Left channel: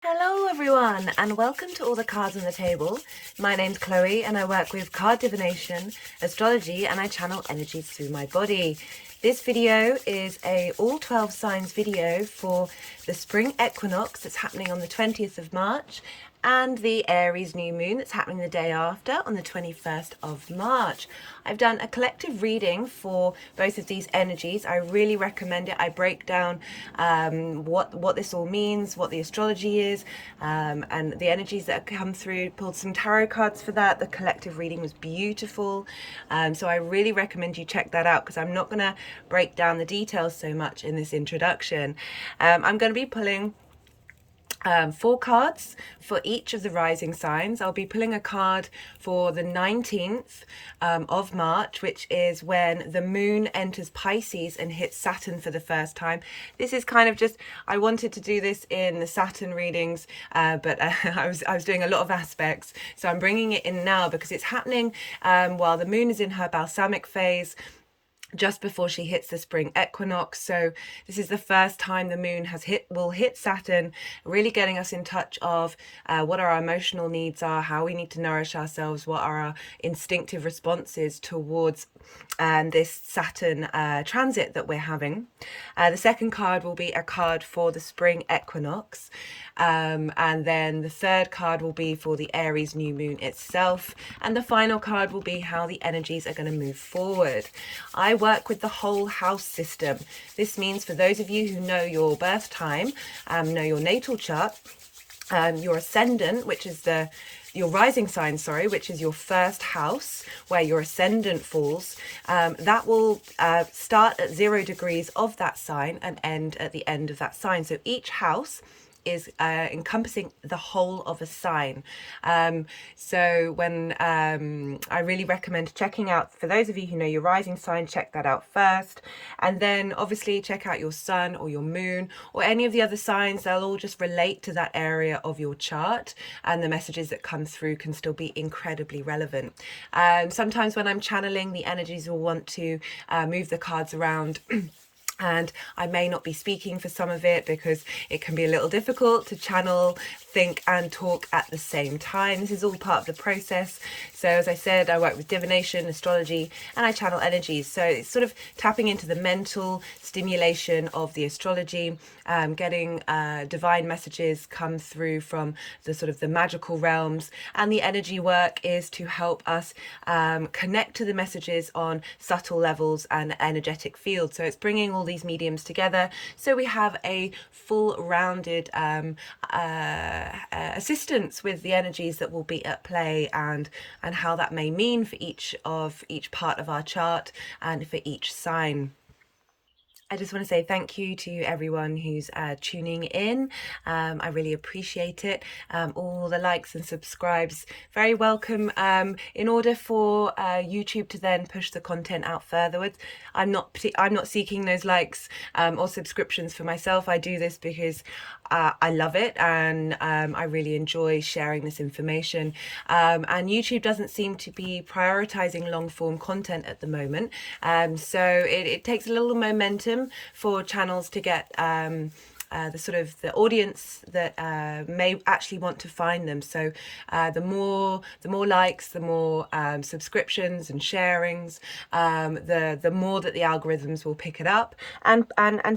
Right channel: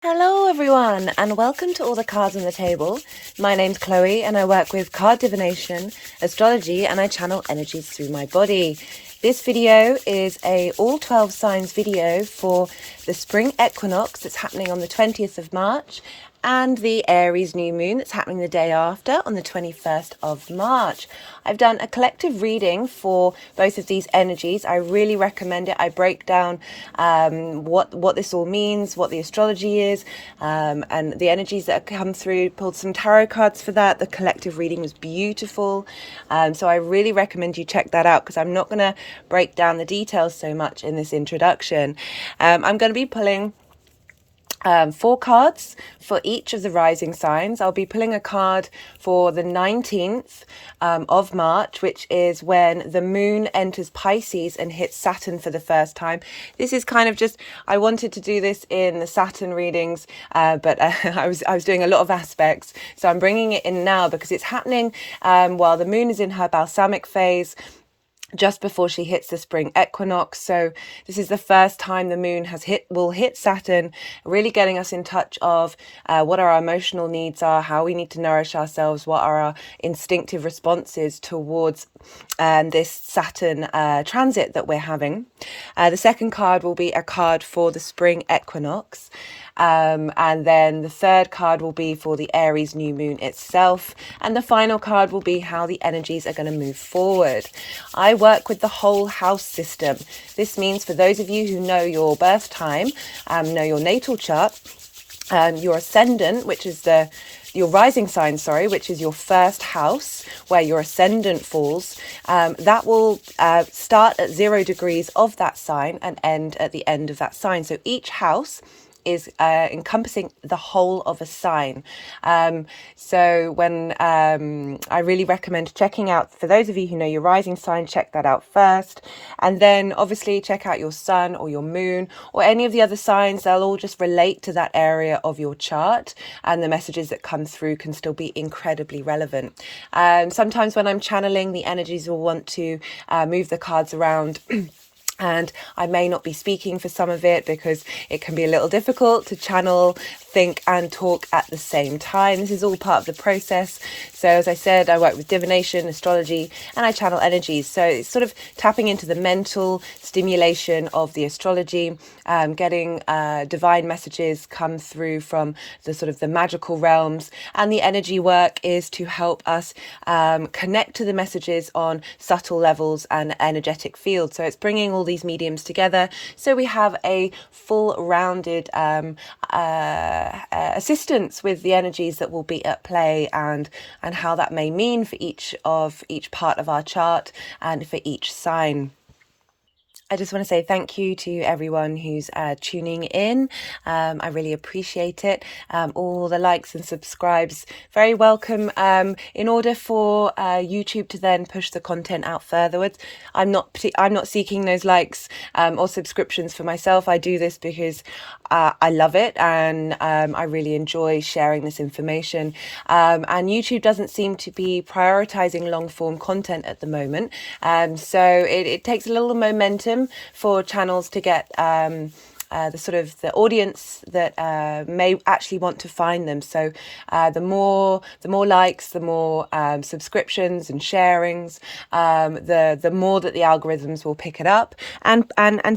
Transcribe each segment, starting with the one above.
Hello everyone and welcome to All the Cards on the Table. My name's Chloe and I work with card divination, astrology, and I channel energies through my body. This video is a all 12 signs video for the spring equinox that's happening on the 20th of March and the Aries new moon that's happening the day after on the 21st of March. I've done a collective reading for both of these energies. I really recommend it. I break down what this all means, what the astrology is, and the energies that have come through. Pulled some tarot cards for that. The collective reading was beautiful. So I really recommend you check that out because I'm not going to break down the details so much in this introduction. I'm going to be pulling 4 cards for each of the rising signs. I'll be pulling a card for the 19th of March, which is when the moon enters Pisces and hits Saturn for the first time. This is kind of just, I wanted to do this in the Saturn readings, but I was doing a lot of aspects. So I'm bringing it in now because it's happening while the moon is in her balsamic phase, just before she hits the spring equinox. So this is the first time the moon will hit Saturn, really getting us in touch of what our emotional needs are, how we need to nourish ourselves, what are our instinctive responses towards this Saturn transit that we're having. The second card will be a card for the spring equinox. And then the third card will be for the Aries new moon itself. And the final card will be how the energies are going to move forward. I work with the whole house system. This means for those of you who know your birth time, know your natal chart, your ascendant, which is your rising sign, which is your first house where your ascendant falls, that will start at 0 degrees of that sign and end at the end of that sign. So each house is encompassing the whole of a sign. So when I really recommend checking out, for those of you who know your rising sign, check that out first, and then obviously check out your sun or your moon or any of the other signs. They'll all just relate to that area of your chart, and the messages that come through can still be incredibly relevant. Sometimes when I'm channeling, the energies will want to move the cards around and I may not be speaking for some of it because it can be a little difficult to channel, think and talk at the same time. This is all part of the process. So as I said, I work with divination, astrology, and I channel energies. So it's sort of tapping into the mental stimulation of the astrology, getting divine messages come through from the sort of the magical realms. And the energy work is to help us connect to the messages on subtle levels and energetic fields. So it's bringing all these mediums together so we have a full rounded assistance with the energies that will be at play and how that may mean for each part of our chart and for each sign. I just want to say thank you to everyone who's tuning in. I really appreciate it. All the likes and subscribes, very welcome. In order for YouTube to then push the content out furtherwards, I'm not seeking those likes or subscriptions for myself. I do this because I love it and I really enjoy sharing this information. And YouTube doesn't seem to be prioritizing long form content at the moment. So it takes a little momentum for channels to get the audience that may actually want to find them. So the more likes, the more subscriptions and sharings, the more that the algorithms will pick it up and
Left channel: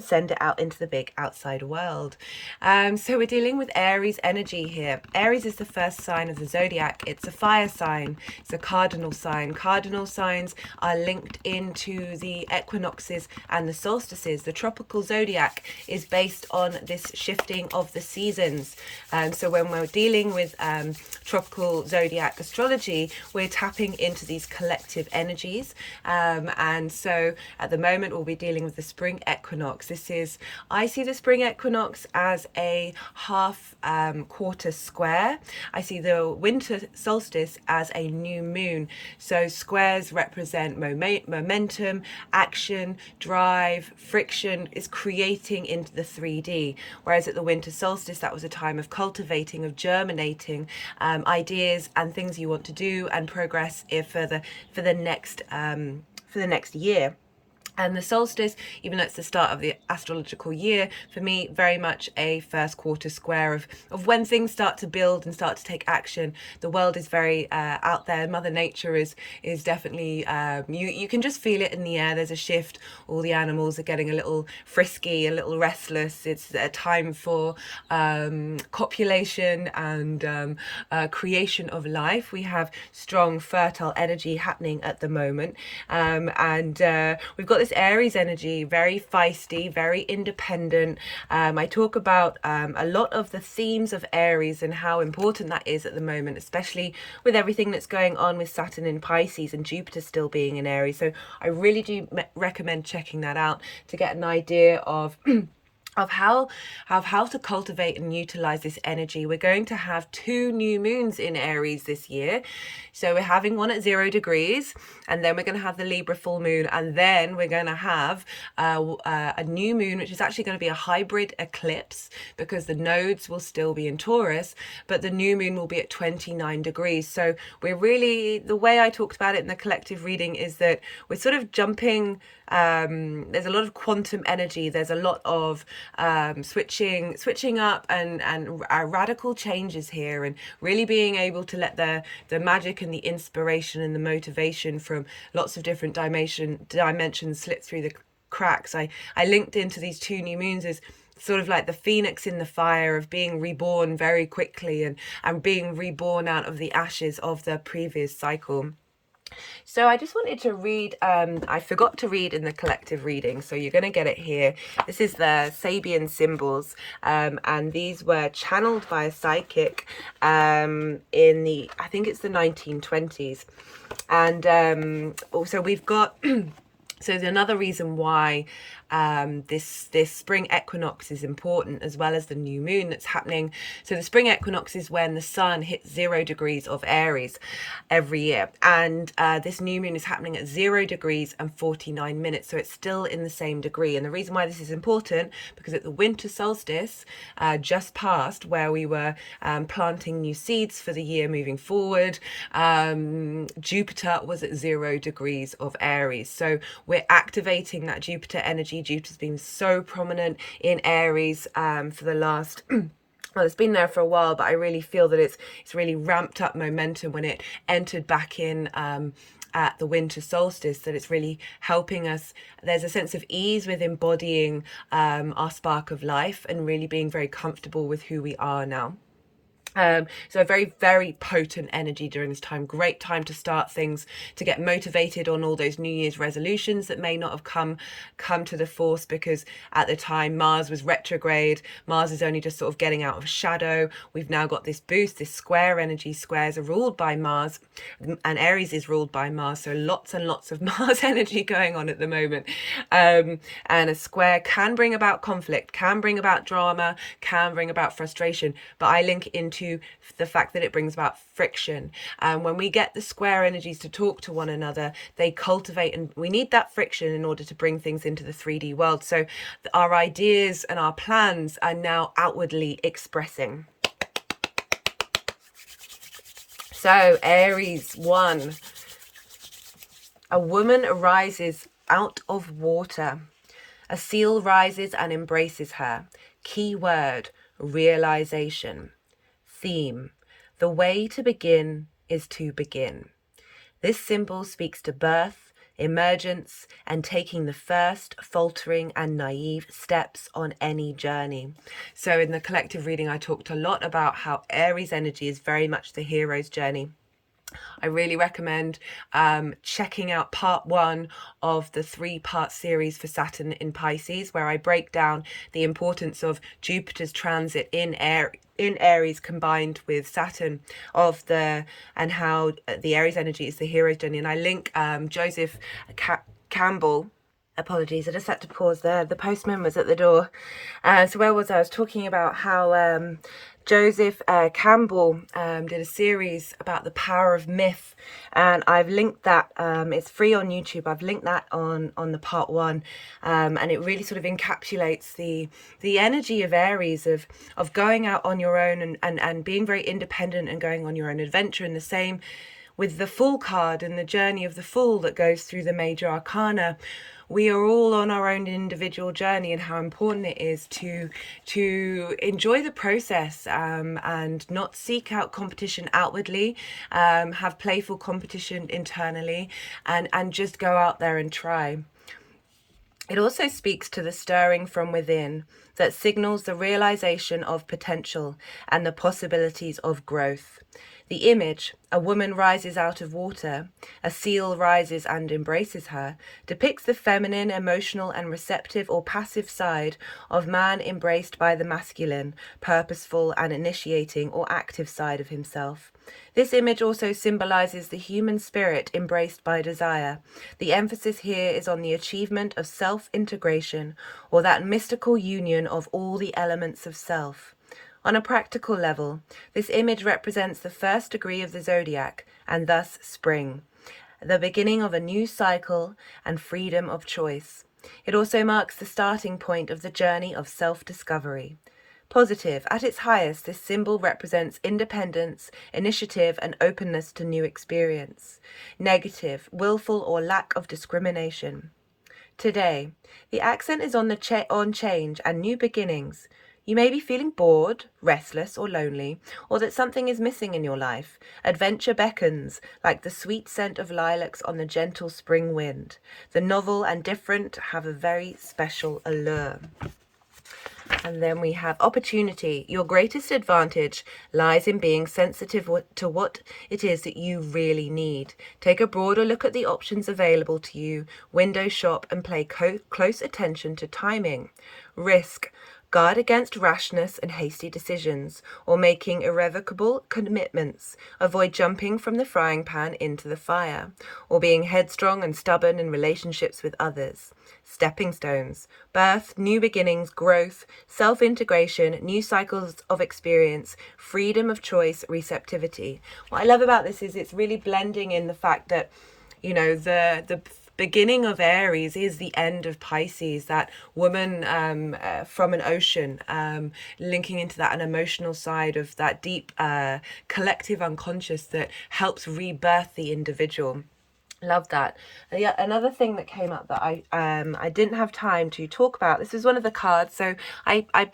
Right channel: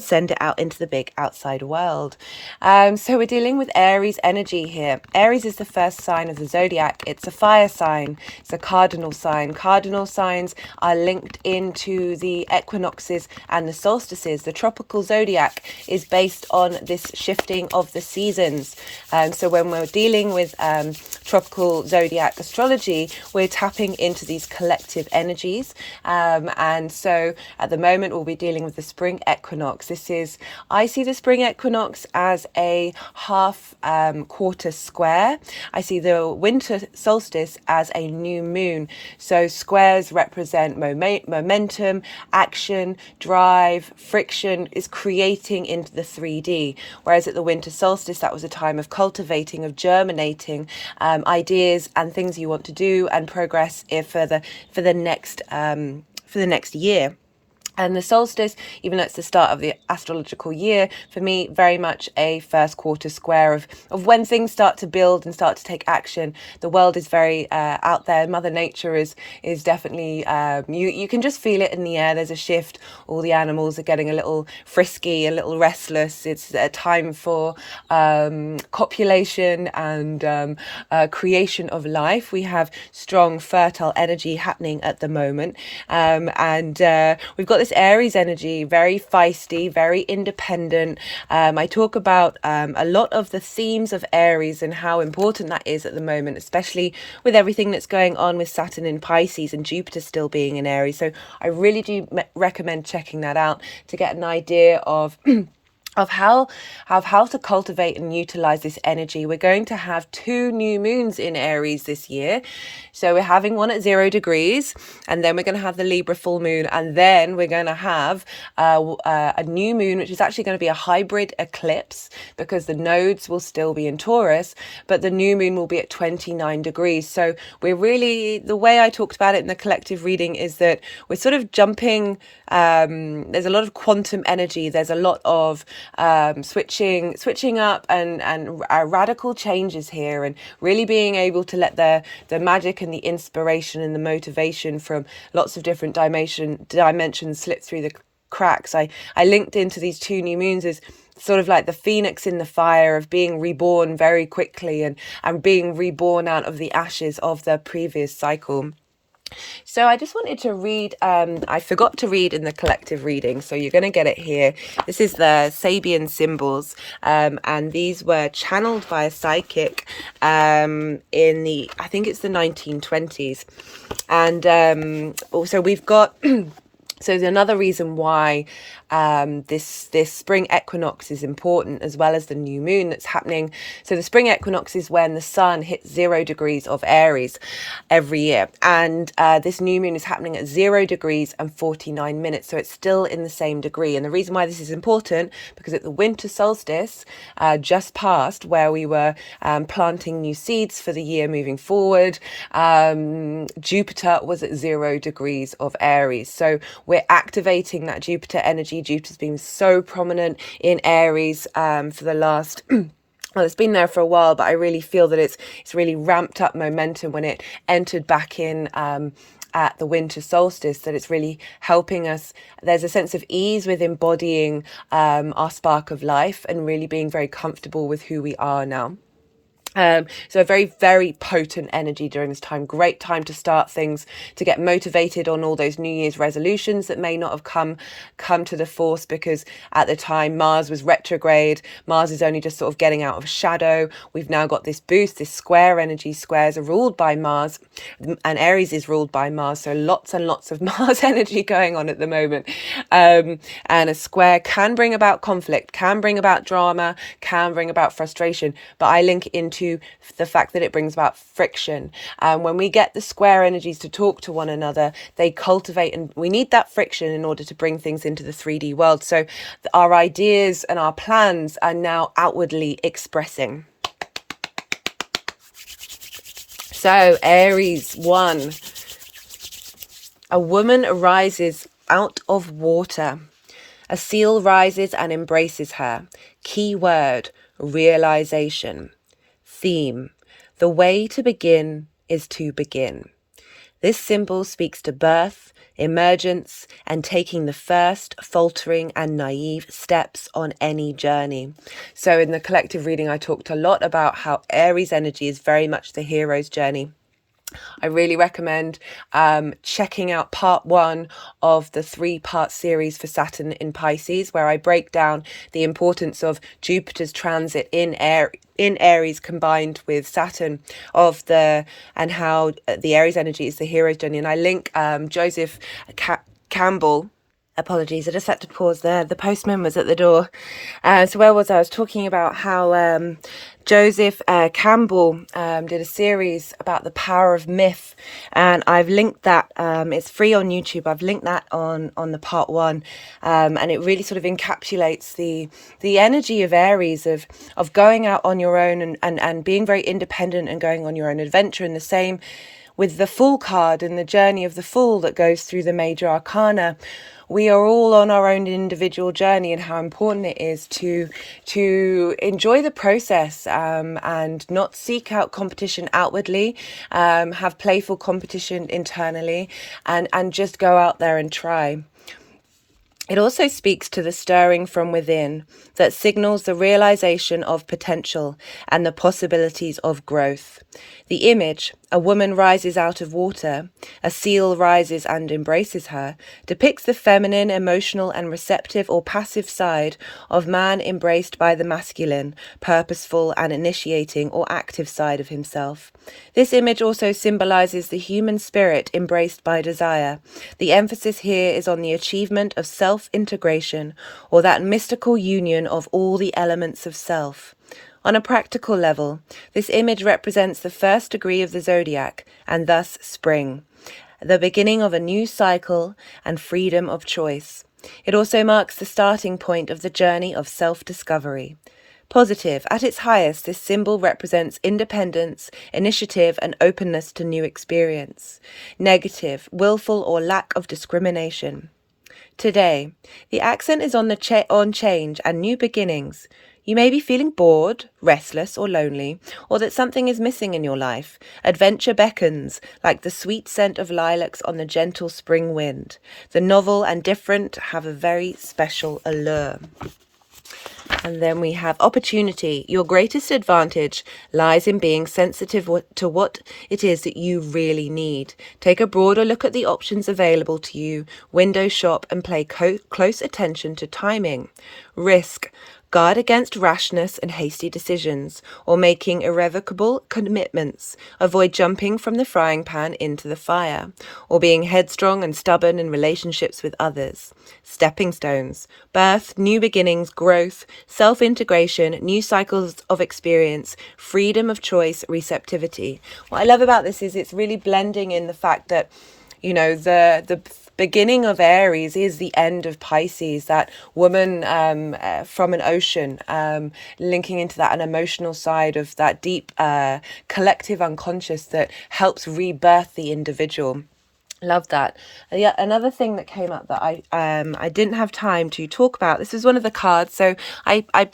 send it out into the big outside world. So we're dealing with Aries energy here. Aries is the first sign of the zodiac. It's a fire sign. It's a cardinal sign. Cardinal signs are linked into the equinoxes and the solstices. The tropical zodiac is based on this shifting of the seasons. So when we're dealing with tropical zodiac astrology, we're tapping into these collective energies. And so at the moment, we'll be dealing with the spring equinox. I see the spring equinox as a half quarter square. I see the winter solstice as a new moon. So squares represent momentum, action, drive, friction, is creating into the 3D. Whereas at the winter solstice, that was a time of cultivating, of germinating ideas and things you want to do and progress for the next year. And the solstice, even though it's the start of the astrological year, for me, very much a first quarter square of when things start to build and start to take action. The world is very out there. Mother Nature is definitely, you can just feel it in the air. There's a shift. All the animals are getting a little frisky, a little restless. It's a time for copulation and creation of life. We have strong, fertile energy happening at the moment. And we've got this Aries energy, very feisty, very independent. I talk about a lot of the themes of Aries and how important that is at the moment, especially with everything that's going on with Saturn in Pisces and Jupiter still being in Aries. So I really do recommend checking that out to get an idea of of how to cultivate and utilize this energy. We're going to have 2 new moons in Aries this year. So we're having one at 0 degrees, and then we're going to have the Libra full moon, and then we're going to have a new moon, which is actually going to be a hybrid eclipse because the nodes will still be in Taurus, but the new moon will be at 29 degrees. So we're really, the way I talked about it in the collective reading is that we're sort of jumping. There's a lot of quantum energy. There's a lot of switching up and radical changes here, and really being able to let the magic and the inspiration and the motivation from lots of different dimensions slip through the cracks. I linked into these 2 new moons as sort of like the phoenix in the fire of being reborn very quickly and being reborn out of the ashes of the previous cycle. So I just wanted to read, I forgot to read in the collective reading, so you're going to get it here. This is the Sabian symbols, and these were channeled by a psychic in the, I think it's the 1920s. And also we've got, so there's another reason why this spring equinox is important, as well as the new moon that's happening. So the spring equinox is when the sun hits 0 degrees of Aries every year, and this new moon is happening at 0 degrees and 49 minutes, so it's still in the same degree. And the reason why this is important, because at the winter solstice just passed, where we were planting new seeds for the year moving forward, Jupiter was at 0 degrees of Aries. So we're activating that Jupiter energy. Jupiter's been so prominent in Aries for the last well, it's been there for a while, but I really feel that it's really ramped up momentum when it entered back in at the winter solstice, that it's really helping us. There's a sense of ease with embodying our spark of life and really being very comfortable with who we are now. So a very, very potent energy during this time. Great time to start things, to get motivated on all those New Year's resolutions that may not have come to the force, because at the time Mars was retrograde. Mars is only just sort of getting out of shadow. We've now got this boost, this square energy. Squares are ruled by Mars, and Aries is ruled by Mars. So lots and lots of Mars energy going on at the moment. And a square can bring about conflict, can bring about drama, can bring about frustration. But I link into the fact that it brings about friction. When we get the square energies to talk to one another, they cultivate, and we need that friction in order to bring things into the 3D world. So our ideas and our plans are now outwardly expressing. So Aries 1, a woman arises out of water. A seal rises and embraces her. Key word, realization. Theme, the way to begin is to begin. This symbol speaks to birth, emergence, and taking the first faltering and naive steps on any journey. So in the collective reading, I talked a lot about how Aries energy is very much the hero's journey. I really recommend checking out part 1 of the 3-part series for Saturn in Pisces, where I break down the importance of Jupiter's transit in Aries combined with Saturn, and how the Aries energy is the hero's journey. And I link Joseph Campbell. Apologies, I just had to pause there. The postman was at the door. So where was I? I was talking about how Joseph Campbell did a series about the power of myth, and I've linked that. It's free on YouTube. I've linked that on the part 1, and it really sort of encapsulates the energy of Aries of going out on your own and being very independent and going on your own adventure. And the same with the Fool card and the journey of the Fool that goes through the major arcana. we are all on our own individual journey, and how important it is to enjoy the process, and not seek out competition outwardly, have playful competition internally, and just go out there and try. It also speaks to the stirring from within that signals the realization of potential and the possibilities of growth. The image, a woman rises out of water, a seal rises and embraces her, depicts the feminine, emotional and receptive or passive side of man embraced by the masculine, purposeful and initiating or active side of himself. This image also symbolizes the human spirit embraced by desire. The emphasis here is on the achievement of self-integration, or that mystical union of all the elements of self. On a practical level, this image represents the first degree of the zodiac, and thus spring, the beginning of a new cycle and freedom of choice. It also marks the starting point of the journey of self-discovery. Positive, at its highest, this symbol represents independence, initiative, and openness to new experience. Negative, willful or lack of discrimination. Today, the accent is on on change and new beginnings. You may be feeling bored, restless, or lonely, or that something is missing in your life. Adventure beckons, like the sweet scent of lilacs on the gentle spring wind. The novel and different have a very special allure. And then we have opportunity. Your greatest advantage lies in being sensitive to what it is that you really need. Take a broader look at the options available to you, window shop, and pay close attention to timing. Risk. Guard against rashness and hasty decisions, or making irrevocable commitments. Avoid jumping from the frying pan into the fire, or being headstrong and stubborn in relationships with others. Stepping stones. Birth, new beginnings, growth, self-integration, new cycles of experience, freedom of choice, receptivity. What I love about this is it's really blending in the fact that, you know, the beginning of Aries is the end of Pisces, that woman from an ocean, linking into that an emotional side of that deep collective unconscious that helps rebirth the individual. Love that. Yeah, another thing that came up that I didn't have time to talk about. This is one of the cards. So I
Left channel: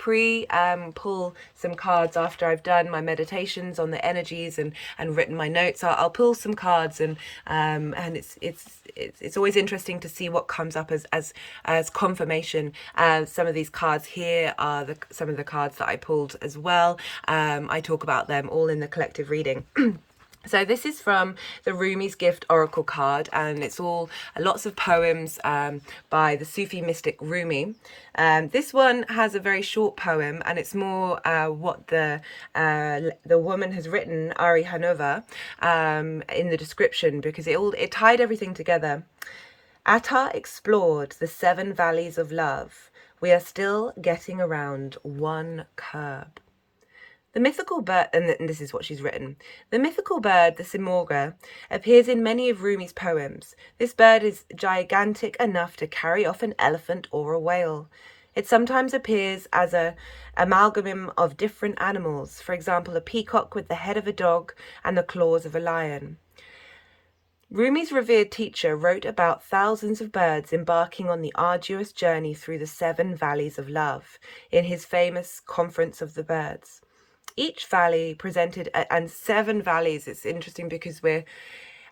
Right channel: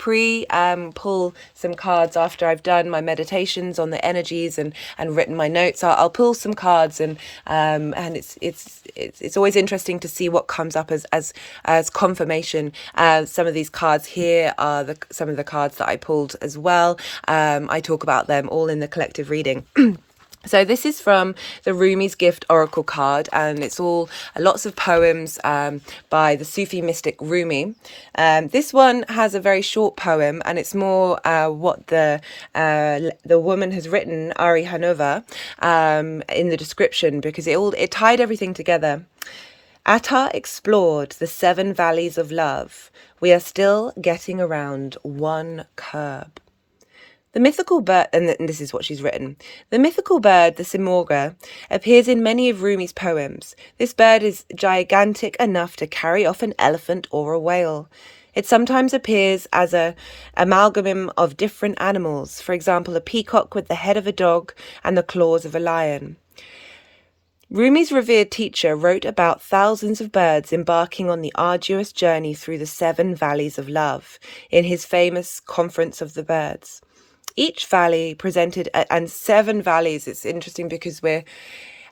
pull some cards after I've done my meditations on the energies and written my notes. I'll pull some cards, and it's always interesting to see what comes up as confirmation. Some of these cards here are some of the cards that I pulled as well. I talk about them all in the collective reading. So this is from the Rumi's Gift Oracle card, and it's all lots of poems by the Sufi mystic Rumi. This one has a very short poem, and it's more what the woman has written, Ari Hanova, in the description, because it tied everything together. Atta explored the 7 valleys of love. We are still getting around one curb. The mythical bird, and this is what she's written, the mythical bird, the simorgha, appears in many of Rumi's poems. This bird is gigantic enough to carry off an elephant or a whale. It sometimes appears as an amalgam of different animals, for example, a peacock with the head of a dog and the claws of a lion. Rumi's revered teacher wrote about thousands of birds embarking on the arduous journey through the 7 valleys of love in his famous Conference of the Birds. Each valley presented, and 7 valleys, it's interesting because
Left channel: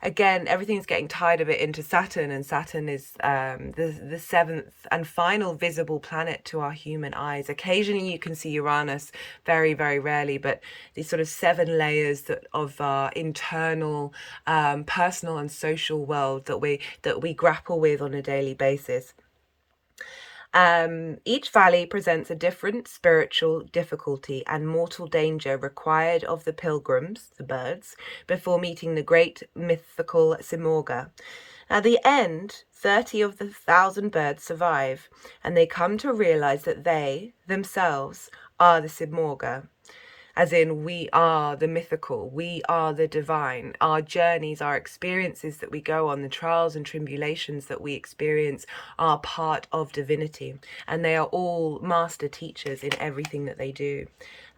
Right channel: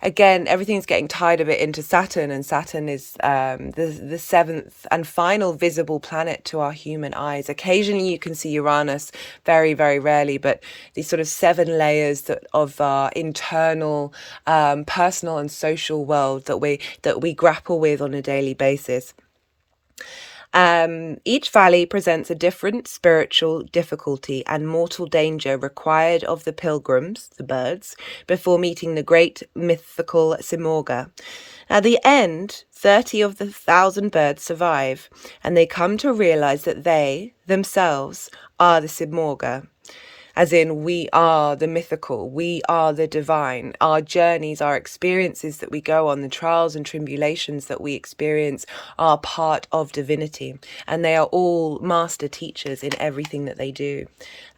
everything's getting tied a bit into Saturn, and Saturn is the 7th and final visible planet to our human eyes. Occasionally you can see Uranus, very, very rarely, but these sort of 7 layers of our internal, personal and social world that we grapple with on a daily basis. Each valley presents a different spiritual difficulty and mortal danger required of the pilgrims, the birds, before meeting the great mythical simorgha. At the end, 30 of the 1,000 birds survive, and they come to realize that they, themselves, are the simorgha. As in, we are the mythical, we are the divine. Our journeys, our experiences that we go on, the trials and tribulations that we experience are part of divinity. And they are all master teachers in everything that they do.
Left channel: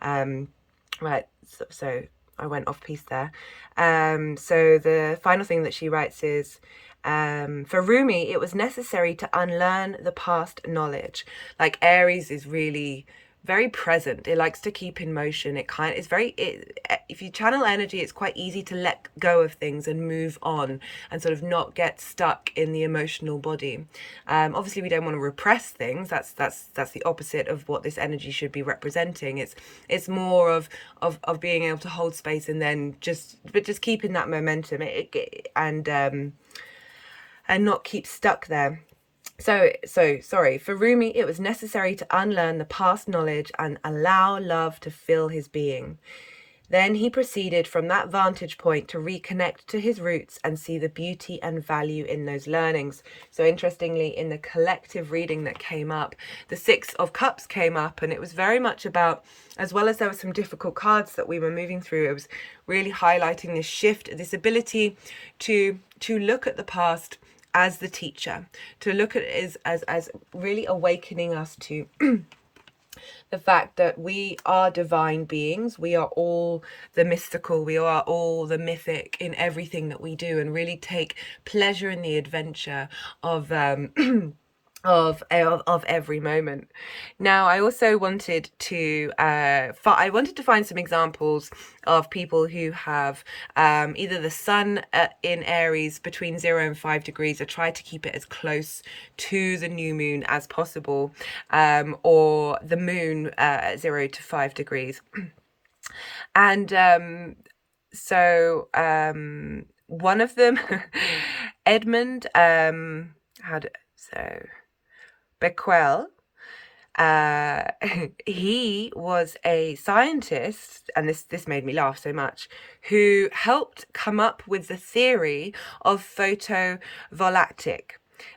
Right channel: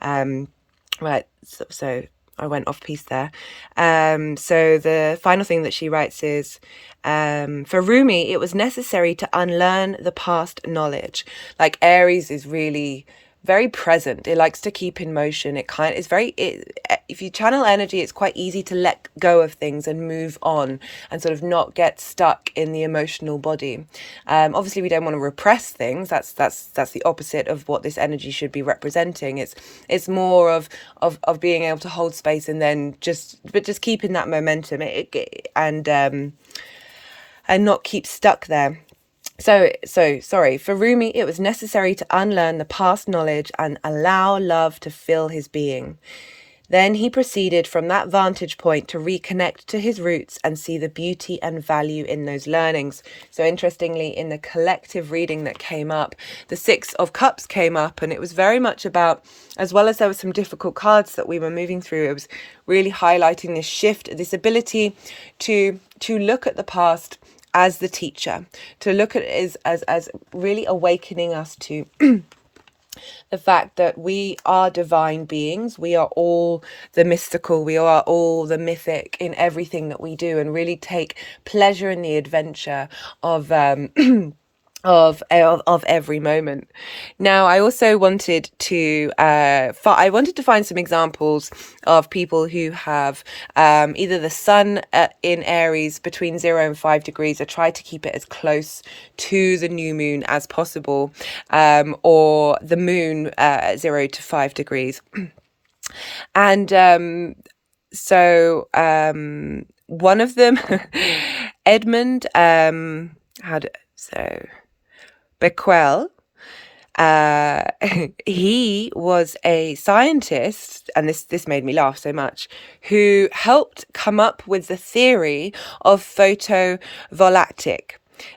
Right, so I went off piece there. So the final thing that she writes is, for Rumi, it was necessary to unlearn the past knowledge. Like Aries is really very present. It likes to keep in motion. If you channel energy, it's quite easy to let go of things and move on and sort of not get stuck in the emotional body. Obviously we don't want to repress things. That's the opposite of what this energy should be representing. It's more of being able to hold space and then just keeping that momentum and not keep stuck there. So sorry, for Rumi, it was necessary to unlearn the past knowledge and allow love to fill his being. Then he proceeded from that vantage point to reconnect to his roots and see the beauty and value in those learnings. So interestingly, in the collective reading that came up, the Six of Cups came up, and it was very much about, as well as there were some difficult cards that we were moving through, it was really highlighting this shift, this ability to look at the past as the teacher, to look at it as really awakening us to the fact that we are divine beings. We are all the mystical, we are all the mythic in everything that we do, and really take pleasure in the adventure of of every moment. Now, I also wanted to find some examples of people who have either the sun in Aries between 0 and 5 degrees. I try to keep it as close to the new moon as possible, or the moon at 0 to 5 degrees. And one of them, Edmund, Becquerel, he was a scientist, and this made me laugh so much, who helped come up with the theory of photovoltaic,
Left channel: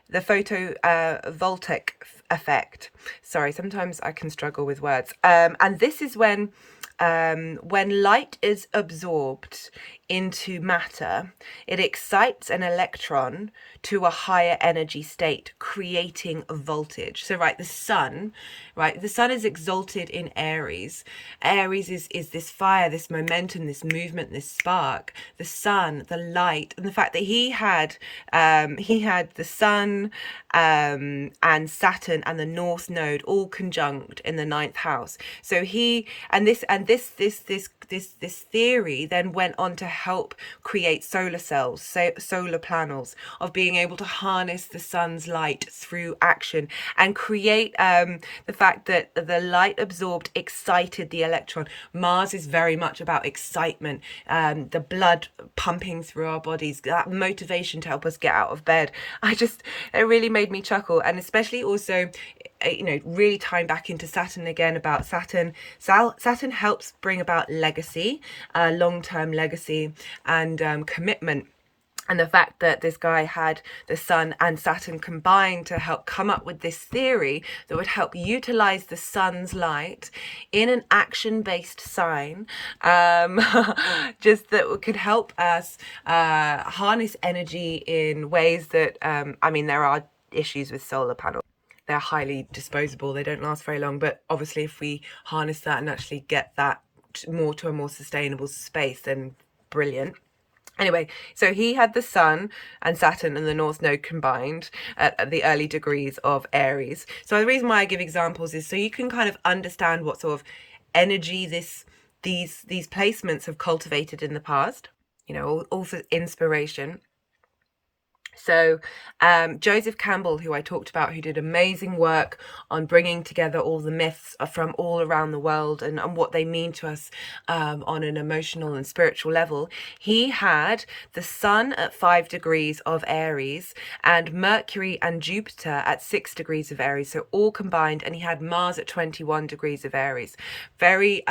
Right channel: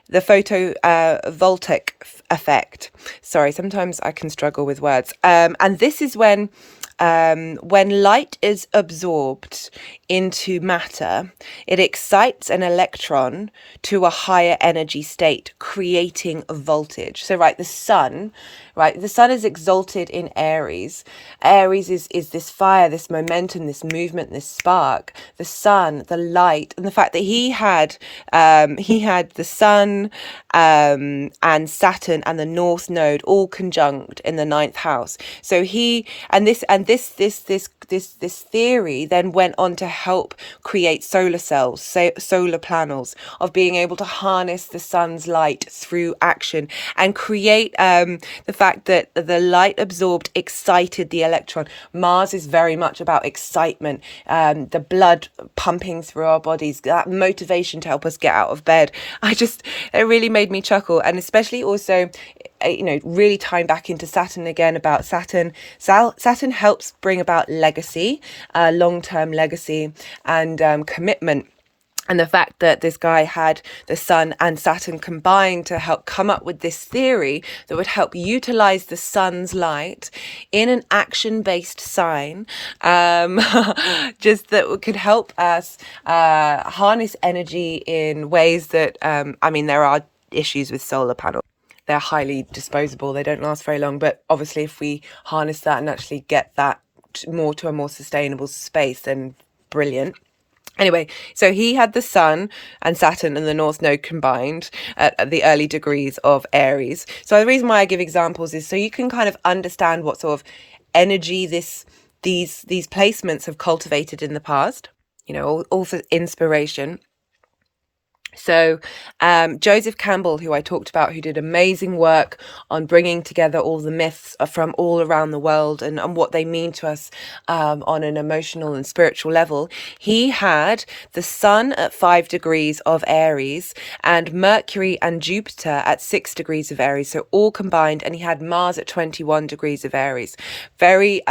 the photovoltaic effect. Sorry, sometimes I can struggle with words. And this is when light is absorbed into matter, it excites an electron to a higher energy state, creating a voltage. So, the sun is exalted in Aries. Aries is this fire, this momentum, this movement, this spark. The sun, the light, and the fact that he had the sun and Saturn and the North Node all conjunct in the 9th house. So this theory then went on to help create solar cells, solar panels, of being able to harness the sun's light through action and create the fact that the light absorbed excited the electron. Mars is very much about excitement, the blood pumping through our bodies, that motivation to help us get out of bed. It really made me chuckle, and especially also, really tying back into Saturn again, about Saturn. Saturn helps bring about legacy, long-term legacy, and commitment. And the fact that this guy had the sun and Saturn combined to help come up with this theory that would help utilize the sun's light in an action-based sign, just that could help us harness energy in ways that, there are issues with solar panels. They're highly disposable, they don't last very long, but obviously if we harness that and actually get that more to a more sustainable space, then brilliant. Anyway, so he had the sun and Saturn and the North Node combined at the early degrees of Aries. So the reason why I give examples is so you can kind of understand what sort of energy these placements have cultivated in the past, all for inspiration. So Joseph Campbell, who I talked about, who did amazing work on bringing together all the myths from all around the world and what they mean to us on an emotional and spiritual level, he had the sun at 5 degrees of Aries and Mercury and Jupiter at 6 degrees of Aries, so all combined, and he had Mars at 21 degrees of Aries. Very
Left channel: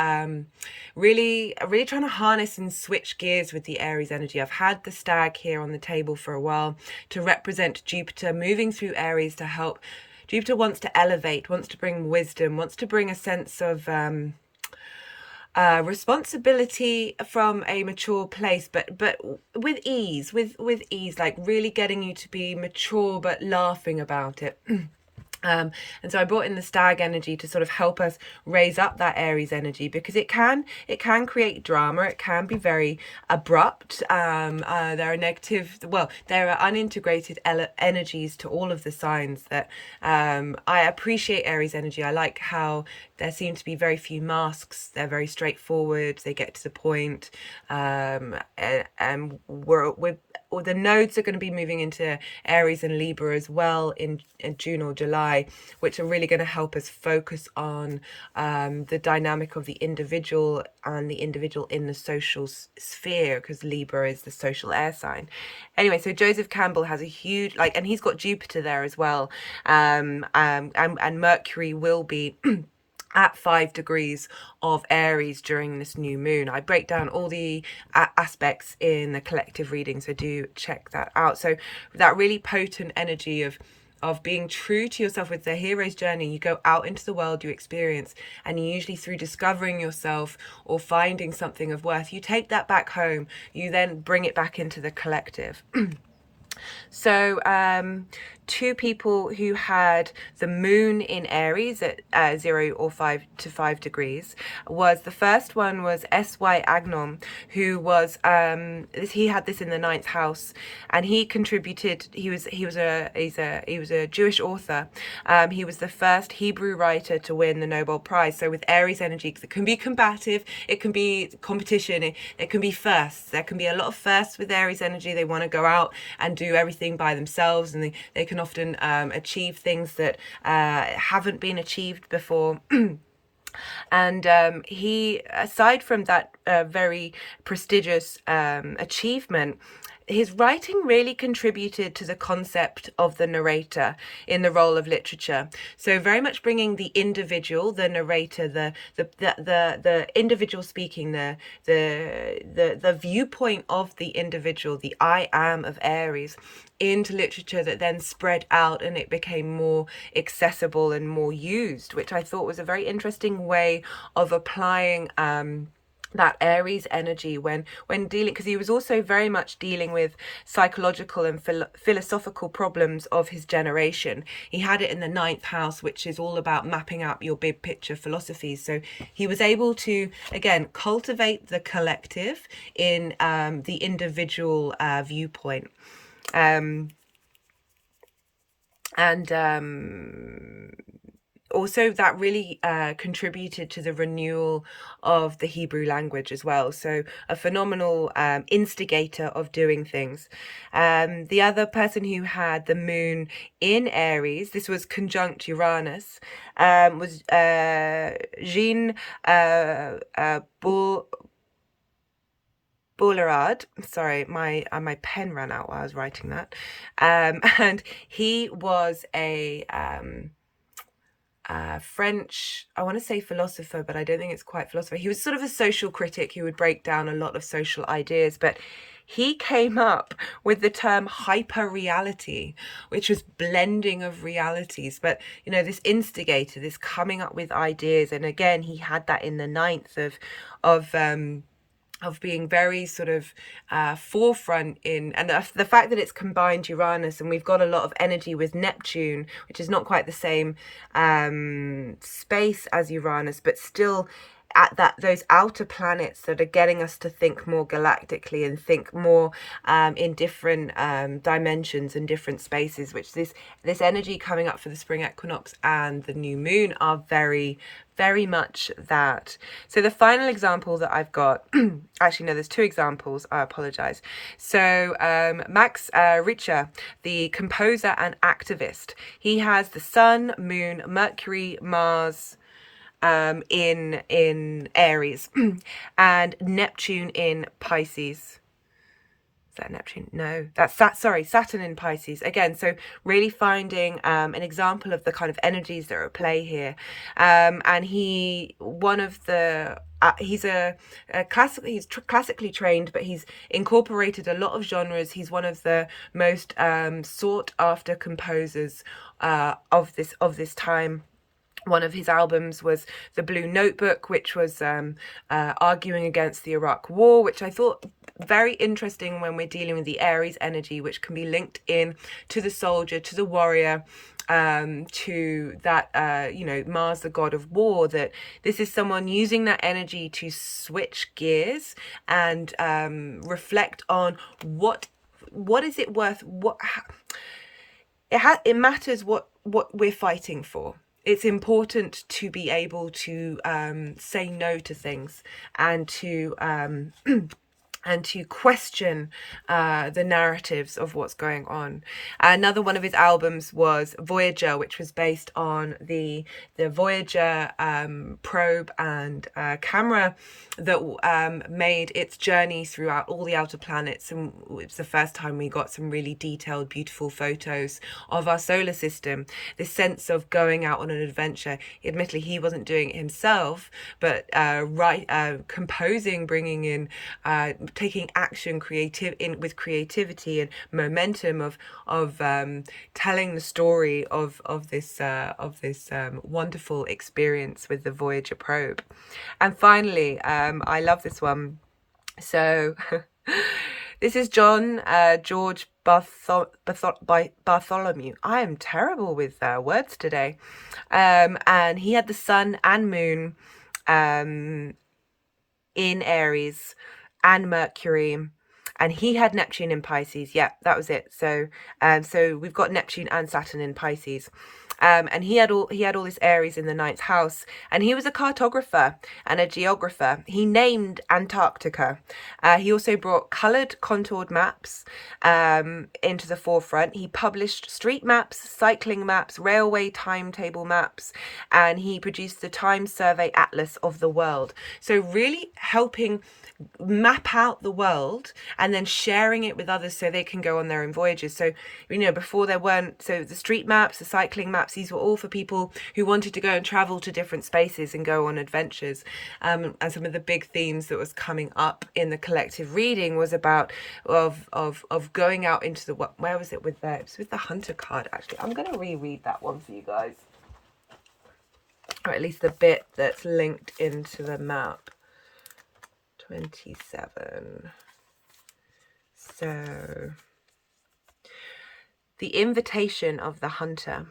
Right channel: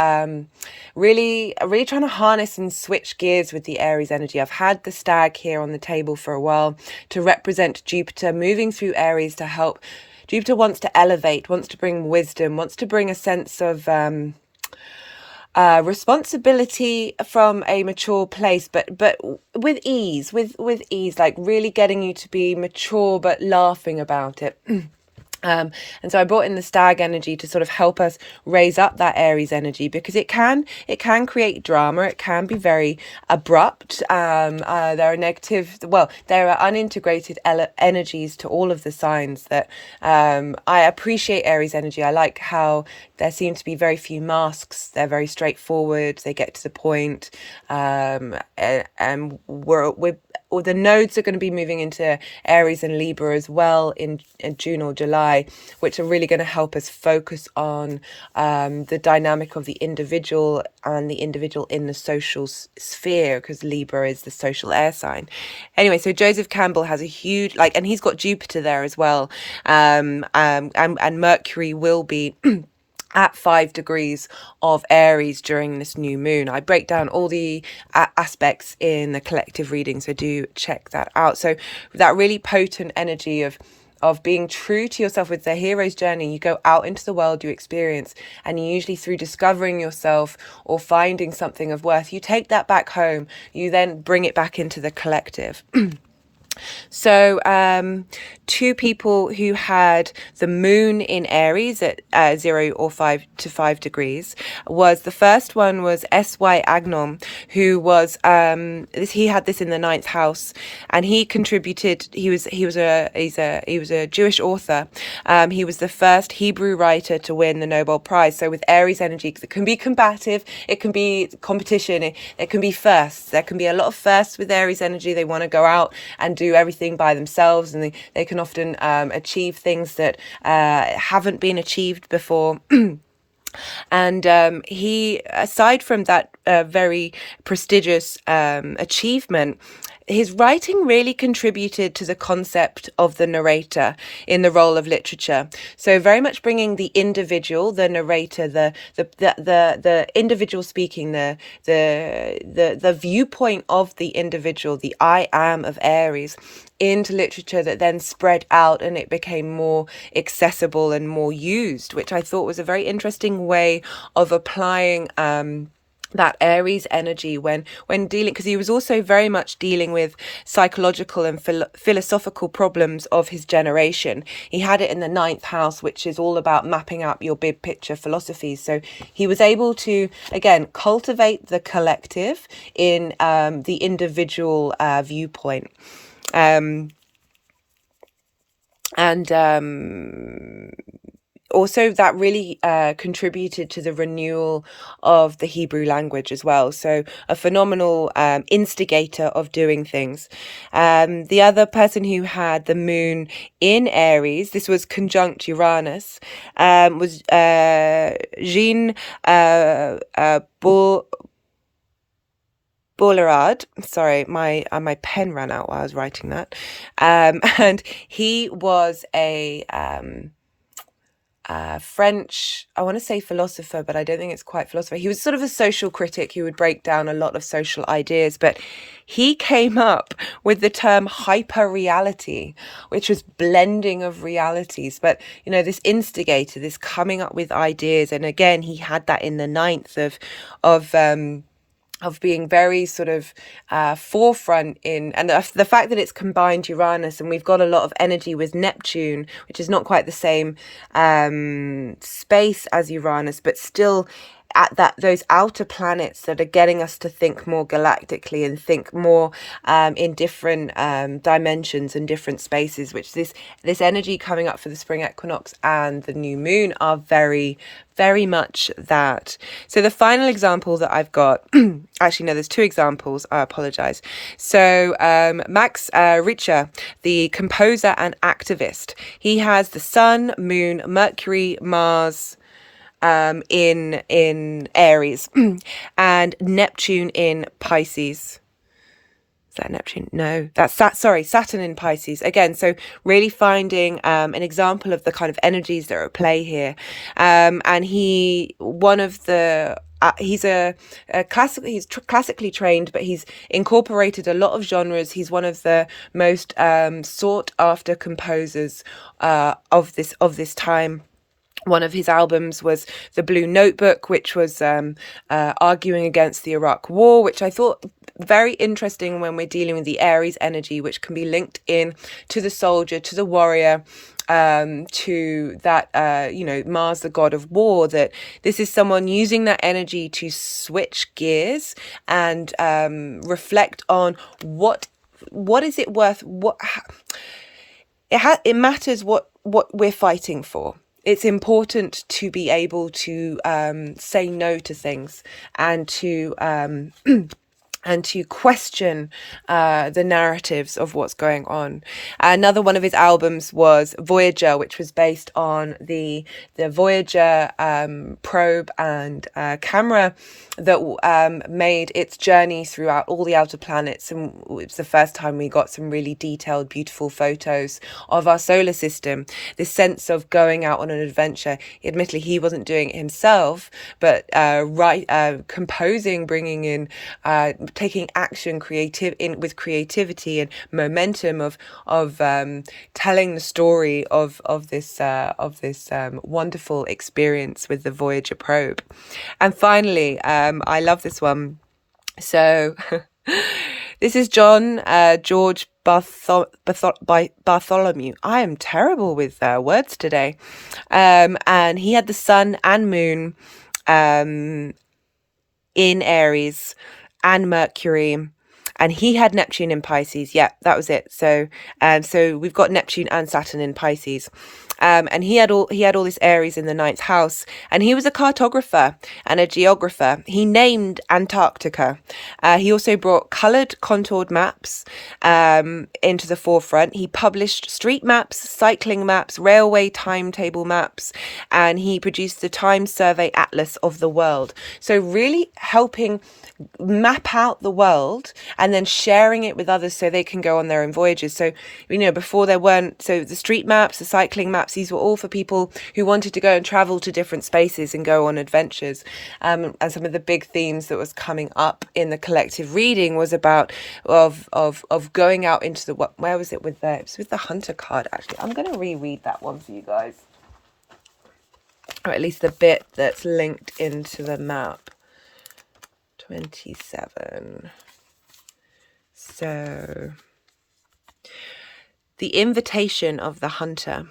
really trying to harness and switch gears with the Aries energy. I've had the stag here on the table for a while to represent Jupiter moving through Aries to help. Jupiter wants to elevate, wants to bring wisdom, wants to bring a sense of responsibility from a mature place, but with ease, with ease, like really getting you to be mature but laughing about it. And so I brought in the stag energy to sort of help us raise up that Aries energy, because it can create drama. It can be very abrupt. There are negative, well, there are unintegrated energies to all of the signs that I appreciate Aries energy. I like how there seem to be very few masks. They're very straightforward. They get to the point. And or the nodes are going to be moving into Aries and Libra as well in June or July, which are really going to help us focus on the dynamic of the individual and the individual in the social sphere, because Libra is the social air sign. Anyway, so Joseph Campbell has a huge, and he's got Jupiter there as well. And Mercury will be at 5 degrees of Aries during this new moon. I break down all the aspects in the collective reading, so do check that out. So that really potent energy of being true to yourself with the hero's journey. You go out into the world, you experience, and usually through discovering yourself or finding something of worth, you take that back home, you then bring it back into the collective. So 2 people who had the moon in Aries at 0 or 5 to 5 degrees was, the first one was S.Y. Agnon, who was he had this in the 9th house, and he contributed. He was a Jewish author. He was the first Hebrew writer to win the Nobel Prize. So with Aries energy, it can be combative, it can be competition, it can be firsts. There can be a lot of firsts with Aries energy. They want to go out and do everything by themselves, and they can often achieve things that haven't been achieved before. And he, aside from that very prestigious achievement, his writing really contributed to the concept of the narrator in the role of literature. So very much bringing the individual, the narrator, the individual speaking, the viewpoint of the individual, the I am of Aries, into literature that then spread out and it became more accessible and more used, which I thought was a very interesting way of applying that Aries energy when dealing, because he was also very much dealing with psychological and philosophical problems of his generation. He had it in the 9th house, which is all about mapping out your big picture philosophies. So he was able to, again, cultivate the collective in the individual viewpoint. Also that really contributed to the renewal of the Hebrew language as well. So a phenomenal instigator of doing things. The other person who had the moon in Aries, this was conjunct Uranus, was Jean Boulard. Sorry, my pen ran out while I was writing that. And he was a French, I want to say philosopher, but I don't think it's quite philosopher. He was sort of a social critic who would break down a lot of social ideas, but he came up with the term hyper-reality, which was blending of realities. But, you know, this instigator, this coming up with ideas, and again, he had that in the 9th of being very sort of forefront in, and the fact that it's combined Uranus, and we've got a lot of energy with Neptune, which is not quite the same space as Uranus, but still at those outer planets that are getting us to think more galactically and think more in different dimensions and different spaces, which this energy coming up for the spring equinox and the new moon are very, very much that. So the final example that I've got, actually no, there's 2 examples, I apologize. So Max Richter, the composer and activist, he has the Sun, Moon, Mercury, Mars in Aries and Neptune in Pisces. Is that Neptune? No, that's Saturn in Pisces again. So really finding an example of the kind of energies that are at play here. And he's classically trained, but he's incorporated a lot of genres. He's one of the most sought after composers of this time. One of his albums was The Blue Notebook, which was arguing against the Iraq War, which I thought very interesting when we're dealing with the Aries energy, which can be linked in to the soldier, to the warrior, to that, Mars, the god of war, that this is someone using that energy to switch gears and reflect on what is it worth, it matters what we're fighting for. It's important to be able to say no to things and to and to question the narratives of what's going on. Another one of his albums was Voyager, which was based on the Voyager probe and camera that made its journey throughout all the outer planets, and it was the first time we got some really detailed, beautiful photos of our solar system. This sense of going out on an adventure. Admittedly, he wasn't doing it himself, but composing, bringing in, taking action, with creativity and momentum of telling the story of this wonderful experience with the Voyager probe. And finally, I love this one. So this is George Bartholomew. I am terrible with words today. And he had the sun and moon in Aries and Mercury, and he had Neptune in Pisces. Yeah, that was it. So we've got Neptune and Saturn in Pisces. And he had all this Aries in the 9th house, and he was a cartographer and a geographer. He named Antarctica. He also brought coloured contoured maps into the forefront. He published street maps, cycling maps, railway timetable maps, and he produced the Time Survey Atlas of the world. So really helping map out the world and then sharing it with others so they can go on their own voyages. So, before there weren't, so the street maps, the cycling maps, these were all for people who wanted to go and travel to different spaces and go on adventures. And some of the big themes that was coming up in the collective reading was about of going out into the, where was it with it was with the Hunter card, actually. I'm going to reread that one for you guys, or at least the bit that's linked into the map. 27. So, the invitation of the hunter.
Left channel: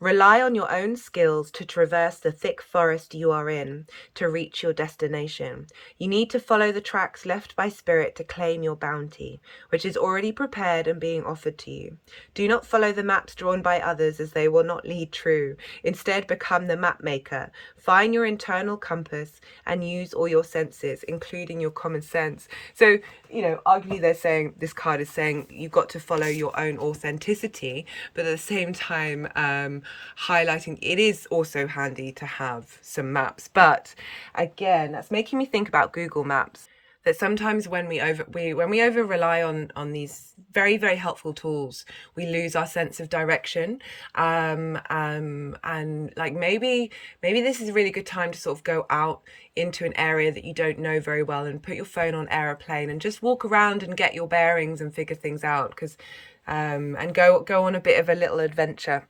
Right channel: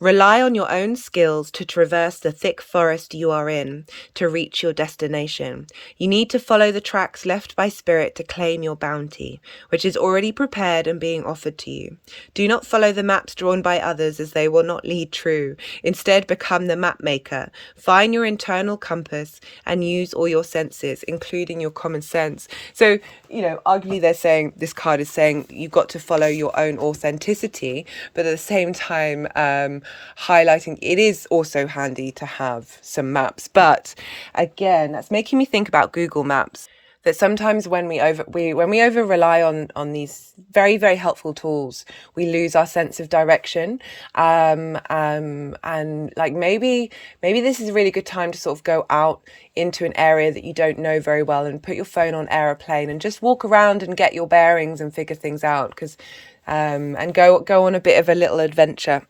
Rely on your own skills to traverse the thick forest you are in to reach your destination. You need to follow the tracks left by spirit to claim your bounty, which is already prepared and being offered to you. Do not follow the maps drawn by others, as they will not lead true. Instead, become the map maker. Find your internal compass and use all your senses, including your common sense. So, arguably this card is saying you've got to follow your own authenticity, but at the same time, highlighting it is also handy to have some maps. But again, that's making me think about Google Maps, that sometimes when we over rely on these very, very helpful tools, we lose our sense of direction. And like maybe this is a really good time to sort of go out into an area that you don't know very well and put your phone on airplane and just walk around and get your bearings and figure things out, because and go on a bit of a little adventure.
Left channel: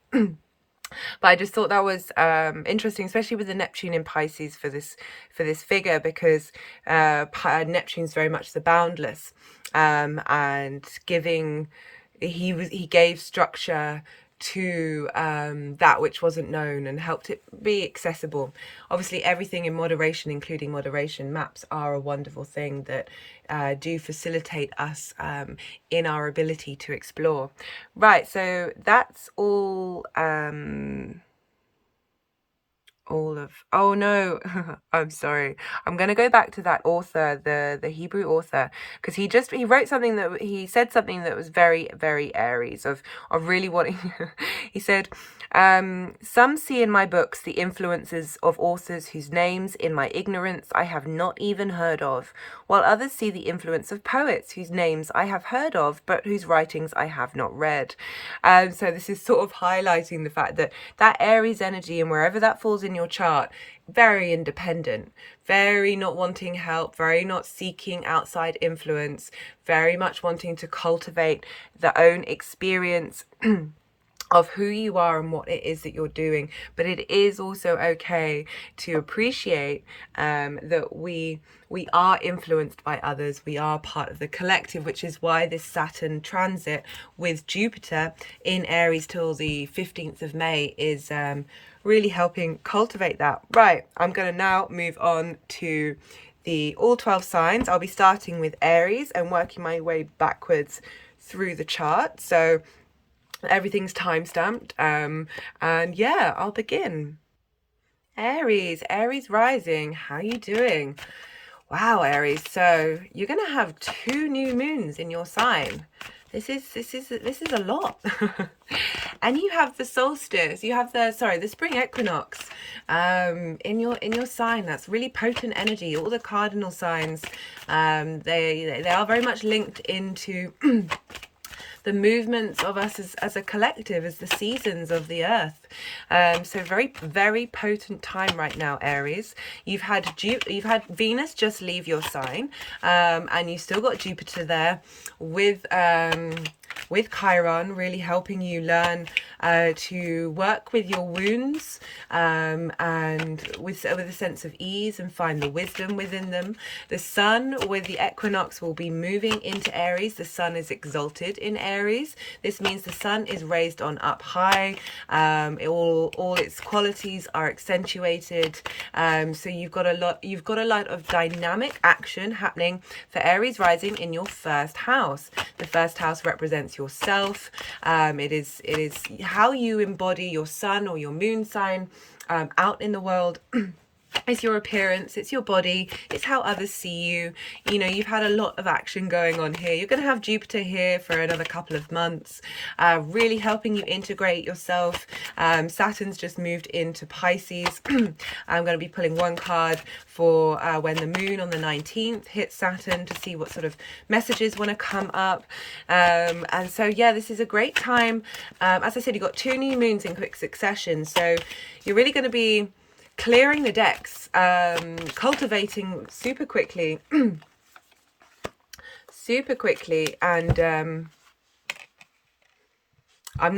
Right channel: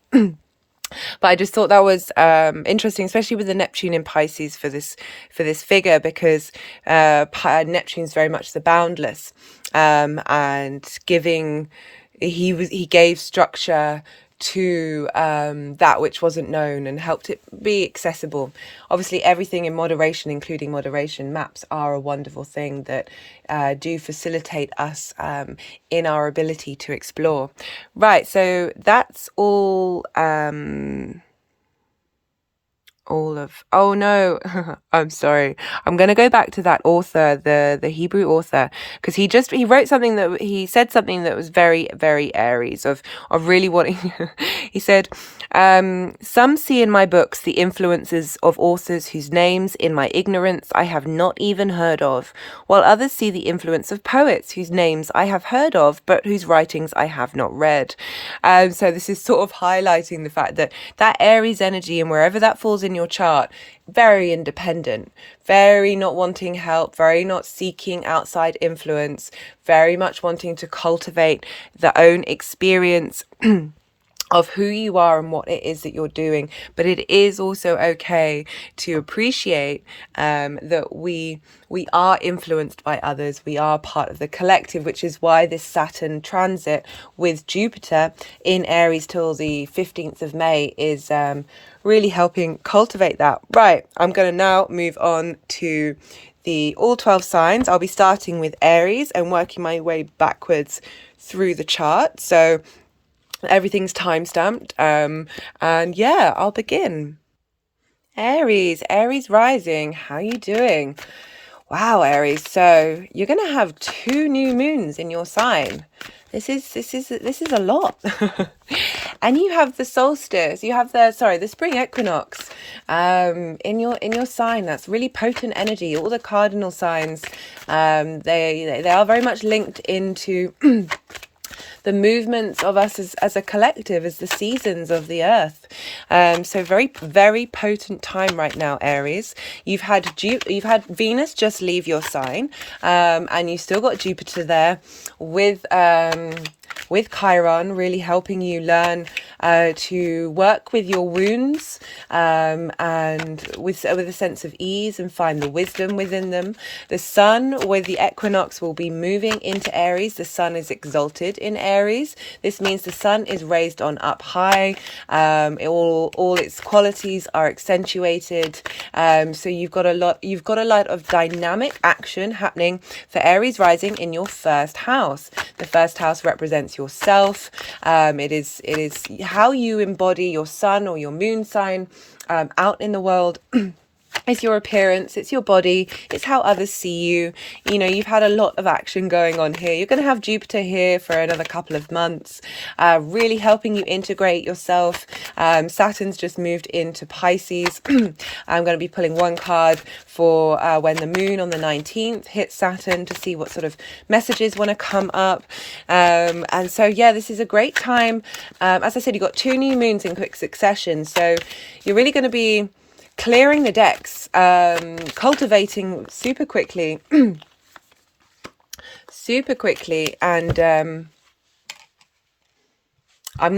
But I just thought that was interesting, especially with the Neptune in Pisces for this figure, because Neptune's very much the boundless, and he gave structure to that which wasn't known and helped it be accessible. Obviously, everything in moderation, including moderation. Maps are a wonderful thing that do facilitate us in our ability to explore. Right, so that's all oh no, I'm sorry, I'm going to go back to that author, the Hebrew author, because he wrote something that he said something that was very, very Aries of really wanting he said, some see in my books the influences of authors whose names in my ignorance I have not even heard of, while others see the influence of poets whose names I have heard of but whose writings I have not read. So this is sort of highlighting the fact that Aries energy, and wherever that falls in your chart, very independent, very not wanting help, very not seeking outside influence, very much wanting to cultivate their own experience of who you are and what it is that you're doing. But it is also okay to appreciate that we are influenced by others. We are part of the collective, which is why this Saturn transit with Jupiter in Aries till the 15th of May is really helping cultivate that. Right, I'm going to now move on to the all 12 signs. I'll be starting with Aries and working my way backwards through the chart. So everything's time stamped. And yeah, I'll begin. Aries rising. How you doing? Wow, Aries. So you're gonna have 2 new moons in your sign. This is a lot. And you have the solstice. You have the spring equinox in your sign. That's really potent energy. All the cardinal signs, they are very much linked into the movements of us as a collective, as the seasons of the earth. So very, very potent time right now, Aries. You've had Venus just leave your sign, and you've still got Jupiter there with Chiron, really helping you learn to work with your wounds, and with a sense of ease, and find the wisdom within them. The sun with the equinox will be moving into Aries. The sun is exalted in Aries. This means the sun is raised on up high. All its qualities are accentuated. So you've got a lot of dynamic action happening for Aries rising in your first house. The first house represents yourself. It is how you embody your sun or your moon sign out in the world. It's your appearance, it's your body, it's how others see you. You know, you've had a lot of action going on here. You're going to have Jupiter here for another couple of months, really helping you integrate yourself. Saturn's just moved into Pisces. I'm going to be pulling one card for when the moon on the 19th hits Saturn to see what sort of messages want to come up. And so, yeah, this is a great time. As I said, you've got 2 new moons in quick succession. So you're really going to be clearing the decks, cultivating super quickly, and I'm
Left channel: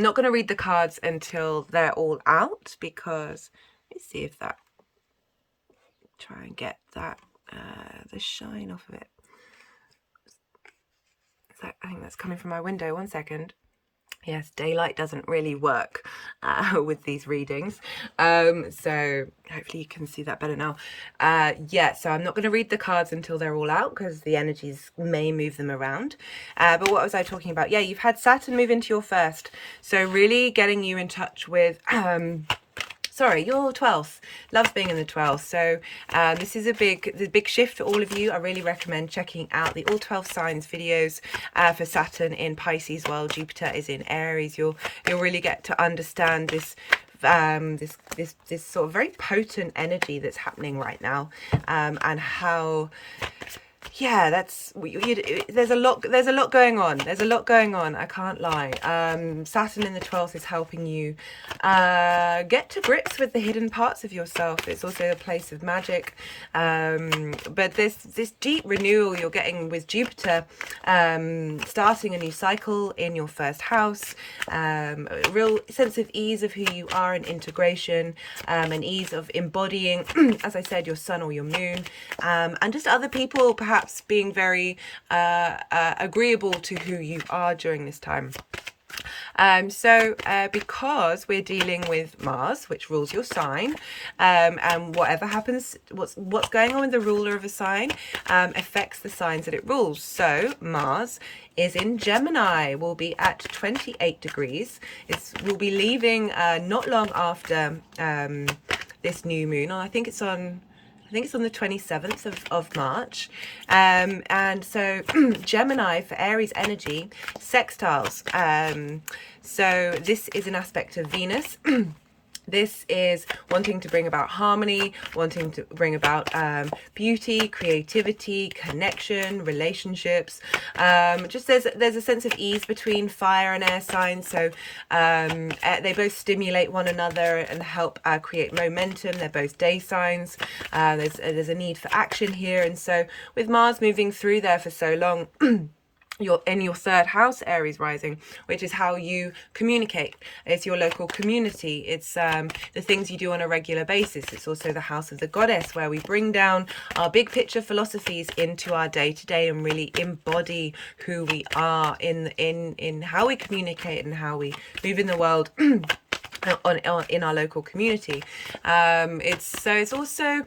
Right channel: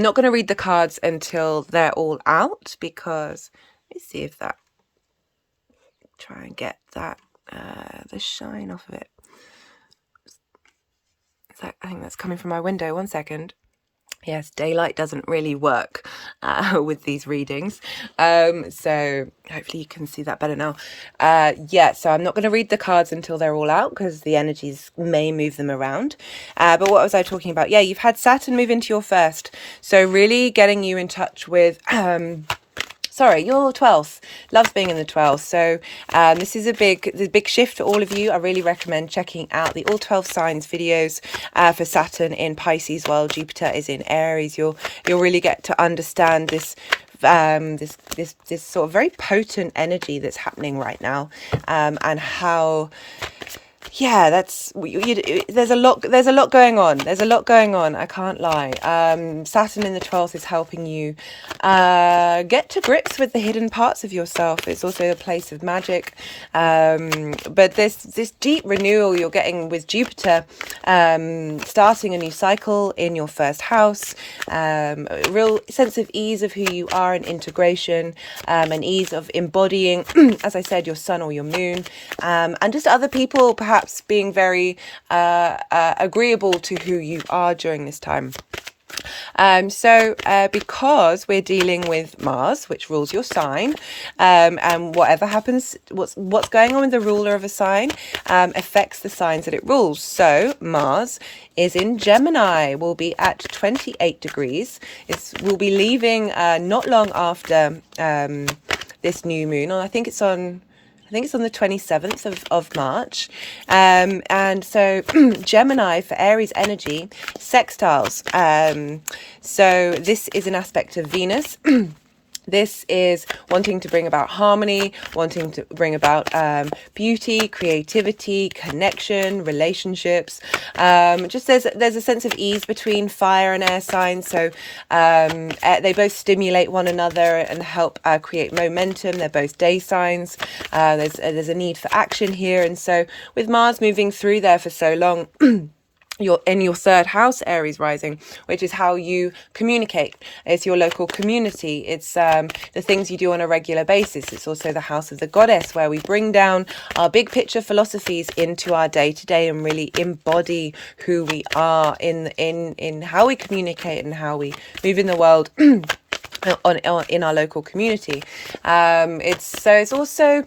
not going to read the cards until they're all out, because let's see if try and get that the shine off of it. I think that's coming from my window. One second. Yes, daylight doesn't really work with these readings. So hopefully you can see that better now. Yeah, so I'm not going to read the cards until they're all out, because the energies may move them around. But what was I talking about? Yeah, you've had Saturn move into your first. So really getting you in touch with... Sorry, your 12th. Loves being in the 12th. So this is a big shift for all of you. I really recommend checking out the all 12 signs videos for Saturn in Pisces while Jupiter is in Aries. You'll really get to understand this this sort of very potent energy that's happening right now, and how... Yeah, there's a lot going on. I can't lie. Saturn in the 12th is helping you get to grips with the hidden parts of yourself. It's also a place of magic. But this deep renewal you're getting with Jupiter, starting a new cycle in your first house, a real sense of ease of who you are and integration, an ease of embodying, as I said, your sun or your moon, and just other people perhaps being very agreeable to who you are during this time. So because we're dealing with Mars, which rules your sign, and whatever happens, what's going on with the ruler of a sign affects the signs that it rules. So Mars is in Gemini, will be at 28 degrees. We'll be leaving not long after this new moon, and I think it's on the 27th of March. And so Gemini for Aries energy, sextiles. So this is an aspect of Venus. This is wanting to bring about harmony, wanting to bring about beauty, creativity, connection, relationships. Just there's a sense of ease between fire and air signs. So they both stimulate one another and help create momentum. They're both day signs. There's a need for action here. And so with Mars moving through there for so long, you're in your third house, Aries rising, which is how you communicate. It's your local community. It's the things you do on a regular basis. It's also the house of the goddess, where we bring down our big picture philosophies into our day to day and really embody who we are in how we communicate and how we move in the world. In our local community. It's also,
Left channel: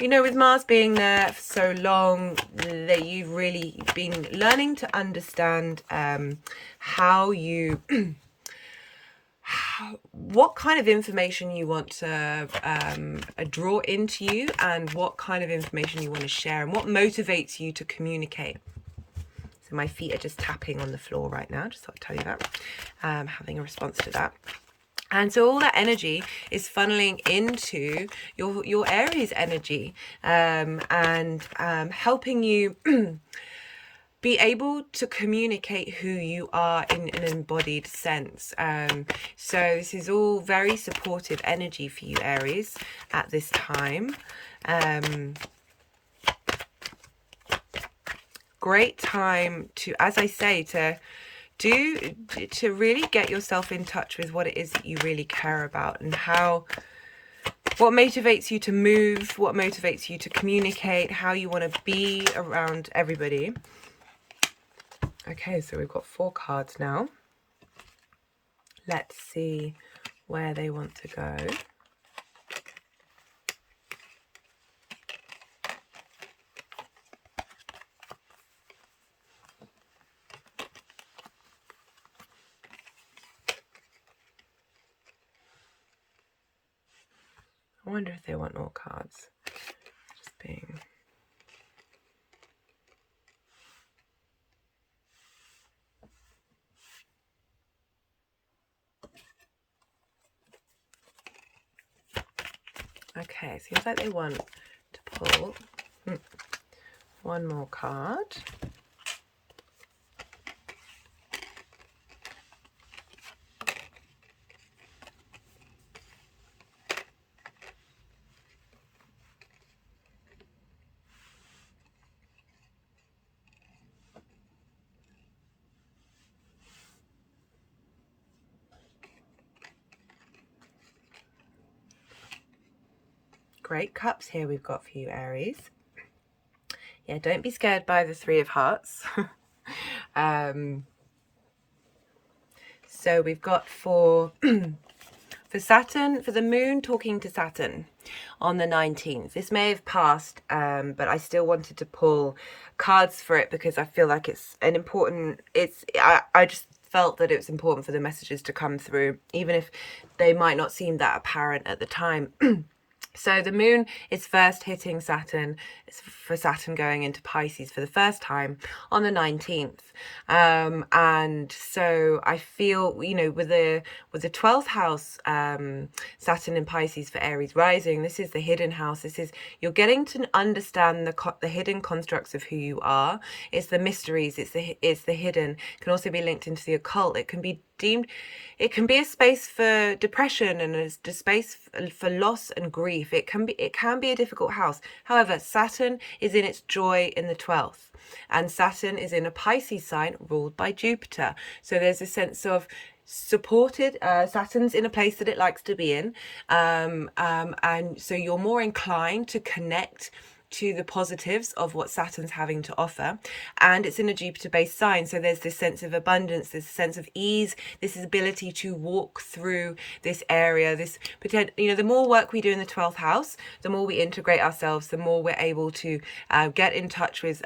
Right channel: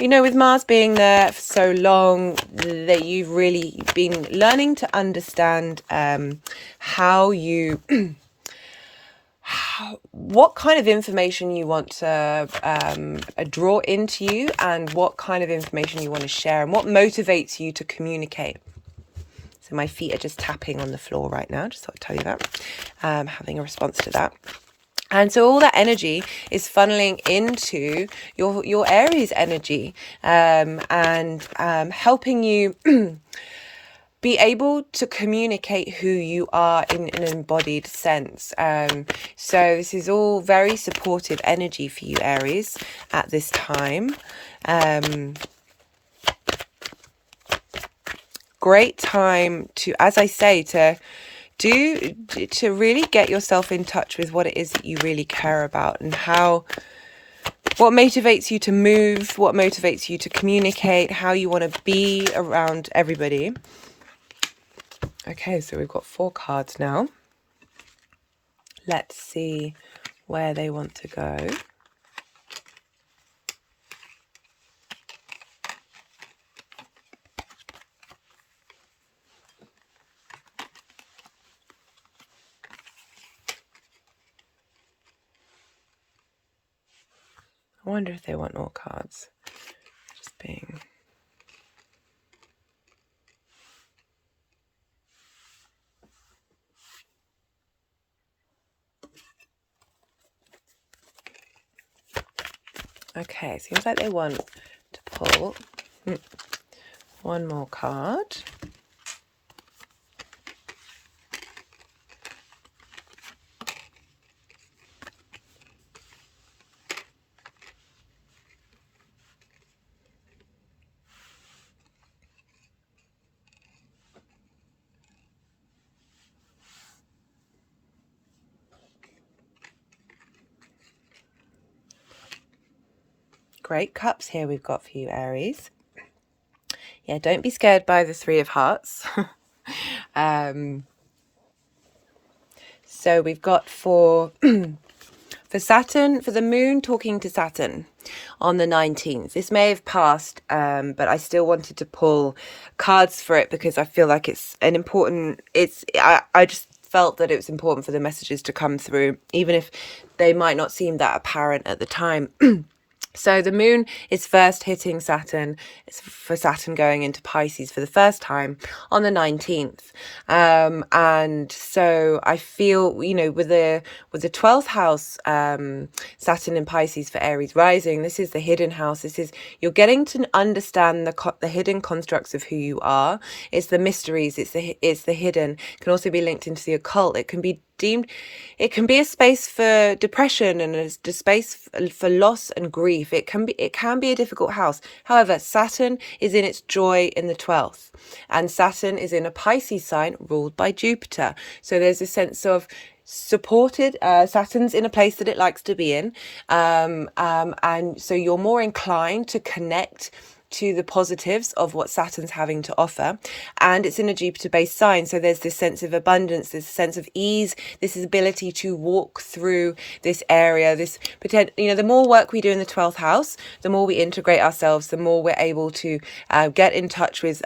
you know, with Mars being there for so long, that you've really been learning to understand how you what kind of information you want to draw into you, and what kind of information you want to share, and what motivates you to communicate. So my feet are just tapping on the floor right now, just thought I'd tell you that, having a response to that. And so all that energy is funneling into your Aries energy, and helping you be able to communicate who you are in an embodied sense. So this is all very supportive energy for you, Aries, at this time. Great time to, as I say, to really get yourself in touch with what it is that you really care about, and what motivates you to move, what motivates you to communicate, how you want to be around everybody. Okay, so we've got 4 cards now. Let's see where they want to go. I wonder if they want more cards. Just being... Okay, seems like they want to pull one more card. Great cups here we've got for you, Aries. Yeah, don't be scared by the 3 of Hearts. So we've got for Saturn, for the moon talking to Saturn on the 19th. This may have passed, but I still wanted to pull cards for it because I feel like it's an important, I just felt that it was important for the messages to come through, even if they might not seem that apparent at the time. So the moon is first hitting Saturn. It's for Saturn going into Pisces for the first time on the 19th. And so I feel, you know, with the 12th house, Saturn in Pisces for Aries rising, this is the hidden house. This is, you're getting to understand the hidden constructs of who you are. It's the mysteries. It's the hidden. It can also be linked into the occult. It can be a space for depression and a space for loss and grief. It can be a difficult house. However, Saturn is in its joy in the 12th, and Saturn is in a Pisces sign ruled by Juipter. So there's a sense of supported. Saturn's in a place that it likes to be in, and so you're more inclined to connect to the positives of what Saturn's having to offer. And it's in a Jupiter based sign, so there's this sense of abundance, this sense of ease, this ability to walk through this area, this potential, you know, the more work we do in the 12th house, the more we integrate ourselves, the more we're able to get in touch with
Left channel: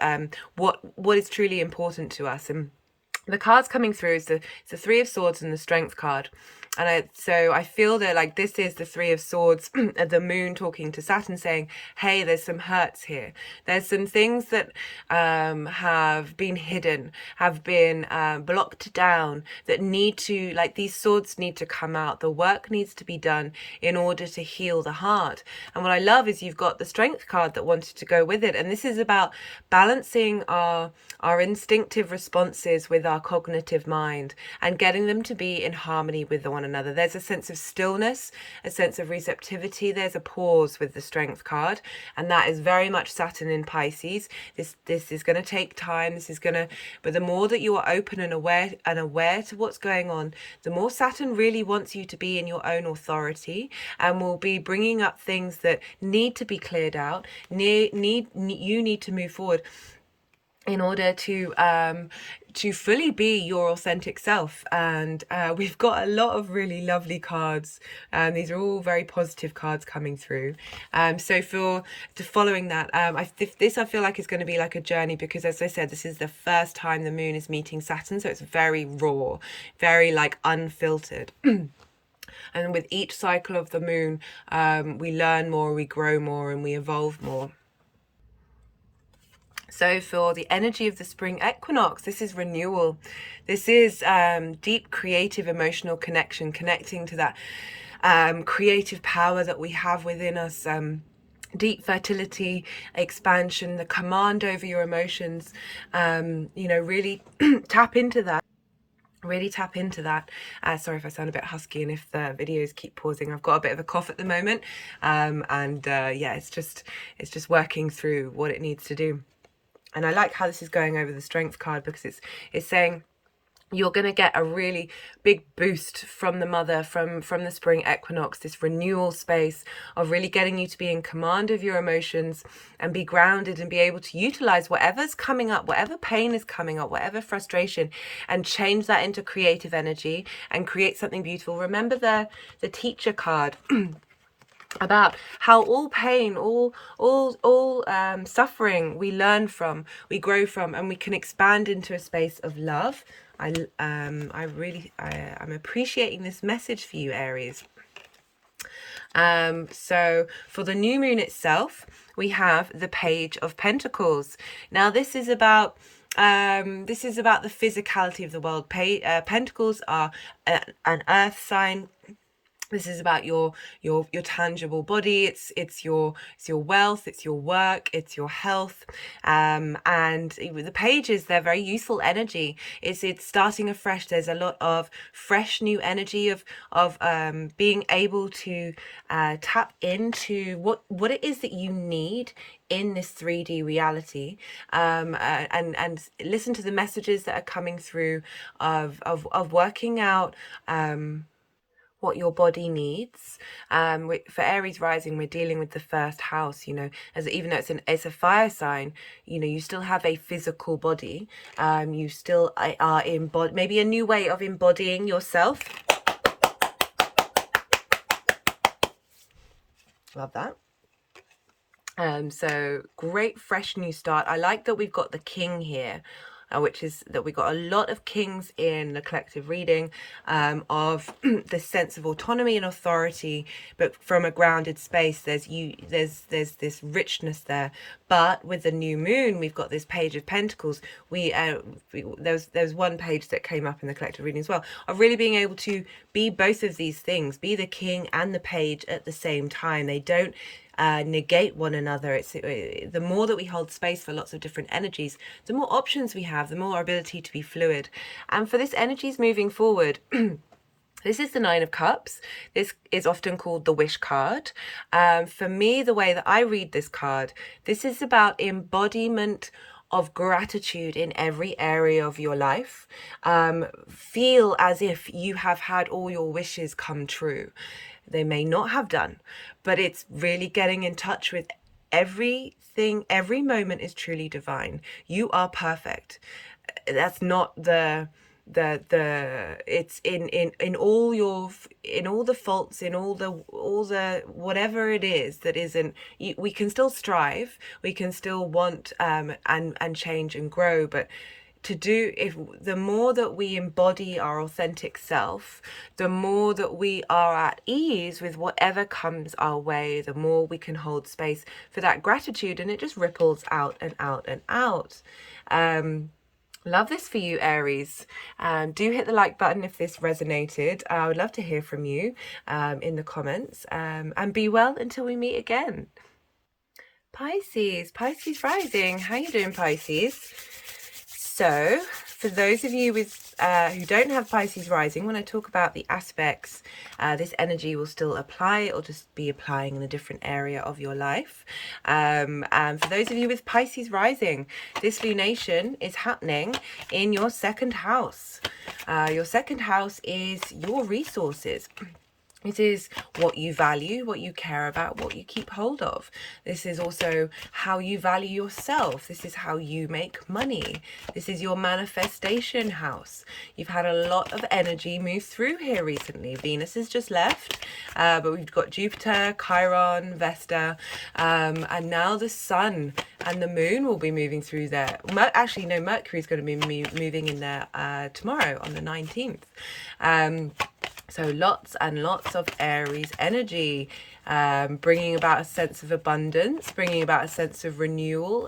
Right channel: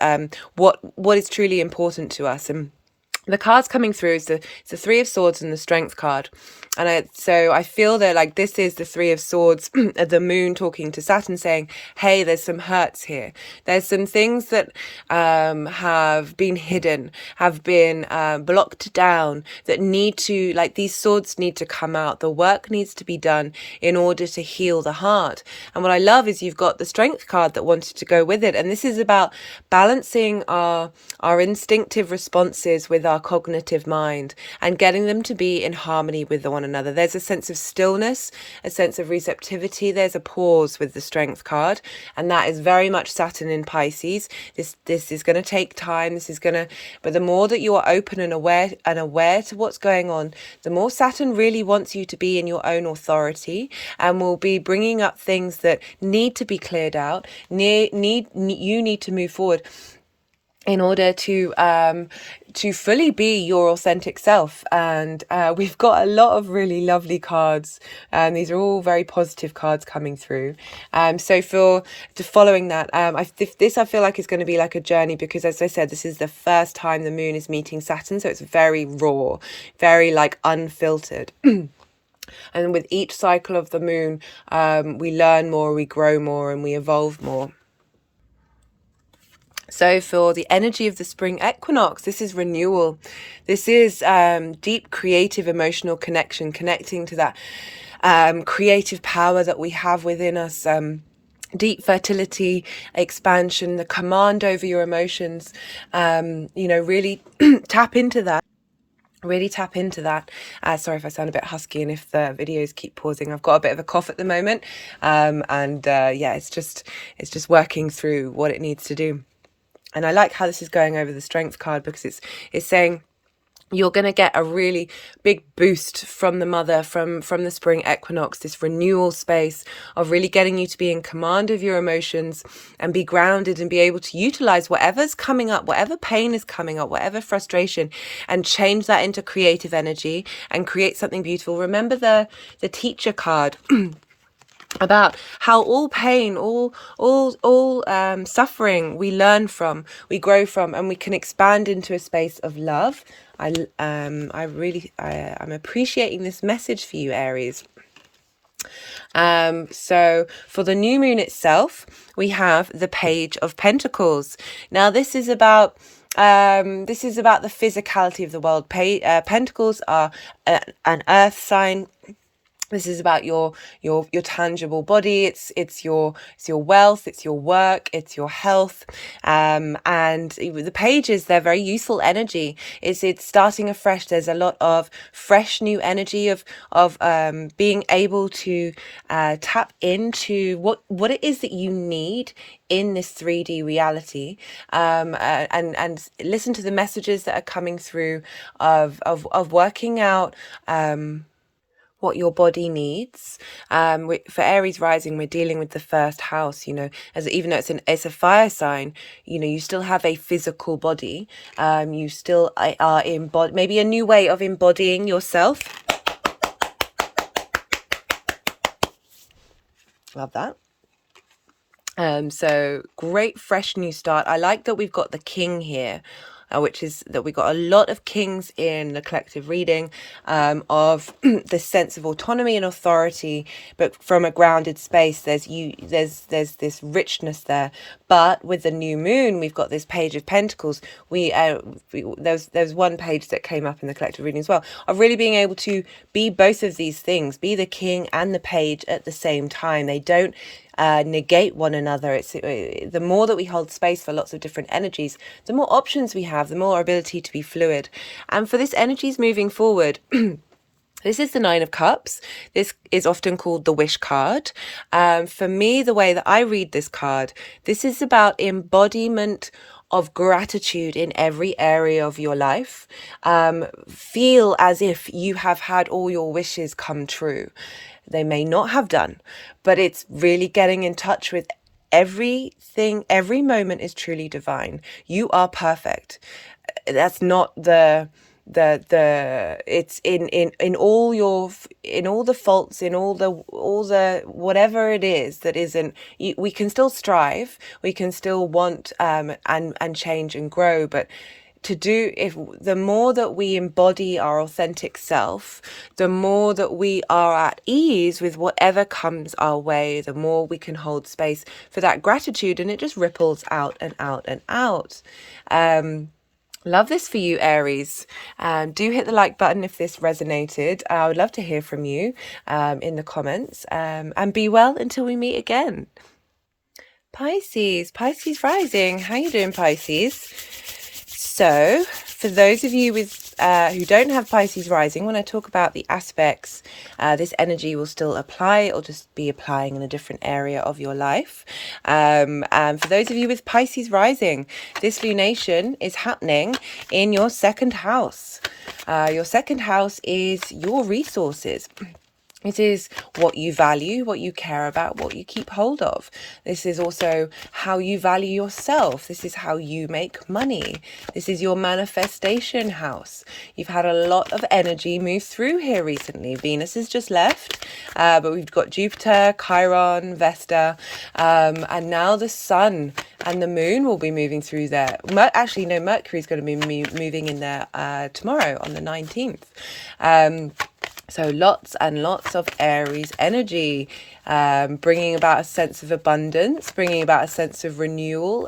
what is truly important to us. And the cards coming through is the 3 of Swords and the Strength card. And so I feel that, like, this is the 3 of Swords, the moon talking to Saturn saying, hey, there's some hurts here. There's some things that have been hidden, have been blocked down, that need to, like, these swords need to come out. The work needs to be done in order to heal the heart. And what I love is you've got the Strength card that wanted to go with it. And this is about balancing our instinctive responses with our our cognitive mind and getting them to be in harmony with one another. There's a sense of stillness, a sense of receptivity. There's a pause with the Strength card, and that is very much Saturn in Pisces. This is going to take time. But the more that you are open and aware to what's going on, the more Saturn really wants you to be in your own authority, and will be bringing up things that need to be cleared out. You need to move forward in order to fully be your authentic self. And we've got a lot of really lovely cards. These are all very positive cards coming through. So for following that, I feel like it's going to be like a journey, because as I said, this is the first time the moon is meeting Saturn, so it's very raw, very like unfiltered. And with each cycle of the moon, we learn more, we grow more, and we evolve more. So for the energy of the spring equinox, this is renewal. This is deep creative emotional connection, connecting to that creative power that we have within us. Deep fertility, expansion, the command over your emotions. Really tap into that. Sorry if I sound a bit husky and if the videos keep pausing. I've got a bit of a cough at the moment, it's just working through what it needs to do. And I like how this is going over the Strength card, because it's saying you're going to get a really big boost from the mother, from the spring equinox, this renewal space of really getting you to be in command of your emotions and be grounded and be able to utilize whatever's coming up, whatever pain is coming up, whatever frustration, and change that into creative energy and create something beautiful. Remember the teacher card about how all pain, all suffering we learn from, we grow from, and we can expand into a space of love. I'm appreciating this message for you, Aries. So for the new moon itself, we have the Page of Pentacles. Now this is about the physicality of the world. Pentacles are an earth sign. This is about your tangible body. It's your wealth, it's your work, it's your health. And the pages, they're very useful energy. It's starting afresh. There's a lot of fresh new energy of being able to tap into what it is that you need in this 3D reality, and listen to the messages that are coming through of working out what your body needs. For Aries rising, we're dealing with the first house, even though it's a fire sign, you still have a physical body. You still are maybe a new way of embodying yourself. Love that. So great fresh new start. I like that we've got the king here, which is that we got a lot of kings in the collective reading, of the sense of autonomy and authority, but from a grounded space. There's this richness there. But with the new moon, we've got this Page of Pentacles. There's one page that came up in the collective reading as well, of really being able to be both of these things, be the king and the page at the same time. They don't negate one another. It's the more that we hold space for lots of different energies, the more options we have, the more our ability to be fluid. And for this energies moving forward, this is the Nine of Cups. This is often called the Wish card. For me, the way that I read this card, this is about embodiment of gratitude in every area of your life. Feel as if you have had all your wishes come true. They may not have done, but it's really getting in touch with everything. Every moment is truly divine. You are perfect. That's not it's in all the faults, in all the whatever it is that isn't, we can still strive, we can still want and change and grow, but the more that we embody our authentic self, the more that we are at ease with whatever comes our way, the more we can hold space for that gratitude, and it just ripples out and out and out. Love this for you, Aries. Do hit the like button if this resonated. I would love to hear from you in the comments, and be well until we meet again. Pisces rising. How you doing, Pisces? So for those of you with who don't have Pisces rising, when I talk about the aspects, this energy will still apply. It'll just be applying in a different area of your life. And for those of you with Pisces rising, this lunation is happening in your second house. Your second house is your resources. It is what you value, what you care about, what you keep hold of. This is also how you value yourself. This is how you make money. This is your manifestation house. You've had a lot of energy move through here recently. Venus has just left, but we've got Jupiter, Chiron, Vesta, and now the Sun and the Moon will be moving through there. Actually, no, Mercury's going to be moving in there tomorrow on the 19th. So lots and lots of Aries energy, bringing about a sense of abundance, bringing about a sense of renewal,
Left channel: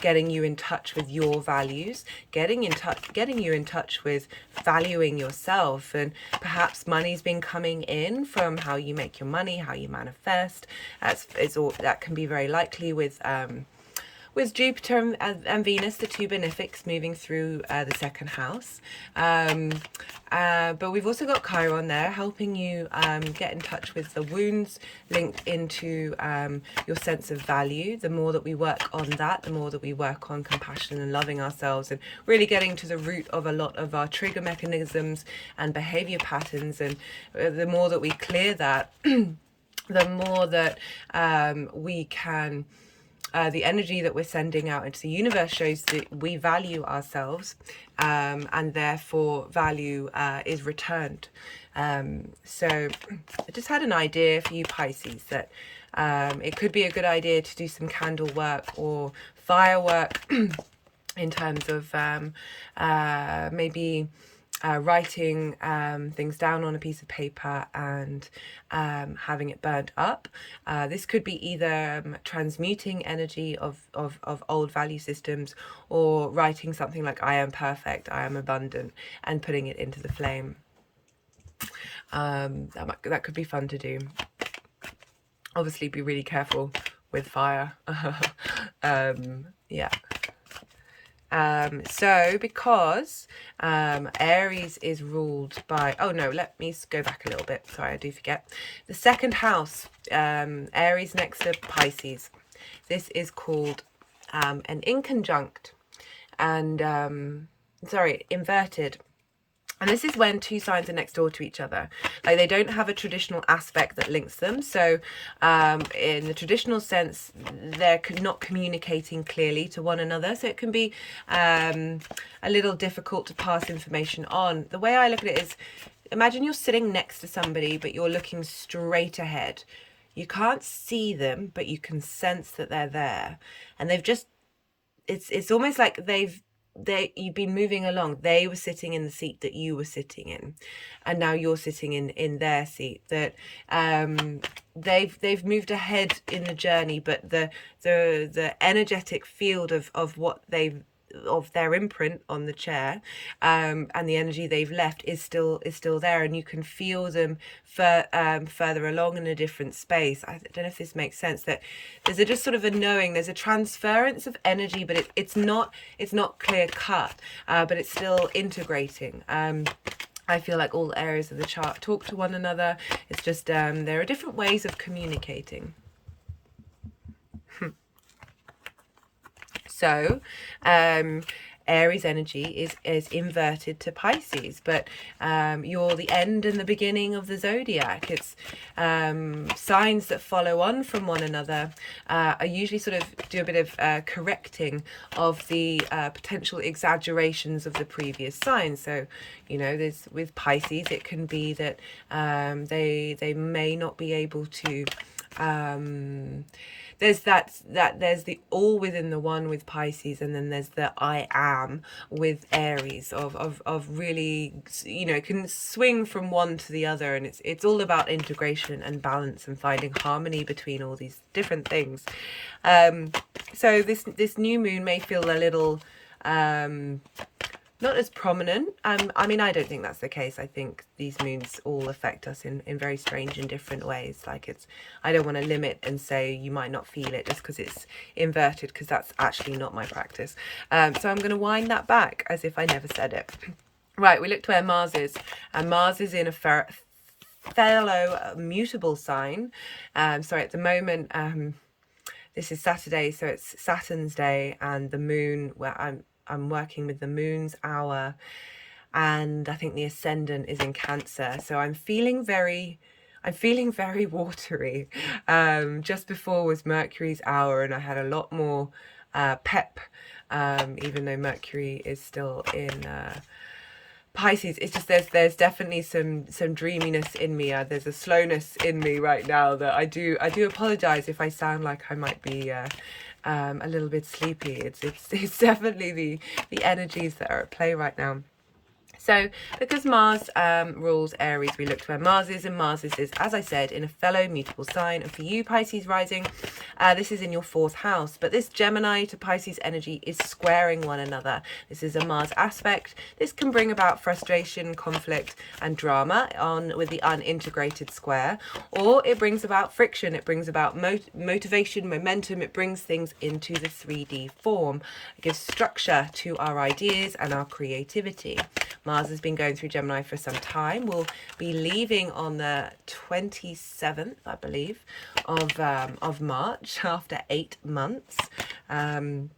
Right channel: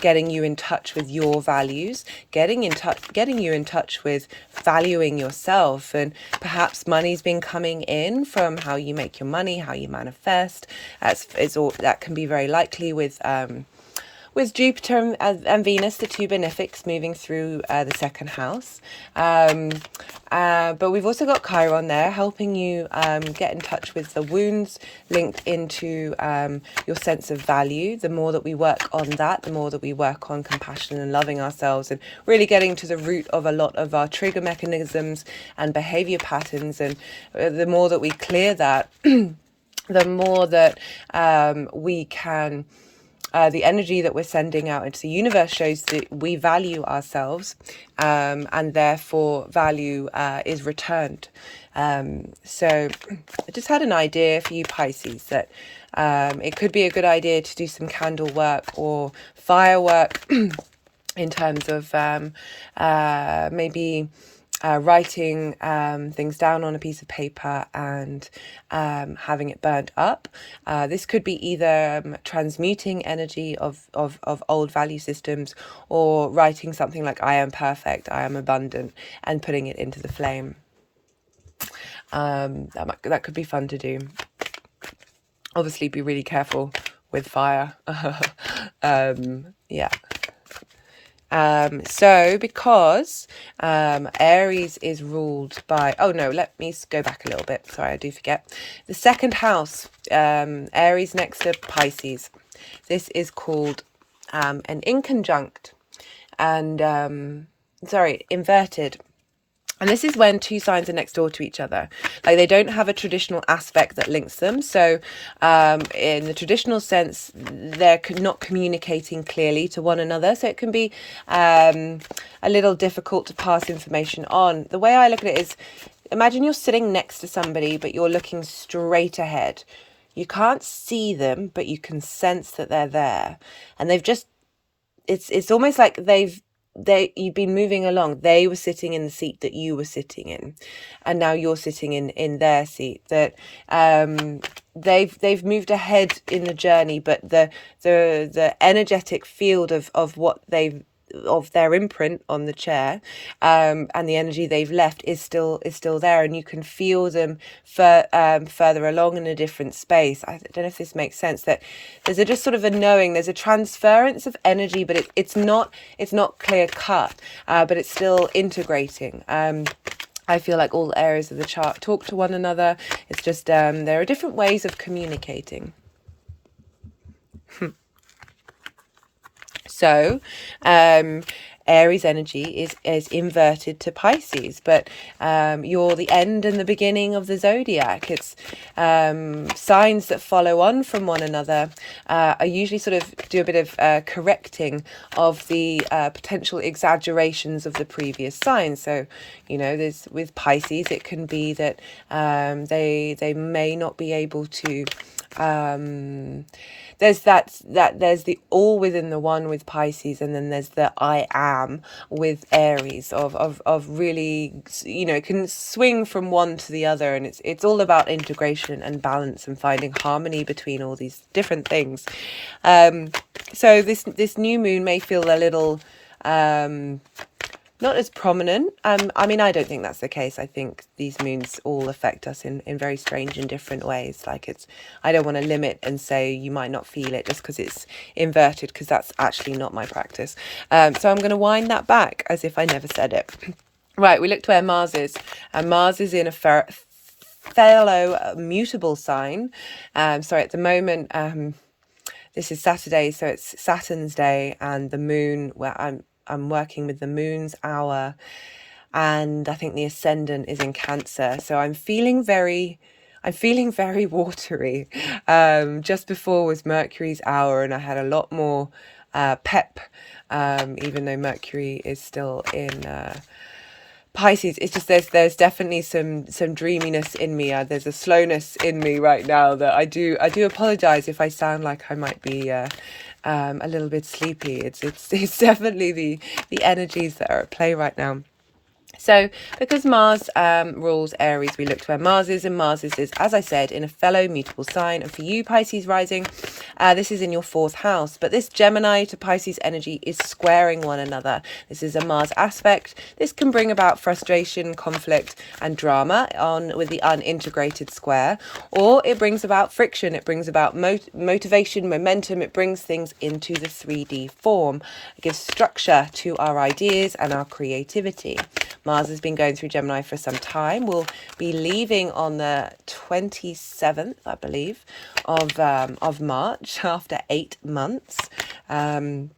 getting you in touch with your values, getting you in touch with valuing yourself. And perhaps money's been coming in from how you make your money, how you manifest. That can be very likely with Jupiter and Venus, the two benefics, moving through the second house. But we've also got Chiron there, helping you get in touch with the wounds linked into your sense of value. The more that we work on that, the more that we work on compassion and loving ourselves, and really getting to the root of a lot of our trigger mechanisms and behavior patterns. And the more that we clear that, the more that we can... the energy that we're sending out into the universe shows that we value ourselves, and therefore value is returned. So I just had an idea for you Pisces that it could be a good idea to do some candle work or firework in terms of maybe writing things down on a piece of paper and having it burnt up. This could be either transmuting energy of old value systems, or writing something like "I am perfect, I am abundant," and putting it into the flame. That could be fun to do. Obviously be really careful with fire. Yeah. So because Aries is ruled by, oh no, let me go back a little bit. Sorry, I do forget. The second house, Aries next to Pisces. This is called an inconjunct and, inverted. And this is when two signs are next door to each other. Like, they don't have a traditional aspect that links them. So in the traditional sense, they're not communicating clearly to one another. So it can be a little difficult to pass information on. The way I look at it is, imagine you're sitting next to somebody, but you're looking straight ahead. You can't see them, but you can sense that they're there. And they've just, it's almost like you've been moving along. They were sitting in the seat that you were sitting in, and now you're sitting in their seat. That they've moved ahead in the journey, but the energetic field of what of their imprint on the chair, and the energy they've left is still there, and you can feel them further along in a different space. I don't know if this makes sense, that there's just sort of a knowing, there's a transference of energy, but it's not clear cut, but it's still integrating. I feel like all areas of the chart talk to one another. It's just there are different ways of communicating. So Aries energy is inverted to Pisces, but you're the end and the beginning of the zodiac. It's signs that follow on from one another are usually sort of do a bit of correcting of the potential exaggerations of the previous signs. So, you know, there's with Pisces, it can be that they may not be able to there's there's the all within the one with Pisces, and then there's the I am with Aries of really, you know, it can swing from one to the other, and it's all about integration and balance and finding harmony between all these different things. So this new moon may feel a little not as prominent. I mean, I don't think that's the case. I think these moons all affect us in very strange and different ways. Like I don't want to limit and say you might not feel it just because it's inverted, because that's actually not my practice. So I'm going to wind that back as if I never said it. Right, we looked where Mars is, and Mars is in a fellow mutable sign. Sorry, at the moment, this is Saturday, so it's Saturn's day, and the moon, where I'm working with the moon's hour, and I think the ascendant is in Cancer. So I'm feeling very watery. Just before was Mercury's hour, and I had a lot more pep, even though Mercury is still in Pisces. It's just there's definitely some dreaminess in me. There's a slowness in me right now that I do apologize if I sound like I might be a little bit sleepy. It's definitely the energies that are at play right now. So because Mars rules Aries, we looked where Mars is, and Mars is, as I said, in a fellow mutable sign. And for you, Pisces rising, this is in your 4th house. But this Gemini to Pisces energy is squaring one another. This is a Mars aspect. This can bring about frustration, conflict, and drama with the unintegrated square. Or it brings about friction. It brings about motivation, momentum. It brings things into the 3D form. It gives structure to our ideas and our creativity. Mars has been going through Gemini for some time. We'll be leaving on the 27th, I believe, of March after 8 months. And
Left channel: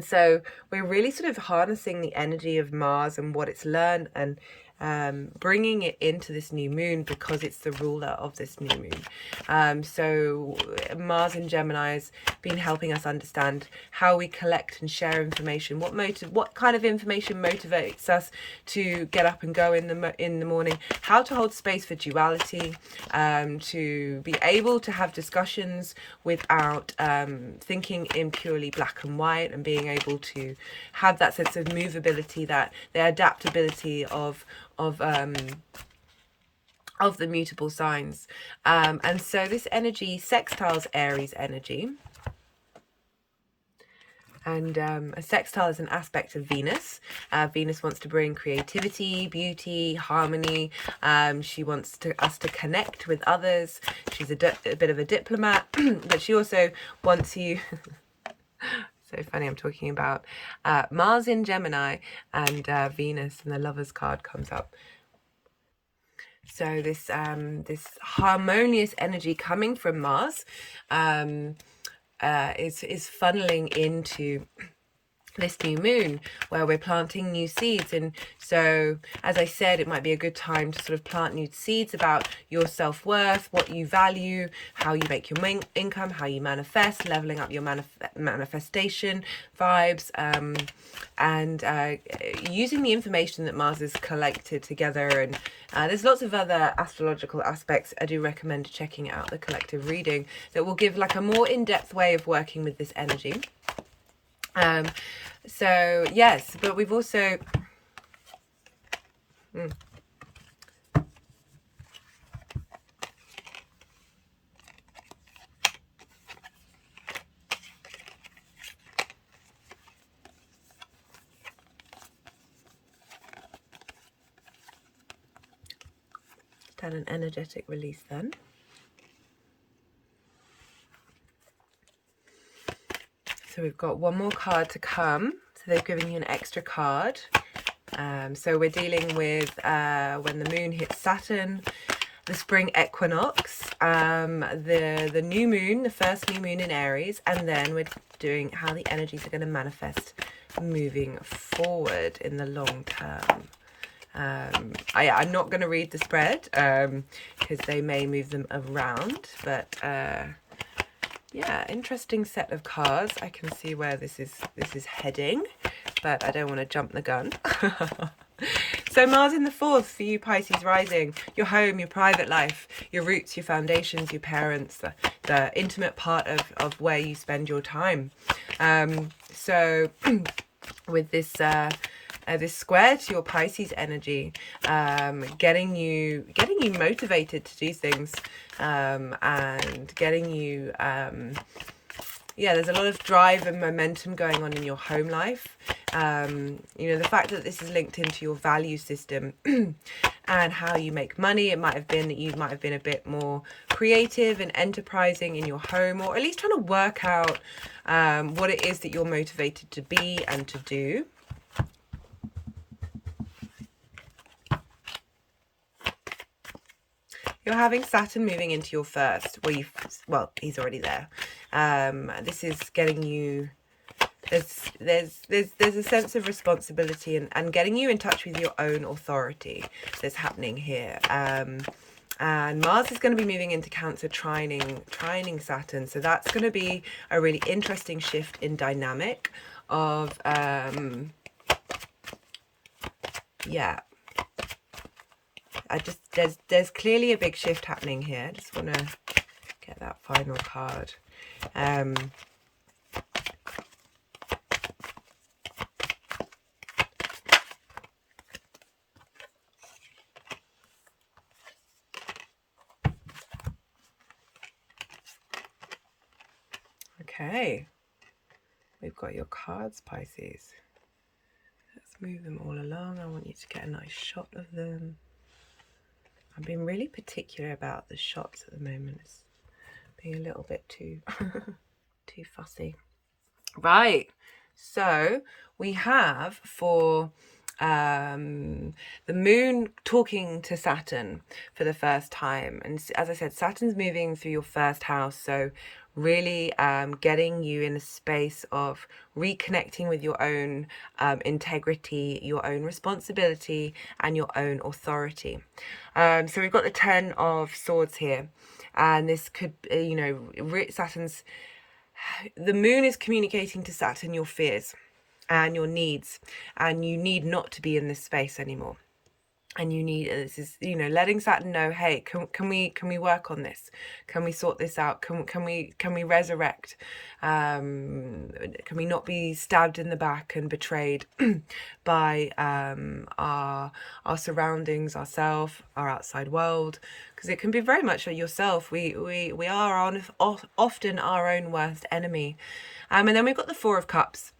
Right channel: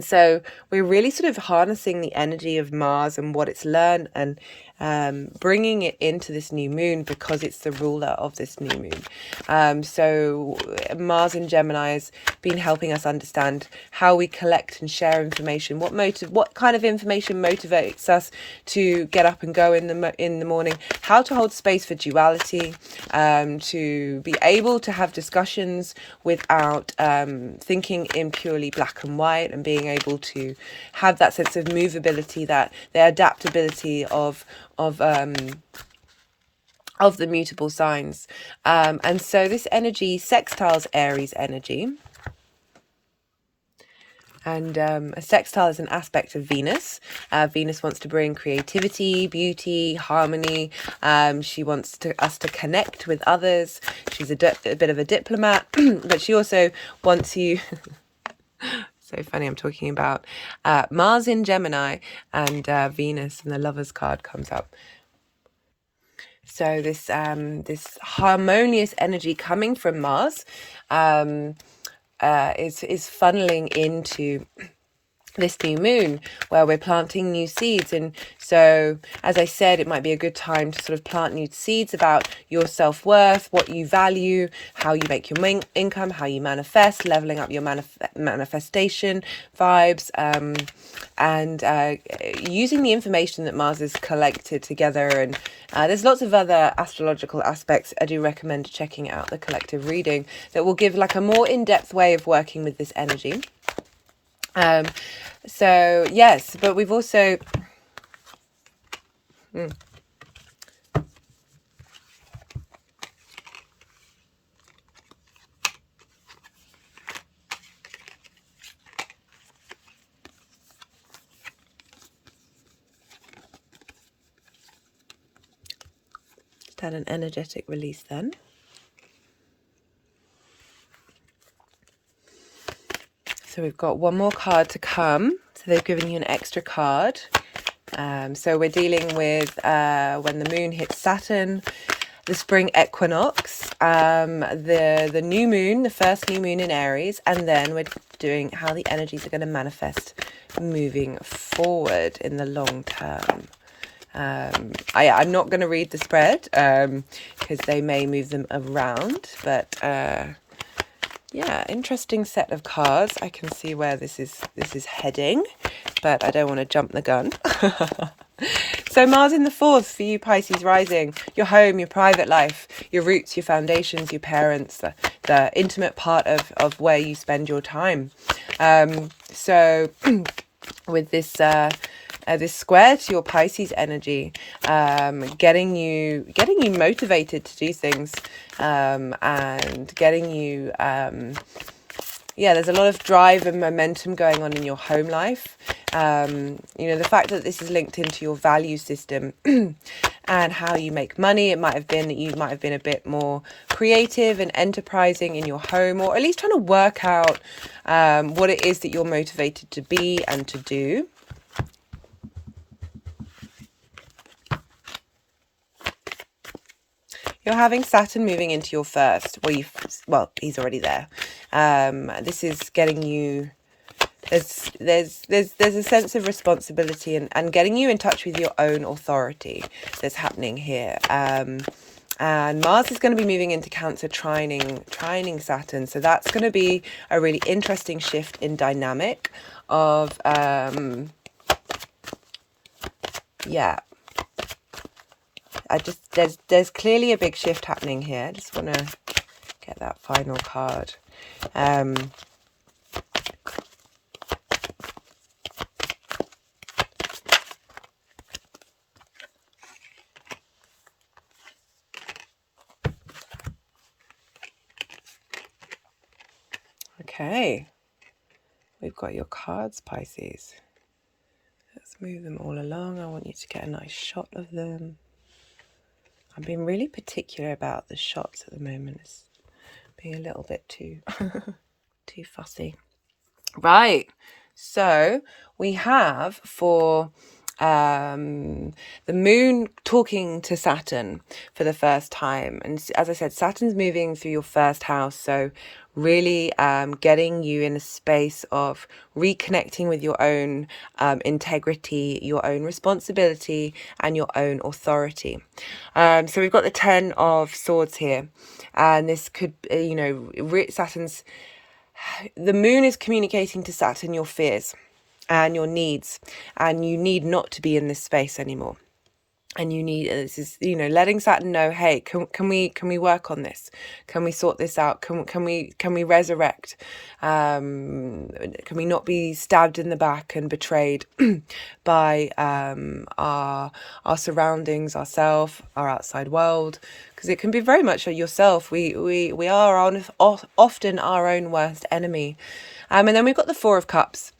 so we're really sort of harnessing the energy of Mars and what it's learned, and bringing it into this new moon because it's the ruler of this new moon. So Mars in Gemini has been helping us understand how we collect and share information, what kind of information motivates us to get up and go in the morning, how to hold space for duality, to be able to have discussions without thinking in purely black and white, and being able to have that sense of movability, that the adaptability of the mutable signs. And so this energy sextiles Aries energy. And a sextile is an aspect of Venus. Venus wants to bring creativity, beauty, harmony. She wants us to connect with others. She's a bit of a diplomat, but she also wants you... So funny, I'm talking about Mars in Gemini and Venus, and the Lovers card comes up. So this harmonious energy coming from Mars is funneling into this new moon, where we're planting new seeds. And so, as I said, it might be a good time to sort of plant new seeds about your self-worth, what you value, how you make your income, how you manifest, leveling up your manifestation vibes, and using the information that Mars has collected together. And there's lots of other astrological aspects. I do recommend checking out the collective reading that will give like a more in-depth way of working with this energy. So yes, but we've also just had an energetic release then. So we've got one more card to come. So they've given you an extra card. So we're dealing with when the moon hits Saturn, the spring equinox, the new moon, the first new moon in Aries, and then we're doing how the energies are going to manifest moving forward in the long term. I'm not going to read the spread because they may move them around, but yeah, interesting set of cards. I can see where this is heading, but I don't want to jump the gun. So Mars in the 4th for you, Pisces rising, your home, your private life, your roots, your foundations, your parents, the intimate part of where you spend your time. So with this this square to your Pisces energy, getting you motivated to do things, and getting you yeah, there's a lot of drive and momentum going on in your home life. You know, the fact that this is linked into your value system and how you make money, it might have been that you might have been a bit more creative and enterprising in your home, or at least trying to work out what it is that you're motivated to be and to do. You're having Saturn moving into your first. Well, he's already there. This is getting you. There's a sense of responsibility and getting you in touch with your own authority that's happening here. And Mars is going to be moving into Cancer, trining Saturn. So that's going to be a really interesting shift in dynamic of yeah. There's clearly a big shift happening here. I just want to get that final card. Okay, we've got your cards, Pisces. Let's move them all along. I want you to get a nice shot of them. I'm being really particular about the shots at the moment. It's being a little bit too too fussy. Right, so we have for the moon talking to Saturn for the first time, and as I said, Saturn's moving through your first house, so really getting you in a space of reconnecting with your own integrity, your own responsibility, and your own authority. So we've got the 10 of Swords here, and this could, you know, the moon is communicating to Saturn your fears and your needs, and you need not to be in this space anymore. And you need, this is, you know, letting Saturn know, hey, can we work on this? Can we sort this out? Can we resurrect? Can we not be stabbed in the back and betrayed by our surroundings, ourselves, our outside world? Because it can be very much yourself. We are often our own worst enemy. And then we've got the Four of Cups.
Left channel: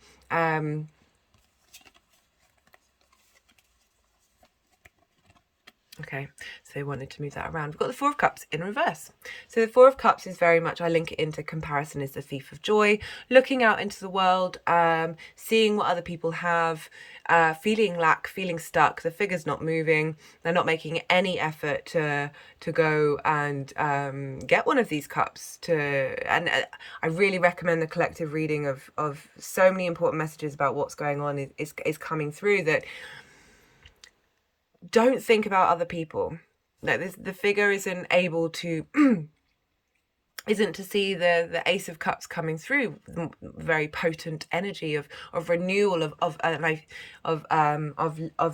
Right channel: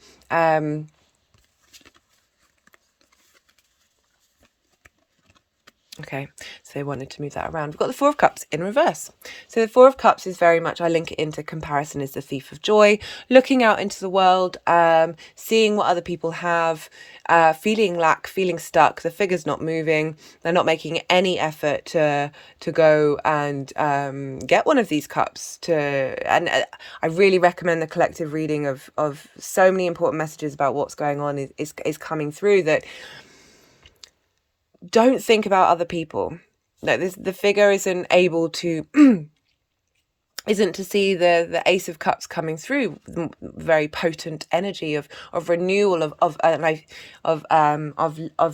Okay, so they wanted to move that around. We've got the Four of Cups in reverse. So the Four of Cups is very much, I link it into comparison is the thief of joy, looking out into the world, seeing what other people have, feeling lack, feeling stuck, the figure's not moving, they're not making any effort to go and get one of these cups. And I really recommend the collective reading of so many important messages about what's going on is coming through, that don't think about other people. No, the figure isn't able to isn't to see the Ace of Cups coming through, very potent energy of renewal of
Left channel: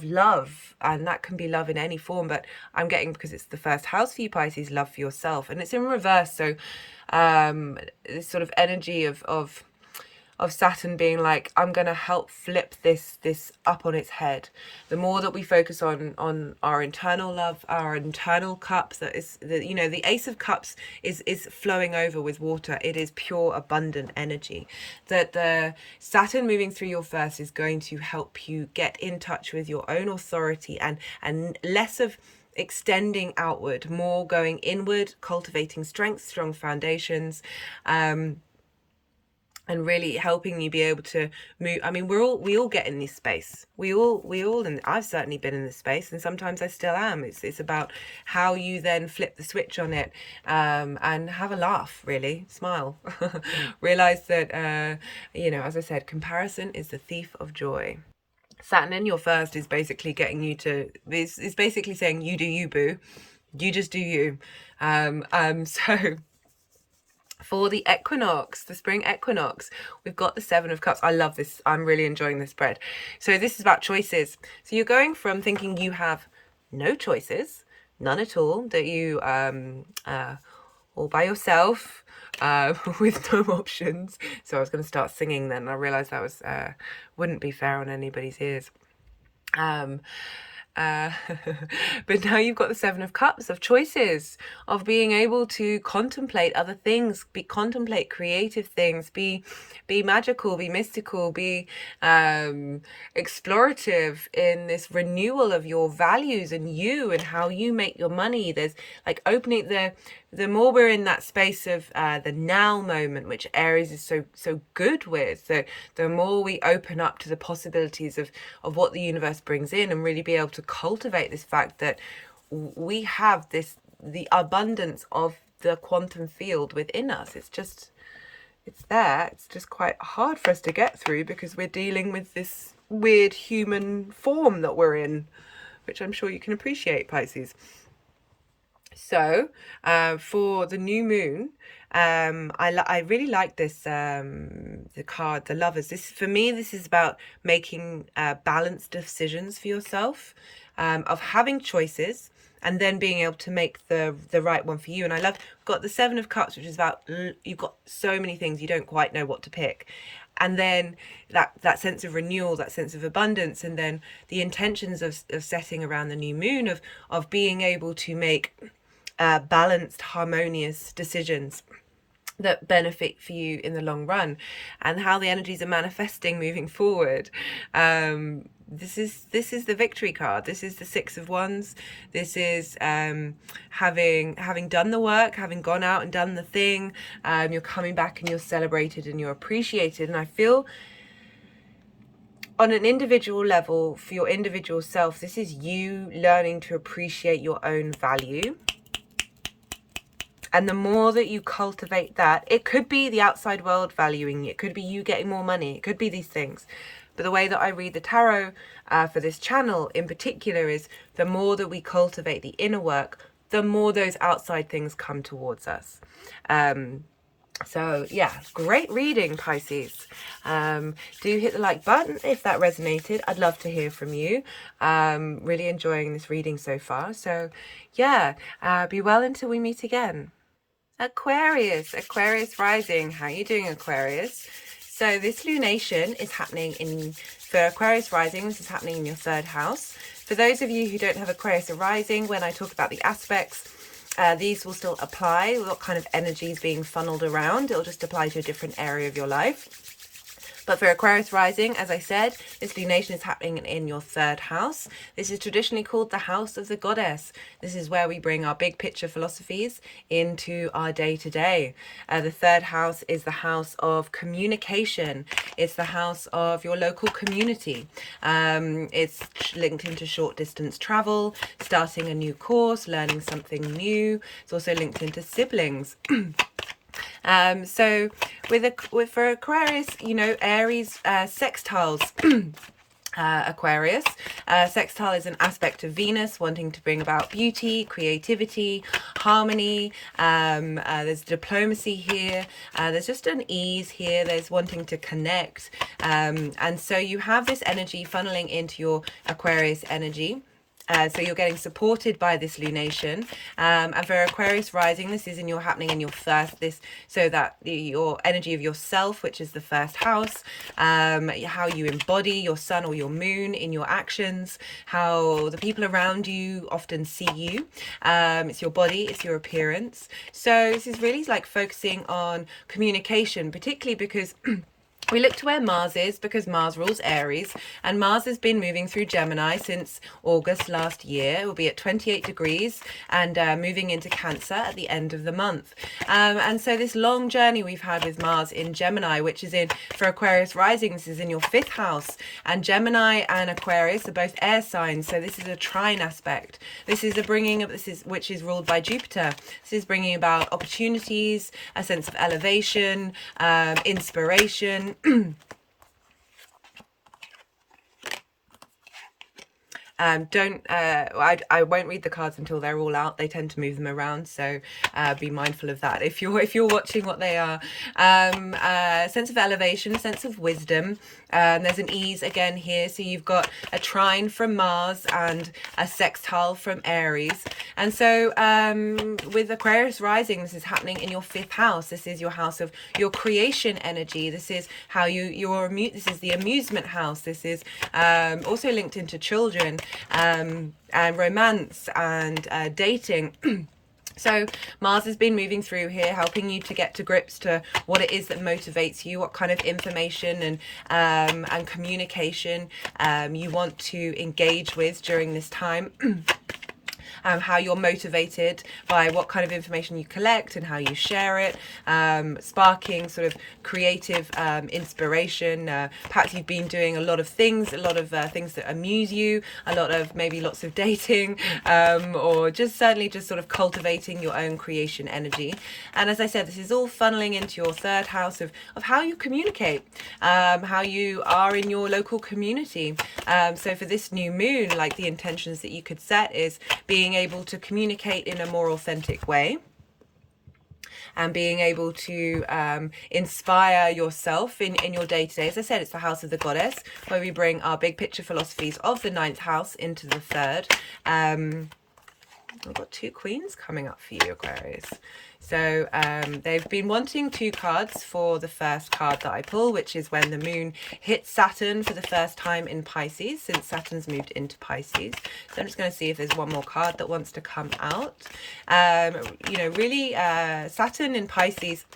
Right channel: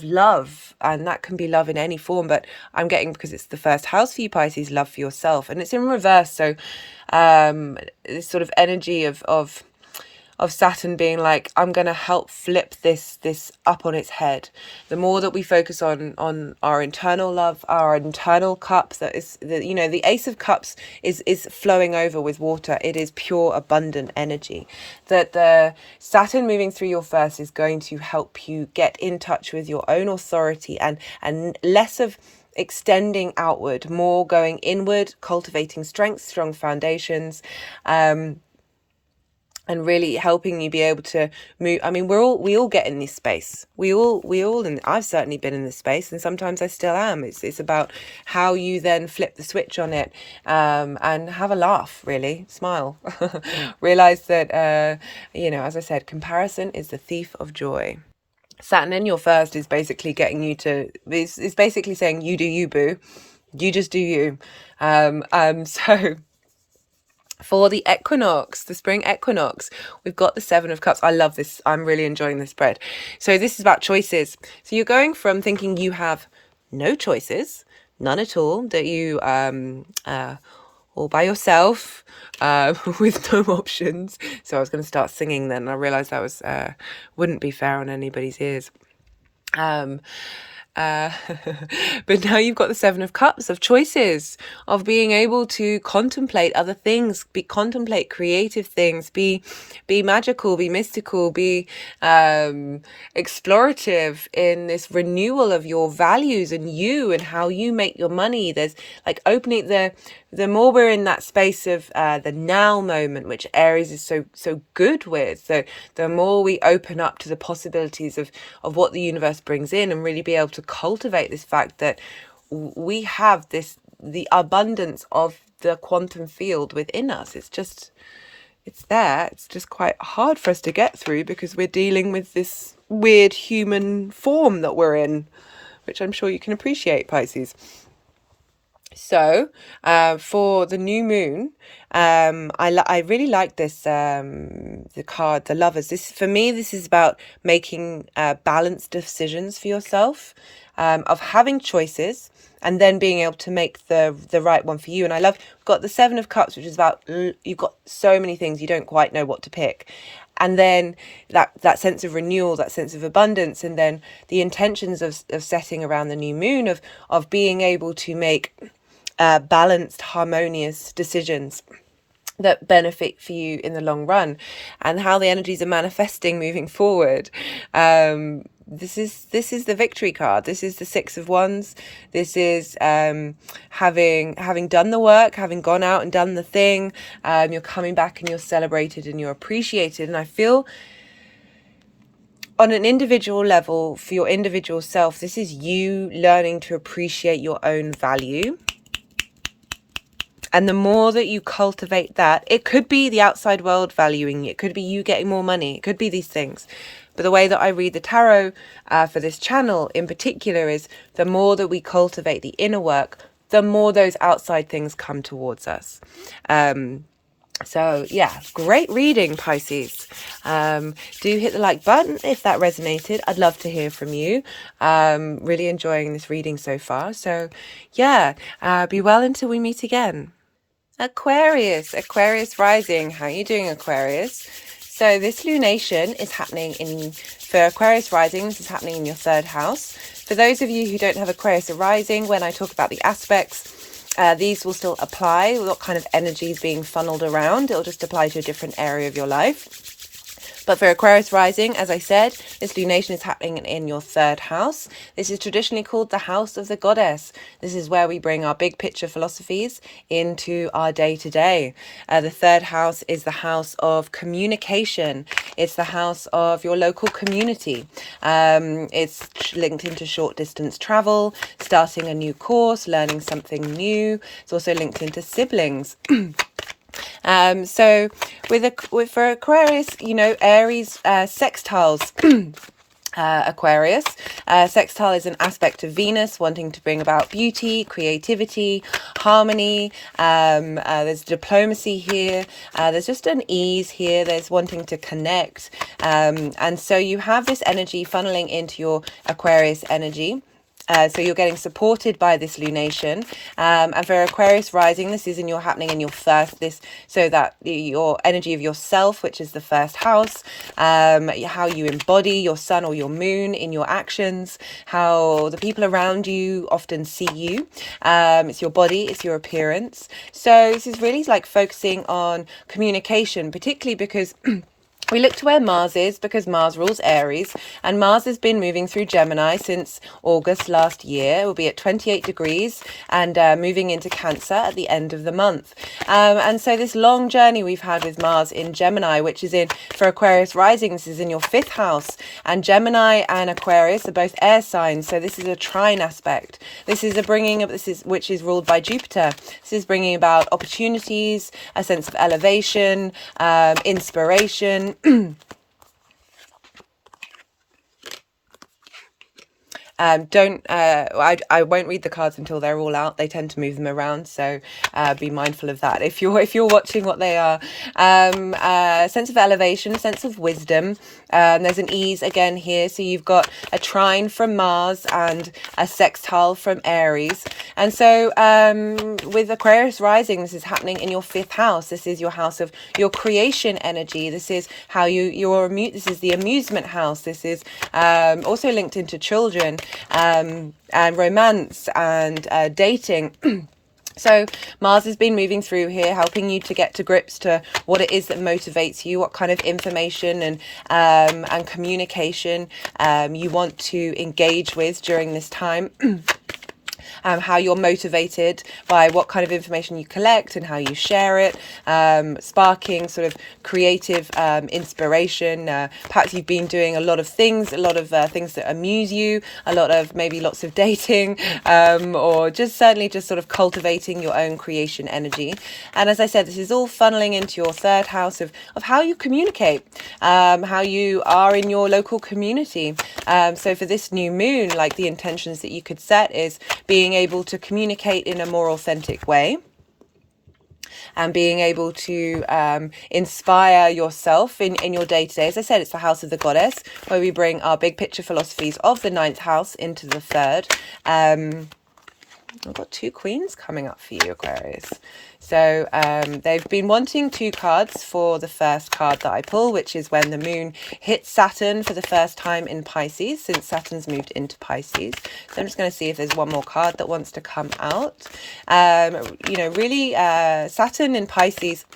love, and that can be love in any form. But I'm getting, because it's the first house for you, Pisces, love for yourself, and it's in reverse. So this sort of energy of Saturn being like, I'm going to help flip this up on its head. The more that we focus on our internal love, our internal cup, that is, you know, the Ace of Cups is flowing over with water. It is pure, abundant energy. That the Saturn moving through your first is going to help you get in touch with your own authority, and less of extending outward, more going inward, cultivating strength, strong foundations, and really helping you be able to move. I mean, we all get in this space. We all, and I've certainly been in this space, and sometimes I still am. It's about how you then flip the switch on it, and have a laugh, really, smile. Realize that, you know, as I said, comparison is the thief of joy. Saturn in your first is basically getting you to, it's basically saying, you do you, boo. You just do you. So for the equinox, the spring equinox, we've got the Seven of Cups. I love this. I'm really enjoying this spread. So this is about choices. So you're going from thinking you have no choices, none at all, that you all by yourself, with no options. So I was going to start singing then, and I realized that was wouldn't be fair on anybody's ears. But now you've got the Seven of Cups, of choices, of being able to contemplate other things, contemplate creative things, be magical, be mystical, be explorative in this renewal of your values and you and how you make your money. There's like opening the more we're in that space of the now moment, which Aries is so good with, so the more we open up to the possibilities of what the universe brings in, and really be able to cultivate this fact that we have the abundance of the quantum field within us. It's there. It's just quite hard for us to get through because we're dealing with this weird human form that we're in, which I'm sure you can appreciate, Pisces. So for the new moon, I really like this, the card, the Lovers. This, for me, this is about making balanced decisions for yourself, of having choices and then being able to make the right one for you. And I love, got the Seven of Cups, which is about, you've got so many things, you don't quite know what to pick. And then that sense of renewal, that sense of abundance, and then the intentions of setting around the new moon, of being able to make balanced, harmonious decisions that benefit for you in the long run, and how the energies are manifesting moving forward. This is the victory card. This is the Six of Wands. This is having done the work, having gone out and done the thing. You're coming back and you're celebrated and you're appreciated. And I feel on an individual level, for your individual self, this is you learning to appreciate your own value. And the more that you cultivate that, it could be the outside world valuing you. It could be you getting more money. It could be these things. But the way that I read the tarot for this channel in particular is the more that we cultivate the inner work, the more those outside things come towards us. So yeah, great reading, Pisces. Do hit the like button if that resonated. I'd love to hear from you. Really enjoying this reading so far. So yeah, be well until we meet again. Aquarius rising. How are you doing, Aquarius? So this lunation is happening for Aquarius rising, this is happening in your third house. For those of you who don't have Aquarius rising, when I talk about the aspects, these will still apply. What kind of energy is being funneled around? It'll just apply to a different area of your life. But for Aquarius rising, as I said, this lunation is happening in your third house. This is traditionally called the house of the goddess. This is where we bring our big picture philosophies into our day-to-day. The third house is the house of communication. It's the house of your local community. It's linked into short distance travel, starting a new course, learning something new. It's also linked into siblings. So for Aquarius, you know, Aries sextiles Aquarius. Sextile is an aspect of Venus wanting to bring about beauty, creativity, harmony. There's diplomacy here. There's just an ease here. There's wanting to connect. And so you have this energy funneling into your Aquarius energy. So you're getting supported by this lunation, and for Aquarius rising, this is happening in your first, so that your energy of yourself, which is the first house, how you embody your sun or your moon in your actions, how the people around you often see you. It's your body, it's your appearance. So this is really like focusing on communication, particularly because we look to where Mars is, because Mars rules Aries, and Mars has been moving through Gemini since August last year. It will be at 28 degrees and moving into Cancer at the end of the month. And so this long journey we've had with Mars in Gemini, which is for Aquarius rising, this is in your fifth house. And Gemini and Aquarius are both air signs, so this is a trine aspect. This is which is ruled by Juipter. This is bringing about opportunities, a sense of elevation, inspiration. I won't read the cards until they're all out. They tend to move them around, so be mindful of that if you're watching what they are. Sense of elevation, sense of wisdom. There's an ease again here, so you've got a trine from Mars and a sextile from Aries. And so with Aquarius rising, this is happening in your fifth house. This is your house of your creation energy. This is how this is the amusement house. This is also linked into children. and romance and dating. So Mars has been moving through here, helping you to get to grips to what it is that motivates you, what kind of information and communication you want to engage with during this time. How you're motivated by what kind of information you collect and how you share it, sparking sort of creative inspiration. Perhaps you've been doing a lot of things that amuse you, maybe lots of dating, or just certainly just sort of cultivating your own creation energy. And as I said, this is all funneling into your third house of how you communicate, how you are in your local community. So for this new moon, like the intentions that you could set is being able to communicate in a more authentic way and being able to inspire yourself in your day-to-day. As I said, it's the house of the goddess, where we bring our big picture philosophies of the ninth house into the third. I've got two queens coming up for you, Aquarius. So they've been wanting two cards for the first card that I pull, which is when the moon hits Saturn for the first time in Pisces, since Saturn's moved into Pisces. So I'm just going to see if there's one more card that wants to come out. Really, Saturn in Pisces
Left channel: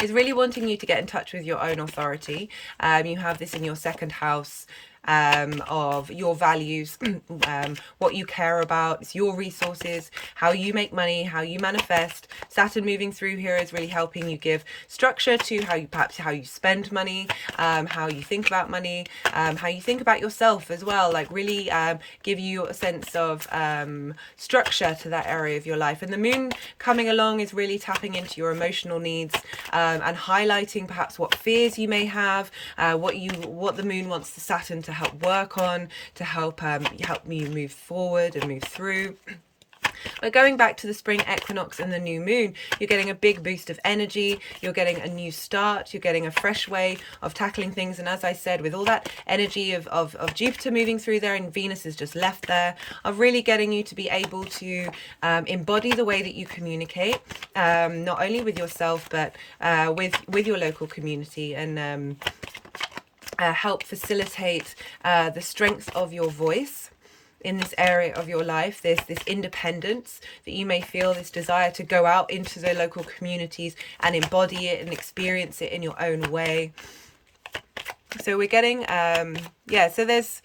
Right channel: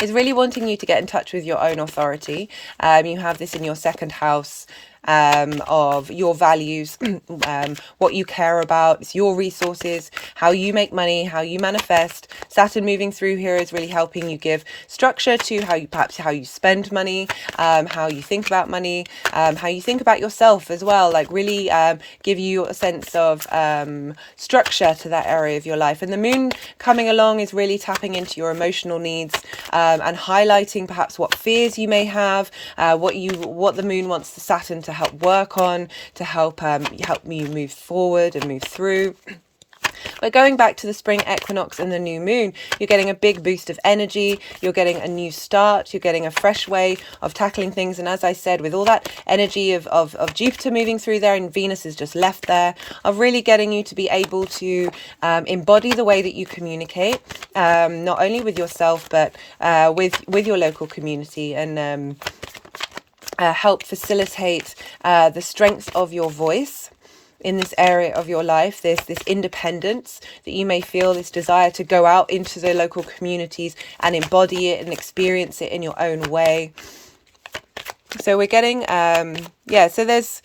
is really wanting you to get in touch with your own authority. You have this in your second house. Of your values, what you care about, it's your resources, how you make money, how you manifest. Saturn moving through here is really helping you give structure to how you spend money, how you think about money, how you think about yourself as well, like really give you a sense of structure to that area of your life. And the moon coming along is really tapping into your emotional needs and highlighting perhaps what fears you may have, what the moon wants the Saturn to help work on, to help you move forward and move through. But going back to the spring equinox and the new moon, you're getting a big boost of energy, you're getting a new start, you're getting a fresh way of tackling things. And as I said, with all that energy of Jupiter moving through there, and Venus has just left there, of really getting you to be able to embody the way that you communicate, not only with yourself, but with your local community, and help facilitate the strength of your voice in this area of your life. There's this independence that you may feel, this desire to go out into the local communities and embody it and experience it in your own way. So we're getting so there's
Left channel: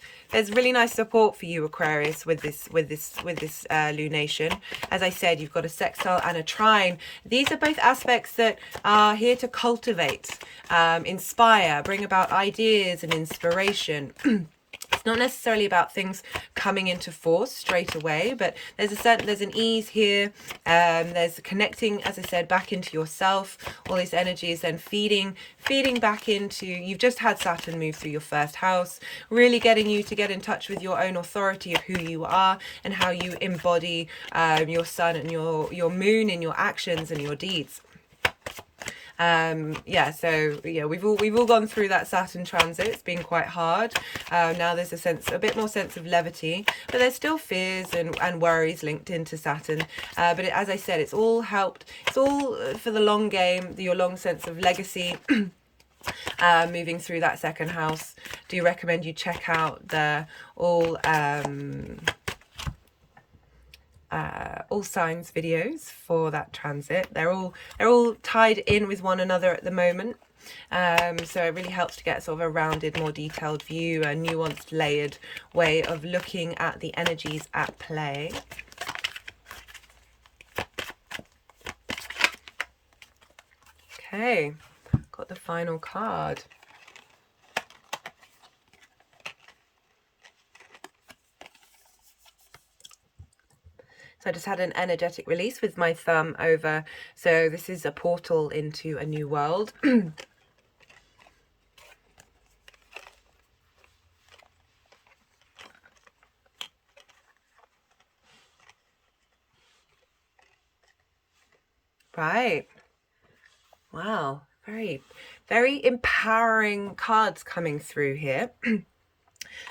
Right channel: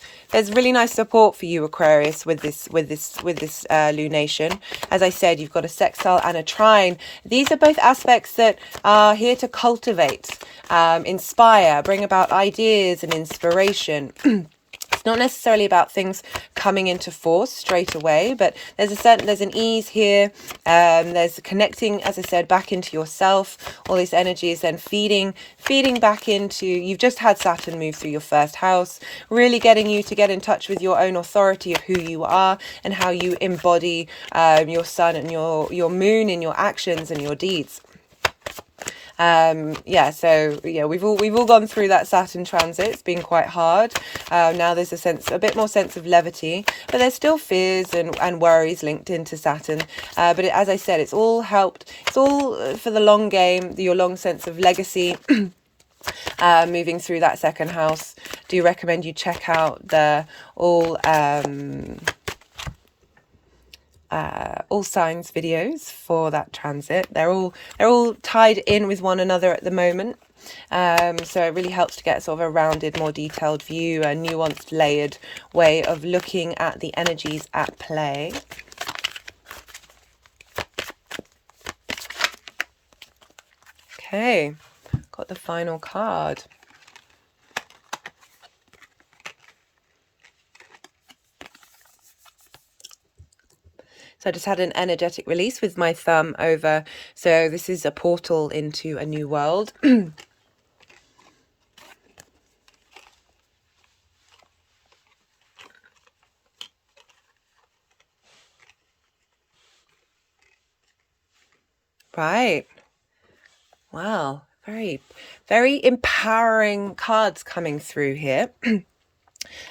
really nice support for you, Aquarius, with this lunation. As I said, you've got a sextile and a trine. These are both aspects that are here to cultivate, inspire, bring about ideas and inspiration. It's not necessarily about things coming into force straight away, but there's an ease here. There's connecting, as I said, back into yourself. All these energies then feeding back into, you've just had Saturn move through your first house, really getting you to get in touch with your own authority of who you are and how you embody your sun and your moon in your actions and your deeds. We've all gone through that Saturn transit. It's been quite hard. Now there's a bit more sense of levity, but there's still fears and worries linked into Saturn. As I said, it's all helped. It's all for the long game, your long sense of legacy. Moving through that second house. Do recommend you check out the all signs videos for that transit. They're all tied in with one another at the moment, so it really helps to get sort of a rounded, more detailed view, a nuanced, layered way of looking at the energies at play. Okay, got the final card. So I just had an energetic release with my thumb over. So this is a portal into a new world. Right. Wow. Very, very empowering cards coming through here.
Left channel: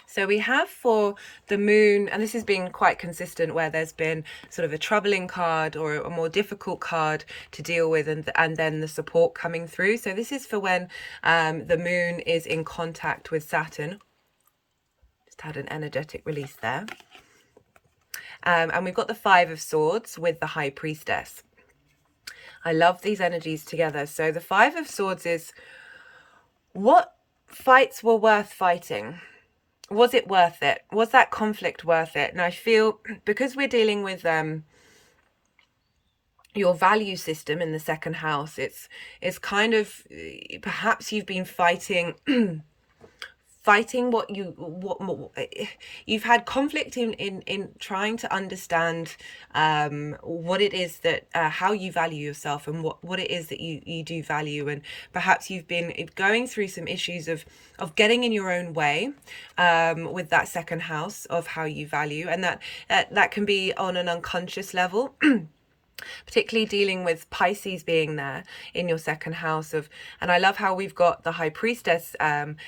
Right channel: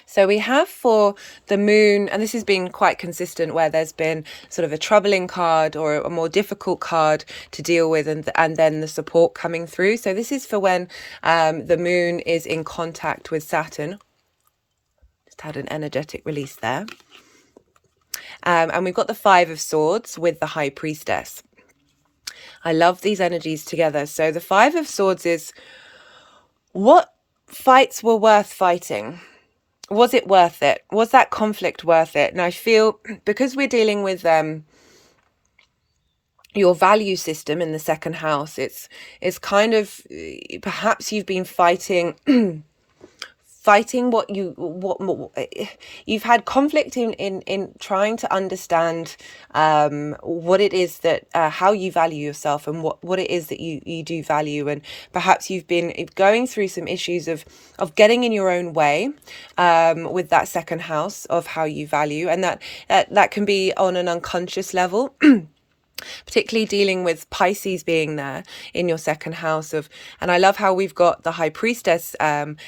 So we have for the moon, and this has been quite consistent, where there's been sort of a troubling card or a more difficult card to deal with, and then the support coming through. So this is for when the moon is in contact with Saturn. Just Just had an energetic release there. And we've got the Five of Swords with the High Priestess. I love these energies together. So the Five of Swords is, what fights were worth fighting? Was it worth it? Was that conflict worth it? And I feel, because we're dealing with your value system in the second house, it's kind of, perhaps you've been fighting what you've had conflict in trying to understand what it is that how you value yourself, and what it is that you do value. And perhaps you've been going through some issues of getting in your own way with that second house of how you value, and that can be on an unconscious level. Particularly dealing with Pisces being there in your second house of, and I love how we've got the High Priestess.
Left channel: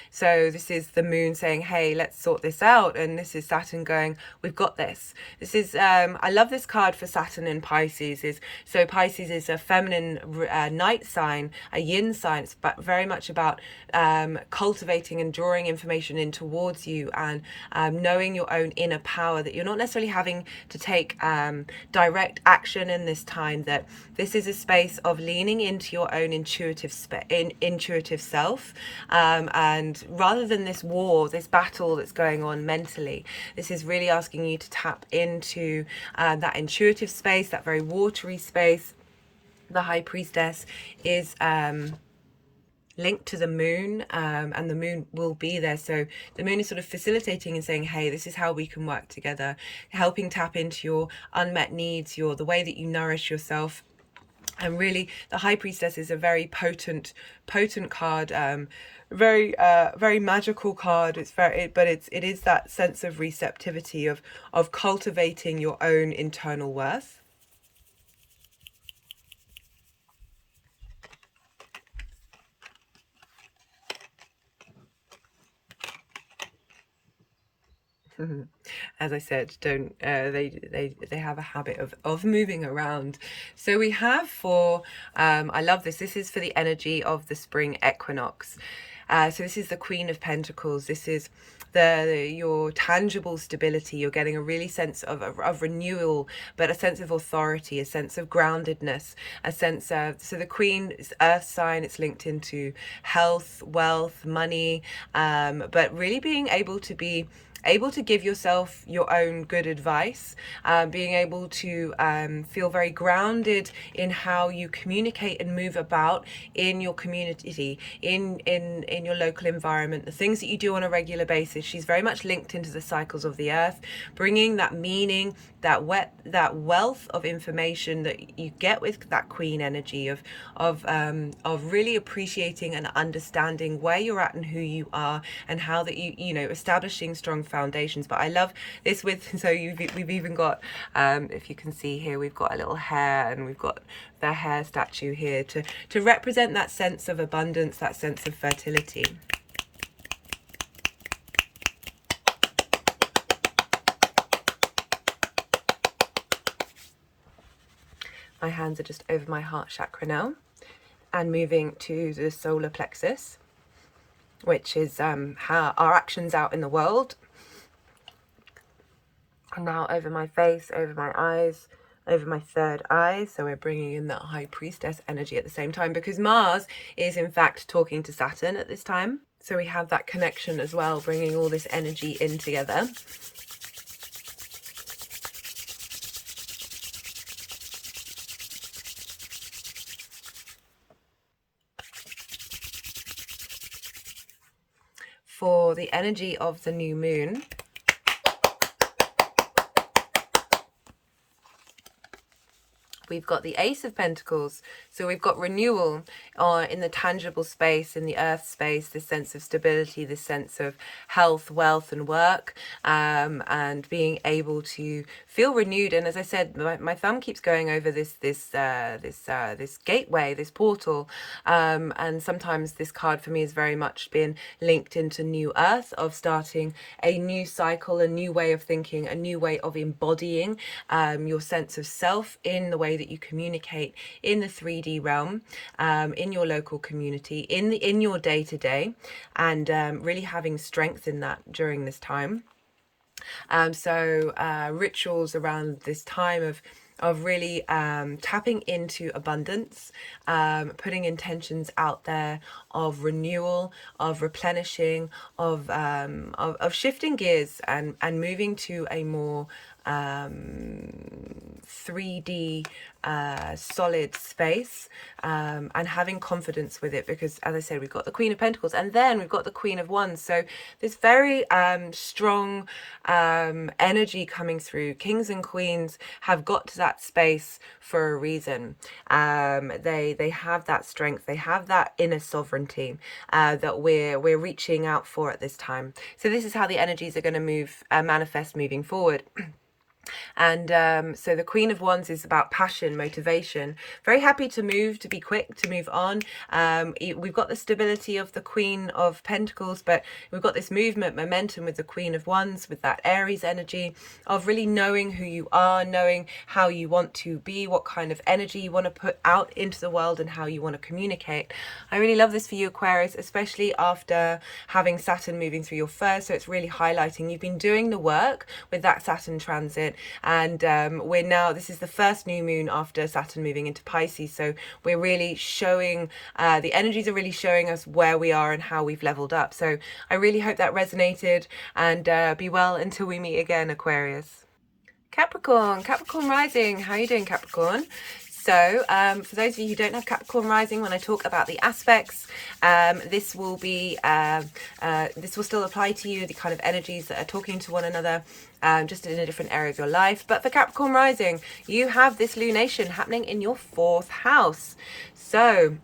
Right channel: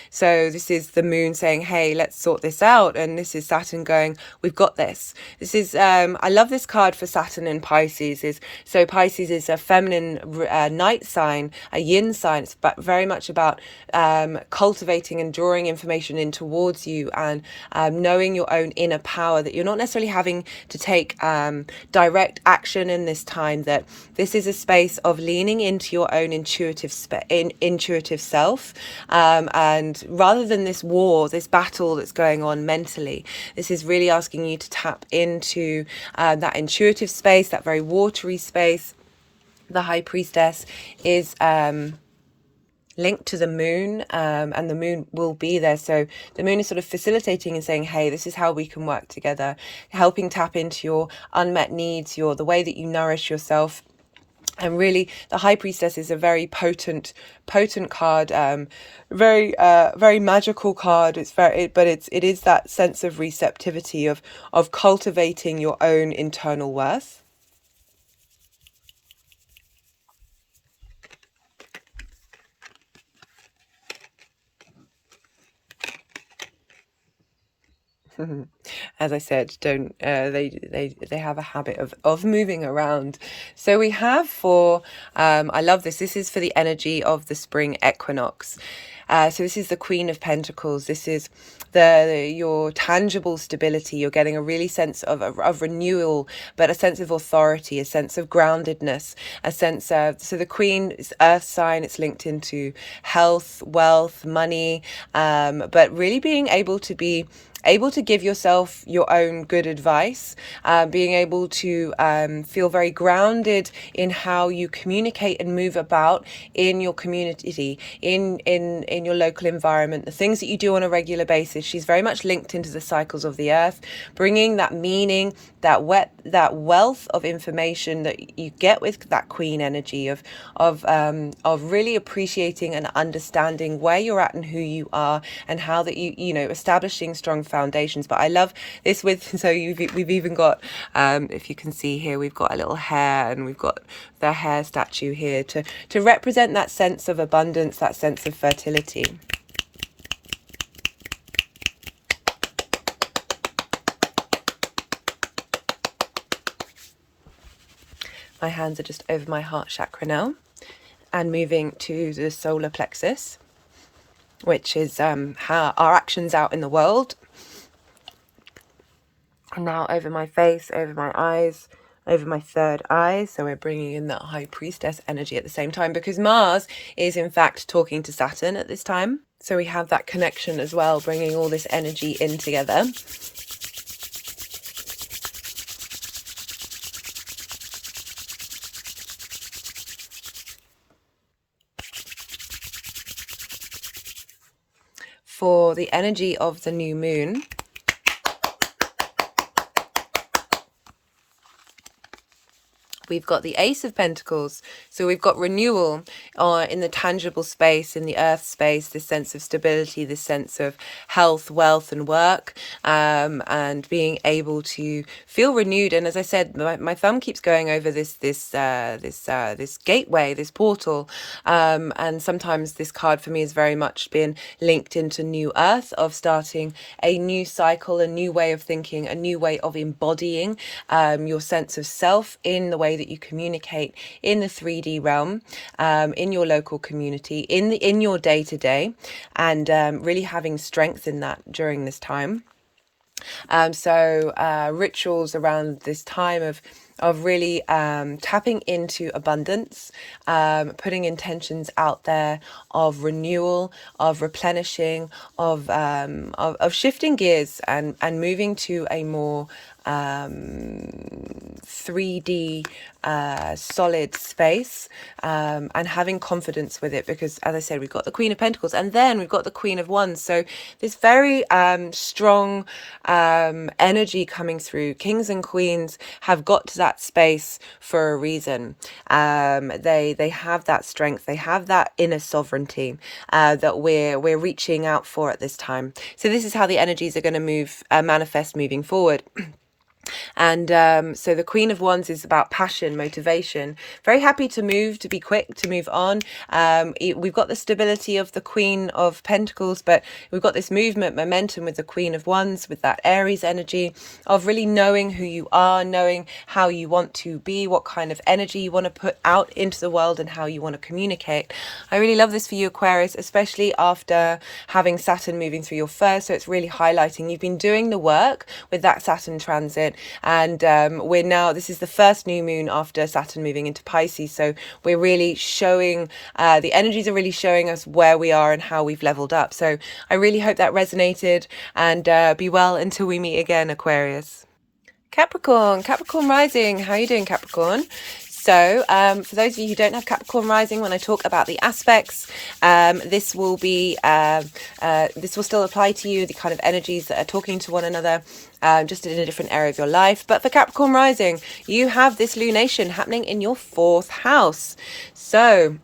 So this is the moon saying, hey, let's sort this out. And this is Saturn going, we've got this. This is, I love this card for Saturn in Pisces. So Pisces is a feminine night sign, a yin sign. It's very much about cultivating and drawing information in towards you, and knowing your own inner power, that you're not necessarily having to take direct action in this time, that this is a space of leaning into your own intuitive self, and rather than this war, this battle that's going on mentally, this is really asking you to tap into that intuitive space, that very watery space. The High Priestess is linked to the moon, and the moon will be there. So the moon is sort of facilitating and saying, hey, this is how we can work together, helping tap into your unmet needs, the way that you nourish yourself. And really, the High Priestess is a very potent card, very magical card. It is that sense of receptivity of cultivating your own internal worth. As I said, don't they have a habit of moving around. So we have for I love this. This is for the energy of the spring equinox. So this is the Queen of Pentacles. This is your tangible stability. You're getting a really sense of renewal, but a sense of authority, a sense of groundedness, a sense of, so the Queen is earth sign. It's linked into health, wealth, money, but really being able to give yourself your own good advice, being able to feel very grounded in how you communicate and move about in your community, in your local environment, the things that you do on a regular basis. She's very much linked into the cycles of the earth, bringing that meaning, that wealth of information that you get with that Queen energy of really appreciating and understanding where you're at and who you are, and how that you know, establishing strong foundations. But I love this with, so we've even got, if you can see here, we've got a little hare, and we've got the hare statue here to represent that sense of abundance, that sense of fertility. My hands are just over my heart chakra now, and moving to the solar plexus, which is how our actions out in the world. And now over my face, over my eyes, over my third eye. So we're bringing in that High Priestess energy at the same time, because Mars is in fact talking to Saturn at this time. So we have that connection as well, bringing all this energy in together. For the energy of the new moon, we've got the Ace of Pentacles. So we've got renewal in the tangible space, in the earth space, this sense of stability, this sense of health, wealth, and work, and being able to feel renewed. And as I said, my thumb keeps going over this gateway, this portal, and sometimes this card for me has very much been linked into new earth, of starting a new cycle, a new way of thinking, a new way of embodying your sense of self in the way that you communicate in the 3D realm, in your local community, in your day-to-day, and really having strength in that during this time. Rituals around this time of really tapping into abundance, putting intentions out there of renewal, of replenishing, of shifting gears and moving to a more 3D solid space, and having confidence with it, because as I said, we've got the Queen of Pentacles and then we've got the Queen of Wands, so this very strong energy coming through. Kings and queens have got to that space for a reason. They have that strength, they have that inner sovereignty that we're reaching out for at this time. So this is how the energies are going to move, manifest moving forward. And so the Queen of Wands is about passion, motivation, very happy to move, to be quick, to move on. We've got the stability of the Queen of Pentacles, but we've got this movement, momentum with the Queen of Wands, with that Aries energy of really knowing who you are, knowing how you want to be, what kind of energy you want to put out into the world, and how you want to communicate. I really love this for you, Aquarius, especially after having Saturn moving through your first. So it's really highlighting you've been doing the work with that Saturn transit, and we're now, this is the first new moon after Saturn moving into Pisces, so we're really showing, the energies are really showing us where we are and how we've leveled up. So I really hope that resonated, and be well until we meet again, Aquarius. Capricorn rising, how are you doing, Capricorn? So for those of you who don't have Capricorn rising, when I talk about the aspects, this will still apply to you, the kind of energies that are talking to one another, just in a different area of your life. But for Capricorn rising, you have this lunation happening in your 4th house. So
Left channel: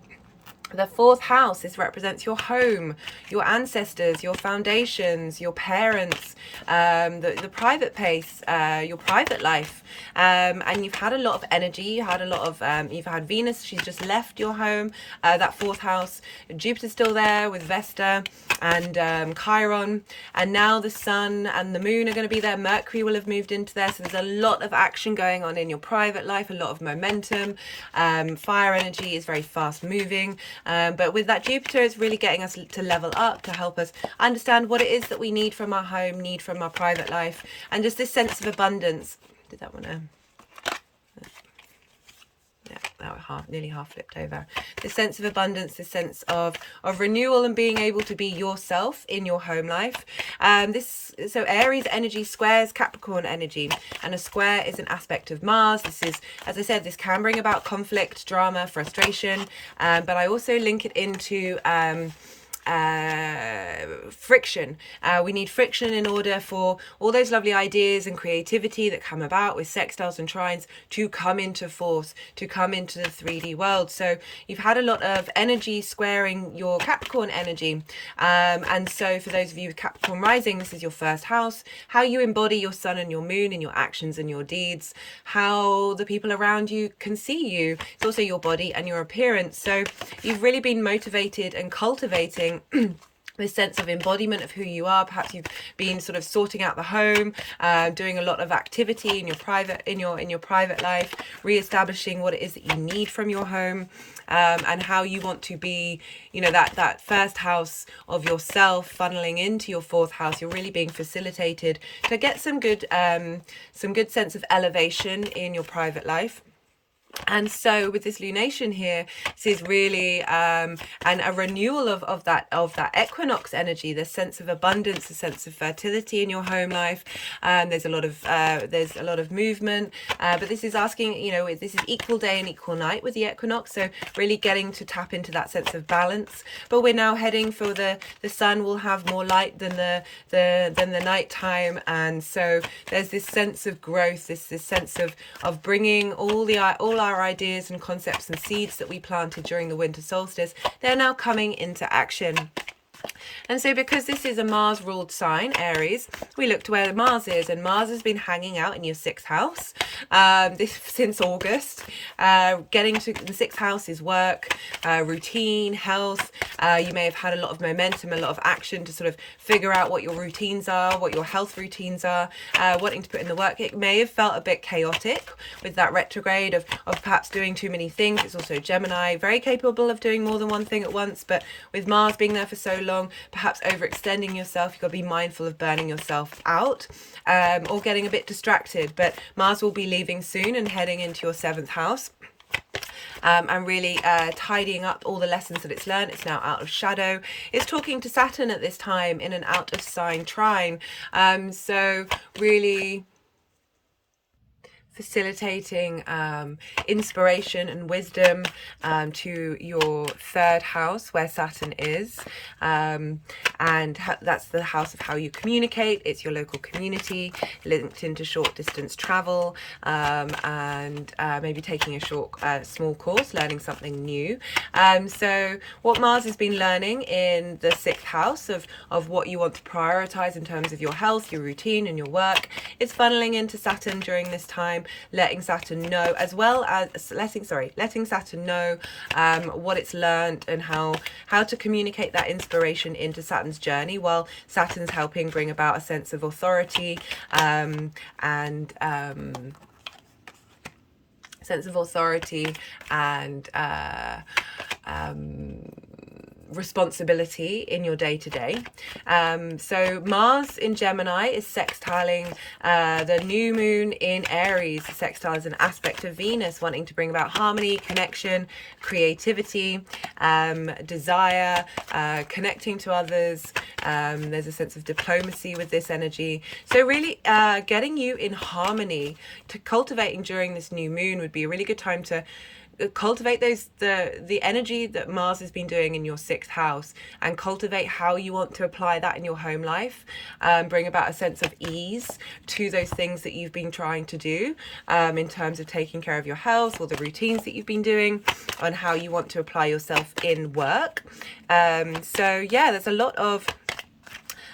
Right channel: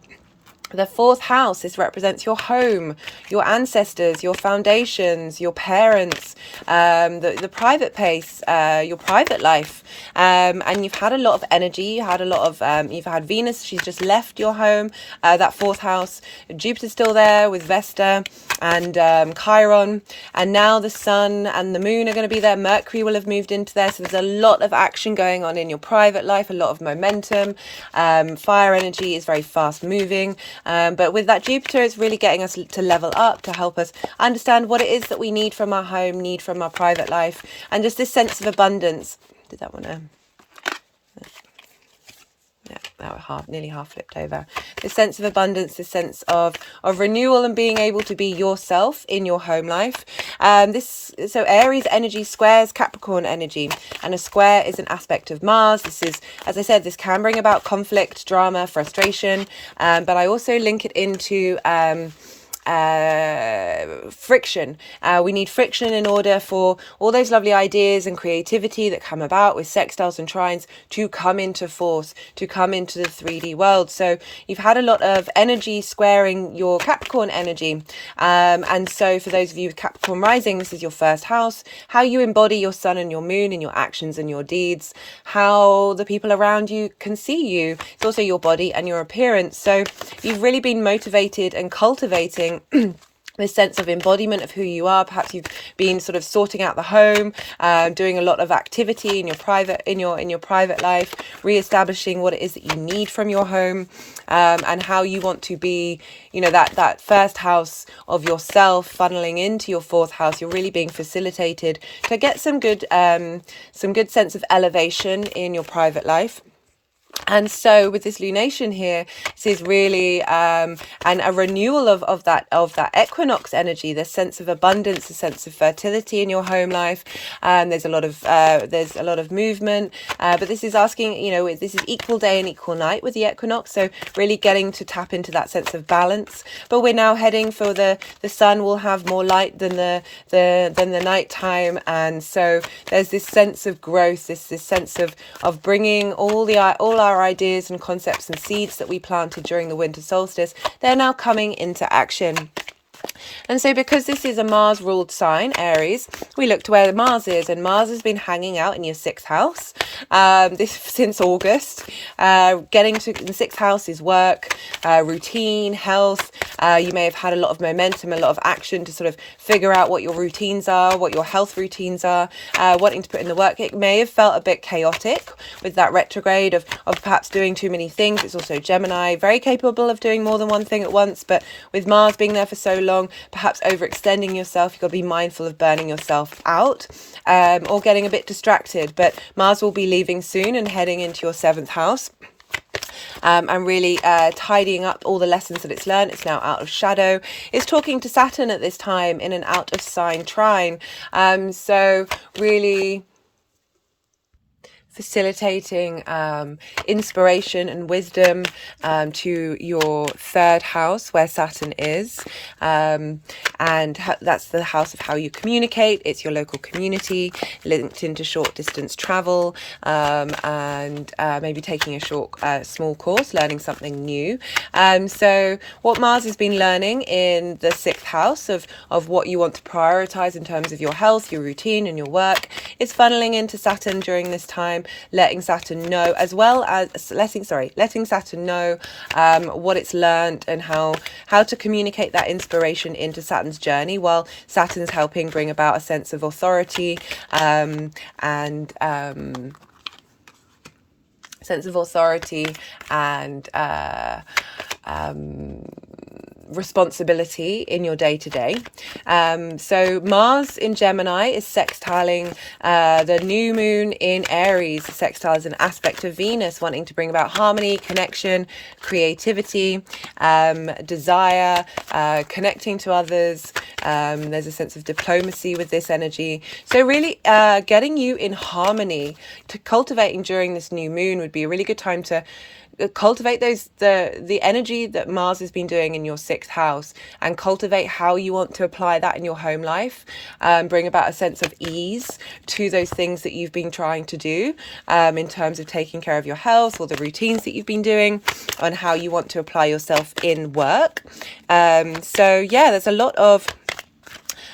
the 4th house, this represents your home, your ancestors, your foundations, your parents, the private pace, your private life, and you've had a lot of energy. You had a lot of you've had Venus, she's just left your home, that 4th house. Jupiter's still there with Vesta and Chiron, and now the Sun and the Moon are going to be there. Mercury will have moved into there, so there's a lot of action going on in your private life, a lot of momentum. Fire energy is very fast moving. But with that Jupiter, it's really getting us to level up, to help us understand what it is that we need from our home, need from our private life, and just this sense of abundance. Did that one? Yeah, that was nearly half flipped over. This sense of abundance, this sense of renewal, and being able to be yourself in your home life. So Aries energy squares Capricorn energy, and a square is an aspect of Mars. This is, as I said, this can bring about conflict, drama, frustration, but I also link it into friction. We need friction in order for all those lovely ideas and creativity that come about with sextiles and trines to come into force, to come into the 3D world. So you've had a lot of energy squaring your Capricorn energy, and so for those of you with Capricorn rising, this is your 1st house, how you embody your sun and your moon in your actions and your deeds, how the people around you can see you. It's also your body and your appearance. So you've really been motivated and cultivating this sense of embodiment of who you are. Perhaps you've been sort of sorting out the home, doing a lot of activity in your private life, re-establishing what it is that you need from your home, and how you want to be, that 1st house of yourself funneling into your 4th house. You're really being facilitated to get some good sense of elevation in your private life. And so with this lunation here, this is really and a renewal of that equinox energy, the sense of abundance, the sense of fertility in your home life. There's a lot of movement, but this is asking, this is equal day and equal night with the equinox, so really getting to tap into that sense of balance. But we're now heading for the sun will have more light than the night time, and so there's this sense of growth, this sense of bringing all our ideas and concepts and seeds that we planted during the winter solstice. They're now coming into action. And so because this is a Mars ruled sign, Aries, we look to where Mars is, and Mars has been hanging out in your 6th house since August. Getting to the 6th house is work, routine, health. You may have had a lot of momentum, a lot of action to sort of figure out what your routines are, what your health routines are, wanting to put in the work. It may have felt a bit chaotic with that retrograde of perhaps doing too many things. It's also Gemini, very capable of doing more than one thing at once, but with Mars being there for so long, perhaps overextending yourself. You've got to be mindful of burning yourself out, or getting a bit distracted. But Mars will be leaving soon and heading into your 7th house. And really tidying up all the lessons that it's learned. It's now out of shadow. It's talking to Saturn at this time in an out of sign trine. So really facilitating inspiration and wisdom to your 3rd house where Saturn is, and that's the house of how you communicate. It's your local community linked into short distance travel, and maybe taking a short small course, learning something new. So what Mars has been learning in the 6th house of what you want to prioritize in terms of your health, your routine and your work, is funneling into Saturn during this time, letting Saturn know, as well as letting Saturn know what it's learned and how to communicate that inspiration into Saturn's journey, while Saturn's helping bring about a sense of authority and responsibility in your day-to-day. So Mars in Gemini is sextiling the new moon in Aries. Sextile is an aspect of Venus, wanting to bring about harmony, connection, creativity, desire, connecting to others. There's a sense of diplomacy with this energy. So really getting you in harmony, to cultivating during this new moon would be a really good time to cultivate the energy that Mars has been doing in your 6th house, and cultivate how you want to apply that in your home life. Bring about a sense of ease to those things that you've been trying to do, in terms of taking care of your health or the routines that you've been doing, and how you want to apply yourself in work. So yeah, there's a lot of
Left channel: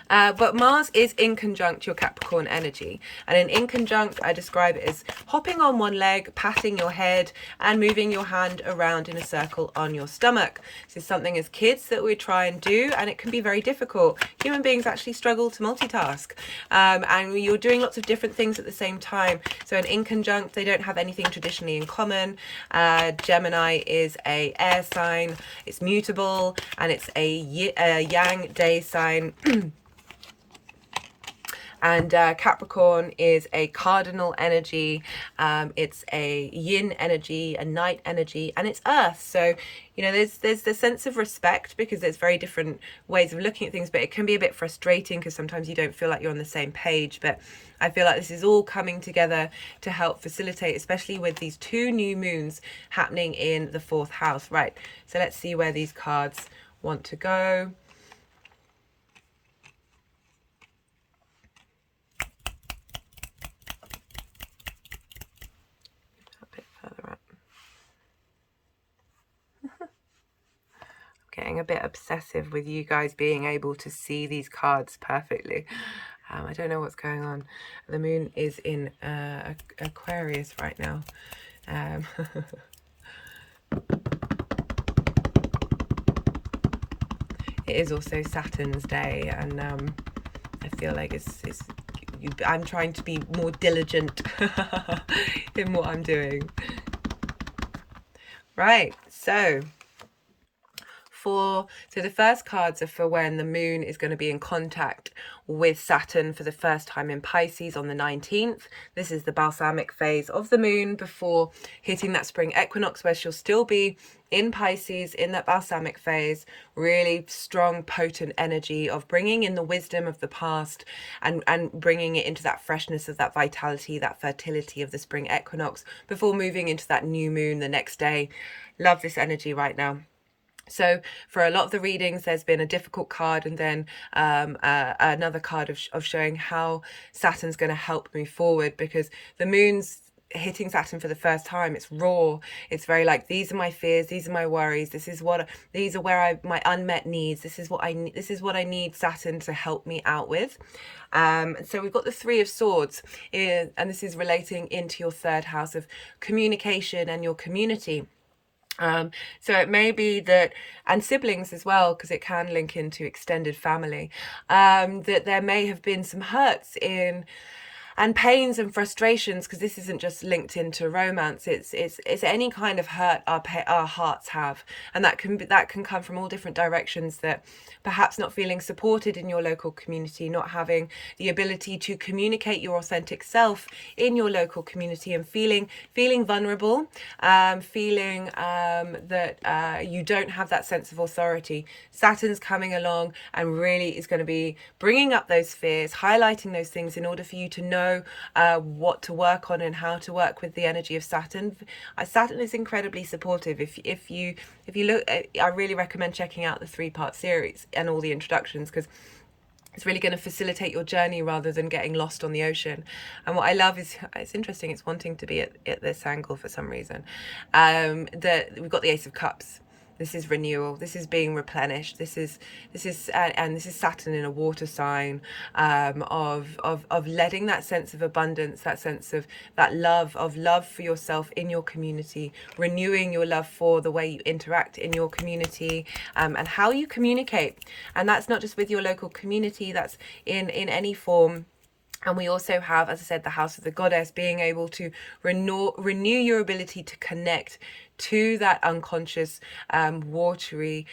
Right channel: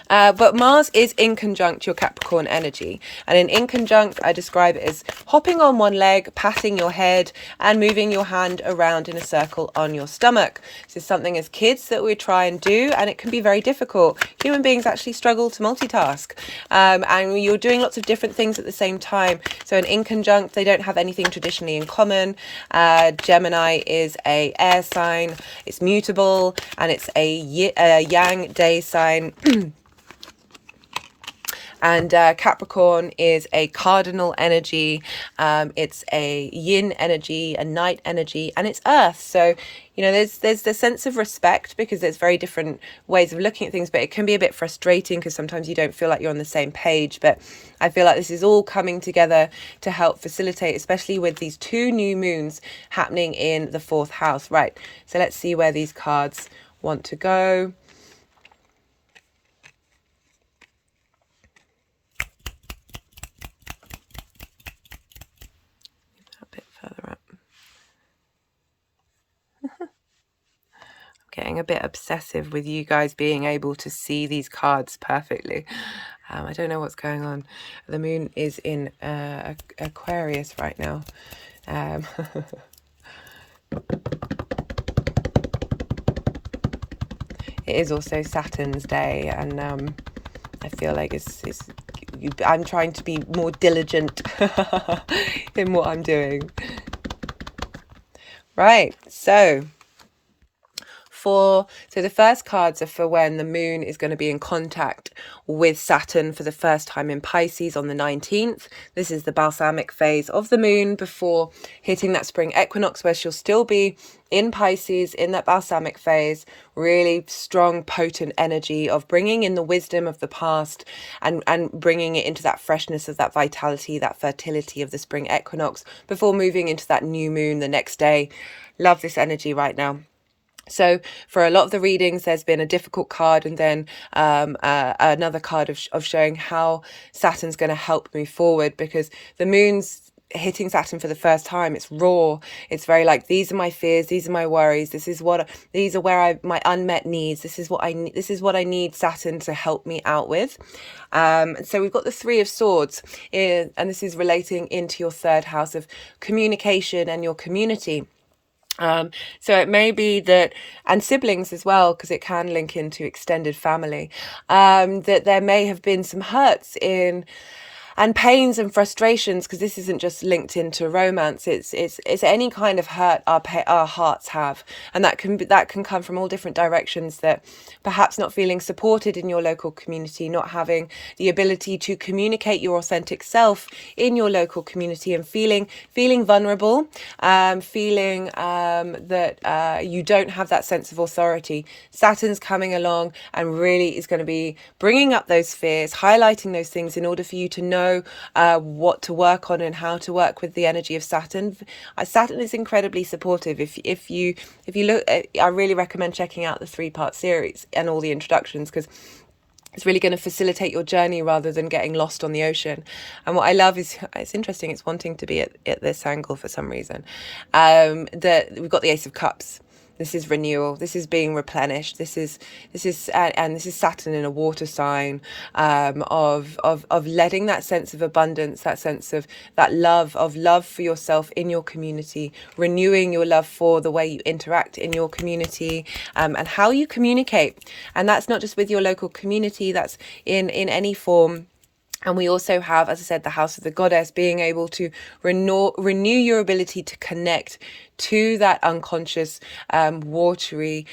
but Mars is in conjunct your Capricorn energy, and an in conjunct, I describe it as hopping on one leg, patting your head and moving your hand around in a circle on your stomach. This is something as kids that we try and do, and it can be very difficult. Human beings actually struggle to multitask, and you're doing lots of different things at the same time. So an in conjunct, they don't have anything traditionally in common. Gemini is a air sign, it's mutable, and it's a yang day sign. And Capricorn is a cardinal energy. It's a yin energy, a night energy, and it's earth. So, you know, there's the sense of respect, because there's very different ways of looking at things, but it can be a bit frustrating because sometimes you don't feel like you're on the same page. But I feel like this is all coming together to help facilitate, especially with these 2 new moons happening in the 4th house. Right, so let's see where these cards want to go. Getting a bit obsessive with you guys being able to see these cards perfectly. I don't know what's going on. The moon is in Aquarius right now. It is also Saturn's day, and I feel like I'm trying to be more diligent in what I'm doing. Right, so the first cards are for when the moon is going to be in contact with Saturn for the first time in Pisces on the 19th. This is the balsamic phase of the moon before hitting that spring equinox, where she'll still be in Pisces in that balsamic phase. Really strong, potent energy of bringing in the wisdom of the past and bringing it into that freshness of that vitality, that fertility of the spring equinox before moving into that new moon the next day. Love this energy right now. So for a lot of the readings, there's been a difficult card, and then another card of showing how Saturn's going to help move forward, because the moon's hitting Saturn for the first time. It's raw. It's very like, these are my fears, these are my worries, these are where my unmet needs, this is what I need Saturn to help me out with. So we've got the 3 of Swords and this is relating into your 3rd house of communication and your community. So it may be that, and siblings as well, because it can link into extended family, that there may have been some hurts in and pains and frustrations, because this isn't just linked into romance. It's any kind of hurt our hearts have, and that can come from all different directions. That perhaps not feeling supported in your local community, not having the ability to communicate your authentic self in your local community, and feeling vulnerable, feeling that you don't have that sense of authority. Saturn's coming along and really is going to be bringing up those fears, highlighting those things in order for you to know what to work on and how to work with the energy of Saturn. Saturn is incredibly supportive. If you look, I really recommend checking out the 3-part series and all the introductions, because it's really going to facilitate your journey rather than getting lost on the ocean. And what I love is, it's interesting, it's wanting to be at this angle for some reason. That we've got the Ace of Cups. This is renewal. This is being replenished. This is Saturn in a water sign, of letting that sense of abundance, that sense of that love for yourself in your community, renewing your love for the way you interact in your community, and how you communicate. And that's not just with your local community. That's in any form. And we also have, as I said, the House of the Goddess, being able to renew your ability to connect to that unconscious, watery,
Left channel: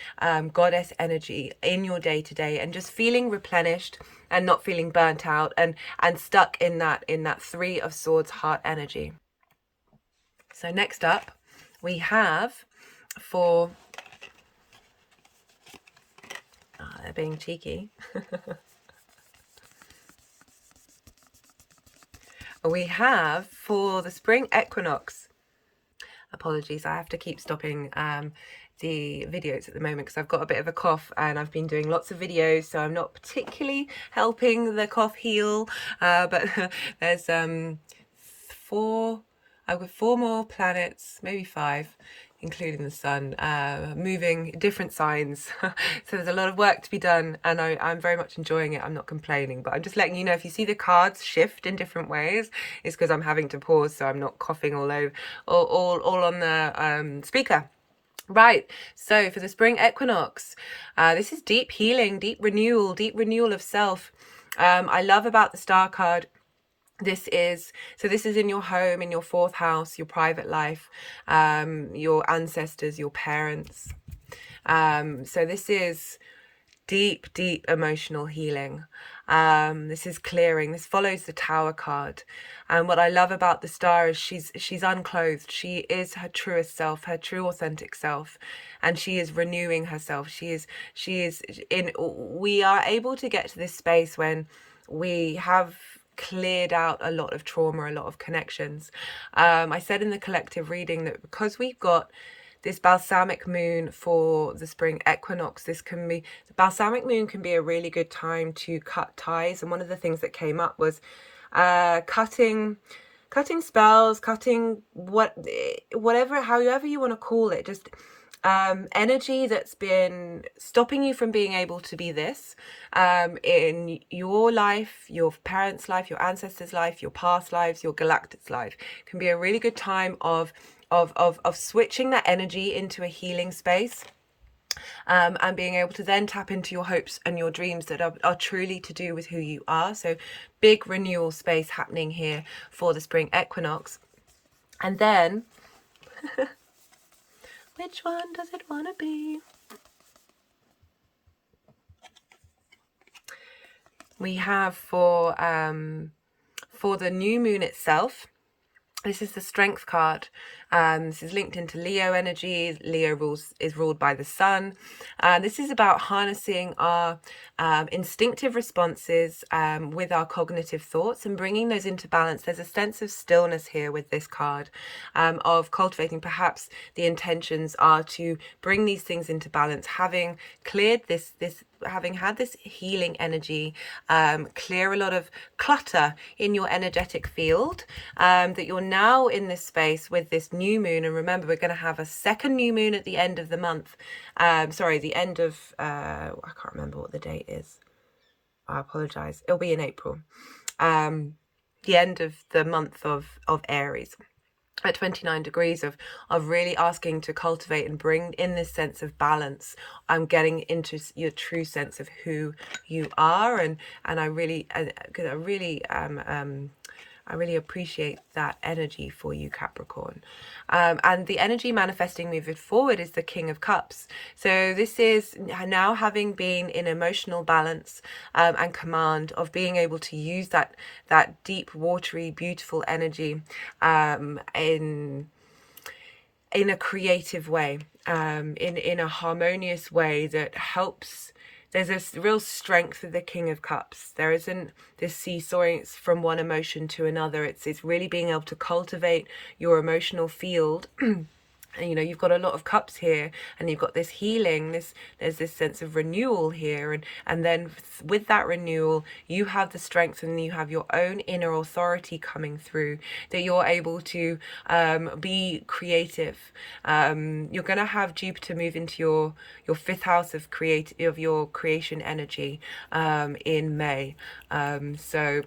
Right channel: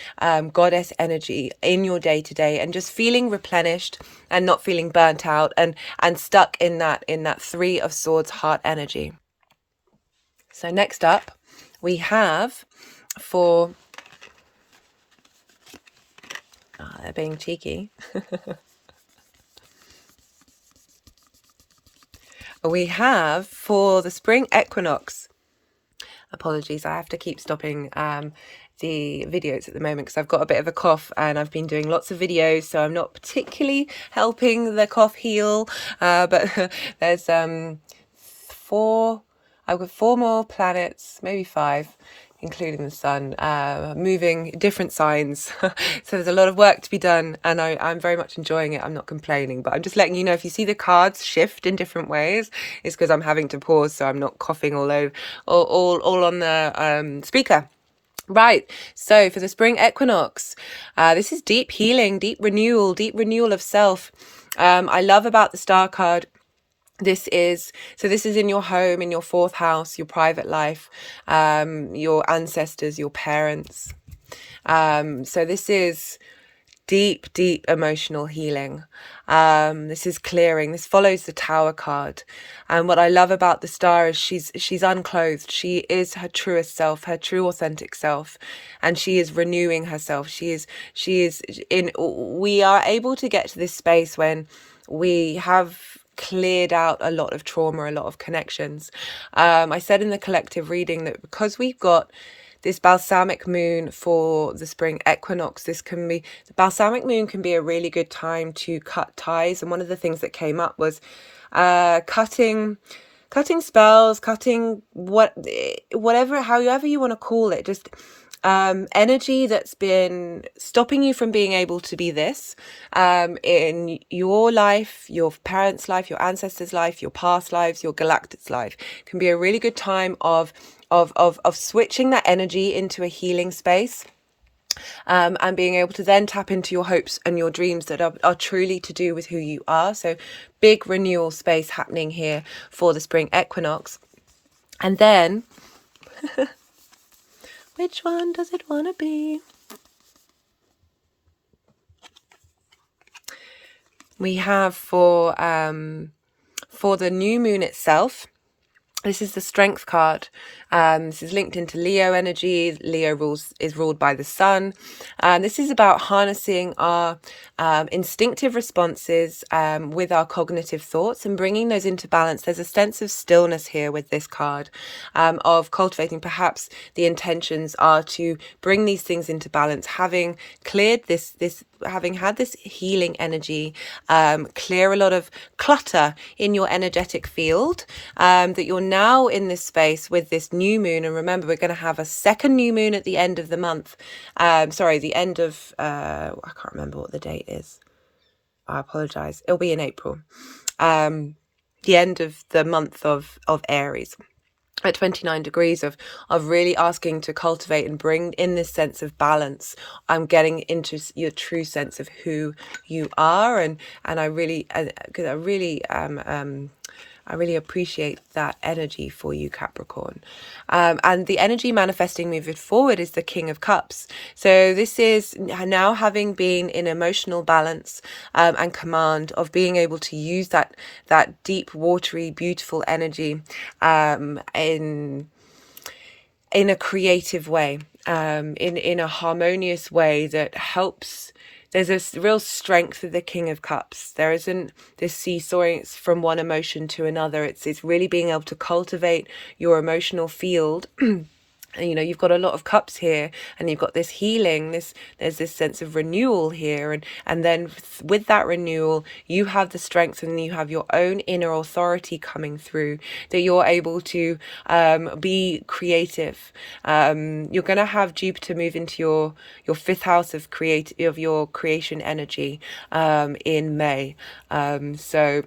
goddess energy in your day-to-day, and just feeling replenished and not feeling burnt out and stuck in that 3 of Swords heart energy. So next up, we have for... they're being cheeky. We have for the spring equinox. Apologies, I have to keep stopping the videos at the moment because I've got a bit of a cough and I've been doing lots of videos, so I'm not particularly helping the cough heal. But there's I've got 4 more planets, maybe 5, including the sun, moving different signs. So there's a lot of work to be done, and I'm very much enjoying it. I'm not complaining, but I'm just letting you know, if you see the cards shift in different ways, it's because I'm having to pause so I'm not coughing all over, all on the speaker. Right, so for the spring equinox, this is deep healing, deep renewal of self. I love about the star card, this is in your home, in your 4th house, your private life, your ancestors, your parents. So this is deep emotional healing. This is clearing. This follows the Tower card. And what I love about the star is she's unclothed. She is her truest self, her true authentic self, and she is renewing herself. We are able to get to this space when we have cleared out a lot of trauma, a lot of connections. I said in the collective reading that because we've got this balsamic moon for the spring equinox, the balsamic moon can be a really good time to cut ties. And one of the things that came up was cutting spells, cutting however you want to call it, just energy that's been stopping you from being able to be this in your life, your parents' life, your ancestors' life, your past lives, your galactic's life. Can be a really good time of switching that energy into a healing space. And being able to then tap into your hopes and your dreams that are truly to do with who you are. So big renewal space happening here for the spring equinox. And then which one does it want to be? We have for the new moon itself, this is the Strength card. This is linked into Leo energy. Leo is ruled by the sun. This is about harnessing our instinctive responses with our cognitive thoughts and bringing those into balance. There's a sense of stillness here with this card, of cultivating. Perhaps the intentions are to bring these things into balance, having cleared having had this healing energy, clear a lot of clutter in your energetic field, that you're now in this space with this new moon. And remember, we're going to have a second new moon at the end of the month. The end of I can't remember what the date is. I apologize. It'll be in April. The end of the month of Aries, at 29 degrees of really asking to cultivate and bring in this sense of balance. I'm getting into your true sense of who you are, and I really I really appreciate that energy for you, Capricorn. And the energy manifesting moving forward is the King of Cups. So this is now having been in emotional balance and command of being able to use that deep, watery, beautiful energy in a creative way, in a harmonious way that helps. There's a real strength of the King of Cups. There isn't this seesawing from one emotion to another. It's really being able to cultivate your emotional field. And, you know, you've got a lot of cups here, and you've got this healing, there's this sense of renewal here, and then with that renewal you have the strength, and you have your own inner authority coming through, that you're able to be creative. You're going to have Jupiter move into your fifth house of your creation energy in May. So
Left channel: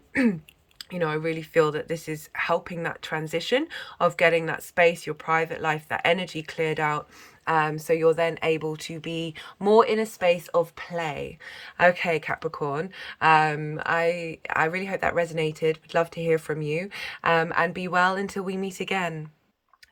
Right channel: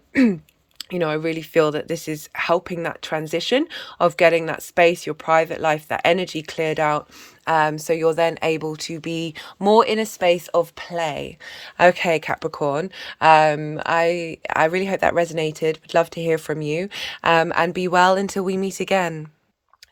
you know, I really feel that this is helping that transition of getting that space, your private life, that energy cleared out. So you're then able to be more in a space of play. Okay, Capricorn. I really hope that resonated. Would love to hear from you. And be well until we meet again.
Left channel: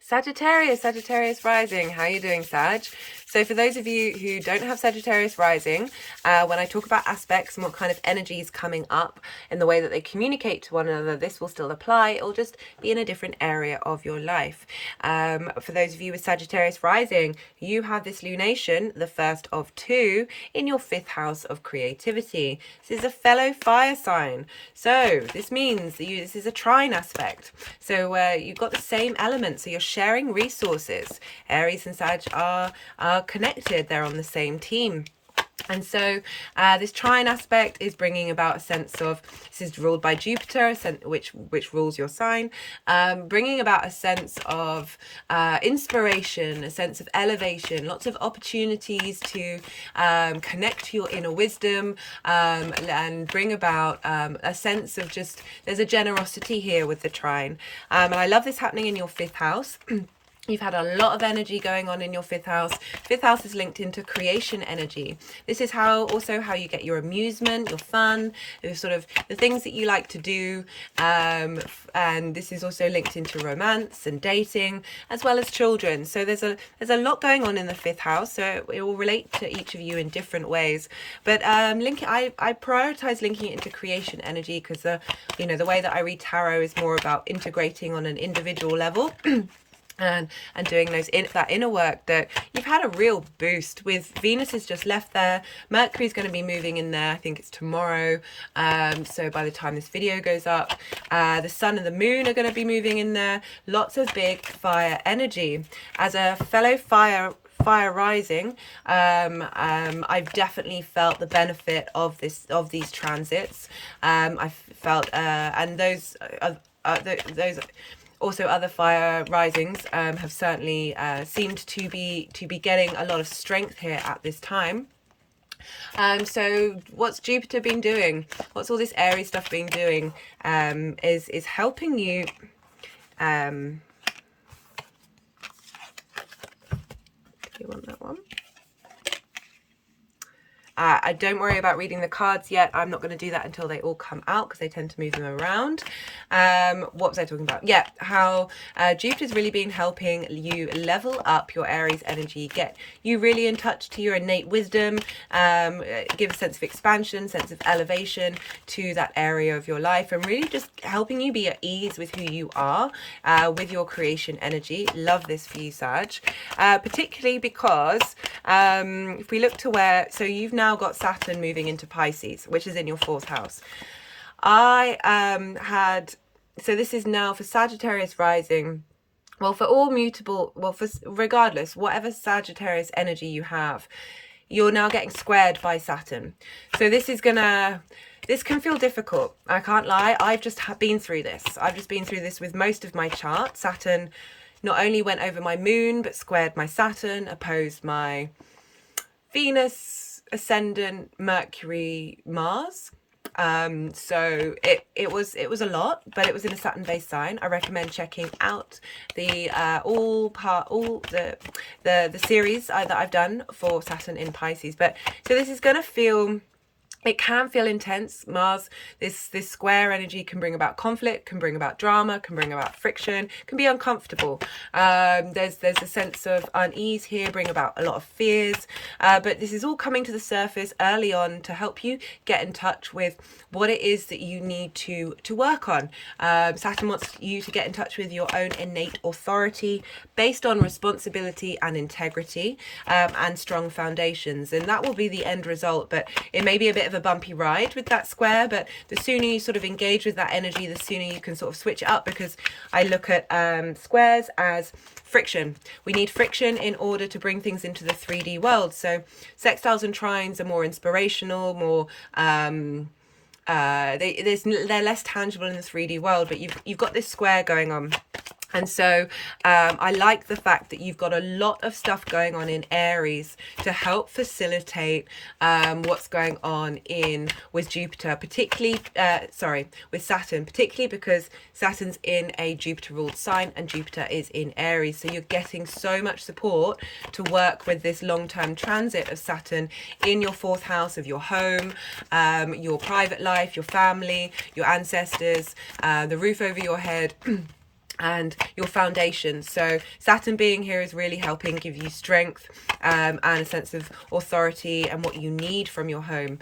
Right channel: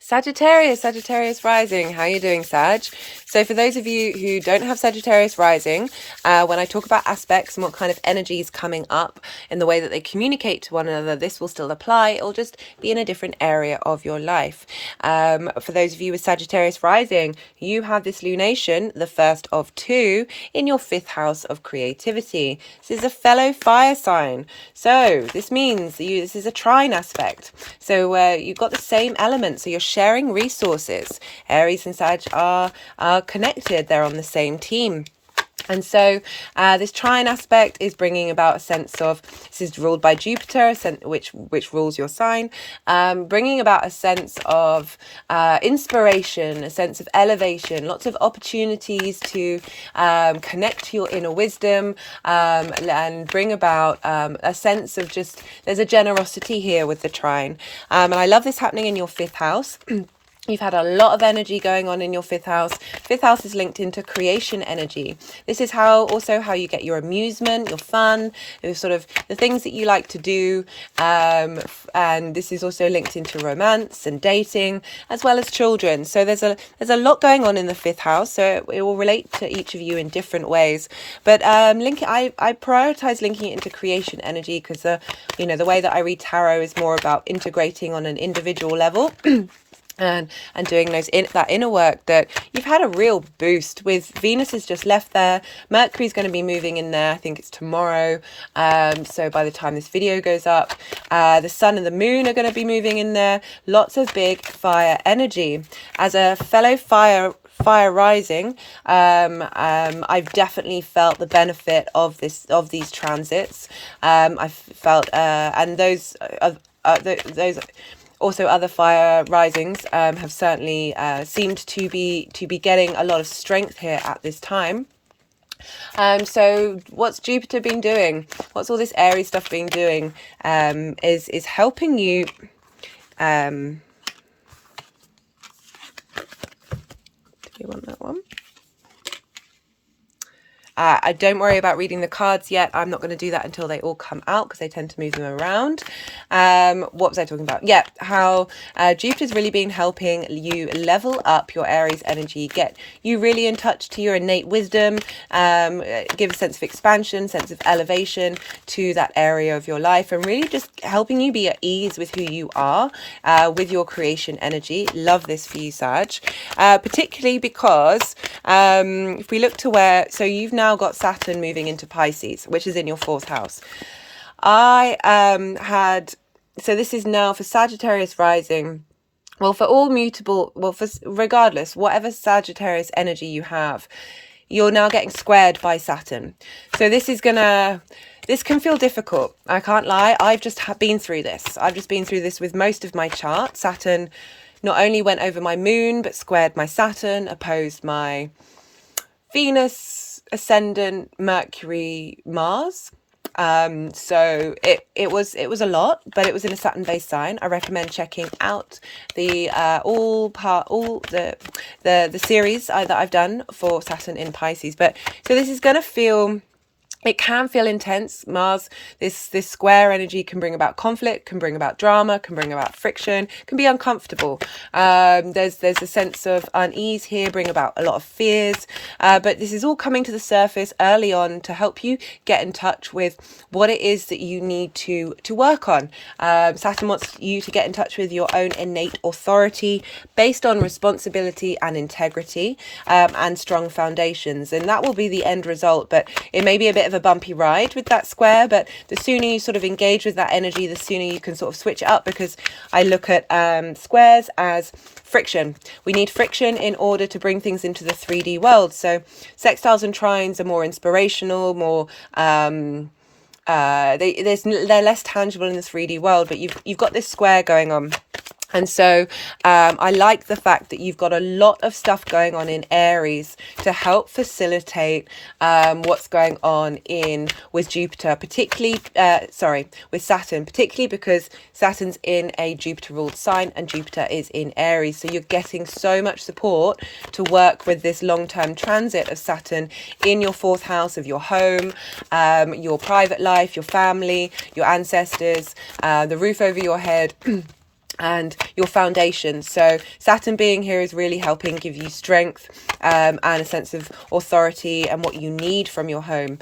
Sagittarius rising. How are you doing, Sag? So for those of you who don't have Sagittarius rising, when I talk about aspects and what kind of energy is coming up in the way that they communicate to one another, this will still apply. It'll just be in a different area of your life. For those of you with Sagittarius rising, you have this lunation, the first of two, in your fifth house of creativity. This is a fellow fire sign. So this means this is a trine aspect. So you've got the same elements. So you're sharing resources. Aries and Sag are connected. They're on the same team. And so this trine aspect is bringing about a sense of, this is ruled by Jupiter, which rules your sign, bringing about a sense of inspiration, a sense of elevation, lots of opportunities to connect to your inner wisdom, and bring about a sense of just, there's a generosity here with the trine. And I love this happening in your fifth house. You've had a lot of energy going on in your fifth house. Fifth house is linked into creation energy. This is also how you get your amusement, your fun, your sort of the things that you like to do. And this is also linked into romance and dating, as well as children. So there's a lot going on in the fifth house. So it will relate to each of you in different ways. But I prioritize linking it into creation energy because the way that I read tarot is more about integrating on an individual level. And doing that inner work, that you've had a real boost with. Venus has just left there. Mercury's going to be moving in there. I think it's tomorrow. So by the time this video goes up, the sun and the moon are going to be moving in there. Lots of big fire energy. As a fellow fire rising, I've definitely felt the benefit of these transits. I've felt and those also other fire risings have certainly seemed to be getting a lot of strength here at this time. So what's Jupiter been doing? What's all this Aries stuff been doing? Is helping you. Do you want that one? I don't worry about reading the cards yet. I'm not going to do that until they all come out because they tend to move them around. What was I talking about? Yeah, how Jupiter's really been helping you level up your Aries energy, get you really in touch to your innate wisdom, give a sense of expansion, sense of elevation to that area of your life, and really just helping you be at ease with who you are, with your creation energy. Love this for you, Sag. Particularly because if we look to so you've now got Saturn moving into Pisces, which is in your fourth house. So this is now for Sagittarius rising. Well, for all mutable, regardless, whatever Sagittarius energy you have, you're now getting squared by Saturn. So this can feel difficult. I can't lie. I've just been through this. I've just been through this with most of my chart. Saturn not only went over my moon, but squared my Saturn, opposed my Venus, Ascendant, Mercury, Mars. So it was a lot, but it was in a Saturn based sign. I recommend checking out the series that I've done for Saturn in Pisces. But so this is going to feel it can feel intense. Mars, this square energy can bring about conflict, can bring about drama, can bring about friction, can be uncomfortable. There's a sense of unease here, bring about a lot of fears. But this is all coming to the surface early on to help you get in touch with what it is that you need to work on. Saturn wants you to get in touch with your own innate authority based on responsibility and integrity, and strong foundations. And that will be the end result. But it may be a bit of a bumpy ride with that square, but the sooner you sort of engage with that energy, the sooner you can sort of switch it up, because I look at squares as friction. We need friction in order to bring things into the 3D world. So sextiles and trines are more inspirational, more they're less tangible in the 3D world, but you've got this square going on. And so I like the fact that you've got a lot of stuff going on in Aries to help facilitate what's going on with Jupiter, particularly, with Saturn, particularly because Saturn's in a Jupiter ruled sign and Jupiter is in Aries. So you're getting so much support to work with this long-term transit of Saturn in your 4th house of your home, your private life, your family, your ancestors, the roof over your head, and your foundation. So Saturn being here is really helping give you strength and a sense of authority and what you need from your home.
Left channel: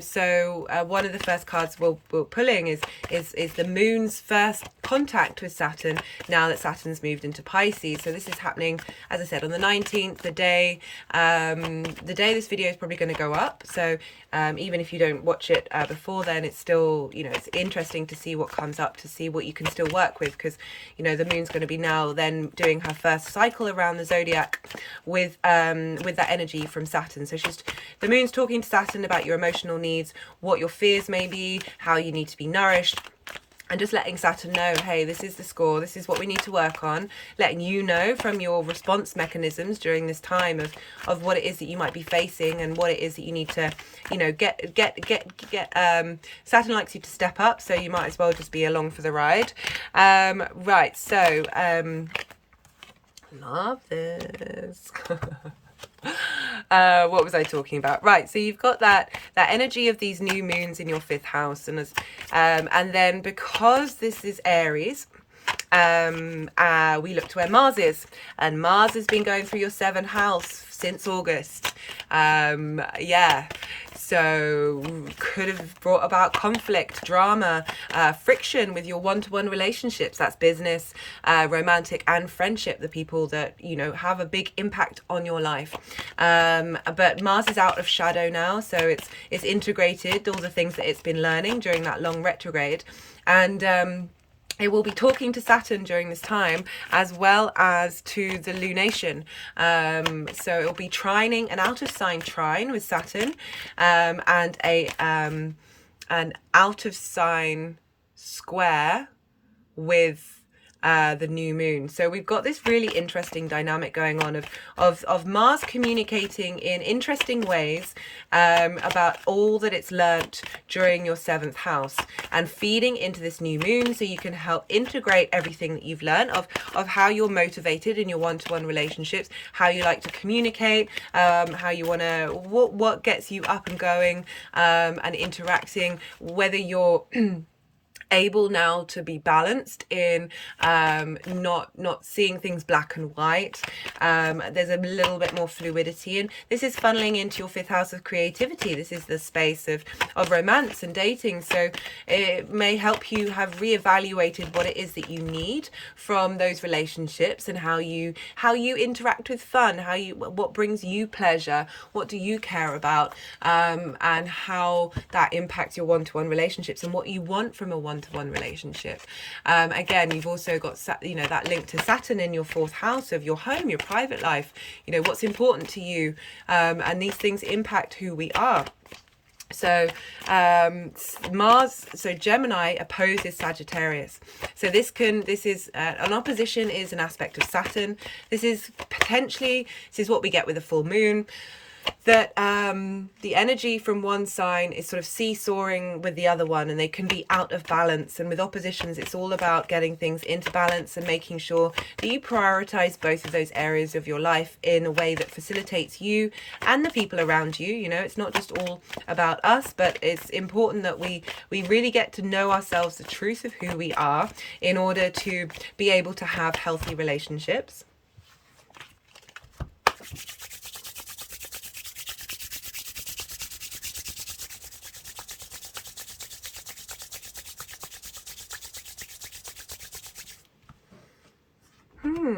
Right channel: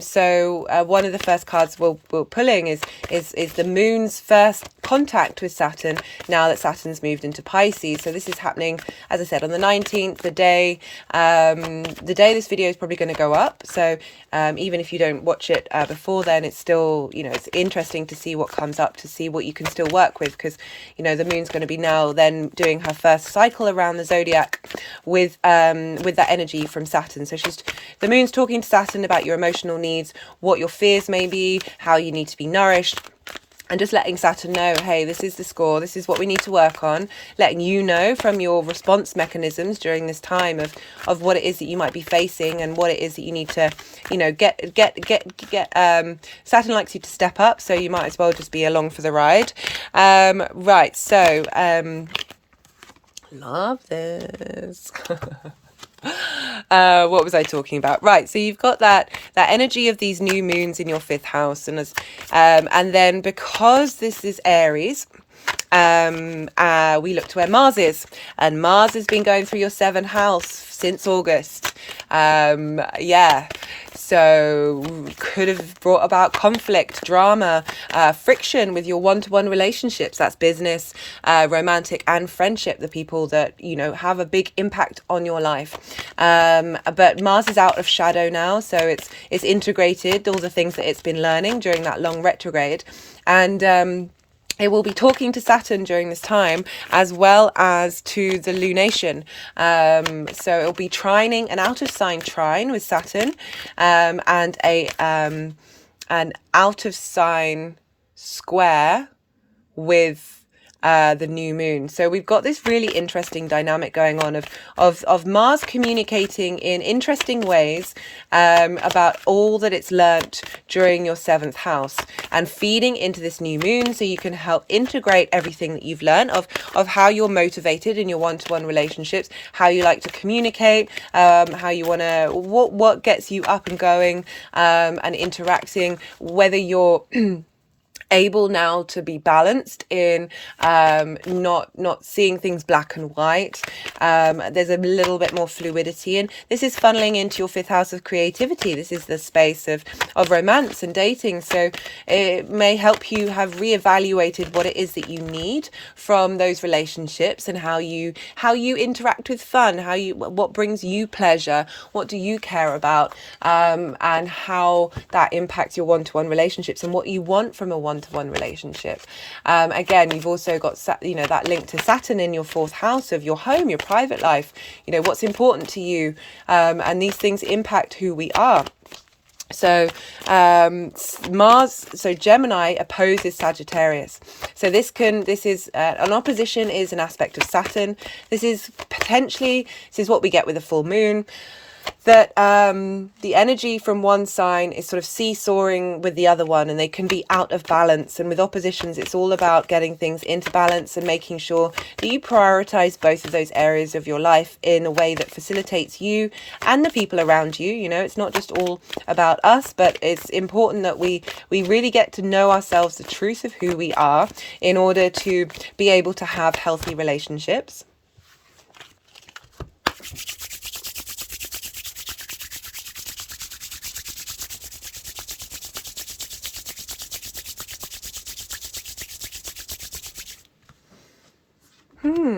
So one of the first cards we're pulling is the moon's first contact with Saturn now that Saturn's moved into Pisces. So this is happening, as I said, on the 19th, the day this video is probably going to go up. So even if you don't watch it before then, it's still, it's interesting to see what comes up, to see what you can still work with, because the moon's going to be now then doing her first cycle around the zodiac with that energy from Saturn. So the moon's talking to Saturn about your emotional needs, what your fears may be, how you need to be nourished, and just letting Saturn know, hey, this is the score, this is what we need to work on, letting you know from your response mechanisms during this time of what it is that you might be facing and what it is that you need to, get. Saturn likes you to step up, so you might as well just be along for the ride. Right, so love this. What was I talking about? Right, so you've got that energy of these new moons in your 5th house, and then because this is Aries, we look to where Mars is, and Mars has been going through your 7th house since August. So could have brought about conflict, drama, friction with your one-to-one relationships. That's business, romantic, and friendship, the people that have a big impact on your life. But Mars is out of shadow now, so it's integrated all the things that it's been learning during that long retrograde, and it will be talking to Saturn during this time, as well as to the lunation. So it'll be trining, an out of sign trine with Saturn, and an out of sign square with the new moon. So we've got this really interesting dynamic going on of Mars communicating in interesting ways about all that it's learnt during your 7th house, and feeding into this new moon so you can help integrate everything that you've learned of how you're motivated in your one-to-one relationships, how you like to communicate, how you want to, what gets you up and going, and interacting, whether you're able now to be balanced in not seeing things black and white. There's a little bit more fluidity, and this is funneling into your 5th house of creativity. This is the space of romance and dating, so it may help you have reevaluated what it is that you need from those relationships, and how you interact with fun, what brings you pleasure, what do you care about, and how that impacts your one-to-one relationships and what you want from a one-to-one relationship. Again, you've also got that link to Saturn in your 4th house of your home, your private life, what's important to you, and these things impact who we are. So Gemini opposes Sagittarius. So this is an opposition is an aspect of Saturn. This is what we get with a full moon. that the energy from one sign is sort of seesawing with the other one, and they can be out of balance. And with oppositions, it's all about getting things into balance and making sure that you prioritize both of those areas of your life in a way that facilitates you and the people around you. You know, it's not just all about us, but it's important that we really get to know ourselves, the truth of who we are, in order to be able to have healthy relationships.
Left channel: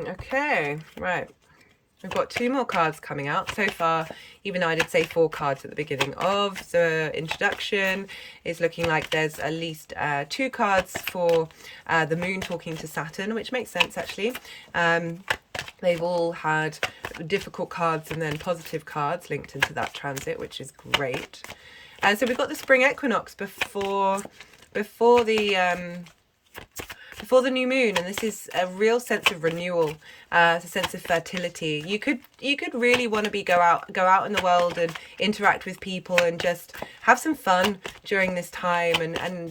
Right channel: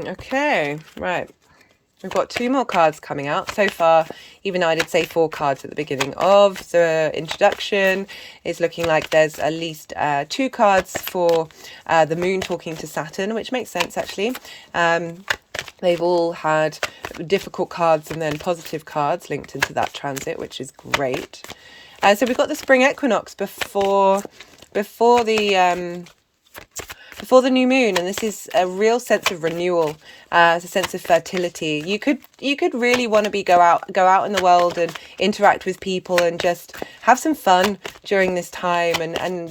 Okay, right. We've got 2 more cards coming out so far. Even though I did say 4 cards at the beginning of the introduction, it's looking like there's at least 2 cards for the moon talking to Saturn, which makes sense actually. They've all had difficult cards and then positive cards linked into that transit, which is great. So we've got the spring equinox before the new moon, and this is a real sense of renewal, a sense of fertility. You could really want to go out in the world and interact with people and just have some fun during this time.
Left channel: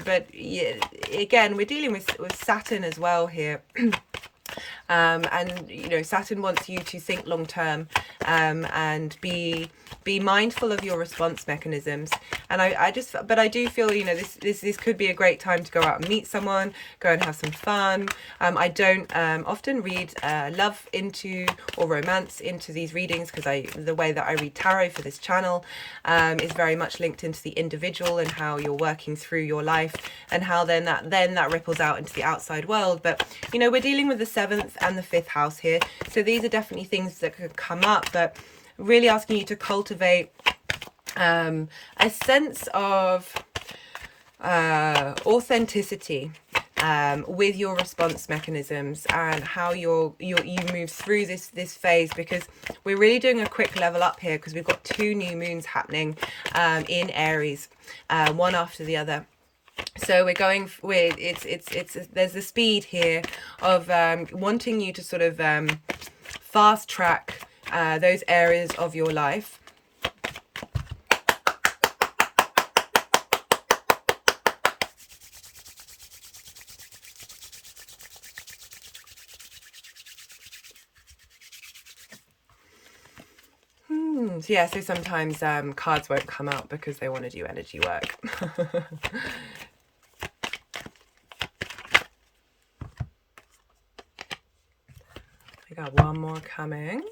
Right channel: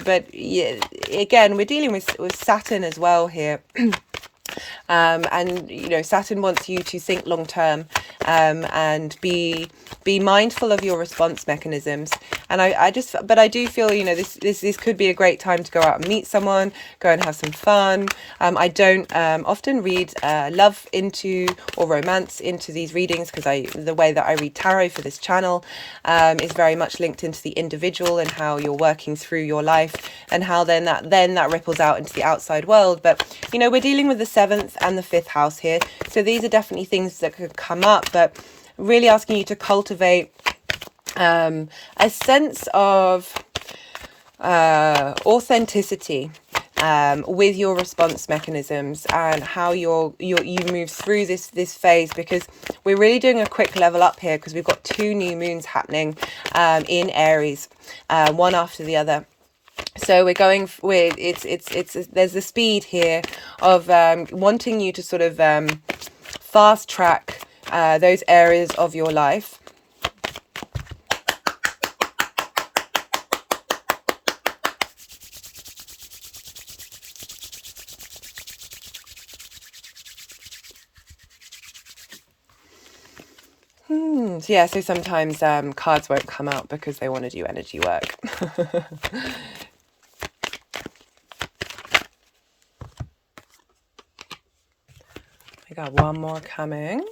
But yeah, again, we're dealing with Saturn as well here. And you know, Saturn wants you to think long term, and be mindful of your response mechanisms. And I do feel, you know, this could be a great time to go out and meet someone, go and have some fun. I don't often read love into or romance into these readings, because the way that I read tarot for this channel is very much linked into the individual and how you're working through your life, and how then that ripples out into the outside world. But you know, we're dealing with the 7th and the 5th house here, so these are definitely things that could come up, but really asking you to cultivate a sense of authenticity with your response mechanisms, and how you move through this phase, because we're really doing a quick level up here, because we've got 2 new moons happening in Aries, one after the other. So we're going with there's the speed here of wanting you to sort of fast track those areas of your life. Yeah, so sometimes cards won't come out because they want to do energy work. I got one more coming.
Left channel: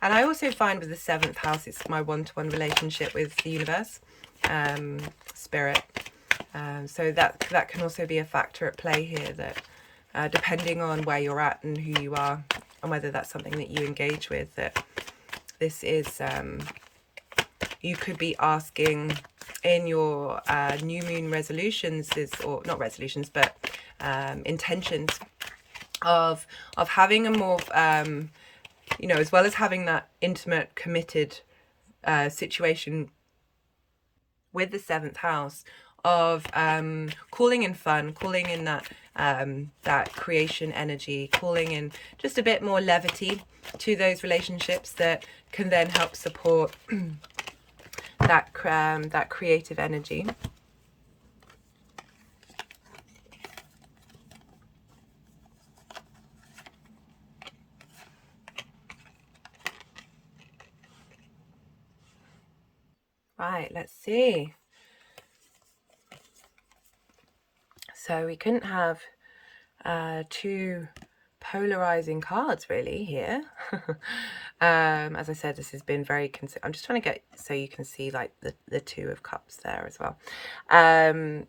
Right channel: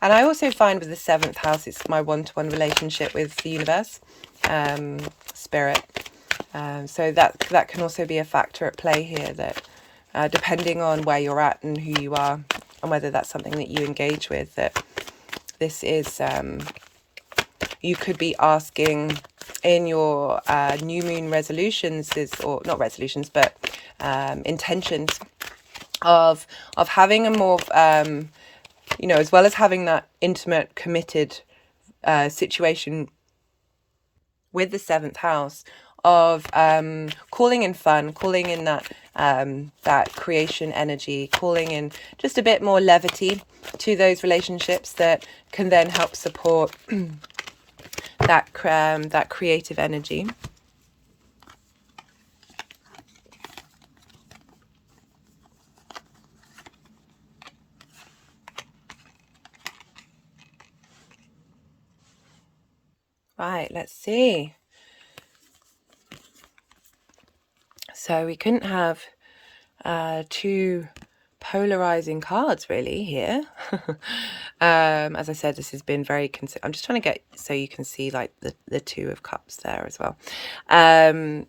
And I also find with the 7th house, it's my one-to-one relationship with the universe, spirit. So that can also be a factor at play here, that depending on where you're at and who you are, and whether that's something that you engage with, that this is, you could be asking in your new moon resolutions, or not resolutions, but intentions of having a more, you know, as well as having that intimate, committed situation with the 7th house, of calling in fun, calling in that creation energy, calling in just a bit more levity to those relationships that can then help support that creative energy. Right, let's see. So we couldn't have 2 polarizing cards really here. As I said, this has been very I'm just trying to get so you can see like the 2 of Cups there as well.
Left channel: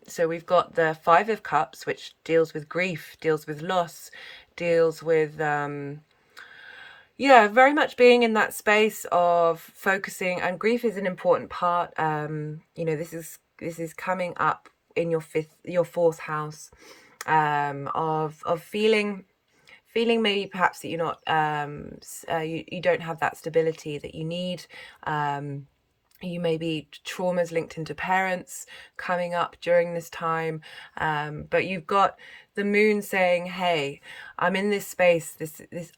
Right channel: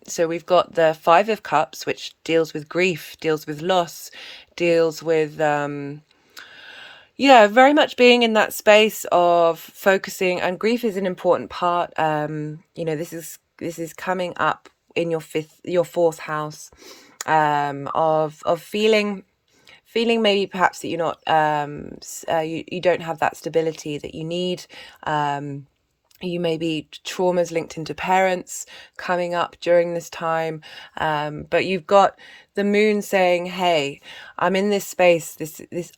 So we've got the 5 of Cups, which deals with grief, deals with loss, deals with yeah, very much being in that space of focusing, and grief is an important part. You know, this is coming up in your 4th house, of feeling maybe perhaps that you're not you don't have that stability that you need. You may be traumas linked into parents coming up during this time, but you've got the moon saying, hey, I'm in this space,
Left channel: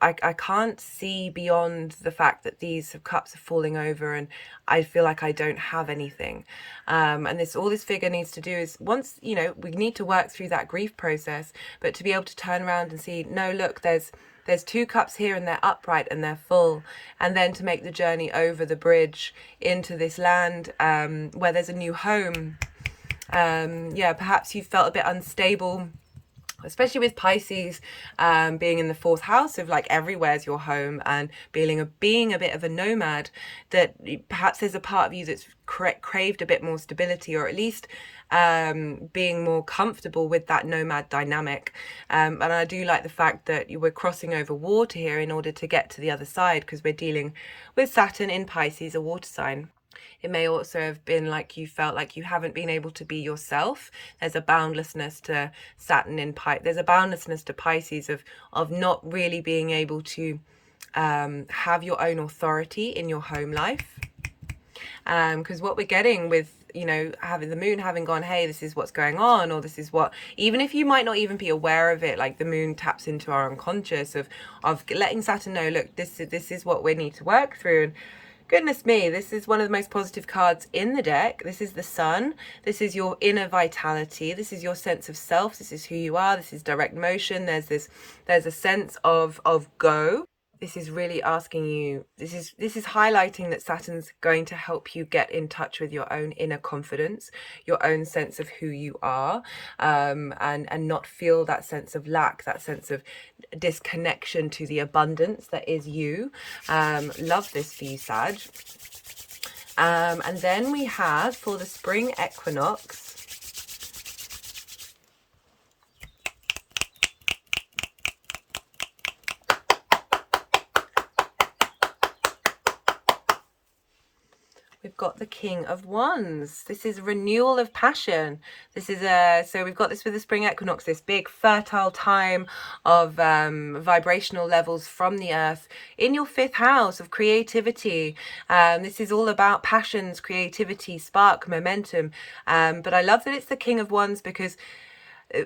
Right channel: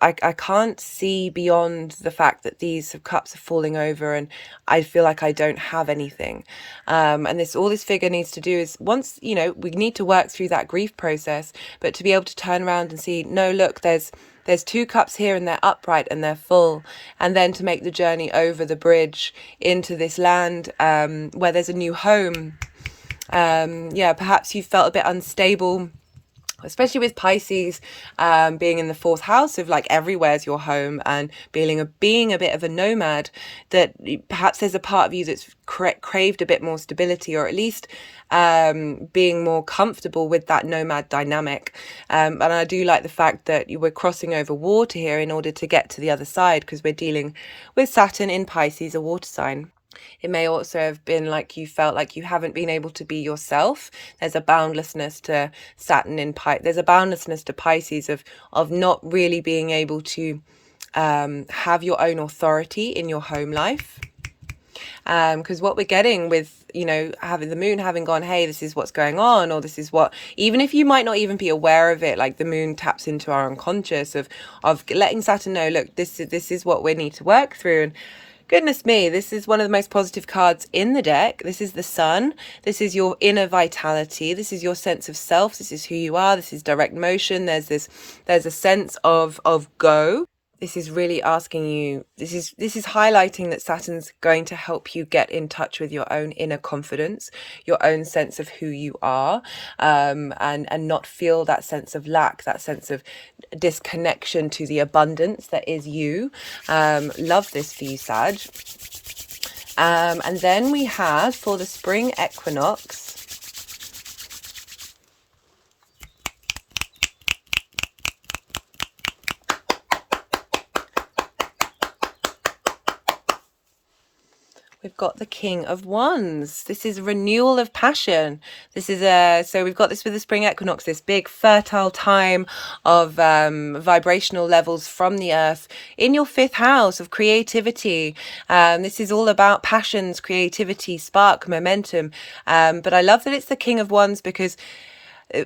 I can't see beyond the fact that these cups are falling over and I feel like I don't have anything. And all this figure needs to do is, once, you know, we need to work through that grief process, but to be able to turn around and see, no, look, there's 2 cups here and they're upright and they're full, and then to make the journey over the bridge into this land where there's a new home. Yeah, perhaps you felt a bit unstable, especially with Pisces being in the 4th house of like everywhere's your home, and being a bit of a nomad, that perhaps there's a part of you that's craved a bit more stability, or at least being more comfortable with that nomad dynamic. And I do like the fact that you were crossing over water here in order to get to the other side, because we're dealing with Saturn in Pisces, a water sign. It may also have been like you felt like you haven't been able to be yourself. There's a boundlessness to Saturn in Pisces. There's a boundlessness to Pisces of not really being able to have your own authority in your home life. Because what we're getting with, you know, having the moon having gone, hey, this is what's going on, or this is what, even if you might not even be aware of it, like the moon taps into our unconscious of letting Saturn know, look, this is what we need to work through. And goodness me, this is one of the most positive cards in the deck. This is the Sun. This is your inner vitality. This is your sense of self. This is who you are. This is direct motion. There's a sense of go. This is really asking you, this is highlighting that Saturn's going to help you get in touch with your own inner confidence, your own sense of who you are, and not feel that sense of lack, that sense of disconnection to the abundance that is you. Love this for you, Sag. And then we have, for the spring equinox, we've got the King of Wands. This is a renewal of passion. This is so we've got this with the spring equinox, this big fertile time of vibrational levels from the earth in your 5th house of creativity. This is all about passions, creativity, spark, momentum. But I love that it's the King of Wands, because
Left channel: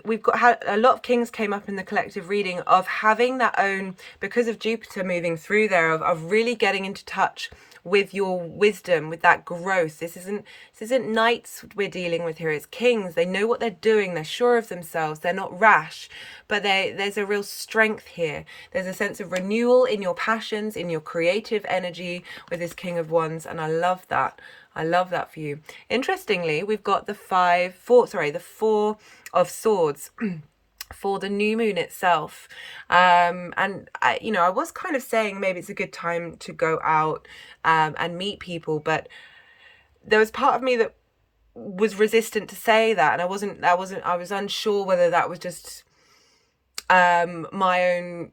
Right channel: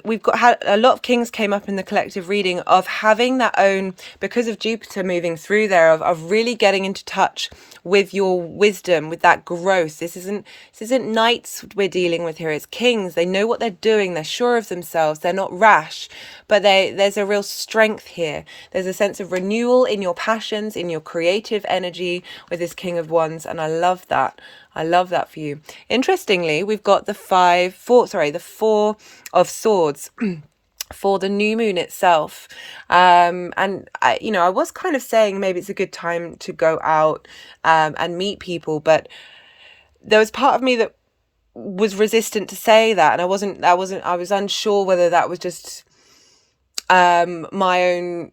we've had a lot of kings came up in the collective reading of having that own, because of Juipter moving through there, of really getting into touch with your wisdom, with that growth. This isn't knights we're dealing with here, it's kings. They know what they're doing, they're sure of themselves, they're not rash, but there's a real strength here. There's a sense of renewal in your passions, in your creative energy with this King of Wands, and I love that. I love that for you. Interestingly, we've got the 4 of Swords for the new moon itself. And I was kind of saying maybe it's a good time to go out and meet people, but there was part of me that was resistant to say that, and I was unsure whether that was just my own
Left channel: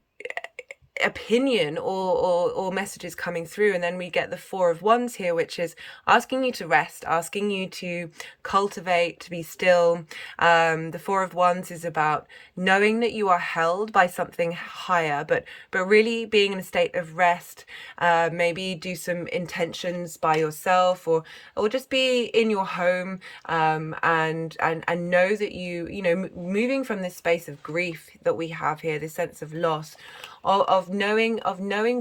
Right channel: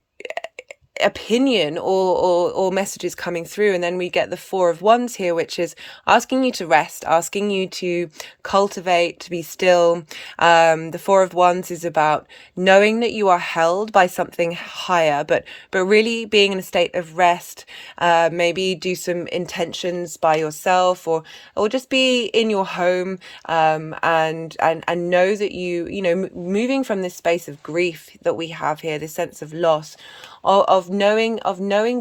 opinion or messages coming through. And then we get the 4 of Wands here, which is asking you to rest, asking you to cultivate, to be still. The 4 of Wands is about knowing that you are held by something higher, but really being in a state of rest. Maybe do some intentions by yourself, or just be in your home, and know that you know, moving from this space of grief that we have here, this sense of loss, of knowing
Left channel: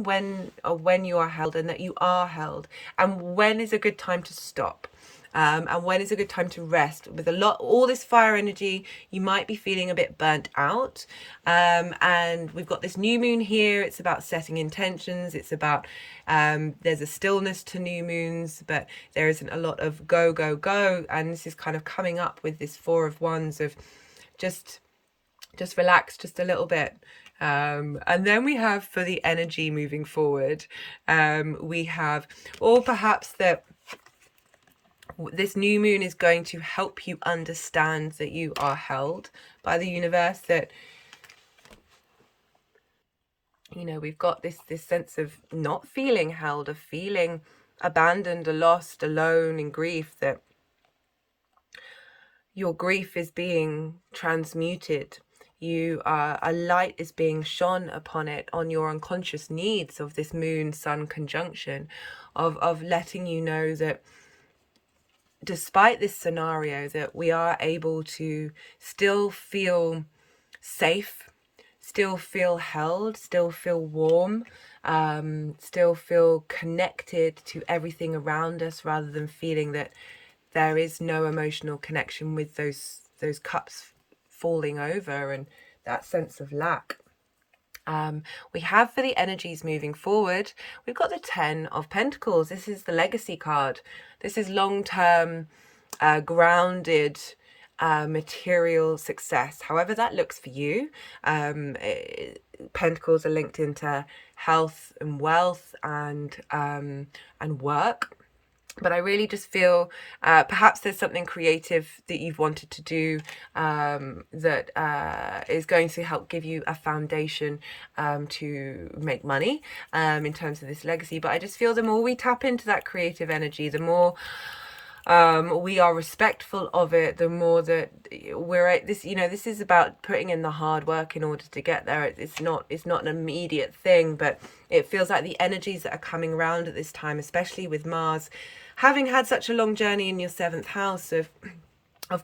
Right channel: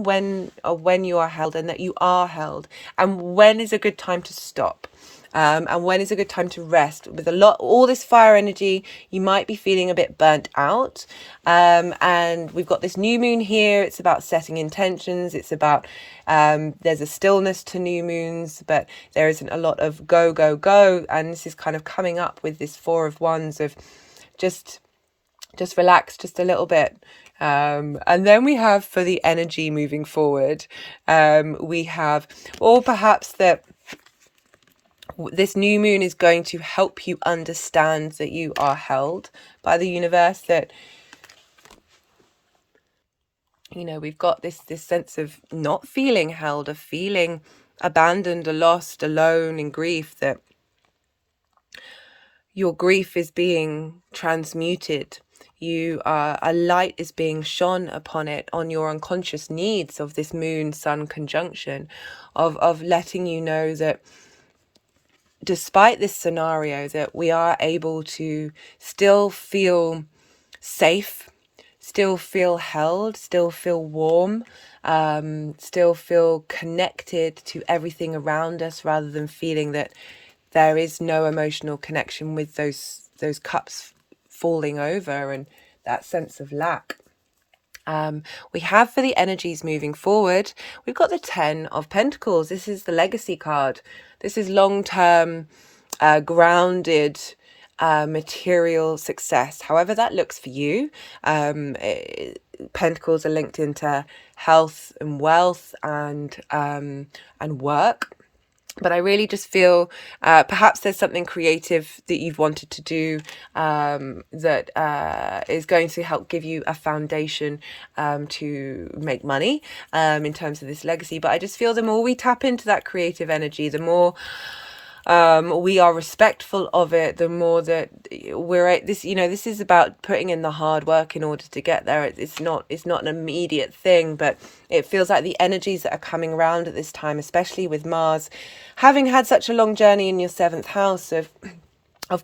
when you are held, and that you are held, and when is a good time to stop, and when is a good time to rest. With all this fire energy, you might be feeling a bit burnt out, and we've got this new moon here. It's about setting intentions. It's about there's a stillness to new moons, but there isn't a lot of go, and this is kind of coming up with this 4 of Wands of just relax just a little bit. And then we have, for the energy moving forward, we have, or perhaps that this new moon is going to help you understand that you are held by the universe, that, you know, we've got this sense of not feeling held, of feeling abandoned or lost, alone in grief, that your grief is being transmuted. A light is being shone upon it, on your unconscious needs of this moon sun conjunction, of letting you know that despite this scenario, that we are able to still feel safe, still feel held, still feel warm, still feel connected to everything around us, rather than feeling that there is no emotional connection with those cups falling over and that sense of lack. We have, for the energies moving forward, we've got the 10 of Pentacles. This is the legacy card. This is long-term, grounded, material success, however that looks for you. Pentacles are linked into health and wealth and work. But I really just feel perhaps there's something creative that you've wanted to do that is going to help give you a foundation to make money in terms of this legacy. But I just feel the more we tap into that creative energy, the more we are respectful of it, the more that we're this, this is about putting in the hard work in order to get there. It's not an immediate thing, but it feels like the energies that are coming around at this time, especially with Mars having had such a long journey in your 7th house of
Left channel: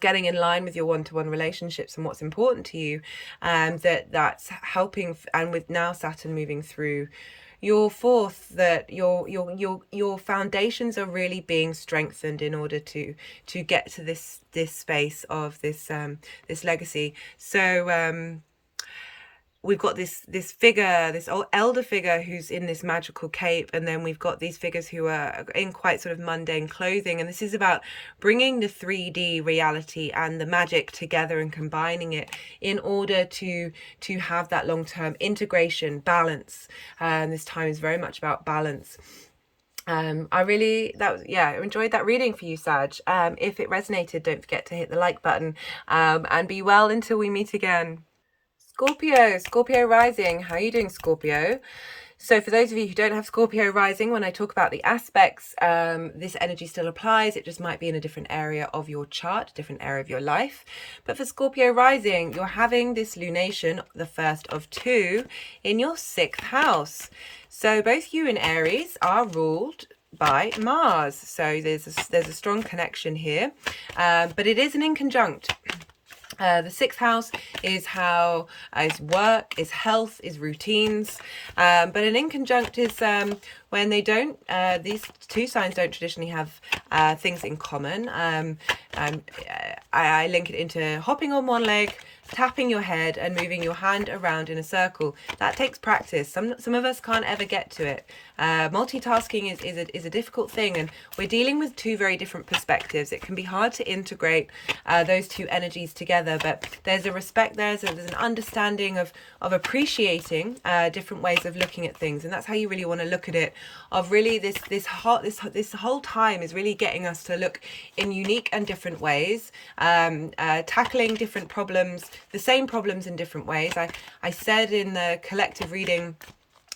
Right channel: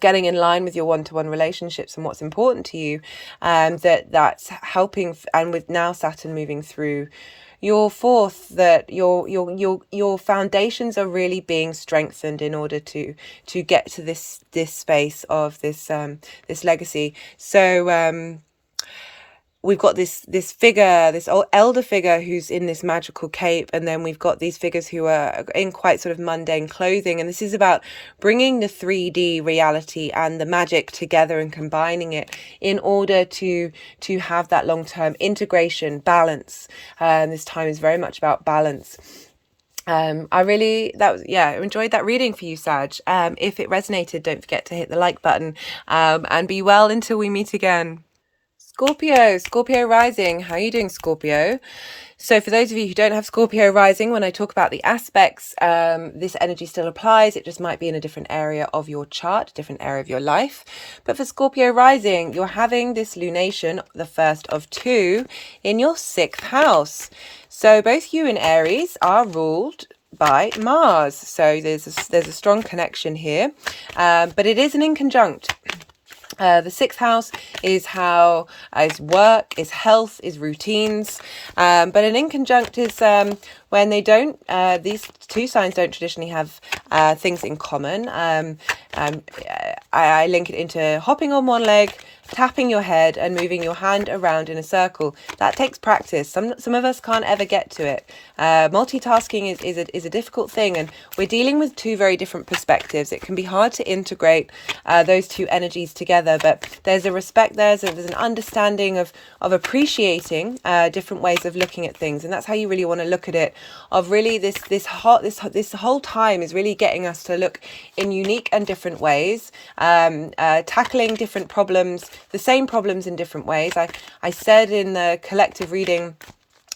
getting in line with your one-to-one relationships and what's important to you, that's helping. And with now Saturn moving through your 4th, that your foundations are really being strengthened in order to get to this space of this legacy. So we've got this figure, this old elder figure who's in this magical cape, and then we've got these figures who are in quite sort of mundane clothing, and this is about bringing the 3D reality and the magic together and combining it in order to have that long-term integration, balance. This time is very much about balance. I enjoyed that reading for you, Sag. If it resonated, don't forget to hit the like button, and be well until we meet again. Scorpio rising. How are you doing, Scorpio? So for those of you who don't have Scorpio rising, when I talk about the aspects, this energy still applies. It just might be in a different area of your chart, different area of your life. But for Scorpio rising, you're having this lunation, the first of 2, in your 6th house. So both you and Aries are ruled by Mars. So there's a strong connection here, but it is an inconjunct. The 6th house is is work, is health, is routines, but an inconjunct is when they don't, these two signs don't traditionally have things in common. I link it into hopping on one leg, tapping your head and moving your hand around in a circle. That takes practice. Some of us can't ever get to it. Multitasking is a difficult thing, and we're dealing with 2 very different perspectives. It can be hard to integrate those 2 energies together, but there's a respect there, so there's an understanding of appreciating different ways of looking at things, and that's how you really want to look at it. Of really this whole time is really getting us to look in unique and different ways, tackling different problems, the same problems in different ways. I said in the collective reading,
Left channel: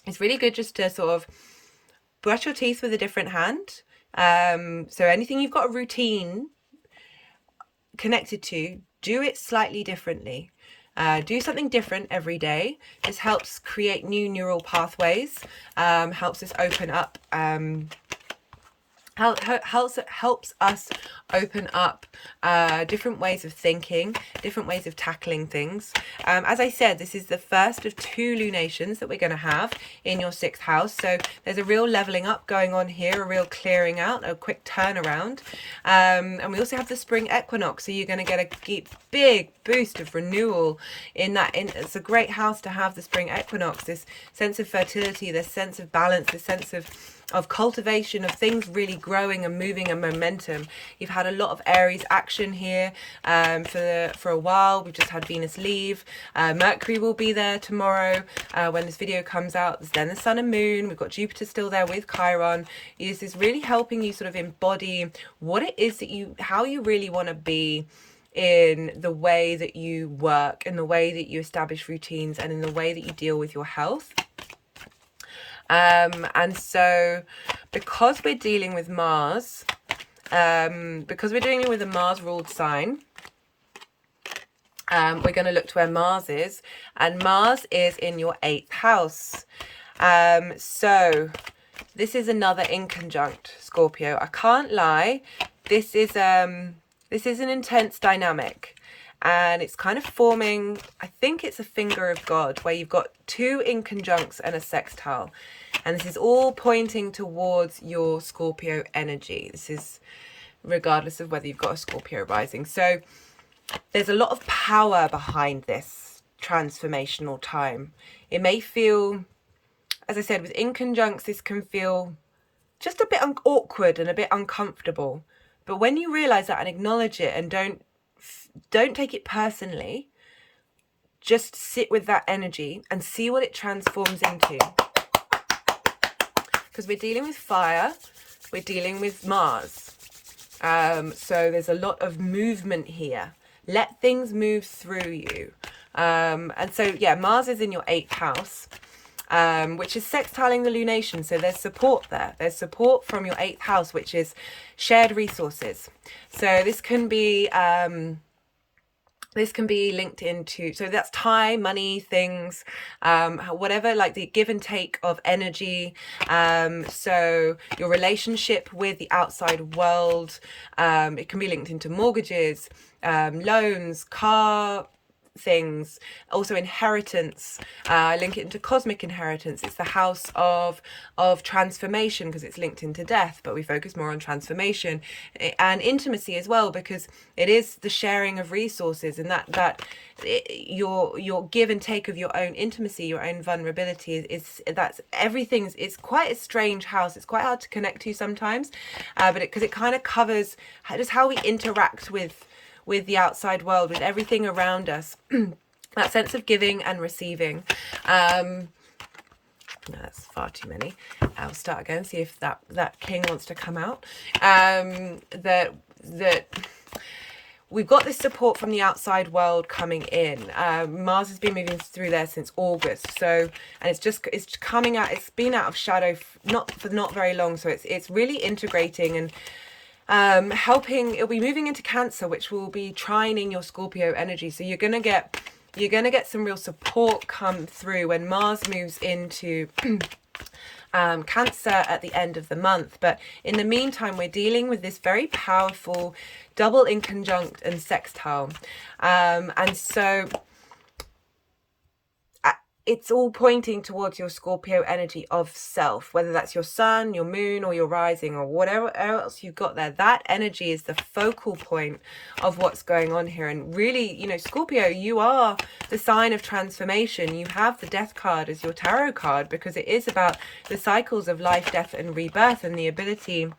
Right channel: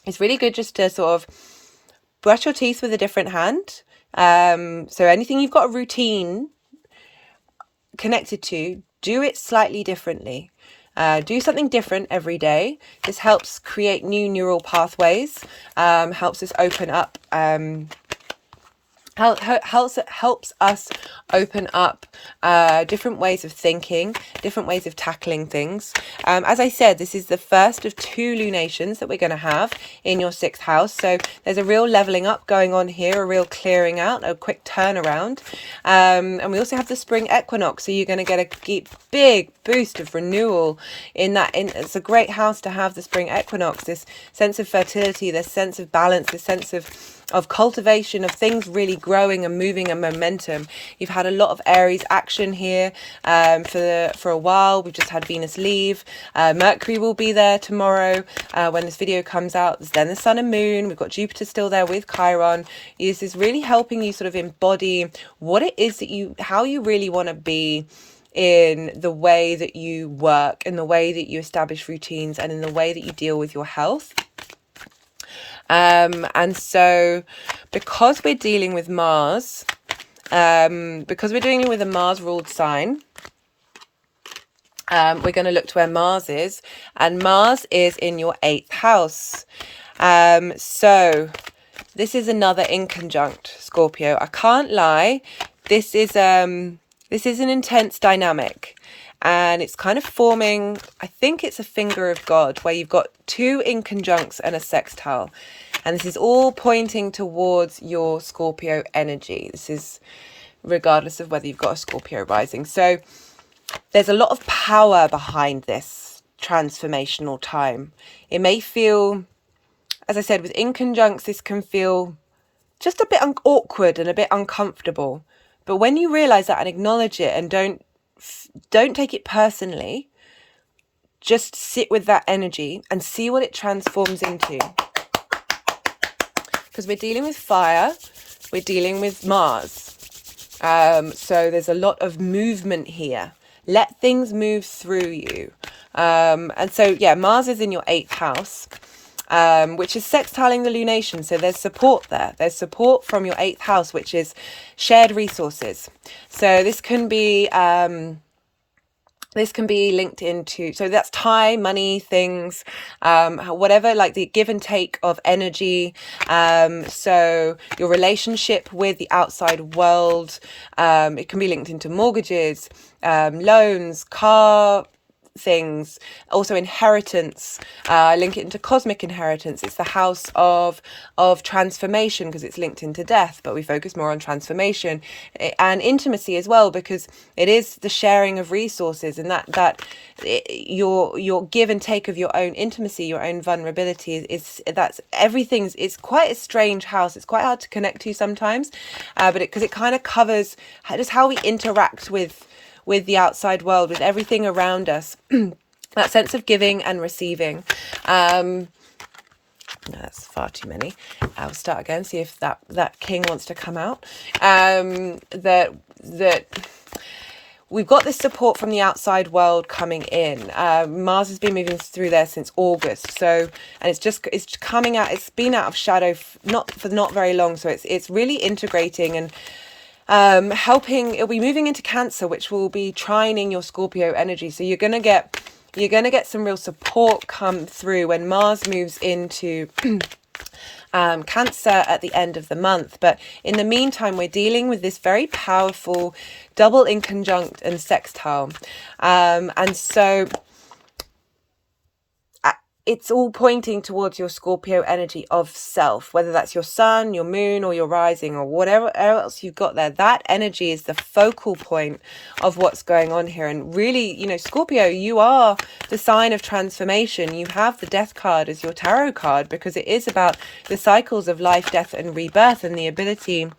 it's really good just to sort of brush your teeth with a different hand. So anything you've got a routine connected to, do it slightly differently. Do something different every day. This helps create new neural pathways, helps us open up, helps us open up different ways of thinking, different ways of tackling things. As I said, this is the first of 2 lunations that we're going to have in your 6th house. So there's a real leveling up going on here, a real clearing out, a quick turnaround. And we also have the spring equinox. So you're going to get a big boost of renewal in that. It's a great house to have the spring equinox, this sense of fertility, this sense of balance, this sense of cultivation, of things really growing and moving and momentum. You've had a lot of Aries action here for a while. We've just had Venus leave. Mercury will be there tomorrow when this video comes out. There's then the Sun and Moon. We've got Jupiter still there with Chiron. This is really helping you sort of embody what it is that how you really want to be in the way that you work, in the way that you establish routines, and in the way that you deal with your health. And so because we're dealing with Mars, because we're dealing with a Mars ruled sign, we're going to look to where Mars is, and Mars is in your 8th house. So this is another inconjunct, Scorpio. I can't lie. This is an intense dynamic. and it's kind of forming, I think it's a finger of God, where you've got two inconjuncts and a sextile, and this is all pointing towards your Scorpio energy. This is regardless of whether you've got a Scorpio rising. So there's a lot of power behind this transformational time. It may feel, as I said, with inconjuncts, this can feel just a bit awkward and a bit uncomfortable. But when you realize that and acknowledge it, and don't take it personally, just sit with that energy and see what it transforms into. Because we're dealing with fire, we're dealing with Mars. So there's a lot of movement here. Let things move through you. And so, yeah, Mars is in your 8th house, which is sextiling the lunation. So there's support there. There's support from your 8th house, which is shared resources. So this can be linked into, so that's time, money, things, whatever, like the give and take of energy. So your relationship with the outside world, it can be linked into mortgages, loans, car things, also inheritance. Link it into cosmic inheritance. It's the house of transformation because it's linked into death, but we focus more on transformation and intimacy as well, because it is the sharing of resources, and that your give and take of your own intimacy, your own vulnerability is that's everything's. It's quite a strange house. It's quite hard to connect to sometimes, but because it kind of covers just how we interact with the outside world, with everything around us. That sense of giving and receiving. That's far too many. I'll start again, see if that king wants to come out. That we've got this support from the outside world coming in. Mars has been moving through there since August, so, and it's coming out. It's been out of shadow not very long, so it's really integrating and helping. It'll be moving into Cancer, which will be trining your Scorpio energy. So you're gonna get some real support come through when Mars moves into Cancer at the end of the month. But in the meantime, we're dealing with this very powerful double inconjunct and sextile, and so it's all pointing towards your Scorpio energy of self, whether that's your sun, your moon, or your rising, or whatever else you've got there. That energy is the focal point of what's going on here. And really, you know, Scorpio, you are the sign of transformation. You have the death card as your tarot card because it is about the cycles of life, death, and rebirth, and the ability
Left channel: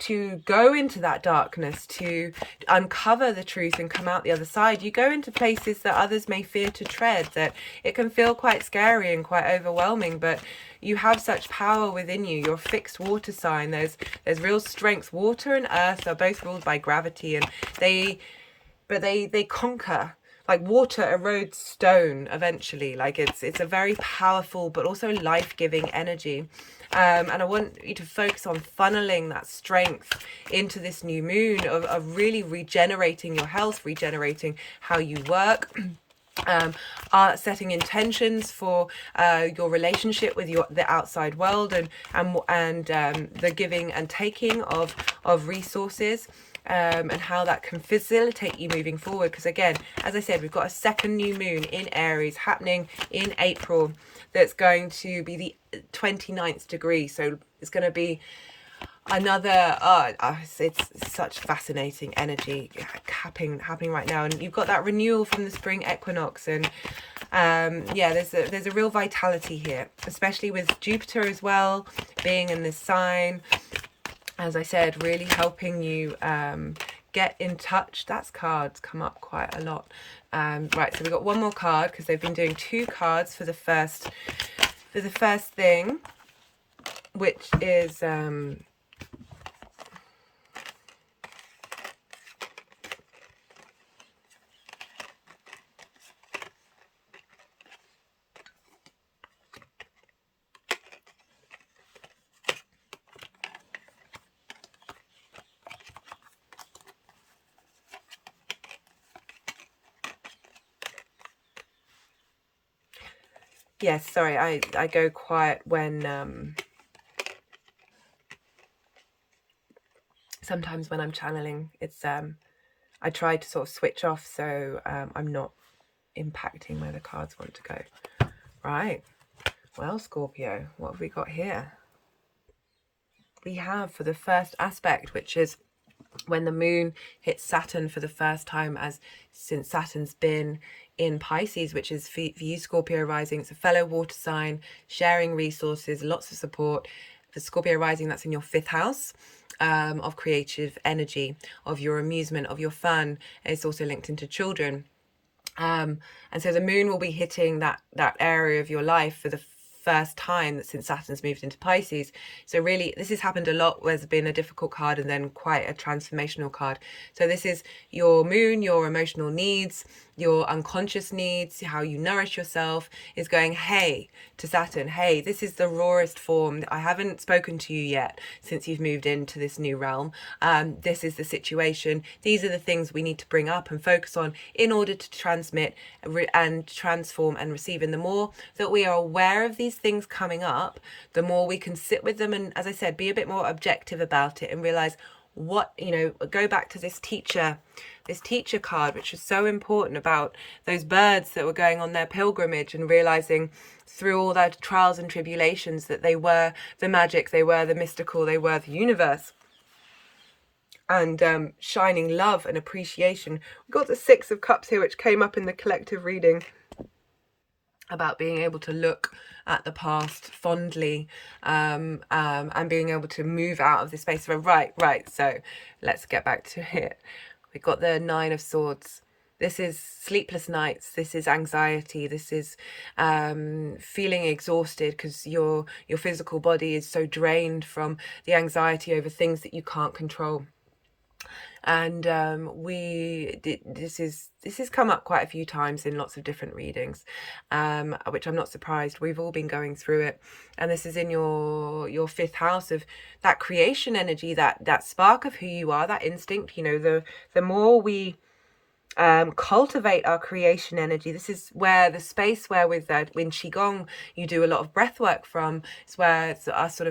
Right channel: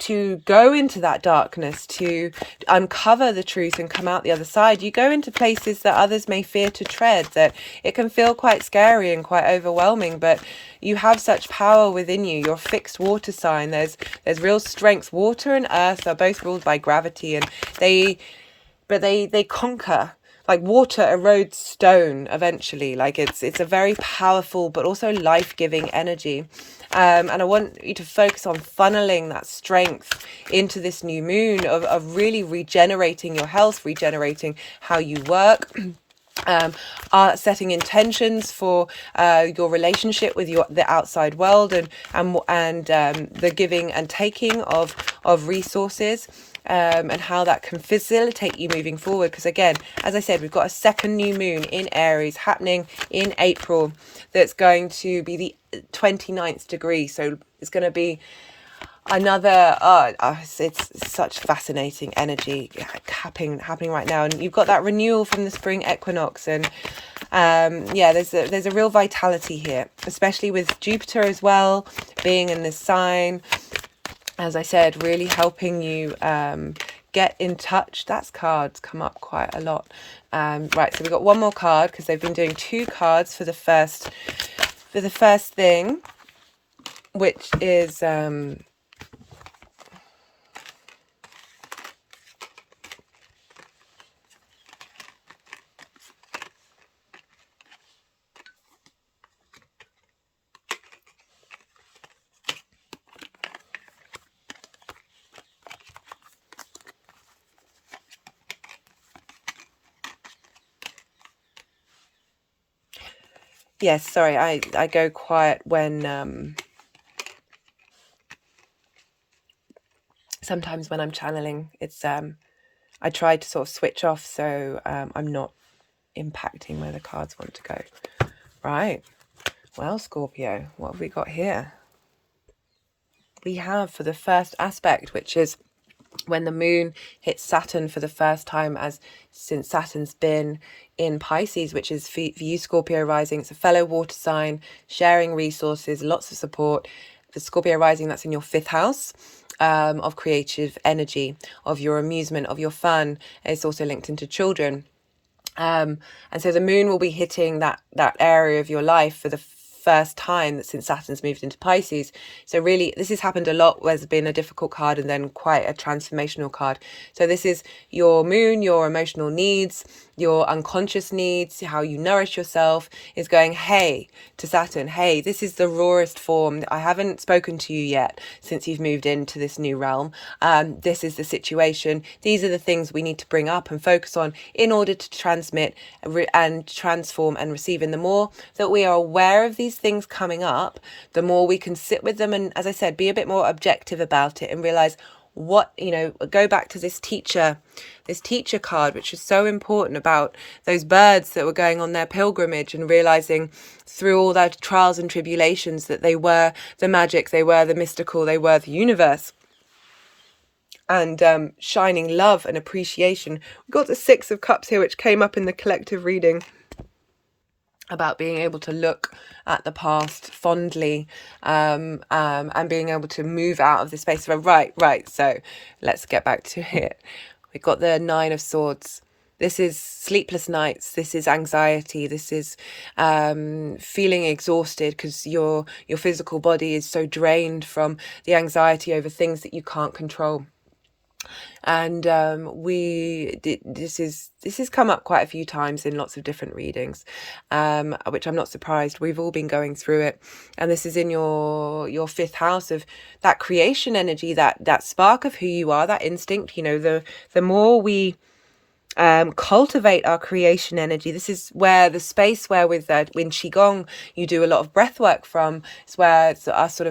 to go into that darkness, to uncover the truth and come out the other side. You go into places that others may fear to tread, that it can feel quite scary and quite overwhelming, but you have such power within you. You're a fixed water sign. There's real strength. Water and earth are both ruled by gravity, and they conquer. Like water erodes stone eventually. Like it's a very powerful but also life-giving energy. And I want you to focus on funneling that strength into this new moon of really regenerating your health, regenerating how you work. Setting intentions for your relationship with the outside world, and the giving and taking of resources, and how that can facilitate you moving forward. Because again, as I said, we've got a second new moon in Aries happening in April that's going to be the 29th degree, so it's going to be another it's such fascinating energy happening right now. And you've got that renewal from the spring equinox, and yeah, there's a real vitality here, especially with Juipter as well being in this sign, as I said, really helping you get in touch. That's cards come up quite a lot. Right, so we've got one more card because they've been doing two cards for the first thing, which is yes, sorry, I go quiet when sometimes when I'm channeling, it's I try to sort of switch off, so I'm not impacting where the cards want to go. Right. Well, Scorpio, what have we got here? We have, for the first aspect, which is when the moon hits Saturn for the first time, since Saturn's been in Pisces, which is for you, Scorpio rising. It's a fellow water sign, sharing resources, lots of support. For Scorpio rising, that's in your 5th house of creative energy, of your amusement, of your fun. It's also linked into children. And so the moon will be hitting that area of your life for the first time since Saturn's moved into Pisces. So really, this has happened a lot. There's been a difficult card and then quite a transformational card. So this is your moon, your emotional needs, your unconscious needs, how you nourish yourself, is going, hey, to Saturn, hey, this is the rawest form. I haven't spoken to you yet since you've moved into this new realm. This is the situation. These are the things we need to bring up and focus on in order to transmit and transform and receive. And the more that we are aware of these things coming up, the more we can sit with them and, as I said, be a bit more objective about it and realize what, go back to this teacher card, which is so important, about those birds that were going on their pilgrimage and realizing through all their trials and tribulations that they were the magic, they were the mystical, they were the universe, and shining love and appreciation. We've got the 6 of Cups here, which came up in the collective reading, about being able to look at the past fondly, and being able to move out of the space of right. So let's get back to it. We've got the 9 of Swords. This is sleepless nights. This is anxiety. This is feeling exhausted because your physical body is so drained from the anxiety over things that you can't control. And this has come up quite a few times in lots of different readings, which I'm not surprised. We've all been going through it, and this is in your 5th house of that creation energy, that spark of who you are, that instinct. The more we cultivate our creation energy. This is where the space where in Qigong you do a lot of breath work from. It's where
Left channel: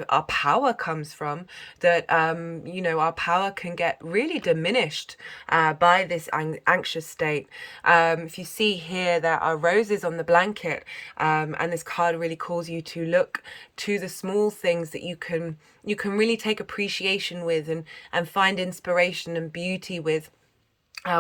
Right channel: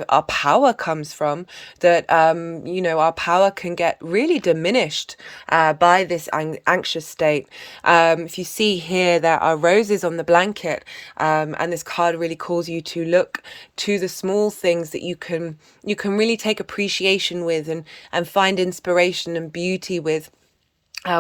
our power comes from, that our power can get really diminished by this anxious state. If you see here, there are roses on the blanket, and this card really calls you to look to the small things that you can really take appreciation with and find inspiration and beauty with.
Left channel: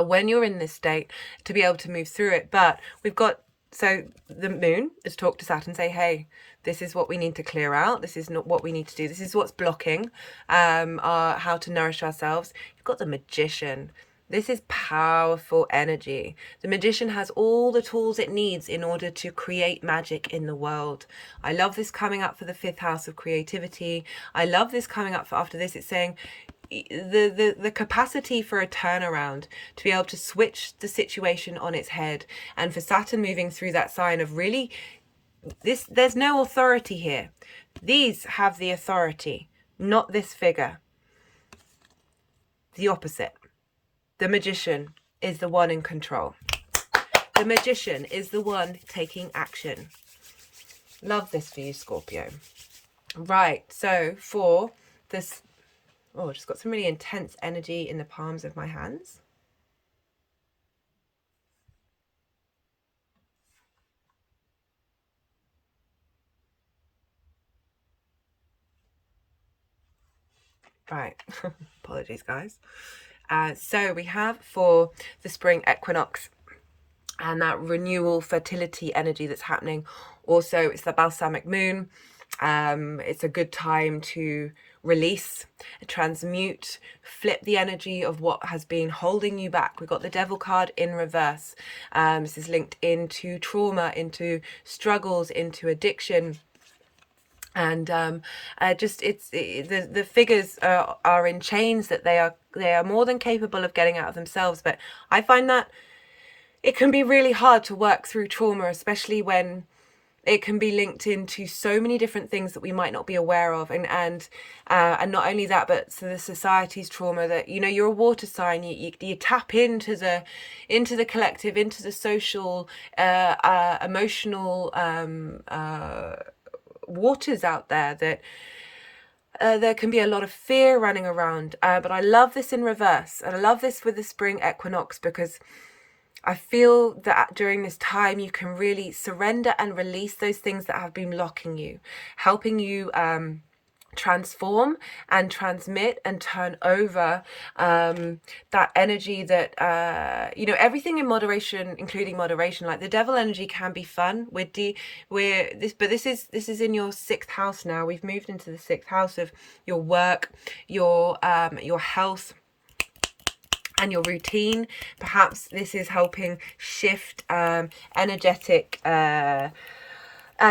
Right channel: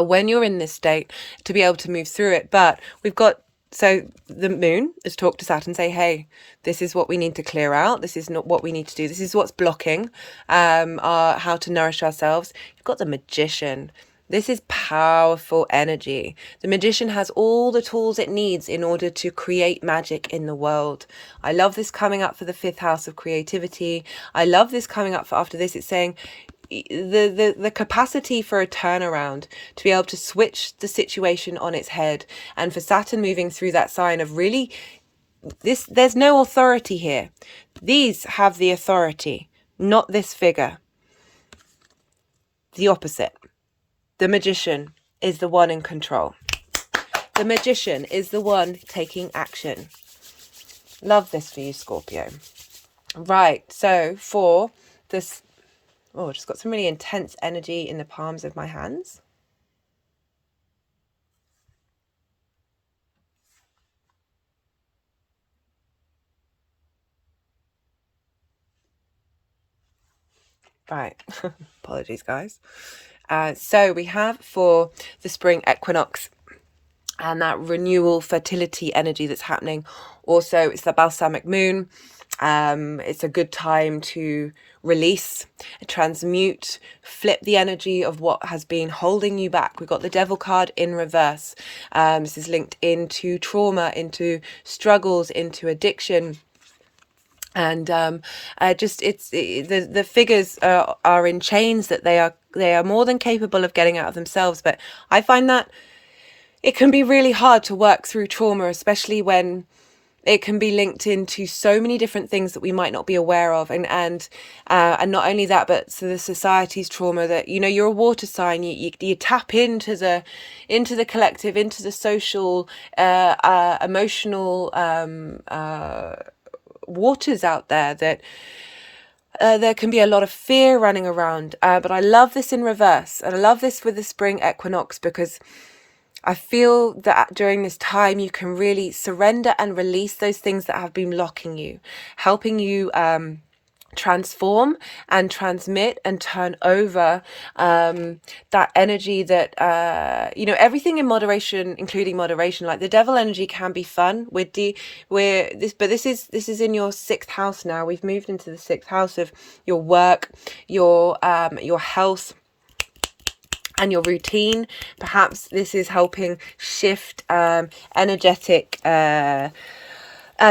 When you're in this state, to be able to move through it. But we've got, so the moon has talked to Saturn, say, hey, this is what we need to clear out. This is not what we need to do. This is what's blocking how to nourish ourselves. You've got the Magician. This is powerful energy. The Magician has all the tools it needs in order to create magic in the world. I love this coming up for the 5th house of creativity. I love this coming up for after this. It's saying the capacity for a turnaround, to be able to switch the situation on its head. And for Saturn moving through that sign of really, there's no authority here. These have the authority, not this figure. The opposite. The Magician is the one in control. The Magician is the one taking action. Love this for you, Scorpio. Right, so for this, just got some really intense energy in the palms of my hands. Right, apologies, guys. So we have for the spring equinox and that renewal, fertility energy that's happening. Also, it's the balsamic moon. It's a good time to release, transmute, flip the energy of what has been holding you back. We've got the Devil card in reverse. This is linked into trauma, into struggles, into addiction. And the figures are in chains, that they are more than capable of getting out of themselves. But I find that it can be really hard to work through trauma, especially when it can be linked into so many different things that we might not be aware of. And not only that, but so the society's trauma, that, you're a water sign, you tap into the collective, into the social, emotional waters out there, that There can be a lot of fear running around, but I love this in reverse. And I love this with the spring equinox because I feel that during this time you can really surrender and release those things that have been locking you, helping you transform and transmit and turn over that energy that everything in moderation, including moderation. Like the devil energy can be fun. But this is in your 6th house now. We've moved into the 6th house of your work, your health and your routine. Perhaps this is helping shift energetic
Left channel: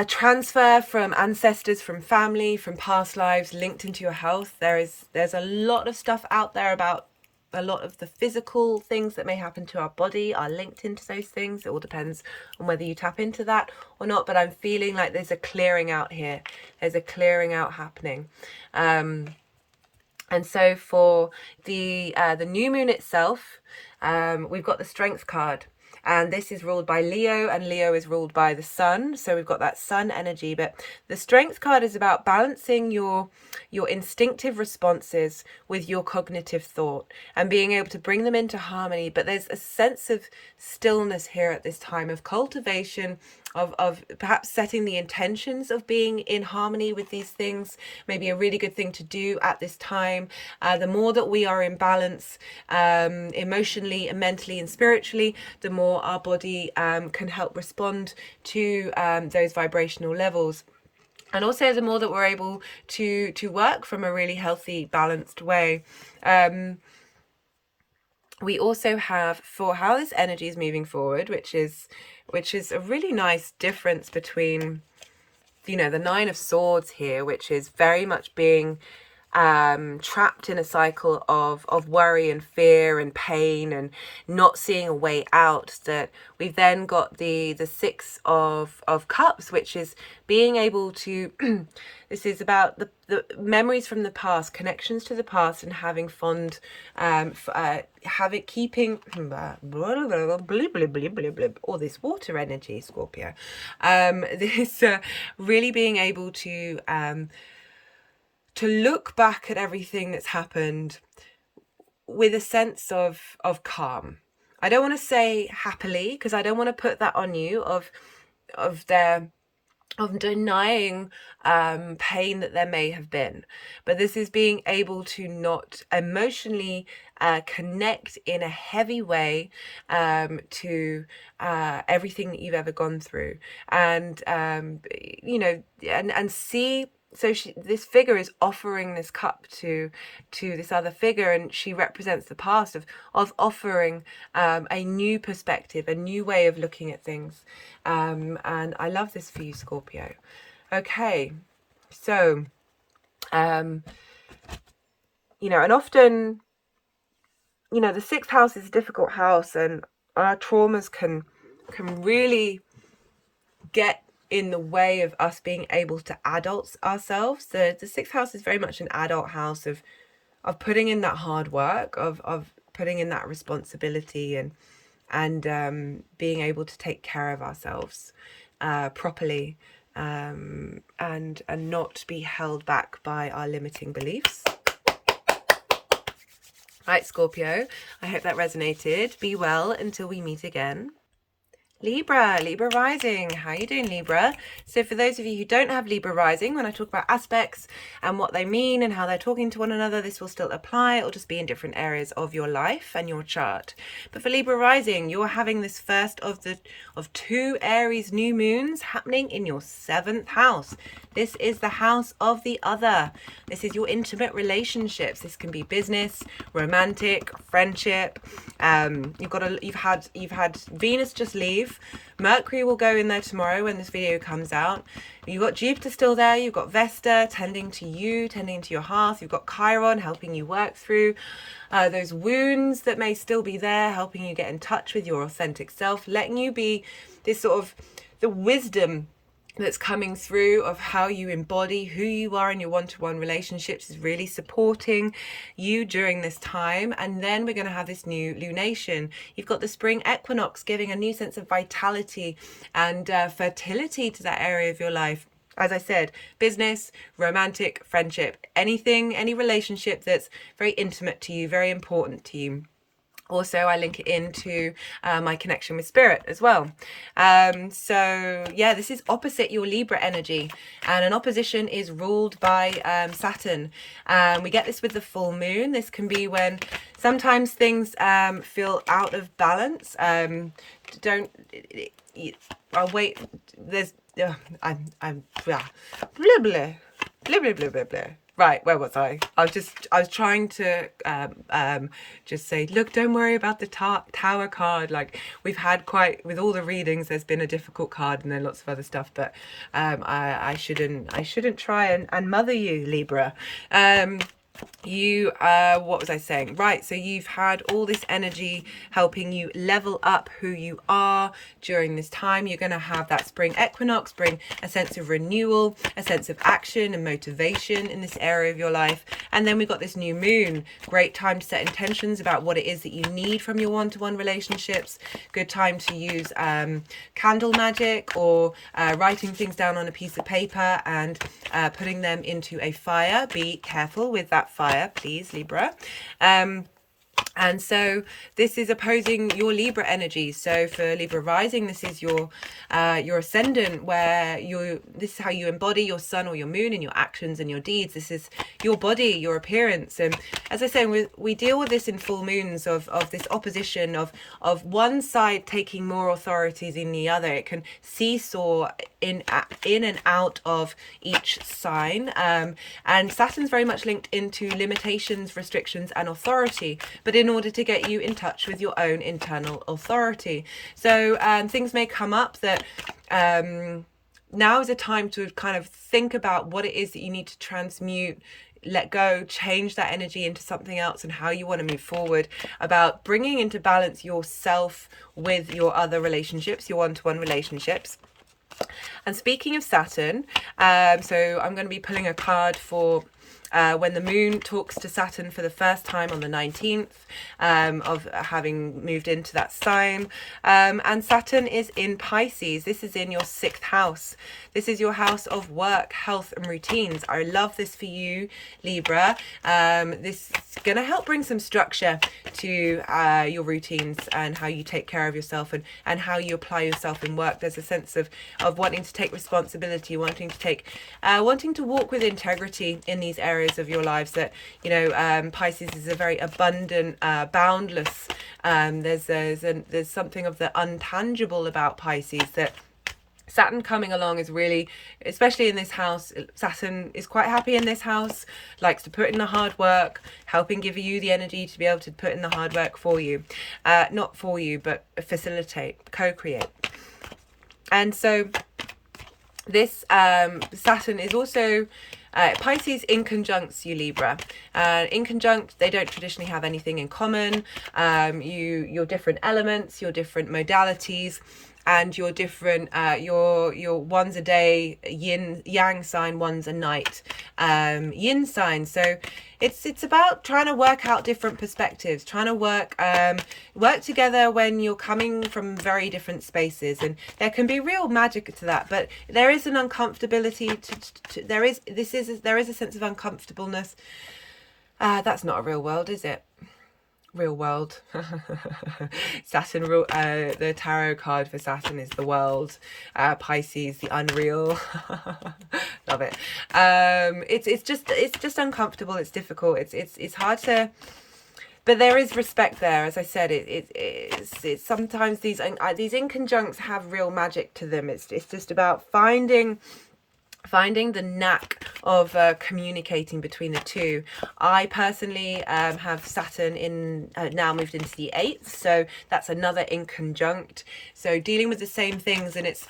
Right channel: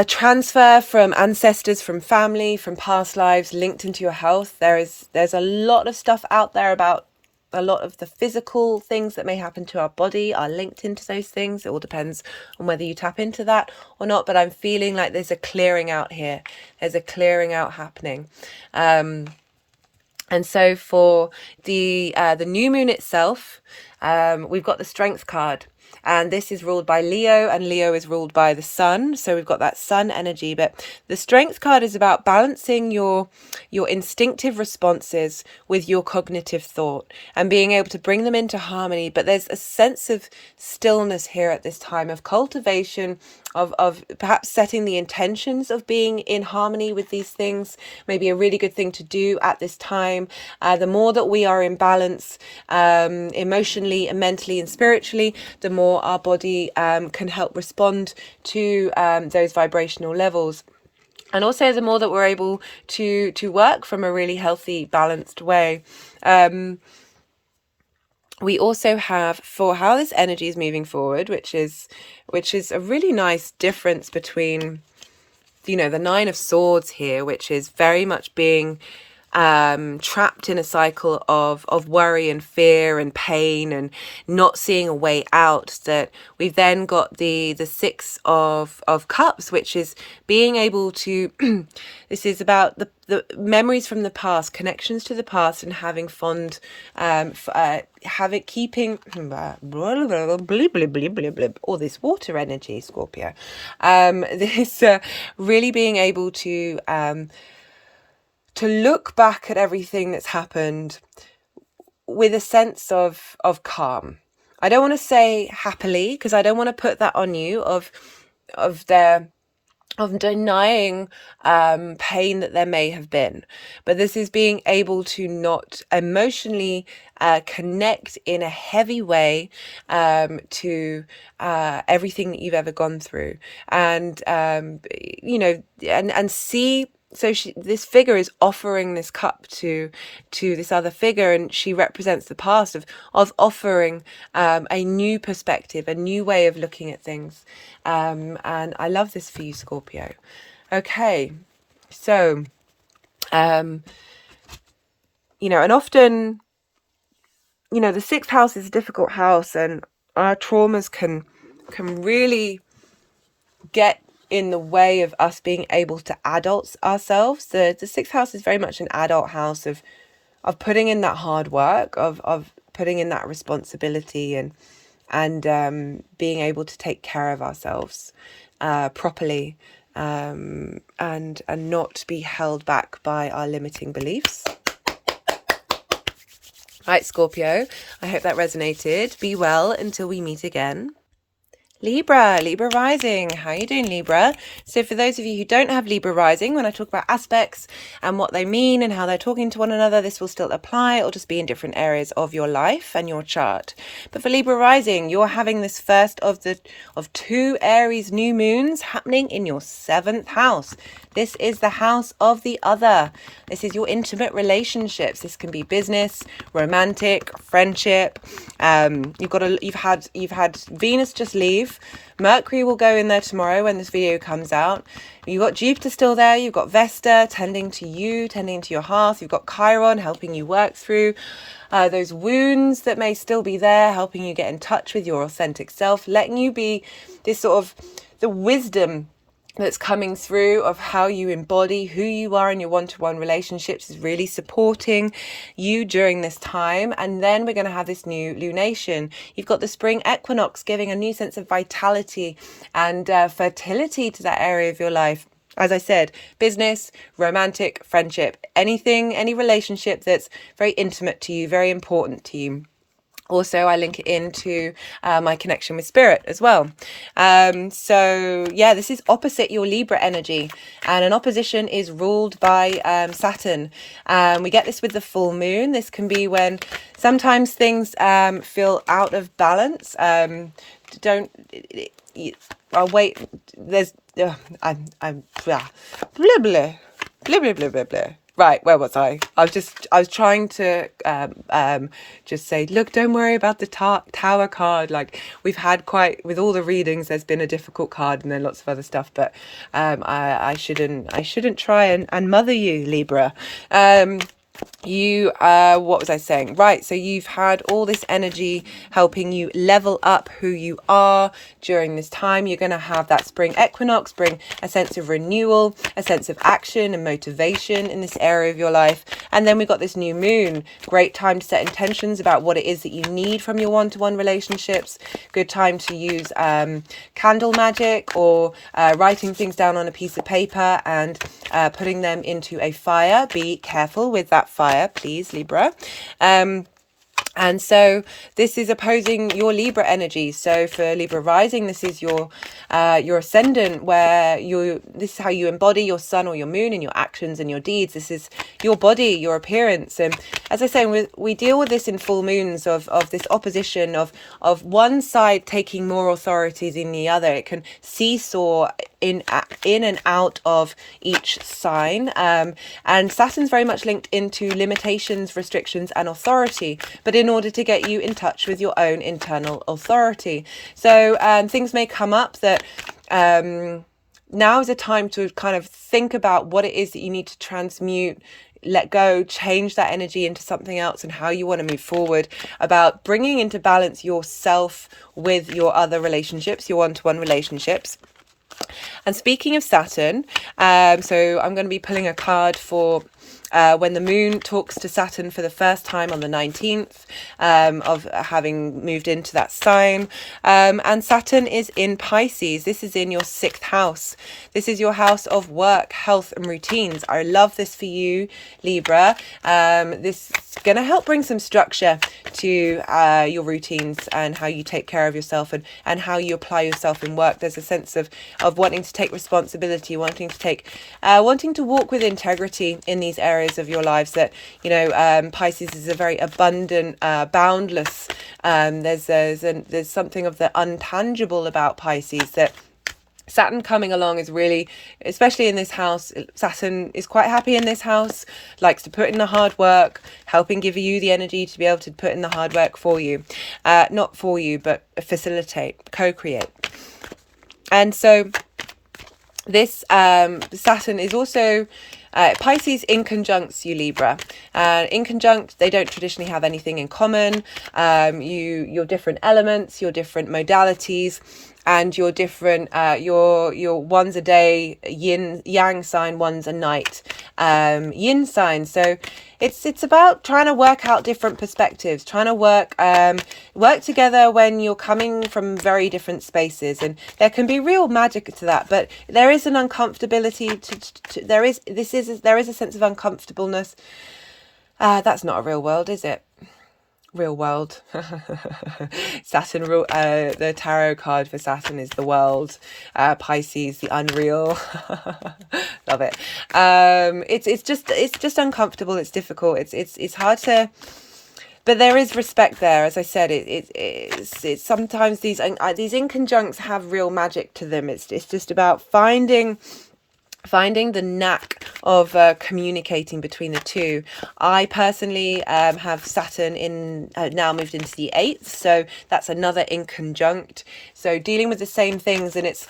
transfer from ancestors, from family, from past lives linked into your health. There's a lot of stuff out there about a lot of the physical things that may happen to our body are linked into those things. It all depends on whether you tap into that or not, but I'm feeling like there's a clearing out here. There's a clearing out happening. And so for the new moon itself, we've got the Strength card. And this is ruled by Leo, and Leo is ruled by the sun. So we've got that sun energy. But the Strength card is about balancing your instinctive responses with your cognitive thought and being able to bring them into harmony. But there's a sense of stillness here at this time, of cultivation, of perhaps setting the intentions of being in harmony with these things. Maybe a really good thing to do at this time. The more that we are in balance emotionally and mentally and spiritually, the more our body can help respond to those vibrational levels. And also the more that we're able to work from a really healthy, balanced way. We also have for how this energy is moving forward, which is a really nice difference between, the 9 of Swords here, which is very much being trapped in a cycle of worry and fear and pain and not seeing a way out. That we've then got the 6 of Cups, which is being able to this is about the memories from the past, connections to the past, and having fond keeping all this water energy, Scorpio. This really being able to look back at everything that's happened with a sense of calm. I don't want to say happily, because I don't want to put that on you of denying pain that there may have been. But this is being able to not emotionally connect in a heavy way to everything that you've ever gone through, and and see. So this figure is offering this cup to this other figure, and she represents the past of offering a new perspective, a new way of looking at things. And I love this for you, Scorpio. Okay, so and often, the 6th house is a difficult house, and our traumas can really get in the way of us being able to adult ourselves. The 6th house is very much an adult house of putting in that hard work, of putting in that responsibility, and being able to take care of ourselves properly, and not be held back by our limiting beliefs. Right, Scorpio, I hope that resonated. Be well until we meet again. Libra rising. How are you doing, Libra? So for those of you who don't have Libra rising, when I talk about aspects and what they mean and how they're talking to one another, this will still apply. It'll just be in different areas of your life and your chart. But for Libra rising, you're having this first of 2 Aries new moons happening in your 7th house. This is the house of the other. This is your intimate relationships. This can be business, romantic, friendship. You've had Venus just leave. Mercury will go in there tomorrow when this video comes out. You've got Juipter still there. You've got Vesta tending to you, tending to your hearth. You've got Chiron helping you work through those wounds that may still be there, helping you get in touch with your authentic self, letting you be this sort of the wisdom that's coming through of how you embody who you are in your one-to-one relationships is really supporting you during this time. And then we're going to have this new lunation. You've got the spring equinox giving a new sense of vitality and fertility to that area of your life. As I said, business, romantic, friendship, anything, any relationship that's very intimate to you, very important to you. Also, I link it into my connection with spirit as well. So yeah, this is opposite your Libra energy, and an opposition is ruled by Saturn. We get this with the full moon. This can be when sometimes things feel out of balance. I'll wait. There's I'm blah blah blah blah blah blah blah blah. Right, where was I? I was trying to just say, look, don't worry about the Tower card. Like, we've had with all the readings, there's been a difficult card and then lots of other stuff, but I shouldn't try and mother you, Libra. What was I saying? Right, so you've had all this energy helping you level up who you are during this time. You're going to have that spring equinox bring a sense of renewal, a sense of action and motivation in this area of your life. And then we got this new moon, great time to set intentions about what it is that you need from your one-to-one relationships. Good time to use candle magic, or writing things down on a piece of paper and putting them into a fire. Be careful with that fire, please, Libra. And so this is opposing your Libra energy. So for Libra rising, this is your ascendant, where this is how you embody your sun or your moon in your actions and your deeds. This is your body, your appearance. And as I say, we deal with this in full moons of this opposition of one side taking more authority than the other. It can seesaw in and out of each sign. And Saturn's very much linked into limitations, restrictions, and authority, but in order to get you in touch with your own internal authority. So things may come up that now is a time to kind of think about what it is that you need to transmute, let go, change that energy into something else, and how you want to move forward, about bringing into balance yourself with your other relationships, your one-to-one relationships. And speaking of Saturn, so I'm going to be pulling a card for when the moon talks to Saturn for the first time on the 19th of having moved into that sign. And Saturn is in Pisces. This is in your 6th house. This is your house of work, health, and routines. I love this for you, Libra. This is going to help bring some structure to your routines and how you take care of yourself and how you apply yourself in work. There's a sense of wanting to take responsibility, wanting to walk with integrity in these areas of your lives. That, you know, Pisces is a very abundant, boundless. There's something of the untangible about Pisces that Saturn coming along is really, especially in this house, Saturn is quite happy in this house, likes to put in the hard work, helping give you the energy to be able to put in the hard work for you. Not for you, but facilitate, co-create. And so this Saturn is also Pisces in conjuncts you, Libra. In conjunct, they don't traditionally have anything in common. Your different elements, your different modalities, and your different your one's a day yin yang sign, one's a night yin sign. So it's about trying to work out different perspectives, trying to work together when you're coming from very different spaces, and there can be real magic to that. But there is an uncomfortability there is a sense of uncomfortableness. That's not a real world, is it? Real world. Saturn, the tarot card for Saturn is the world. Pisces, the unreal. Love it. It's just uncomfortable. It's difficult. It's hard to. But there is respect there. As I said, it's sometimes these inconjuncts have real magic to them. It's just about finding the knack of communicating between the two. I personally have Saturn in now moved into the 8th, so that's another inconjunct. So dealing with the same things, and it's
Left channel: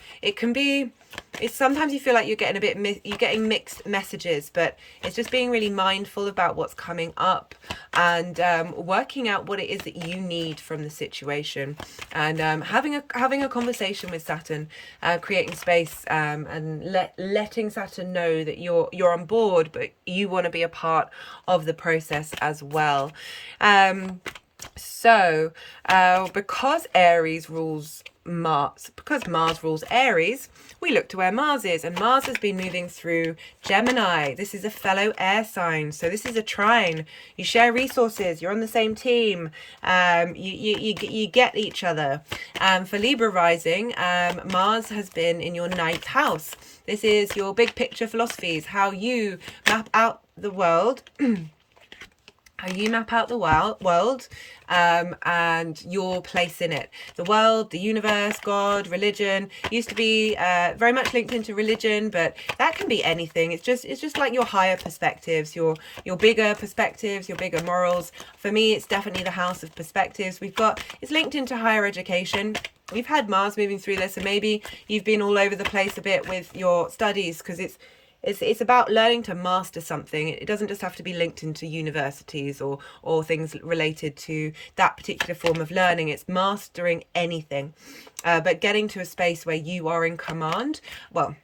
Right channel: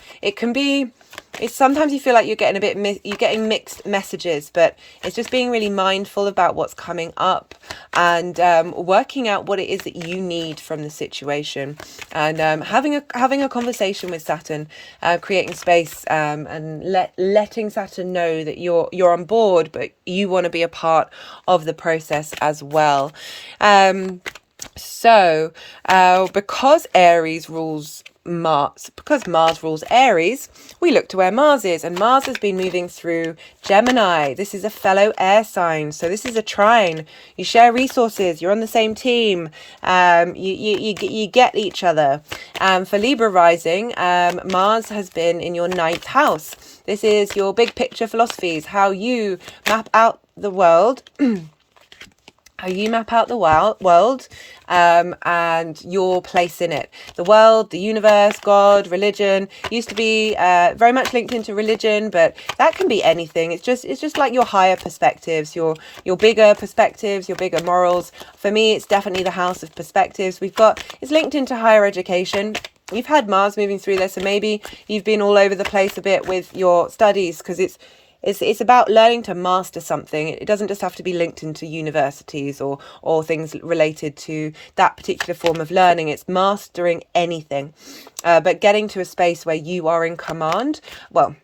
sometimes you feel like you're getting mixed messages, but it's just being really mindful about what's coming up and working out what it is that you need from the situation, and having a conversation with Saturn, creating space, and letting Saturn know that you're on board, but you want to be a part of the process as well. So because Aries rules Mars, because Mars rules Aries, we look to where Mars is, and Mars has been moving through Gemini. This is a fellow air sign, so this is a trine. You share resources, you're on the same team, you get each other. For Libra rising, Mars has been in your 9th house. This is your big picture philosophies, how you map out the world how you map out the world and your place in it. The world, the universe, God, religion used to be very much linked into religion, but that can be anything. It's just like your higher perspectives, your bigger perspectives, your bigger morals. For me, it's definitely the house of perspectives. It's linked into higher education. You've had Mars moving through there, so maybe you've been all over the place a bit with your studies, because it's about learning to master something. It doesn't just have to be linked into universities or things related to that particular form of learning. It's mastering anything, but getting to a space where you are in command. Well,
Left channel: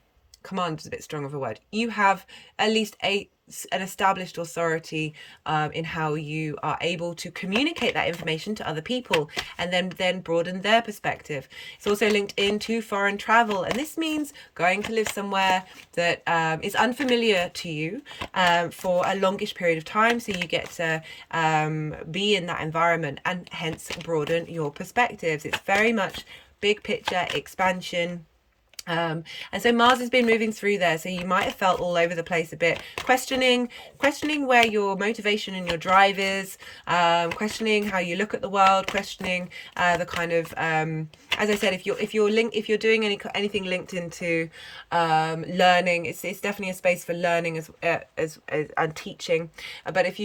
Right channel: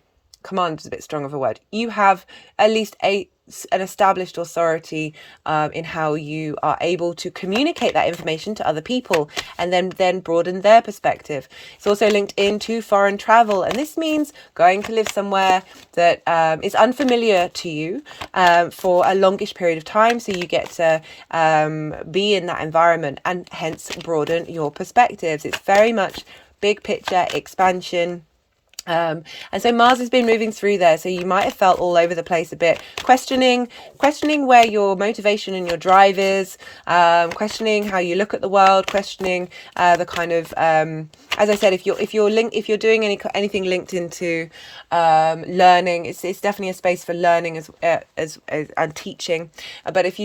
command is a bit strong of a word. You have at least an established authority in how you are able to communicate that information to other people, and then broaden their perspective. It's also linked into foreign travel, and this means going to live somewhere that is unfamiliar to you for a longish period of time, so you get to be in that environment and hence broaden your perspectives. It's very much big picture expansion. And so Mars has been moving through there, so you might have felt all over the place a bit, questioning where your motivation and your drive is, questioning how you look at the world, questioning the kind of as I said, if you're doing anything linked into learning, it's definitely a space for learning as and teaching. But if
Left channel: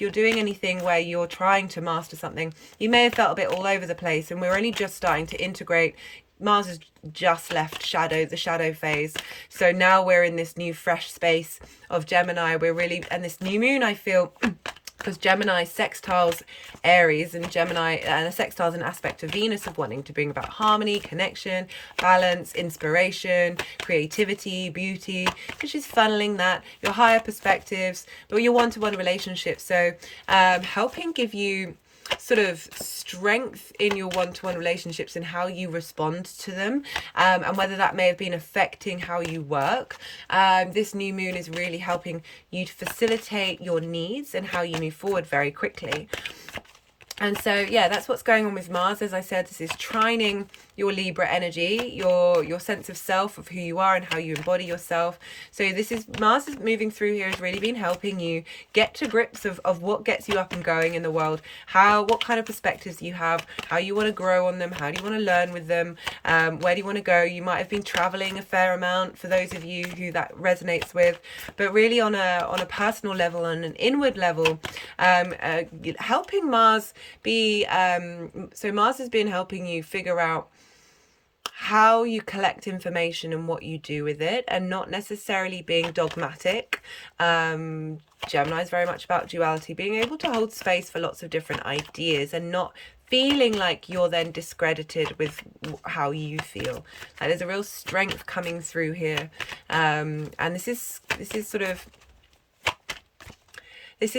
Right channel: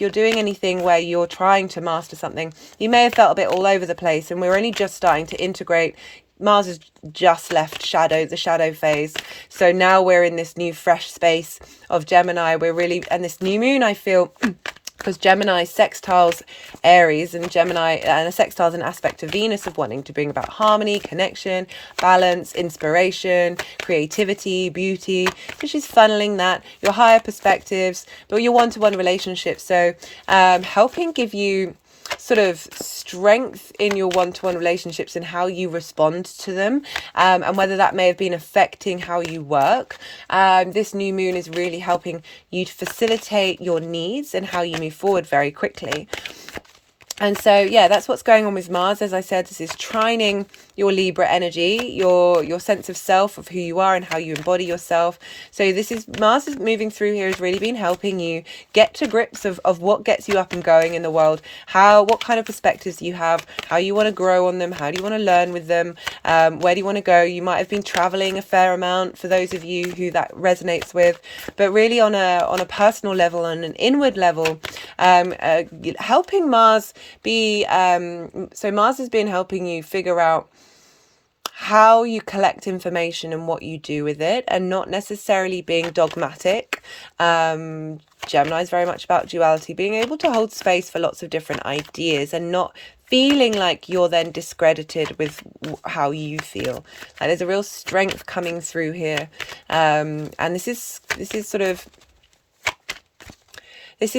you're doing anything where you're trying to master something, you may have felt a bit all over the place, and we're only just starting to integrate. Mars has just left the shadow phase. So now we're in this new fresh space of Gemini. And this new moon, I feel, because Gemini sextiles Aries, and Gemini and a sextile is an aspect of Venus of wanting to bring about harmony, connection, balance, inspiration, creativity, beauty. So she's funneling that, your higher perspectives, but your one-to-one relationships. So helping give you sort of strength in your one-to-one relationships and how you respond to them, and whether that may have been affecting how you work. This new moon is really helping you to facilitate your needs and how you move forward very quickly. And so, yeah, that's what's going on with Mars. As I said, this is trining your Libra energy, your sense of self, of who you are and how you embody yourself. So Mars is moving through here, has really been helping you get to grips of what gets you up and going in the world, what kind of perspectives you have, how you want to grow on them, how do you want to learn with them, where do you want to go. You might have been traveling a fair amount, for those of you who that resonates with, but really on a personal level, on an inward level, helping Mars so Mars has been helping you figure out how you collect information and what you do with it, and not necessarily being dogmatic. Gemini is very much about duality, being able to hold space for lots of different ideas and not feeling like you're then discredited with how you feel. That is a real strength coming through here, and this is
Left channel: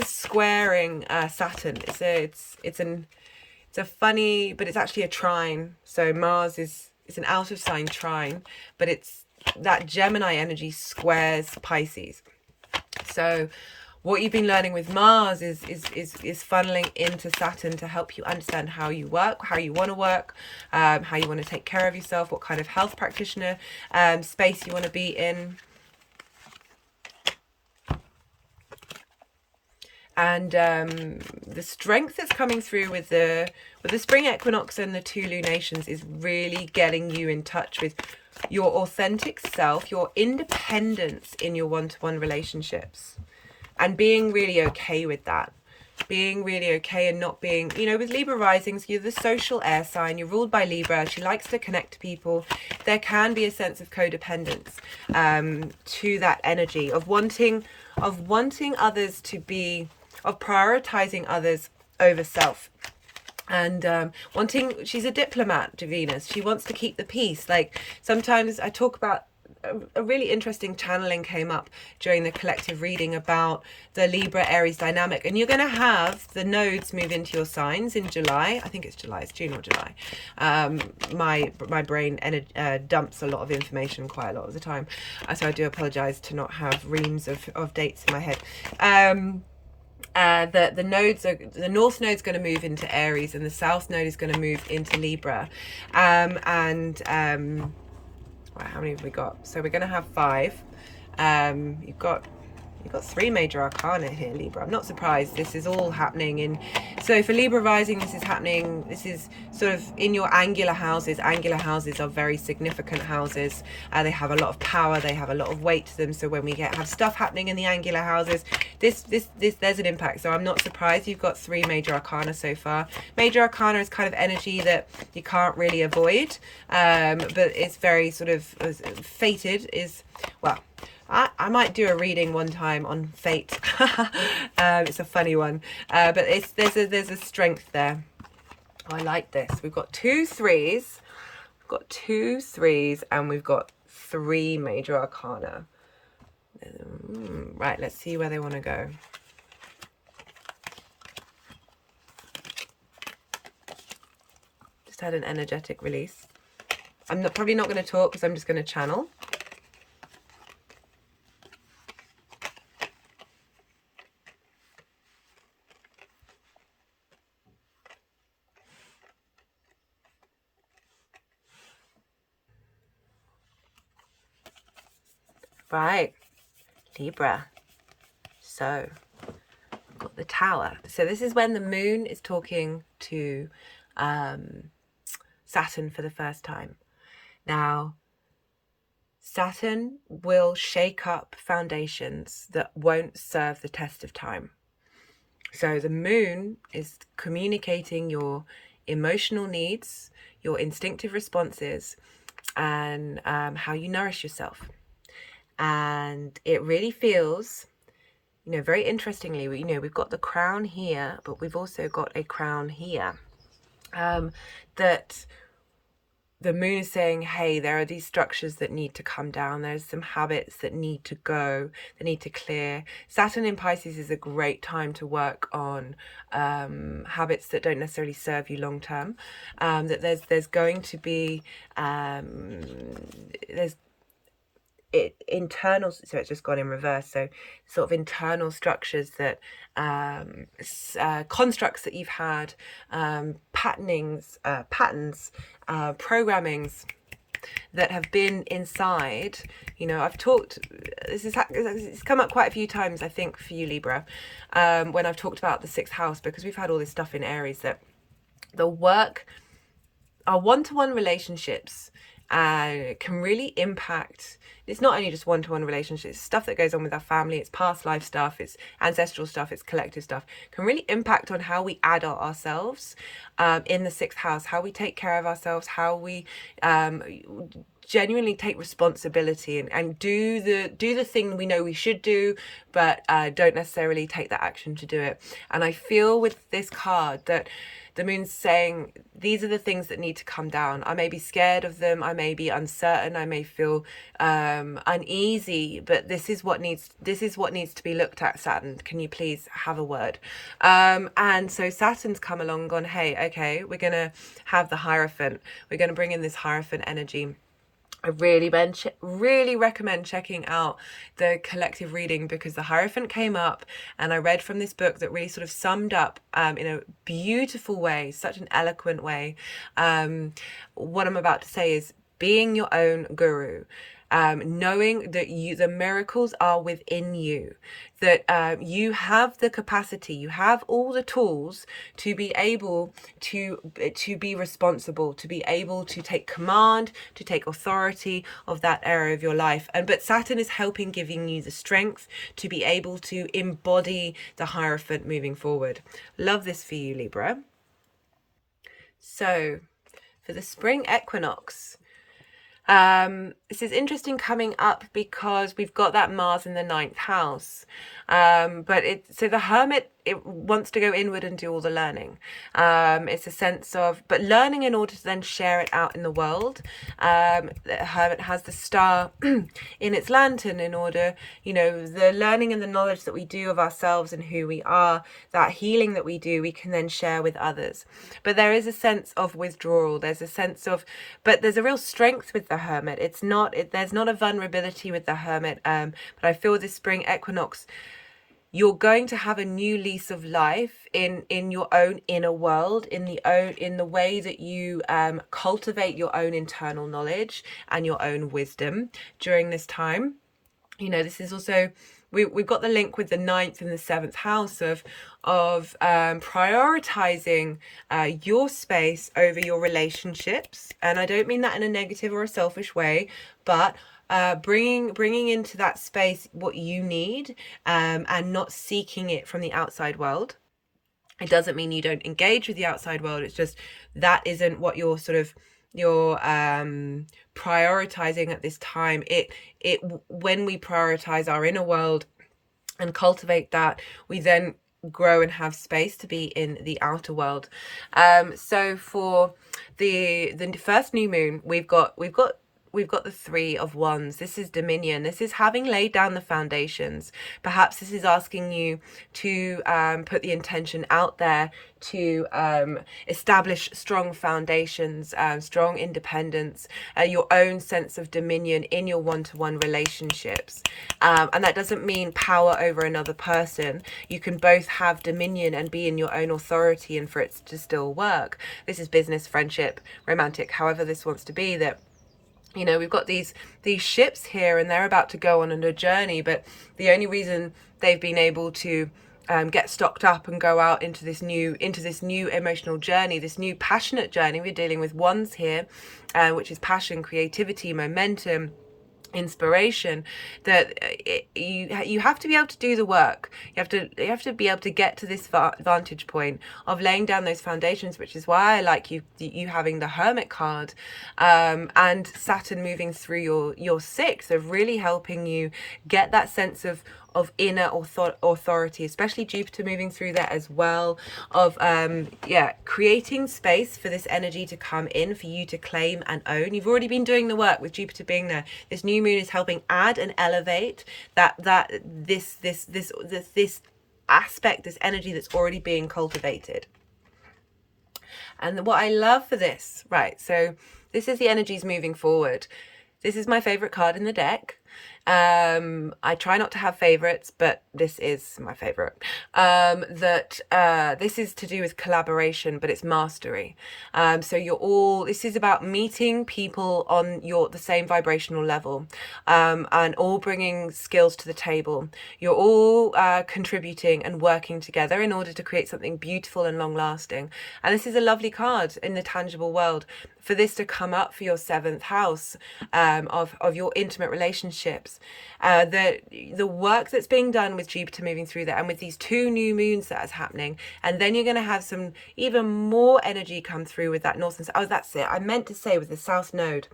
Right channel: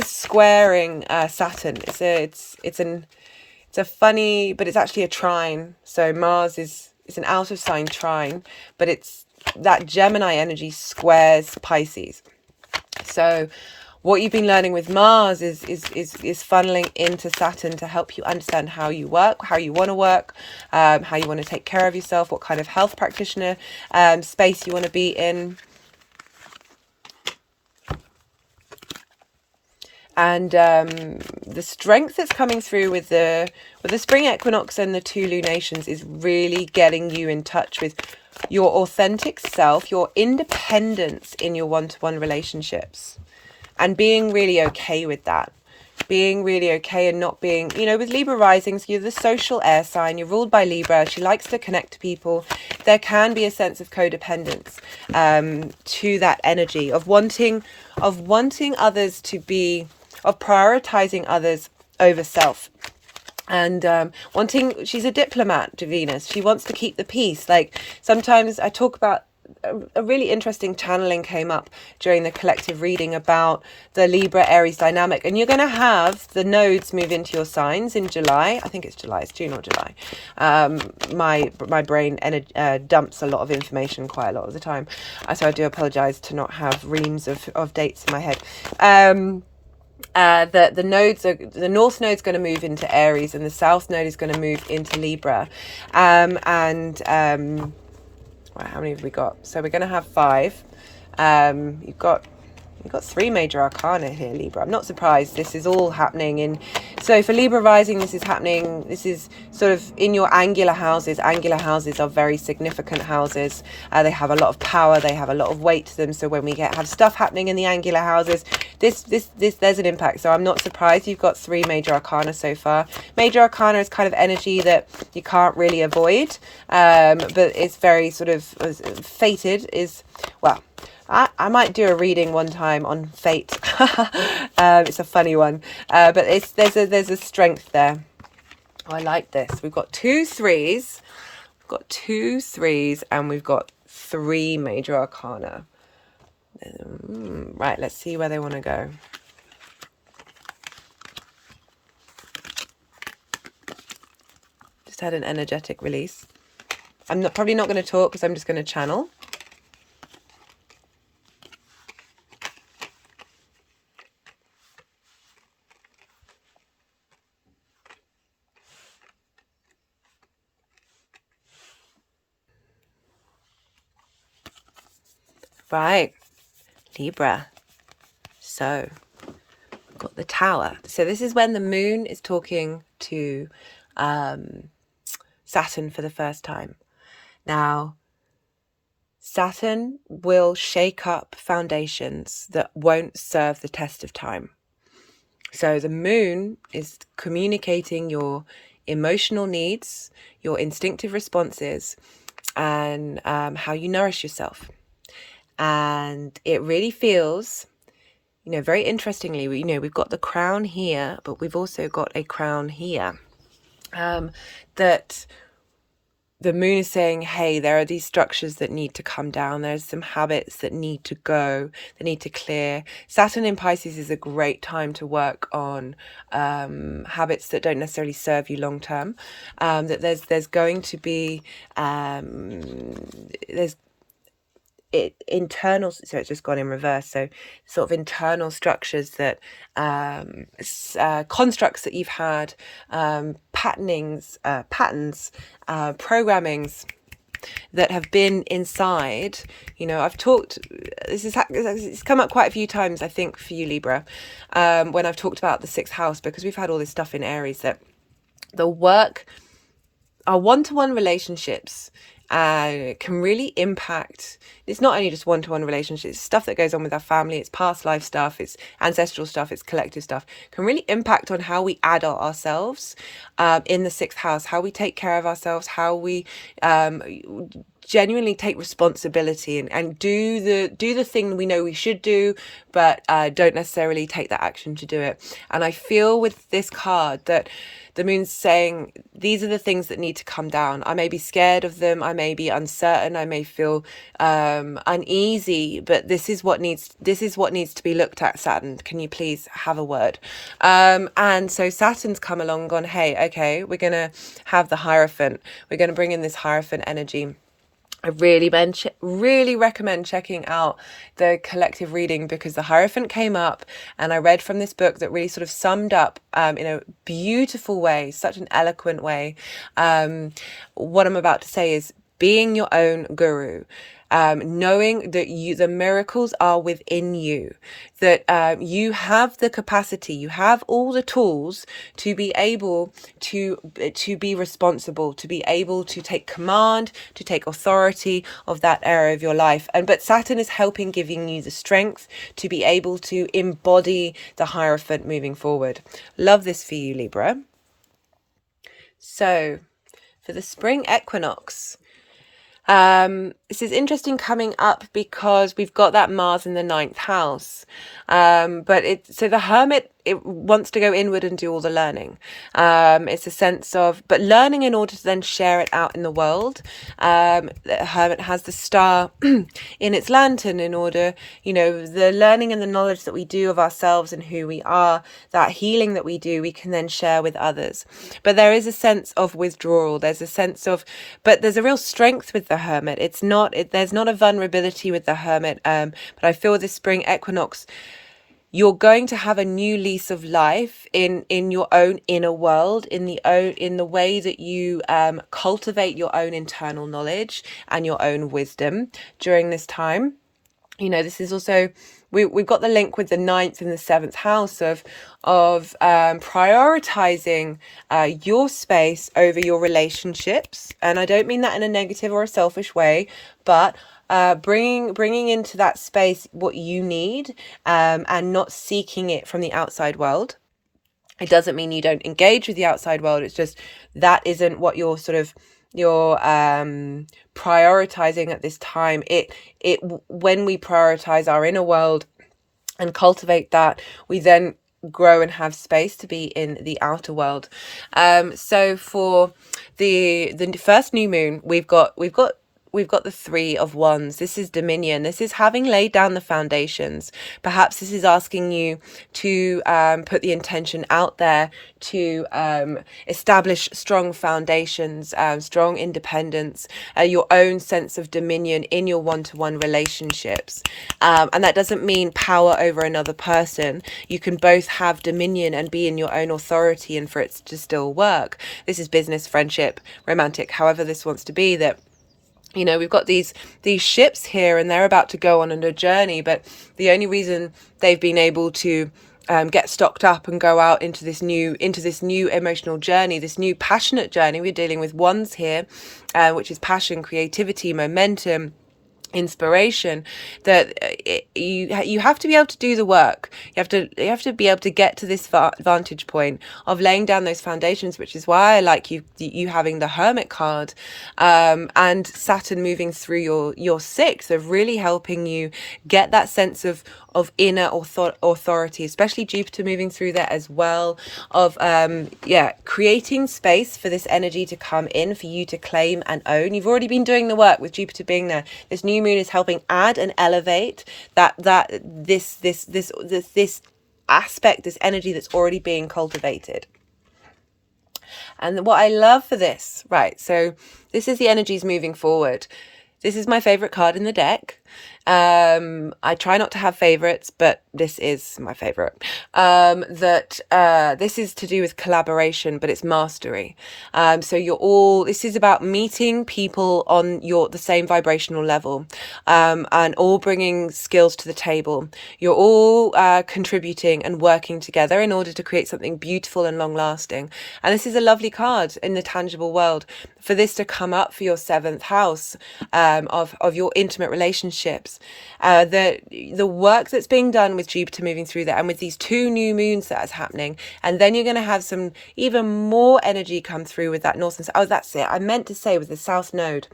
squaring Saturn. It's a funny, but it's actually a trine. So Mars it's an out of sign trine, but it's that Gemini energy squares Pisces. So what you've been learning with Mars is funneling into Saturn to help you understand how you work, how you want to work, how you want to take care of yourself, what kind of health practitioner space you want to be in. And the strength that's coming through with the spring equinox and the 2 lunations is really getting you in touch with your authentic self, your independence in your one-to-one relationships, and being really okay with that. Being really okay and not being, with Libra risings, you're the social air sign, you're ruled by Libra, she likes to connect to people. There can be a sense of codependence to that energy of wanting others to be, of prioritizing others over self. And she's a diplomat to Venus. She wants to keep the peace. Like, sometimes I talk about a really interesting channeling came up during the collective reading about the Libra Aries dynamic, and you're going to have the nodes move into your signs in July. I think it's July, it's June or July. My brain dumps a lot of information quite a lot of the time, so I do apologize to not have reams of dates in my head. The nodes are, the north node's going to move into Aries and the south node is going to move into Libra. Right, how many have we got? So we're going to have 5. You've got 3 major arcana here, Libra. I'm not surprised. This is all happening in... So for Libra rising, this is happening... This is sort of in your angular houses. Angular houses are very significant houses. They have a lot of power. They have a lot of weight to them. So when we have stuff happening in the angular houses, there's an impact. So I'm not surprised you've got 3 major arcana so far. Major arcana is kind of energy that you can't really avoid. But it's very sort of fated is... Well... I might do a reading one time on fate. It's a funny one, but there's a strength there. Oh, I like this. We've got 2 3s. We've got 2 3s, and we've got 3 major arcana. Right, let's see where they want to go. Just had an energetic release. I'm probably not going to talk because I'm just going to channel. Right, Libra. So, got the Tower. So this is when the moon is talking to Saturn for the first time. Now, Saturn will shake up foundations that won't serve the test of time. So the moon is communicating your emotional needs, your instinctive responses, and how you nourish yourself. And it really feels, very interestingly, we've got the crown here, but we've also got a crown here. That the moon is saying, hey, there are these structures that need to come down. There's some habits that need to go, that need to clear. Saturn in Pisces is a great time to work on habits that don't necessarily serve you long term. That there's going to be internal, so it's just gone in reverse, so sort of internal structures that constructs that you've had, patterns, programmings that have been inside. I've talked, it's come up quite a few times, I think, for you, Libra, when I've talked about the 6th house, because we've had all this stuff in Aries, that the work, our one-to-one relationships can really impact. It's not only just one-to-one relationships, it's stuff that goes on with our family, it's past life stuff, it's ancestral stuff, it's collective stuff, can really impact on how we adult ourselves in the 6th house, how we take care of ourselves, how we genuinely take responsibility and do the thing we know we should do, but don't necessarily take that action to do it. And I feel with this card that the moon's saying these are the things that need to come down. I may be scared of them, I may be uncertain, I may feel uneasy, but this is what needs to be looked at, Saturn. Can you please have a word? And so Saturn's come along and gone, hey, okay, we're gonna have the Hierophant. We're gonna bring in this Hierophant energy. I really recommend checking out the collective reading, because the Hierophant came up and I read from this book that really sort of summed up in a beautiful way, such an eloquent way. What I'm about to say is being your own guru. Knowing that the miracles are within you, that you have the capacity, you have all the tools to be able to be responsible, to be able to take command, to take authority of that area of your life. But Saturn is helping, giving you the strength to be able to embody the Hierophant moving forward. Love this for you, Libra. So for the spring equinox, this is interesting coming up because we've got that Mars in the 9th house, but so the Hermit it wants to go inward and do all the learning. It's a sense of, but learning in order to then share it out in the world. The Hermit has the star in its lantern in order, the learning and the knowledge that we do of ourselves and who we are, that healing that we do, we can then share with others. But there is a sense of withdrawal. There's a sense of, but there's a real strength with the Hermit. There's not a vulnerability with the Hermit. But I feel this spring equinox, you're going to have a new lease of life in your own inner world, in the way that you cultivate your own internal knowledge and your own wisdom during this time. This is also, we've got the link with the 9th and the 7th house of prioritizing your space over your relationships. And I don't mean that in a negative or a selfish way, but bringing into that space what you need, and not seeking it from the outside world. It doesn't mean you don't engage with the outside world. It's just that isn't what you're prioritizing at this time. When we prioritize our inner world and cultivate that, we then grow and have space to be in the outer world. So for the first new moon, we've got the 3 of Wands. This is dominion. This is having laid down the foundations. Perhaps this is asking you to put the intention out there to establish strong foundations, strong independence, your own sense of dominion in your one-to-one relationships. And that doesn't mean power over another person. You can both have dominion and be in your own authority, and for it to still work. This is business, friendship, romantic, however this wants to be, that we've got these ships here and they're about to go on a journey, but the only reason they've been able to get stocked up and go out into this new emotional journey, this new passionate journey. We're dealing with Wands here, which is passion, creativity, momentum, inspiration, that you have to be able to do the work. You have to be able to get to this vantage point of laying down those foundations, which is why I like you having the Hermit card, and Saturn moving through your 6th, of really helping you get that sense of inner authority, especially Juipter moving through there as well, of creating space for this energy to come in, for you to claim and own. You've already been doing the work with Jupiter being there. This new moon is helping add and elevate this aspect, this energy that's already being cultivated. And what I love for this, right, so this is the energies moving forward. This is my favorite card in the deck. I try not to have favorites, but this is my favorite. This is to do with collaboration, but it's mastery. So this is about meeting people on the same vibrational level, and all bringing skills to the table. You're all contributing and working together in order to create something beautiful and long lasting. And this is a lovely card in the tangible world. For this to come up for your 7th house, of your intimate relationships, the work that's being done with Jupiter moving through there, and with these 2 new moons that is happening, and then you're going to have some even more energy come through with that north and south. Oh, that's it. I meant to say with the South Node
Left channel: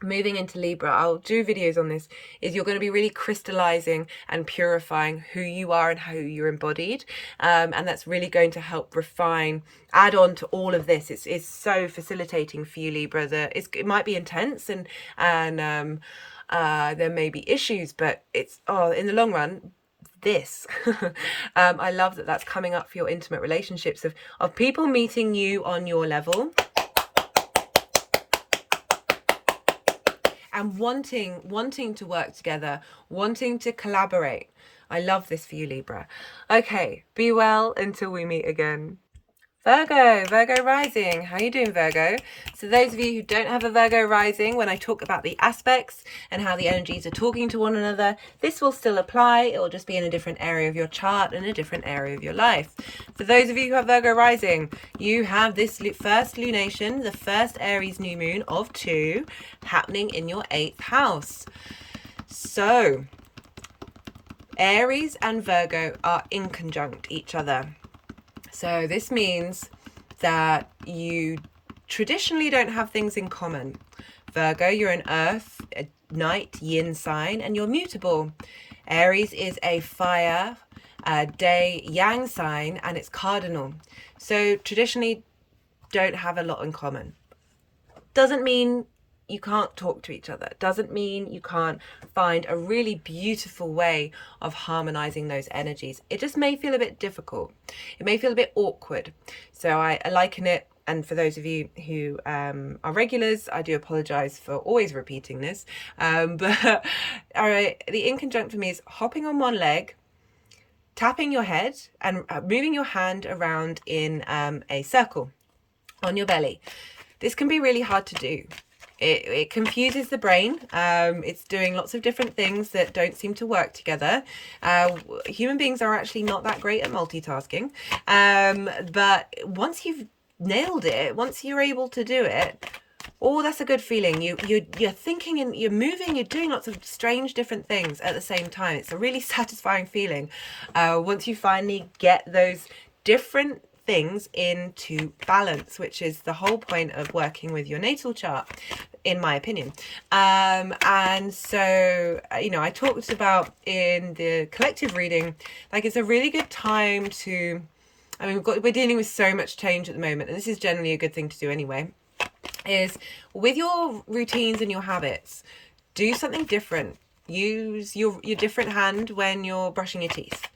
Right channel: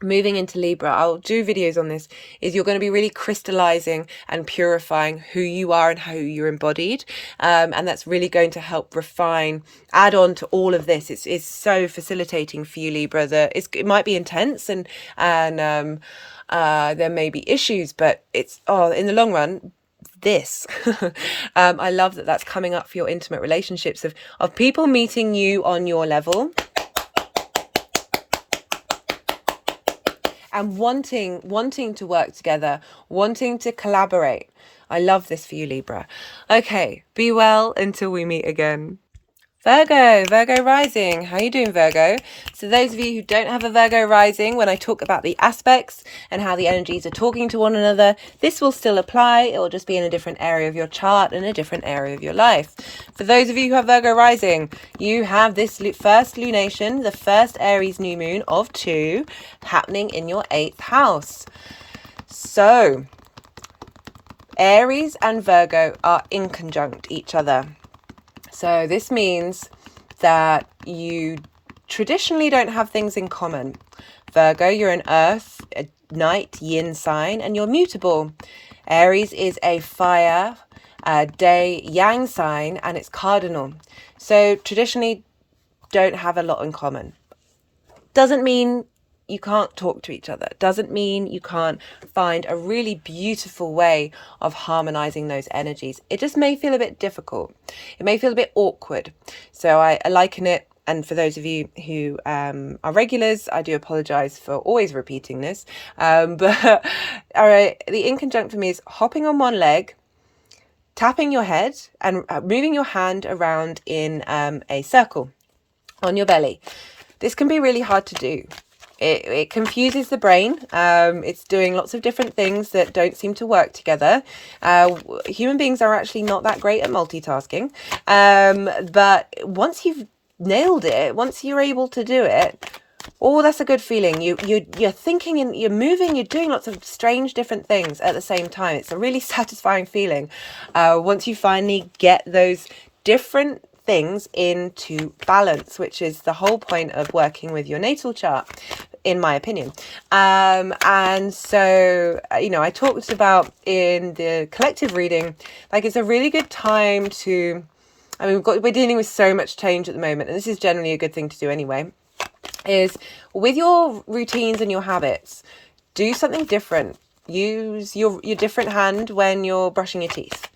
moving into Libra, I'll do videos on this, is you're going to be really crystallizing and purifying who you are and how you're embodied, and that's really going to help refine, add on to all of this. It's so facilitating for you, Libra, that it might be intense and there may be issues, but it's in the long run, this I love that that's coming up for your intimate relationships, of people meeting you on your level and wanting to work together, wanting to collaborate. I love this for you, Libra. Okay, be well until we meet again. Virgo rising. How you doing, Virgo? So those of you who don't have a Virgo rising, when I talk about the aspects and how the energies are talking to one another, this will still apply. It will just be in a different area of your chart and a different area of your life. For those of you who have Virgo rising, you have this first lunation, the first Aries new moon of 2, happening in your 8th house. So Aries and Virgo are in conjunct each other. So this means that you traditionally don't have things in common. Virgo, you're an earth, a night, yin sign, and you're mutable. Aries is a fire, day yang sign, and it's cardinal. So traditionally don't have a lot in common. Doesn't mean you can't talk to each other. Doesn't mean you can't find a really beautiful way of harmonizing those energies. It just may feel a bit difficult. It may feel a bit awkward. So I liken it, and for those of you who are regulars, I do apologize for always repeating this. But all right, the in conjunct for me is hopping on one leg, tapping your head, and moving your hand around in a circle on your belly. This can be really hard to do. It confuses the brain. It's doing lots of different things that don't seem to work together. Human beings are actually not that great at multitasking. But once you've nailed it, once you're able to do it, oh, that's a good feeling. You're thinking and you're moving, you're doing lots of strange different things at the same time. It's a really satisfying feeling once you finally get those different things into balance, which is the whole point of working with your natal chart, in my opinion. And so, I talked about in the collective reading, like it's a really good time to, we're dealing with so much change at the moment, and this is generally a good thing to do anyway, is with your routines and your habits, do something different. Use your different hand when you're brushing your teeth.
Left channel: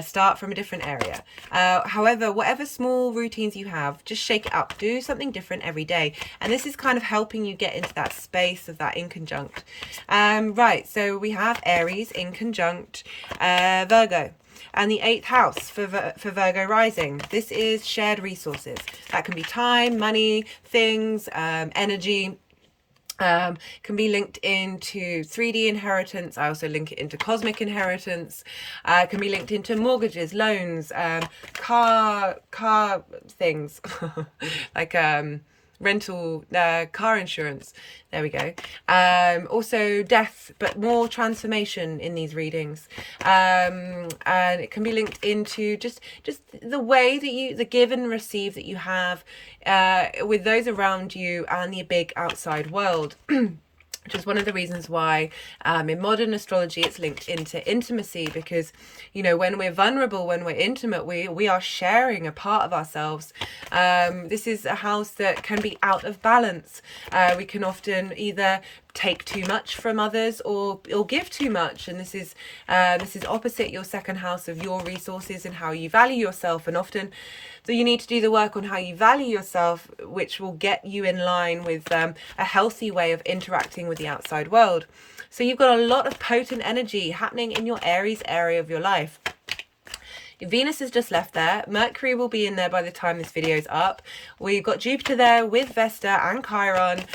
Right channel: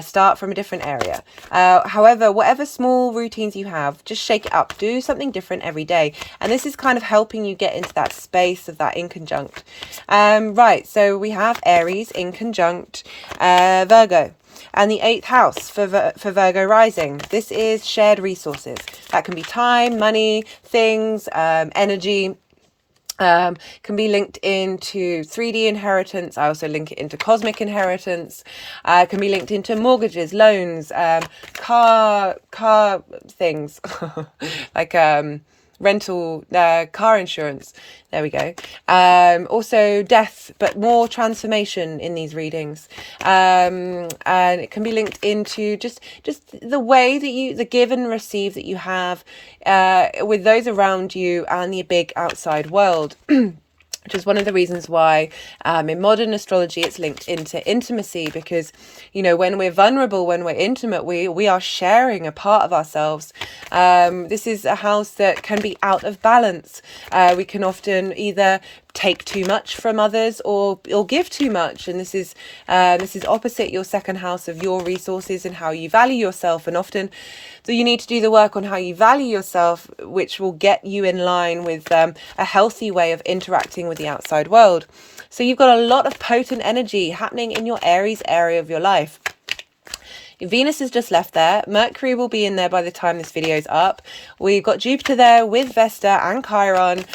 Start from a different area. However, whatever small routines you have, just shake it up. Do something different every day. And this is kind of helping you get into that space of that in conjunct. Right, so we have Aries in conjunct Virgo. And the 8th house for Virgo rising. This is shared resources. That can be time, money, things, energy. Can be linked into 3D inheritance. I also link it into cosmic inheritance. Can be linked into mortgages, loans, car things like rental, car insurance. There we go. Also death, but more transformation in these readings. And it can be linked into just the way that the give and receive that you have with those around you and the big outside world. Which is one of the reasons why in modern astrology it's linked into intimacy, because when we're vulnerable, when we're intimate, we are sharing a part of ourselves. This is a house that can be out of balance. We can often either take too much from others or give too much, and this is opposite your second house of your resources and how you value yourself. And often so you need to do the work on how you value yourself, which will get you in line with a healthy way of interacting with the outside world. So you've got a lot of potent energy happening in your Aries area of your life. Venus has just left there. Mercury will be in there by the time this video is up. We've got Jupiter there with Vesta and Chiron.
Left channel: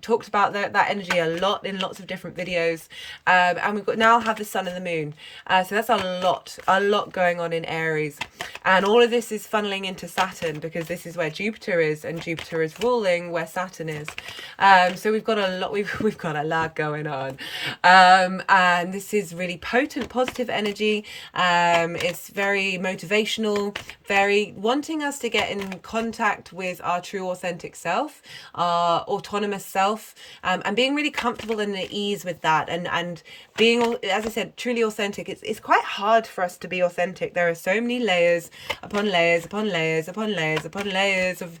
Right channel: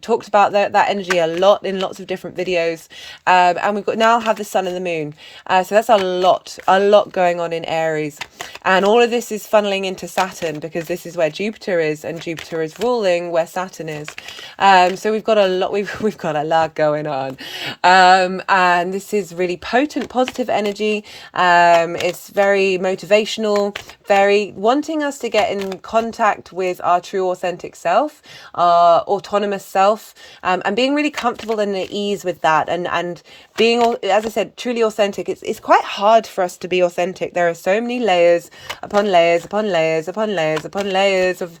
Talked about that energy a lot in lots of different videos. And we've got now have the sun and the moon. So that's a lot going on in Aries. And all of this is funneling into Saturn, because this is where Jupiter is, and Jupiter is ruling where Saturn is. So we've got a lot going on. And this is really potent, positive energy. It's very motivational, very wanting us to get in contact with our true authentic self, our autonomous self, and being really comfortable and at ease with that, and being, as I said, truly authentic. It's quite hard for us to be authentic. There are so many layers upon layers upon layers upon layers upon layers of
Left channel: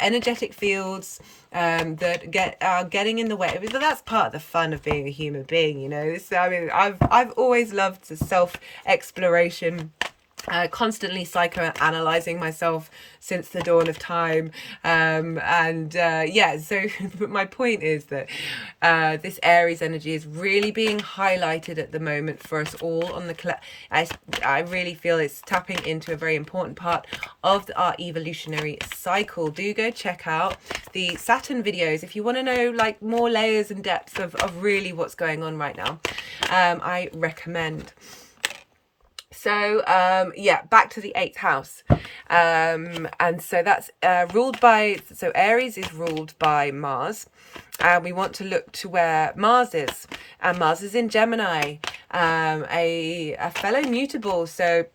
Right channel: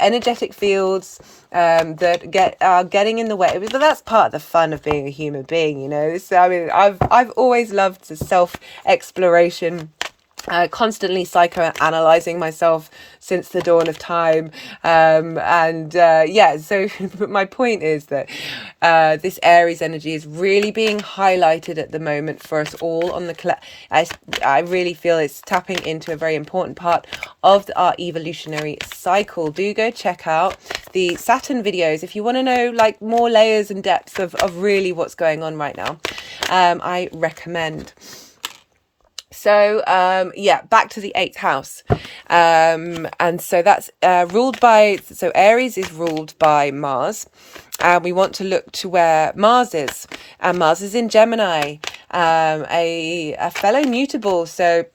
energetic fields that are getting in the way. But that's part of the fun of being a human being, So I've always loved the self-exploration, constantly psychoanalyzing myself since the dawn of time. So but my point is that this Aries energy is really being highlighted at the moment for us all on the I really feel it's tapping into a very important part of our evolutionary cycle. Do go check out the Saturn videos if you want to know like more layers and depths of really what's going on right now. I recommend. So, back to the 8th house. And so that's ruled by, so Aries is ruled by Mars. We want to look to where Mars is. And Mars is in Gemini, a fellow mutable. So,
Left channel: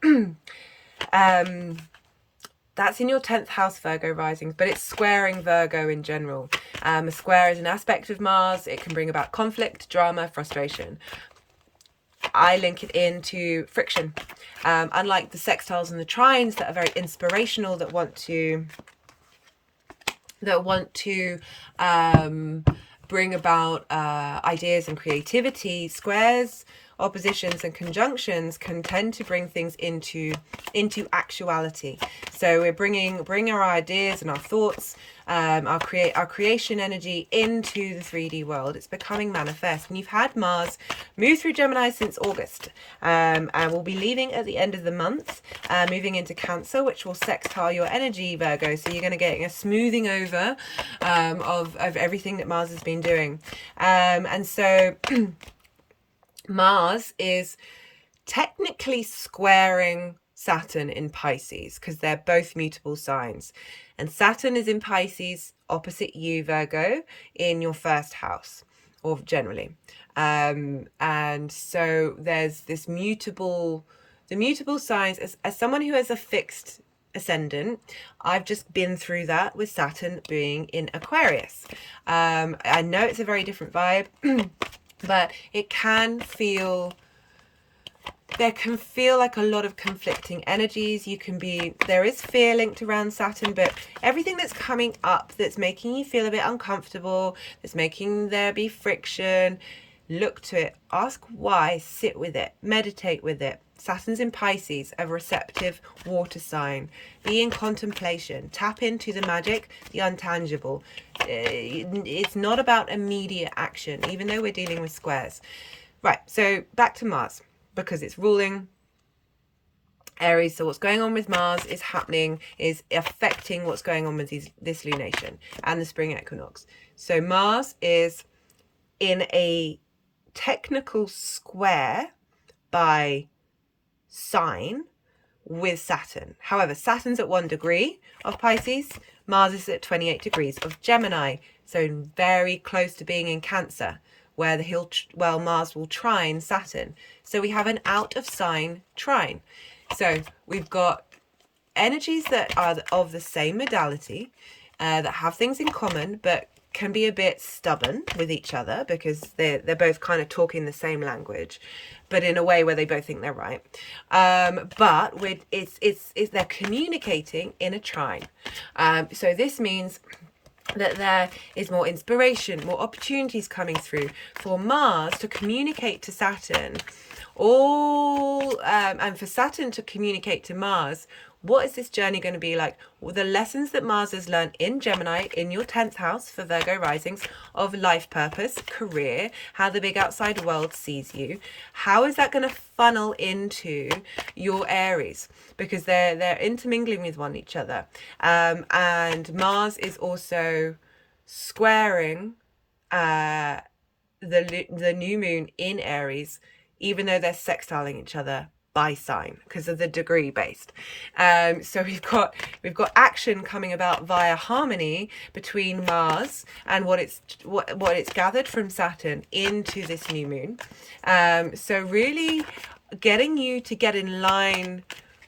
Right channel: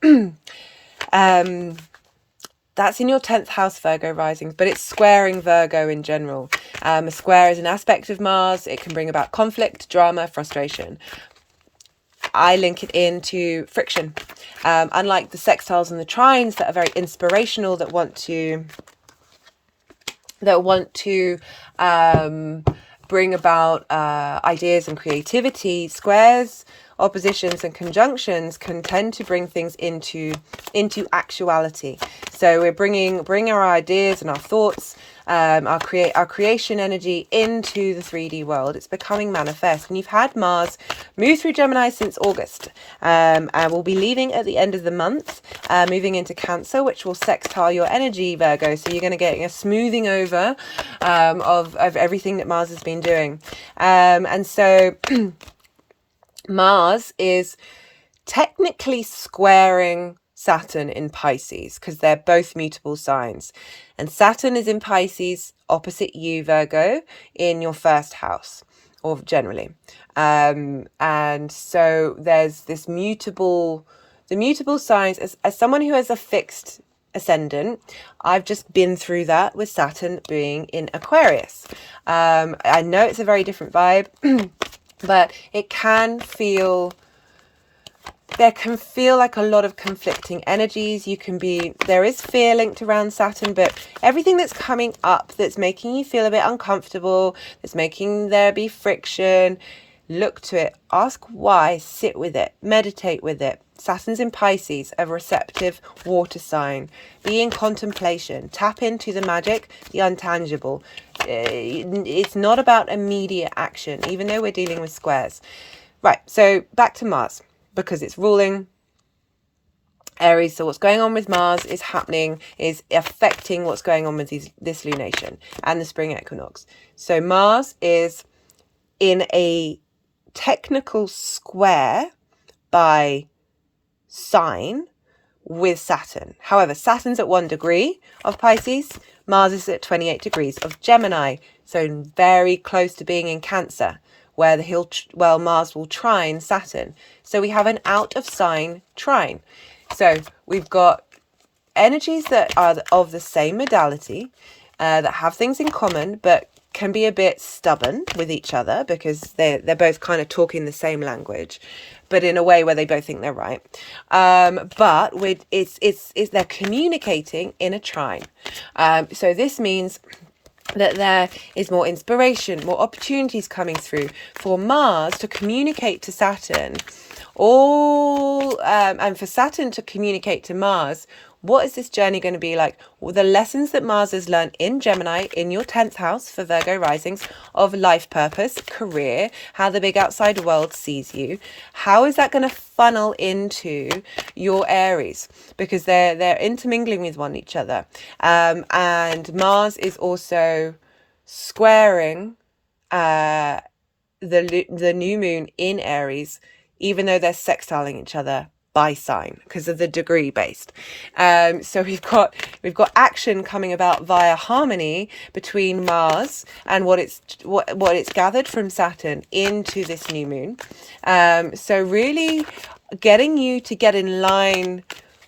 that's in your 10th house, Virgo risings, but it's squaring Virgo in general. A square is an aspect of Mars. It can bring about conflict, drama, frustration. I link it into friction. Unlike the sextiles and the trines that are very inspirational, that want to bring about ideas and creativity, squares, oppositions and conjunctions can tend to bring things into actuality. So we're bring our ideas and our thoughts, our creation energy into the 3D world. It's becoming manifest. And you've had Mars move through Gemini since August, and will be leaving at the end of the month, moving into Cancer, which will sextile your energy, Virgo. So you're going to get a smoothing over of everything that Mars has been doing. And so Mars is technically squaring Saturn in Pisces, because they're both mutable signs. And Saturn is in Pisces opposite you, Virgo, in your first house, or generally. And so there's this the mutable signs. As someone who has a fixed ascendant, I've just been through that with Saturn being in Aquarius. I know it's a very different vibe, but it can feel... there can feel like a lot of conflicting energies. There is fear linked around Saturn, but everything that's coming up that's making you feel a bit uncomfortable, that's making there be friction, look to it, ask why, sit with it, meditate with it. Saturn's in Pisces, a receptive water sign. Be in contemplation, tap into the magic, the untangible. It's not about immediate action, even though we're dealing with squares. Right, so back to Mars, because it's ruling Aries. So what's going on with Mars is affecting what's going on with this lunation and the spring equinox. So Mars is in a technical square by sign with Saturn. However, Saturn's at 1 degree of Pisces, Mars is at 28 degrees of Gemini, so very close to being in Cancer, where Mars will trine Saturn. So we have an out of sign trine. So we've got energies that are of the same modality, that have things in common, but can be a bit stubborn with each other because they're both kind of talking the same language, but in a way where they both think they're right. But they're communicating in a trine. So this means that there is more inspiration, more opportunities coming through for Mars to communicate to Saturn, and for Saturn to communicate to Mars. What is this journey going to be like? Well, the lessons that Mars has learned in Gemini, in your 10th house for Virgo risings, of life purpose, career, how the big outside world sees you. How is that going to funnel into your Aries? Because they're intermingling with each other. And Mars is also squaring the new moon in Aries, even though they're sextiling each other by sign because of the degree based. So we've got action coming about via harmony between Mars and what it's gathered from Saturn into this new moon. So really getting you to get in line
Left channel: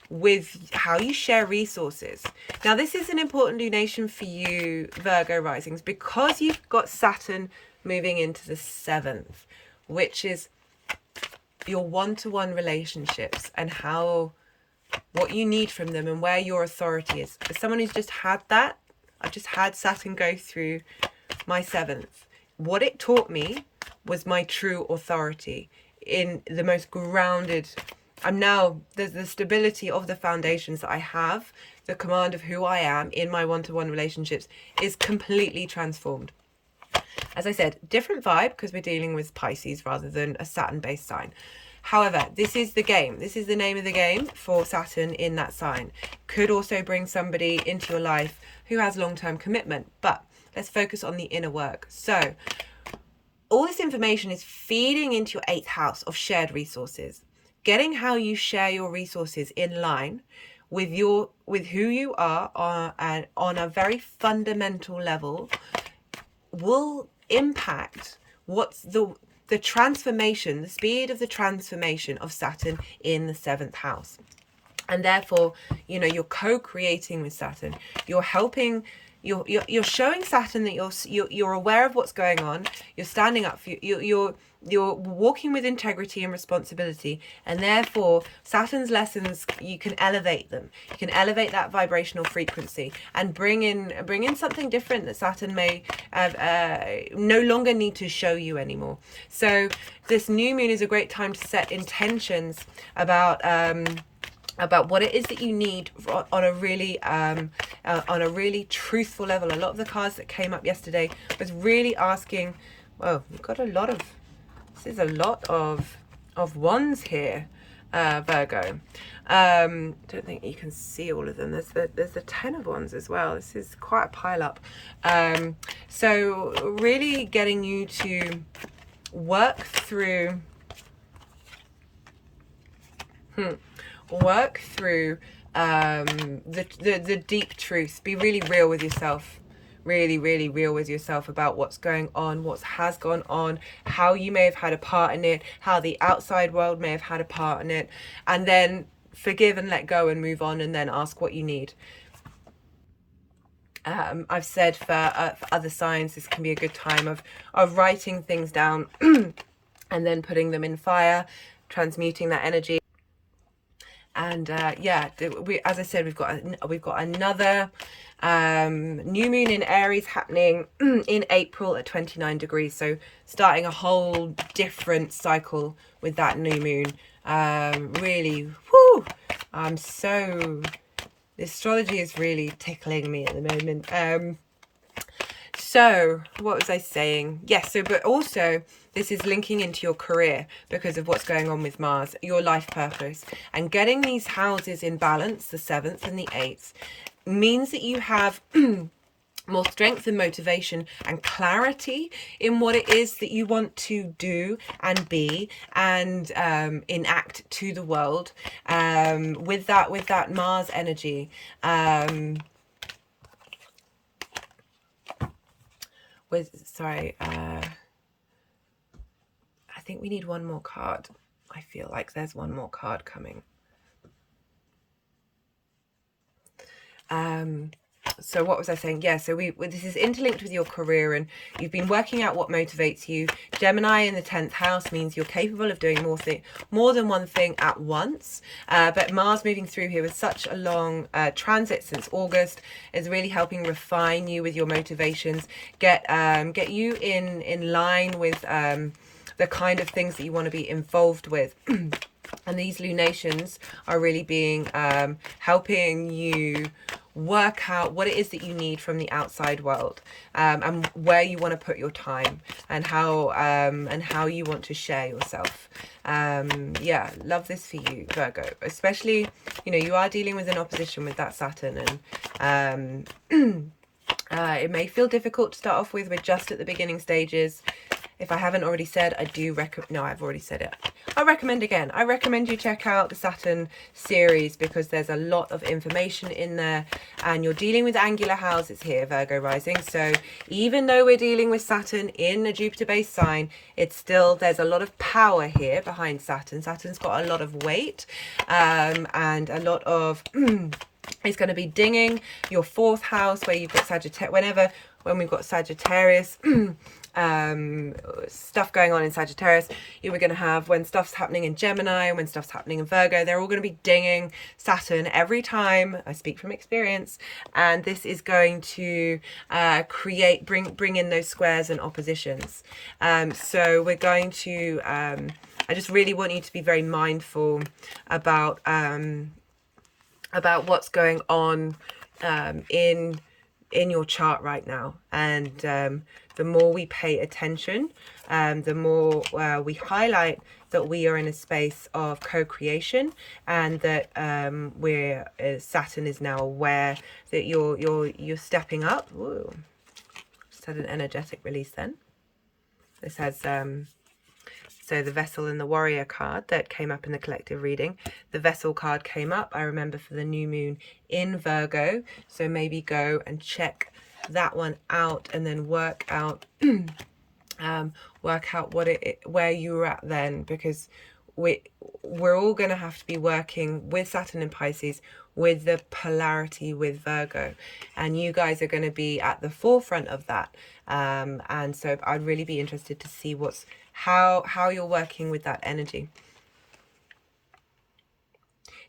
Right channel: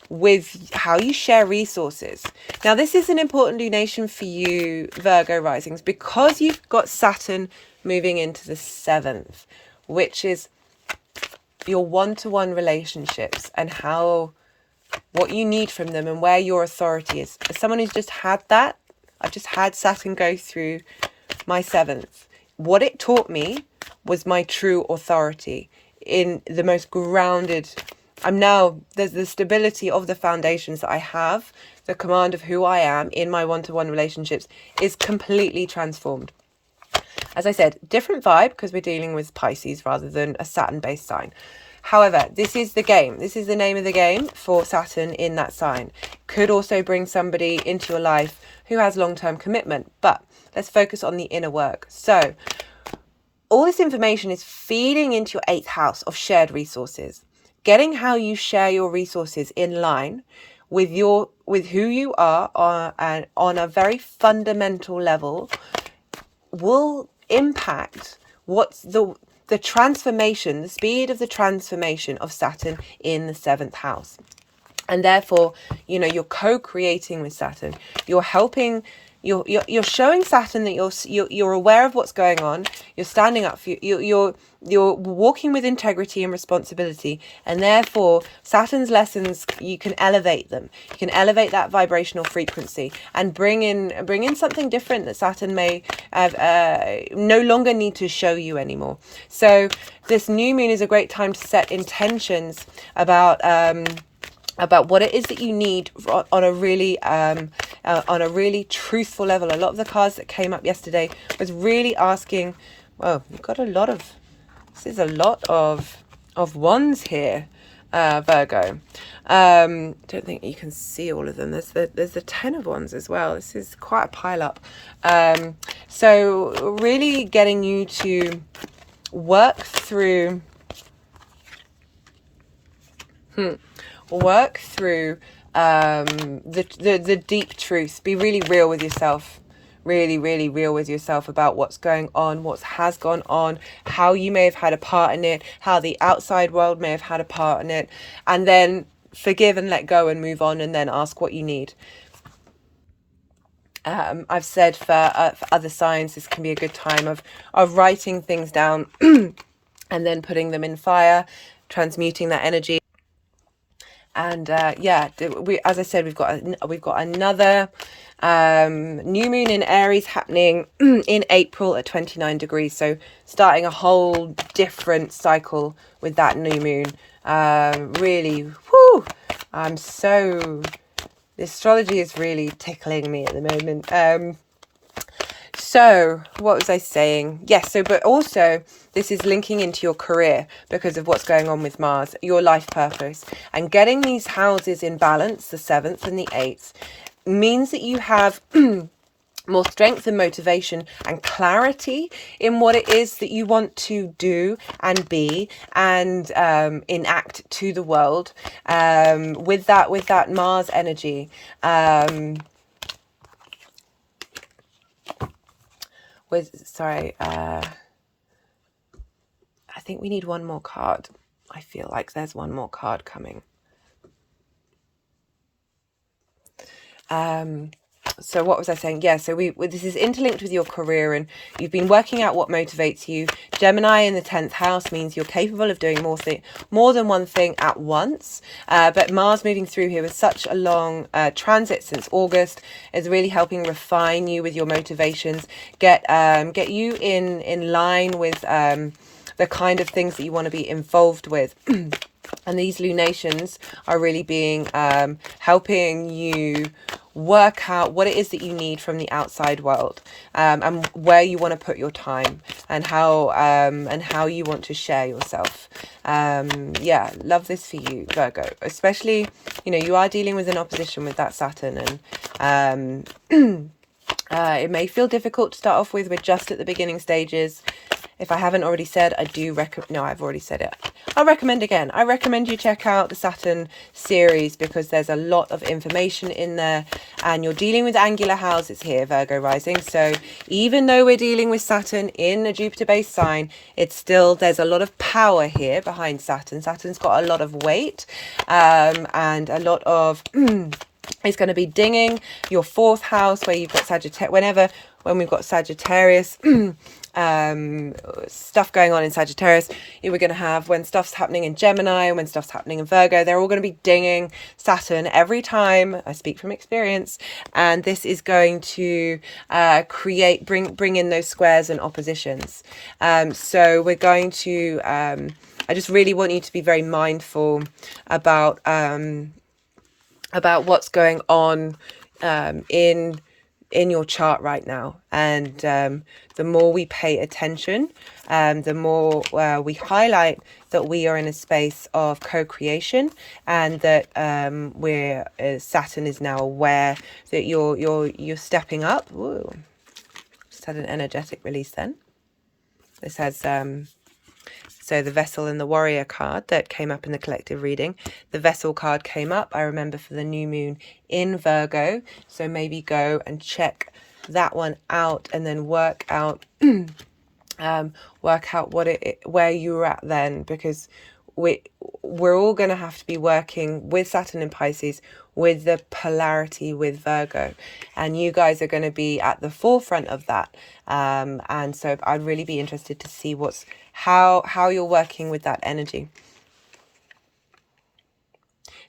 with how you share resources. Now this is an important lunation for you, Virgo risings, because you've got Saturn moving into the 7th, which is your one-to-one relationships and what you need from them and where your authority is. As someone who's just had that, I've just had Saturn go through my 7th. What it taught me was my true authority in the most grounded. There's the stability of the foundations that I have, the command of who I am in my one-to-one relationships is completely transformed. As I said, different vibe because we're dealing with Pisces rather than a Saturn-based sign. However, this is the game. This is the name of the game for Saturn in that sign. Could also bring somebody into your life who has long-term commitment. But let's focus on the inner work. So all this information is feeding into your 8th house of shared resources. Getting how you share your resources in line with who you are on a very fundamental level will impact what's the transformation, the speed of the transformation of Saturn in the 7th house. And therefore, you're co-creating with Saturn. You're helping you're showing Saturn that you're aware of what's going on. You're standing up for you're walking with integrity and responsibility, and therefore Saturn's lessons, you can elevate them. You can elevate that vibrational frequency and bring in something different that Saturn may have, no longer need to show you anymore. So this new moon is a great time to set intentions about what it is that you need on a really truthful level. A lot of the cards that came up yesterday was really asking, well, you've got this is a lot of wands here, Virgo. Don't think you can see all of them. There's the 10 of wands as well. This is quite a pile up. So really getting you to work through the deep truth. Be really real with yourself. Really real with yourself about what's going on, what has gone on, how you may have had a part in it, how the outside world may have had a part in it, and then forgive and let go and move on, and then ask what you need. I've said for other signs, this can be a good time of writing things down and then putting them in fire, transmuting that energy. And yeah, as I said, we've got another new moon in Aries happening in April at 29 degrees. So starting a whole different cycle with that new moon. Really, whoo! The astrology is really tickling me at the moment. So what was I saying? Yes, but also this is linking into your career because of what's going on with Mars, your life purpose. And getting these houses in balance, the 7th and the 8th, means that you have more strength and motivation and clarity in what it is that you want to do and be and enact to the world, with that Mars energy. I think we need one more card. I feel like there's one more card coming. So what was I saying? Yeah, so this is interlinked with your career, and you've been working out what motivates you. Gemini in the 10th house means you're capable of doing more than one thing at once. But Mars moving through here with such a long transit since August is really helping refine you with your motivations, get you in line with the kind of things that you want to be involved with. And these lunations are really being helping you work out what it is that you need from the outside world, and where you want to put your time, and how you want to share yourself. Yeah, love this for you, Virgo. Especially, you are dealing with an opposition with that Saturn, and it may feel difficult to start off with. We're just at the beginning stages. If I haven't already said, I do recommend... No, I've already said it. I'll recommend again. I recommend you check out the Saturn series because there's a lot of information in there. And you're dealing with angular houses here, Virgo rising. So even though we're dealing with Saturn in a Jupiter-based sign, it's still... There's a lot of power here behind Saturn. Saturn's got a lot of weight, and a lot of... It's going to be dinging your 4th house where you've got Sagittarius. When we've got Sagittarius... stuff going on in Sagittarius, we're going to have, when stuff's happening in Gemini, when stuff's happening in Virgo, they're all going to be dinging Saturn every time. I speak from experience, and this is going to bring in those squares and oppositions. So we're going to I just really want you to be very mindful about what's going on in your chart right now. And the more we pay attention, the more we highlight that we are in a space of co-creation, and that Saturn is now aware that you're stepping up. Ooh, just had an energetic release then. This has so the Vessel and the Warrior card that came up in the collective reading. The Vessel card came up, I remember, for the new moon in Virgo. So maybe go and check that one out, and then work out where you were at then, because we're all going to have to be working with Saturn in Pisces, with the polarity with Virgo, and you guys are going to be at the forefront of that. And so I'd really be interested to see how you're working with that energy.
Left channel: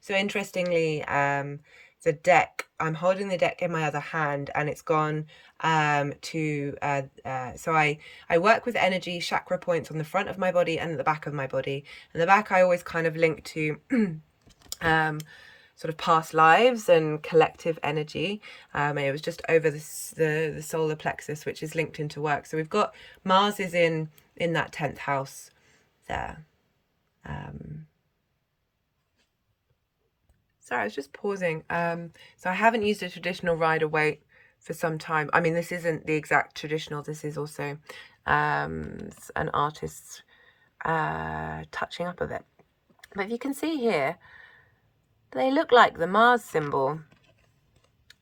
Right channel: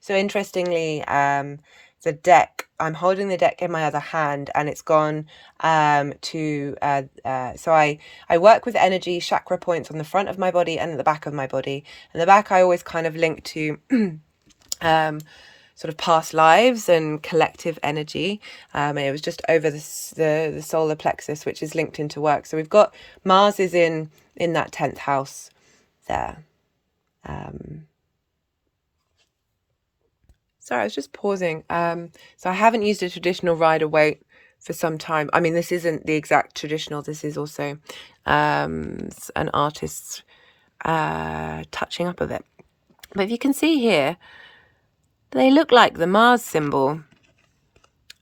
So interestingly, the deck, I'm holding the deck in my other hand, and it's gone so I work with energy chakra points on the front of my body and at the back of my body. And the back I always kind of link to sort of past lives and collective energy. And it was just over the solar plexus, which is linked into work. So we've got Mars is in that 10th house there. Sorry, I was just pausing. So I haven't used a traditional Rider-Waite for some time. I mean, this isn't the exact traditional. This is also an artist's touching up of it. But if you can see here, they look like the Mars symbol.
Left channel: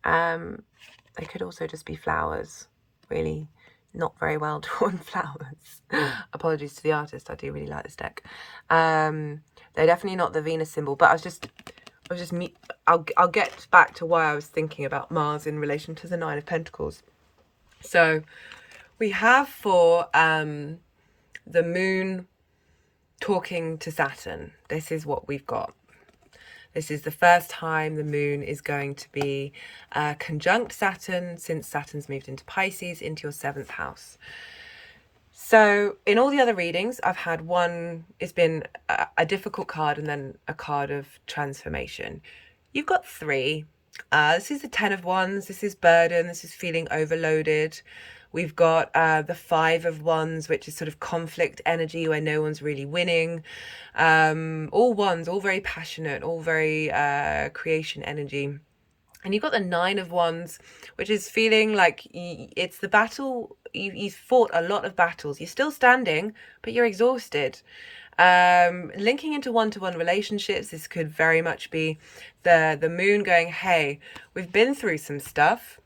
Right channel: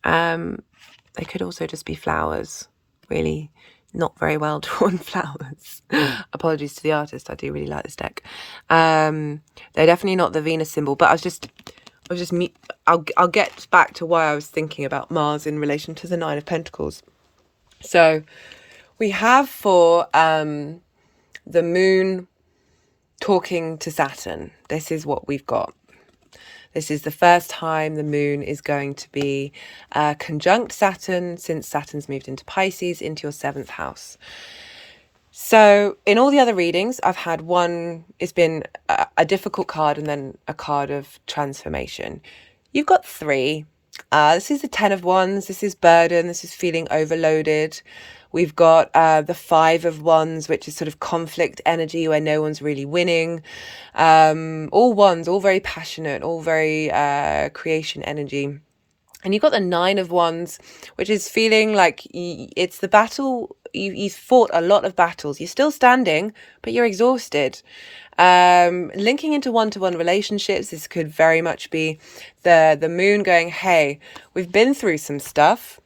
They could also just be flowers, really not very well drawn flowers. Apologies to the artist. I do really like this deck. They're definitely not the Venus symbol, but I'll get back to why I was thinking about Mars in relation to the Nine of Pentacles. So we have for the moon talking to Saturn. This is what we've got. This is the first time the moon is going to be conjunct Saturn since Saturn's moved into Pisces, into your 7th house. So in all the other readings, I've had one, it's been a difficult card and then a card of transformation. You've got 3. This is the 10 of Wands. This is burden. This is feeling overloaded. We've got the 5 of Wands, which is sort of conflict energy where no one's really winning. All Wands, all very passionate, all very creation energy. And you've got the 9 of Wands, which is feeling like it's the battle. You've fought a lot of battles. You're still standing, but you're exhausted. Linking into one-to-one relationships, this could very much be the moon going, hey, we've been through some stuff.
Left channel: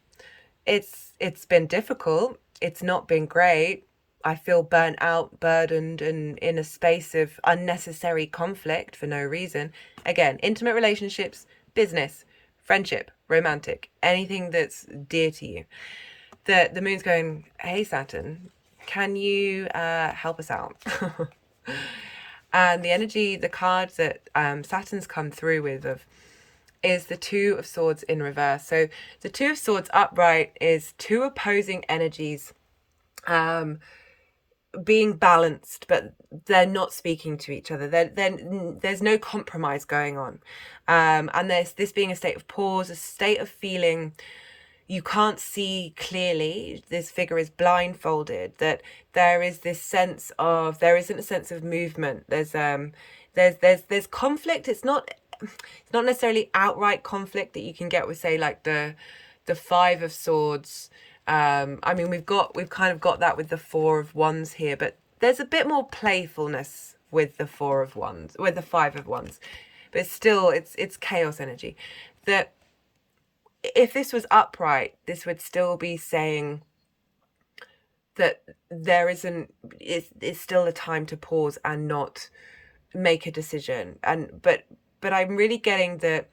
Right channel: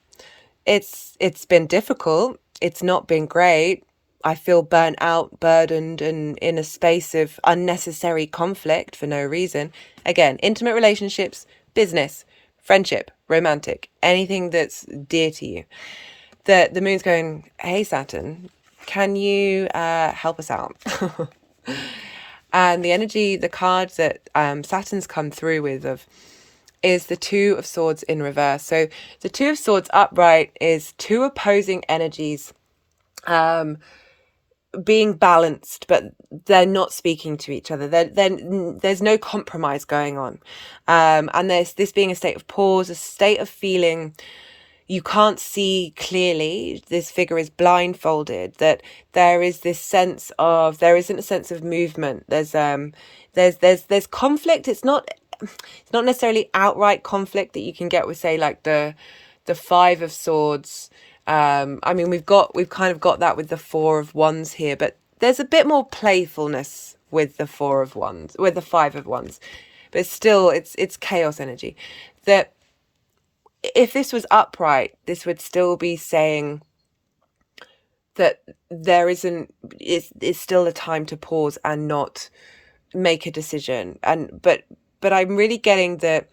It's been difficult. It's not been great. I feel burnt out, burdened, and in a space of unnecessary conflict for no reason. Again, intimate relationships, business, friendship, romantic, anything that's dear to you. The moon's going, hey, Saturn, can you help us out? And the energy, the card that Saturn's come through with is the 2 of Swords in reverse. So the 2 of Swords upright is 2 opposing energies being balanced, but they're not speaking to each other. There's no compromise going on. And there's this being a state of pause, a state of feeling you can't see clearly. This figure is blindfolded, that there is this sense of, there isn't a sense of movement. There's conflict. It's not necessarily outright conflict that you can get with, say, like the 5 of Swords. I mean, we've kind of got that with the 4 of Wands here, but there's a bit more playfulness with the 4 of Wands, with the 5 of Wands, but still it's chaos energy. That if this was upright, this would still be saying that there isn't, it's still a time to pause and not make a decision. But I'm really getting that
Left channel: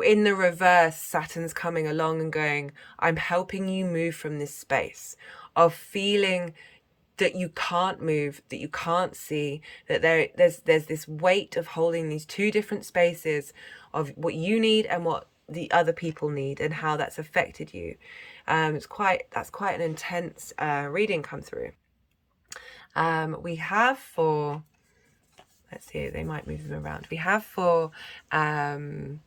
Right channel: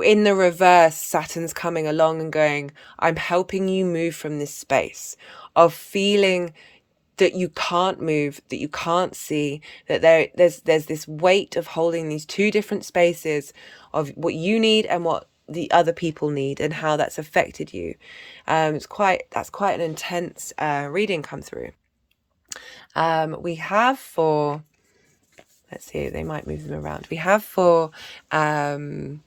in the reverse, Saturn's coming along and going, I'm helping you move from this space of feeling that you can't move, that you can't see, that there's this weight of holding these 2 different spaces of what you need and what the other people need, and how that's affected you. That's quite an intense reading come through. We have for, let's see, they might move them around. We have for the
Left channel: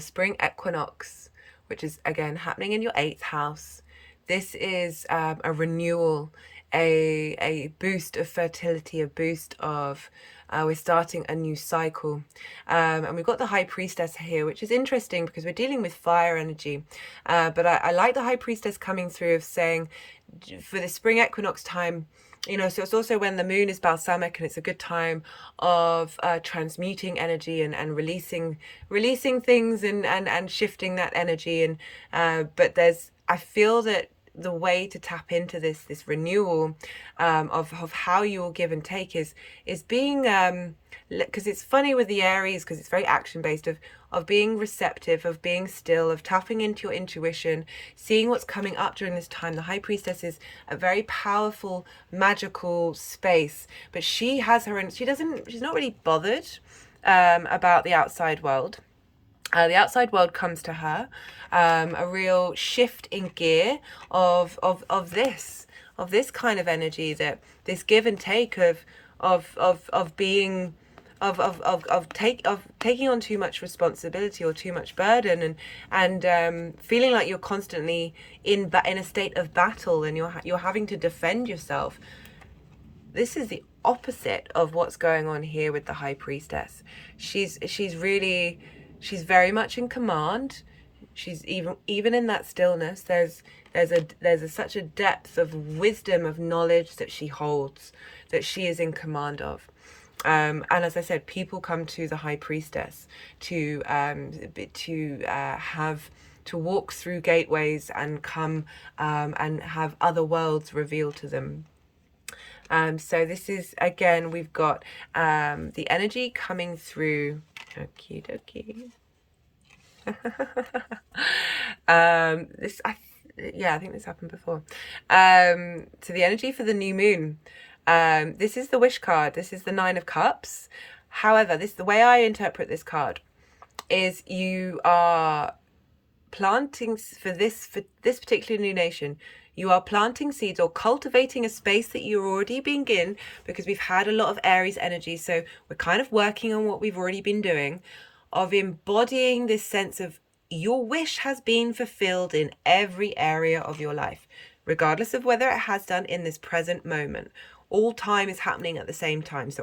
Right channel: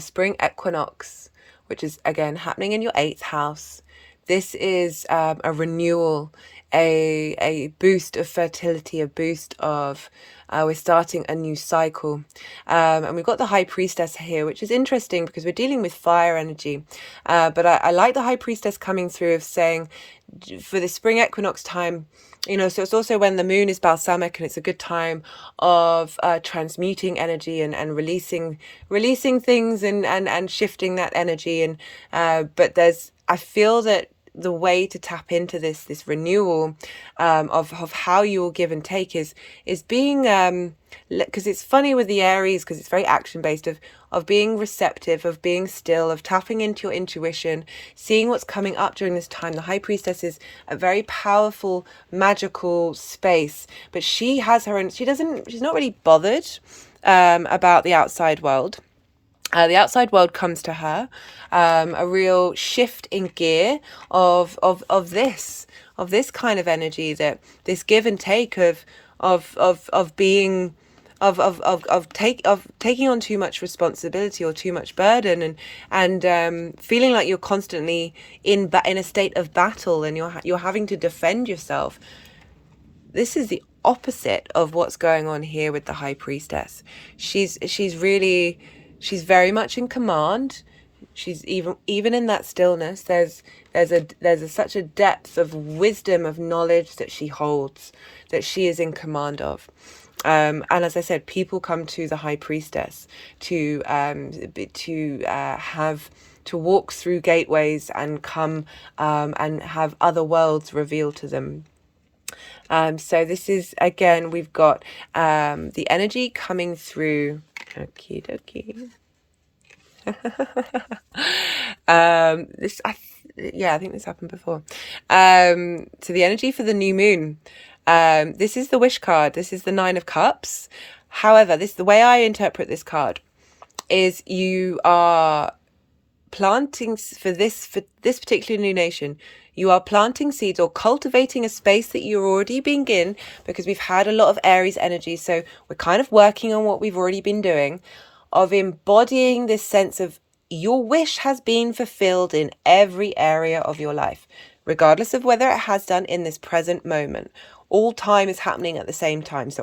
spring equinox, which is again happening in your 8th house. This is a renewal, a boost of fertility, a boost of we're starting a new cycle. And we've got the High Priestess here, which is interesting because we're dealing with fire energy. But I like the High Priestess coming through of saying for the spring equinox time, you know, so it's also when the moon is balsamic, and it's a good time of transmuting energy and releasing things and shifting that energy. And but I feel that the way to tap into this renewal of how you will give and take is being because it's funny with the Aries, because it's very action based, of being receptive, of being still, of tapping into your intuition, seeing what's coming up during this time. The High Priestess is a very powerful, magical space, but she has her own, she's not really bothered about the outside world. The outside world comes to her, a real shift in gear of this kind of energy, that this give and take of being taking on too much responsibility or too much burden, and feeling like you're constantly in a state of battle, and you're having to defend yourself. This is the opposite of what's going on here with the High Priestess. She's very much in command. She's even in that stillness, there's such a depth of wisdom, of knowledge that she holds, that she is in command of. And as I said, people come to the High Priestess to walk through gateways and come and have other worlds revealed to them. So this is, again, we've got the energy coming through. Okie dokie. I think this happened before. So the energy for the new moon. This is the wish card. This is the 9 of Cups. However, the way I interpret this card is you are planting for this particular new nation. You are planting seeds or cultivating a space that you're already being in, because we've had a lot of Aries energy. So we're kind of working on what we've already been doing, of embodying this sense of your wish has been fulfilled in every area of your life, regardless of whether it has done in this present moment. All time is happening at the same time. So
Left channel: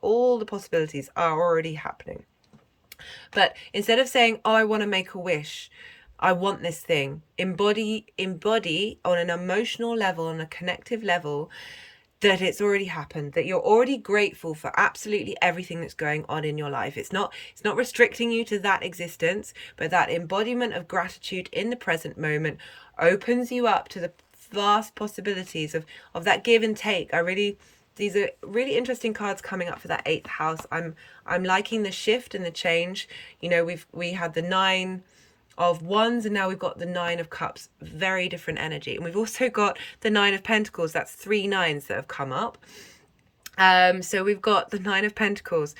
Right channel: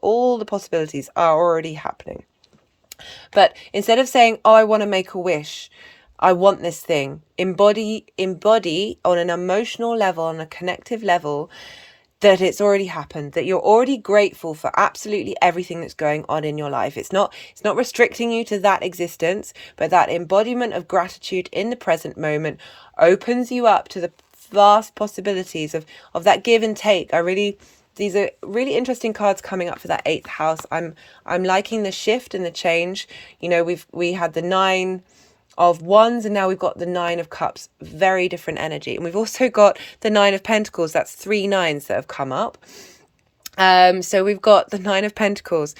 all the possibilities are already happening. But instead of saying, oh, I want to make a wish, I want this thing, embody on an emotional level, on a connective level, that it's already happened, that you're already grateful for absolutely everything that's going on in your life. It's not restricting you to that existence, but that embodiment of gratitude in the present moment opens you up to the vast possibilities of that give and take. These are really interesting cards coming up for that 8th house. I'm liking the shift and the change. You know, we had the 9 of Wands, and now we've got the 9 of Cups. Very different energy. And we've also got the 9 of Pentacles. That's 3 9s that have come up. So we've got the 9 of Pentacles.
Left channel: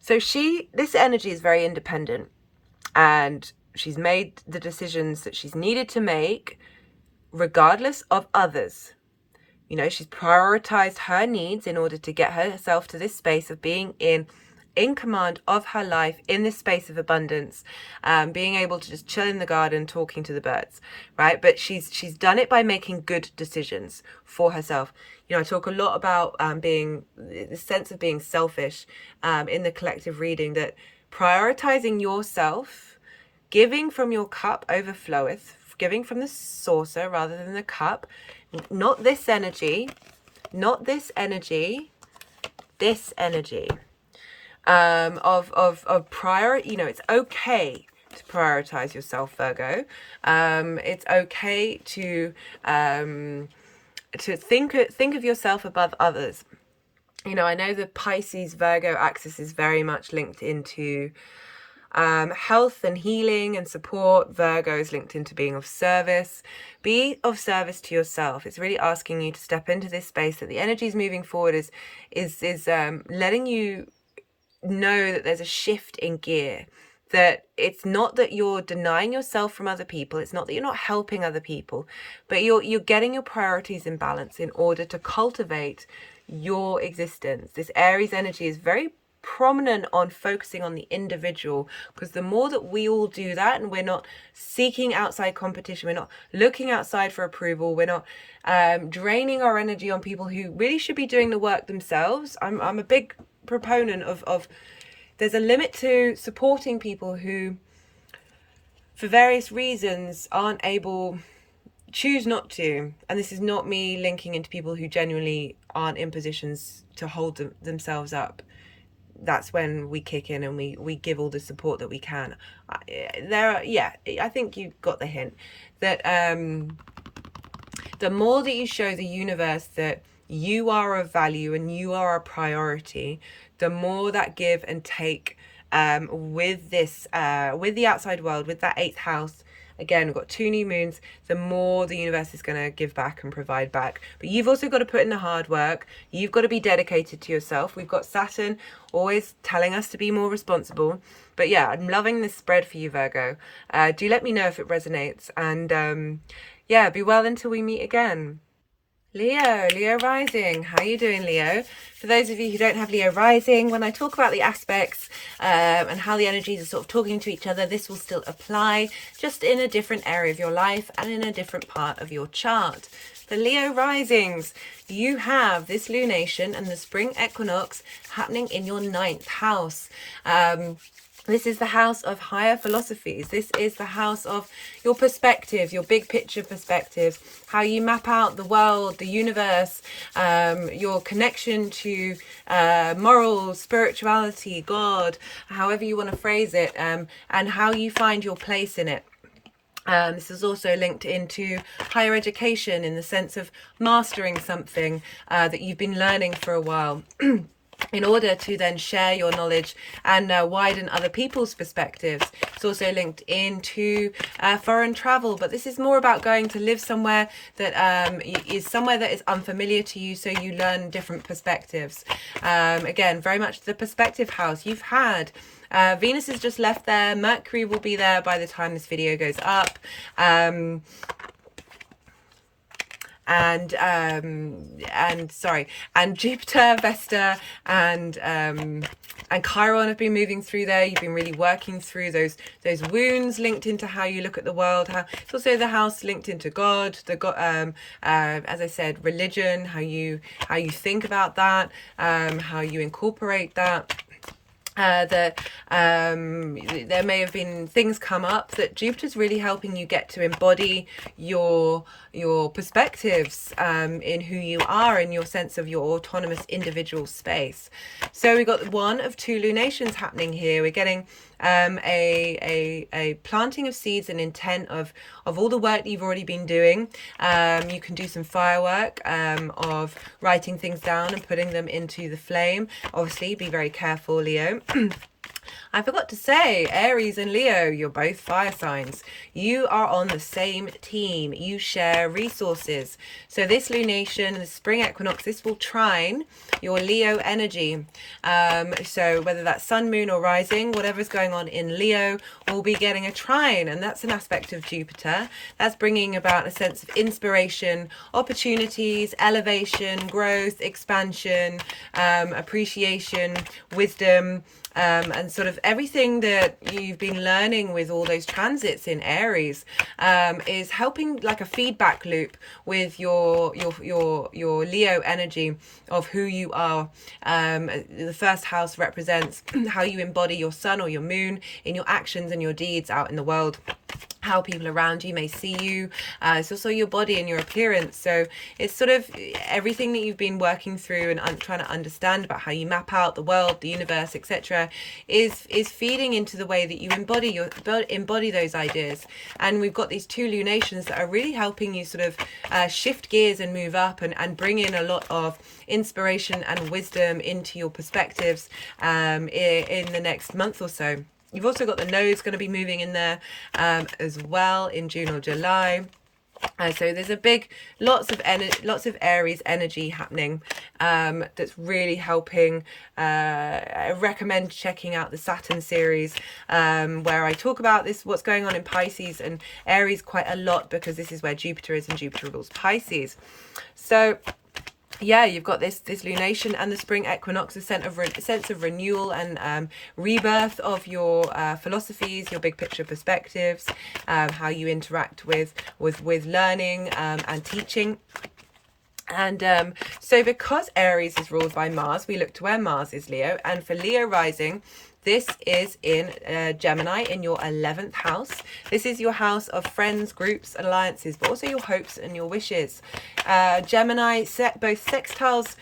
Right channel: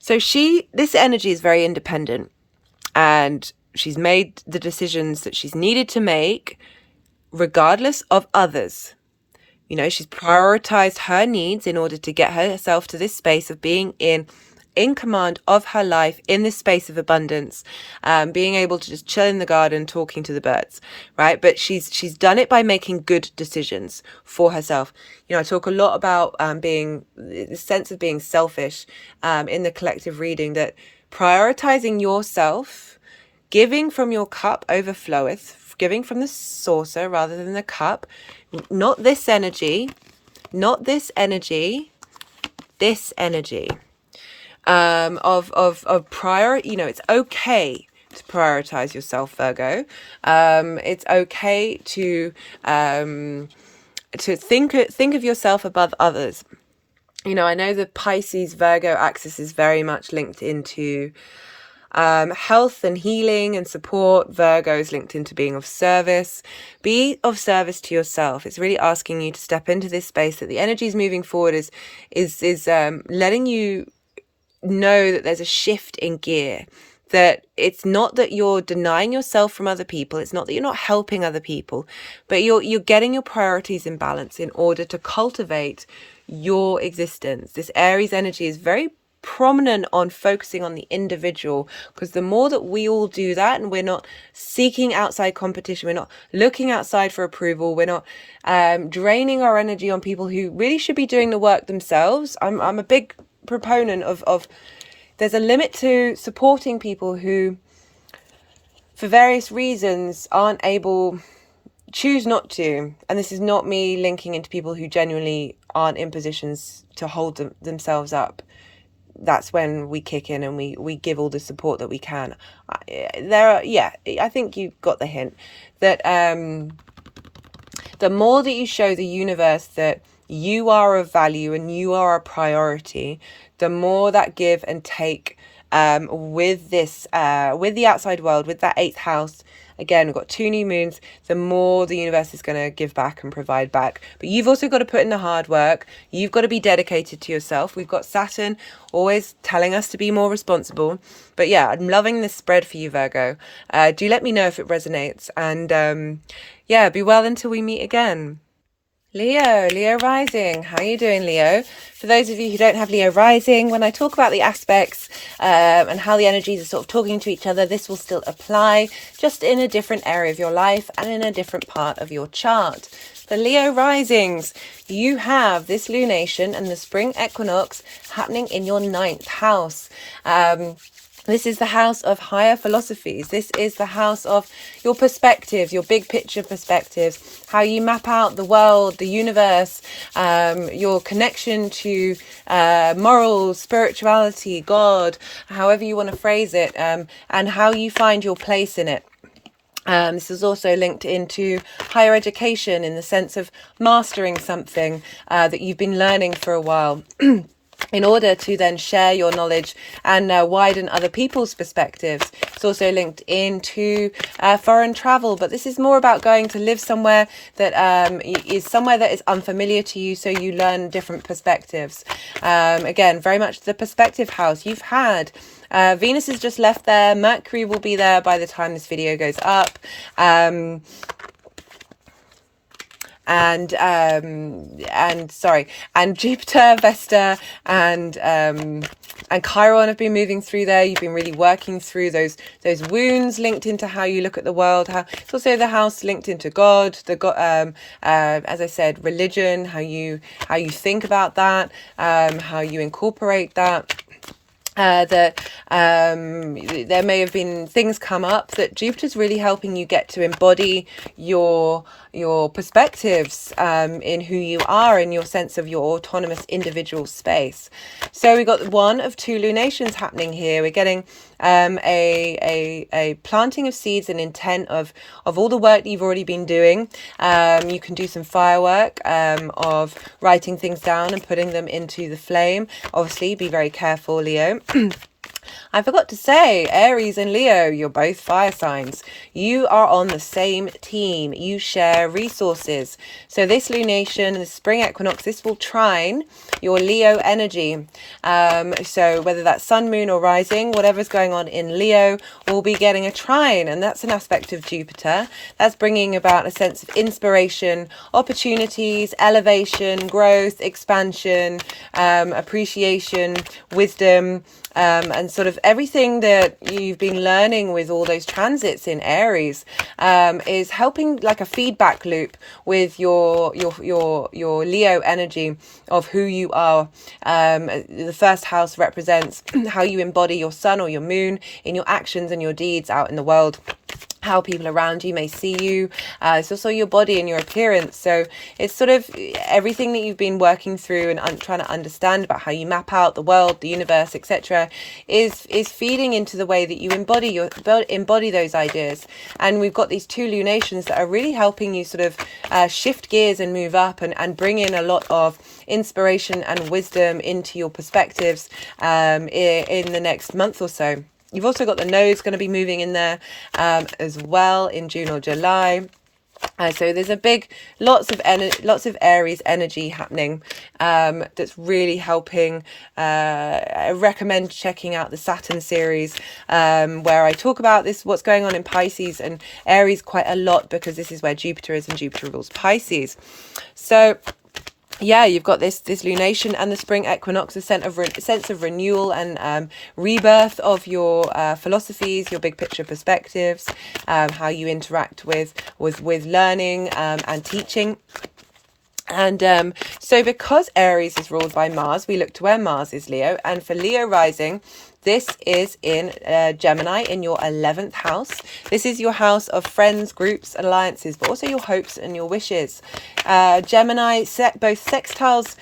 So this energy is very independent, and she's made the decisions that she's needed to make regardless of others. You know, she's prioritized her needs in order to get herself to this space of being in command of her life, in this space of abundance, being able to just chill in the garden, talking to the birds, right? But she's done it by making good decisions for herself. You know, I talk a lot about being the sense of being selfish in the collective reading, that prioritizing yourself, giving from your cup overfloweth, giving from the saucer rather than the cup, not this energy, this energy of prior, you know, it's okay to prioritize yourself, Virgo. It's okay to think of yourself above others. You know, I know the Pisces Virgo axis is very much linked into health and healing and support. Virgo is linked into being of service. Be of service to yourself. It's really asking you to step into this space that the energy is moving forward, is letting you know that there's a shift in gear, that it's not that you're denying yourself from other people, it's not that you're not helping other people, but you're getting your priorities in balance in order to cultivate your existence. This Aries energy is very prominent on focusing on the individual, because the more that we all do that, and we're not seeking outside competition, we're not looking outside for approval, we're not draining our energy on people who really should be doing the work themselves. I'm a big proponent of there's a limit to supporting people who for various reasons choose not to. And this is not me linking into people who genuinely aren't in positions to hold themselves up. That's when we kick in and we give all the support that we can. I think you got the hint that the more that you show the universe that you are of value and you are a priority, the more that give and take with this, with the outside world, with that 8th house. Again, we've got 2 new moons, the more the universe is going to give back and provide back. But you've also got to put in the hard work. You've got to be dedicated to yourself. We've got Saturn always telling us to be more responsible. But yeah, I'm loving this spread for you, Virgo. Do let me know if it resonates. And yeah, be well until we meet again. Leo rising. How are you doing, Leo? For those of you who don't have Leo rising, when I talk about the aspects and how the energies are sort of talking to each other, this will still apply, just in a different area of your life and in a different part of your chart. The Leo risings, you have this lunation and the spring equinox happening in your 9th house. This is the house of higher philosophies. This is the house of your perspectives, your big picture perspectives, how you map out the world, the universe, your connection to morals, spirituality, God, however you want to phrase it, and how you find your place in it. This is also linked into higher education in the sense of mastering something that you've been learning for a while. In order to then share your knowledge and widen other people's perspectives. It's also linked into foreign travel, but this is more about going to live somewhere that is somewhere that is unfamiliar to you, so you learn different perspectives. Again, very much the perspective house. You've had Venus has just left there. Mercury will be there by the time this video goes up. And Juipter, Vesta, and Chiron have been moving through there. You've been really working through those wounds linked into how you look at the world. It's also the house linked into God, as I said, religion, how you think about that, how you incorporate that. There may have been things come up that Jupiter's really helping you get to embody your perspectives in who you are and your sense of your autonomous individual space. So we got 1 of 2 lunations happening here. We're getting a planting of seeds and intent of all the work that you've already been doing. You can do some firework of writing things down and putting them into the flame. Obviously, be very careful, Leo. I forgot to say, Aries and Leo, you're both fire signs. You are on the same team. You share resources. So this lunation and the spring equinox, this will trine your Leo energy. So whether that's sun, moon or rising, whatever's going on in Leo will be getting a trine. And that's an aspect of Jupiter. That's bringing about a sense of inspiration, opportunities, elevation, growth, expansion, appreciation, wisdom, and sort of everything that you've been learning with all those transits in Aries is helping like a feedback loop with your Leo energy of who you are. The first house represents how you embody your sun or your moon in your actions and your deeds out in the world, how people around you may see you. It's also your body and your appearance. So it's sort of everything that you've been working through and trying to understand about how you map out the world, the universe, etc., is feeding into the way that you embody those ideas. And we've got these 2 lunations that are really helping you sort of shift gears and move up and bring in a lot of inspiration and wisdom into your perspectives in the next month or so. You've also got the nodes going to be moving in there as well in June or July. So there's lots of Aries energy happening that's really helping. I recommend checking out the Saturn series where I talk about what's going on in Pisces and Aries quite a lot, because this is where Jupiter is and Jupiter rules Pisces. So yeah, you've got this lunation and the spring equinox, a sense of renewal and rebirth of your philosophies, your big picture perspectives, how you interact with learning and teaching. And so because Aries is ruled by Mars, we look to where Mars is, Leo. And for Leo rising, this is in Gemini, in your 11th house. This is your house of friends, groups, alliances, but also your hopes and your wishes. Gemini both sextiles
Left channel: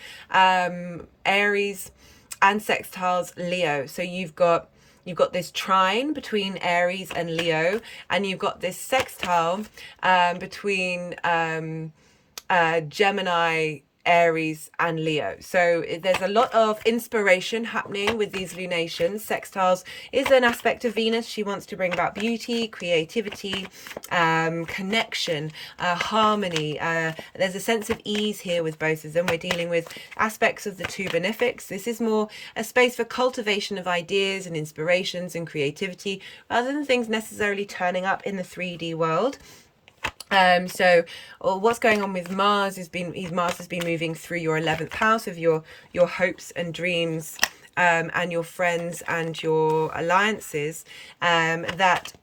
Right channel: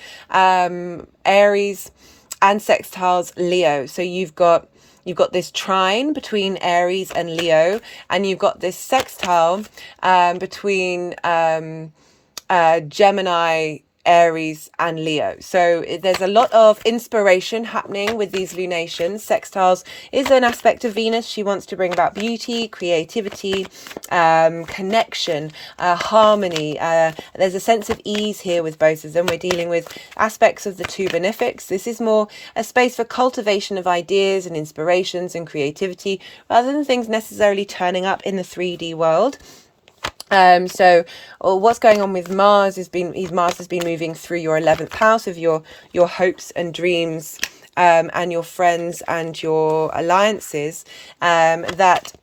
Aries and sextiles Leo. So you've got this trine between Aries and Leo, and you've got this sextile between Gemini, Aries and Leo. So there's a lot of inspiration happening with these lunations. Sextiles is an aspect of Venus. She wants to bring about beauty, creativity, connection, harmony. There's a sense of ease here with both of them. We're dealing with aspects of the two benefics. This is more a space for cultivation of ideas and inspirations and creativity rather than things necessarily turning up in the 3D world. So what's going on with Mars has been moving through your 11th house of your hopes and dreams, and your friends and your alliances, that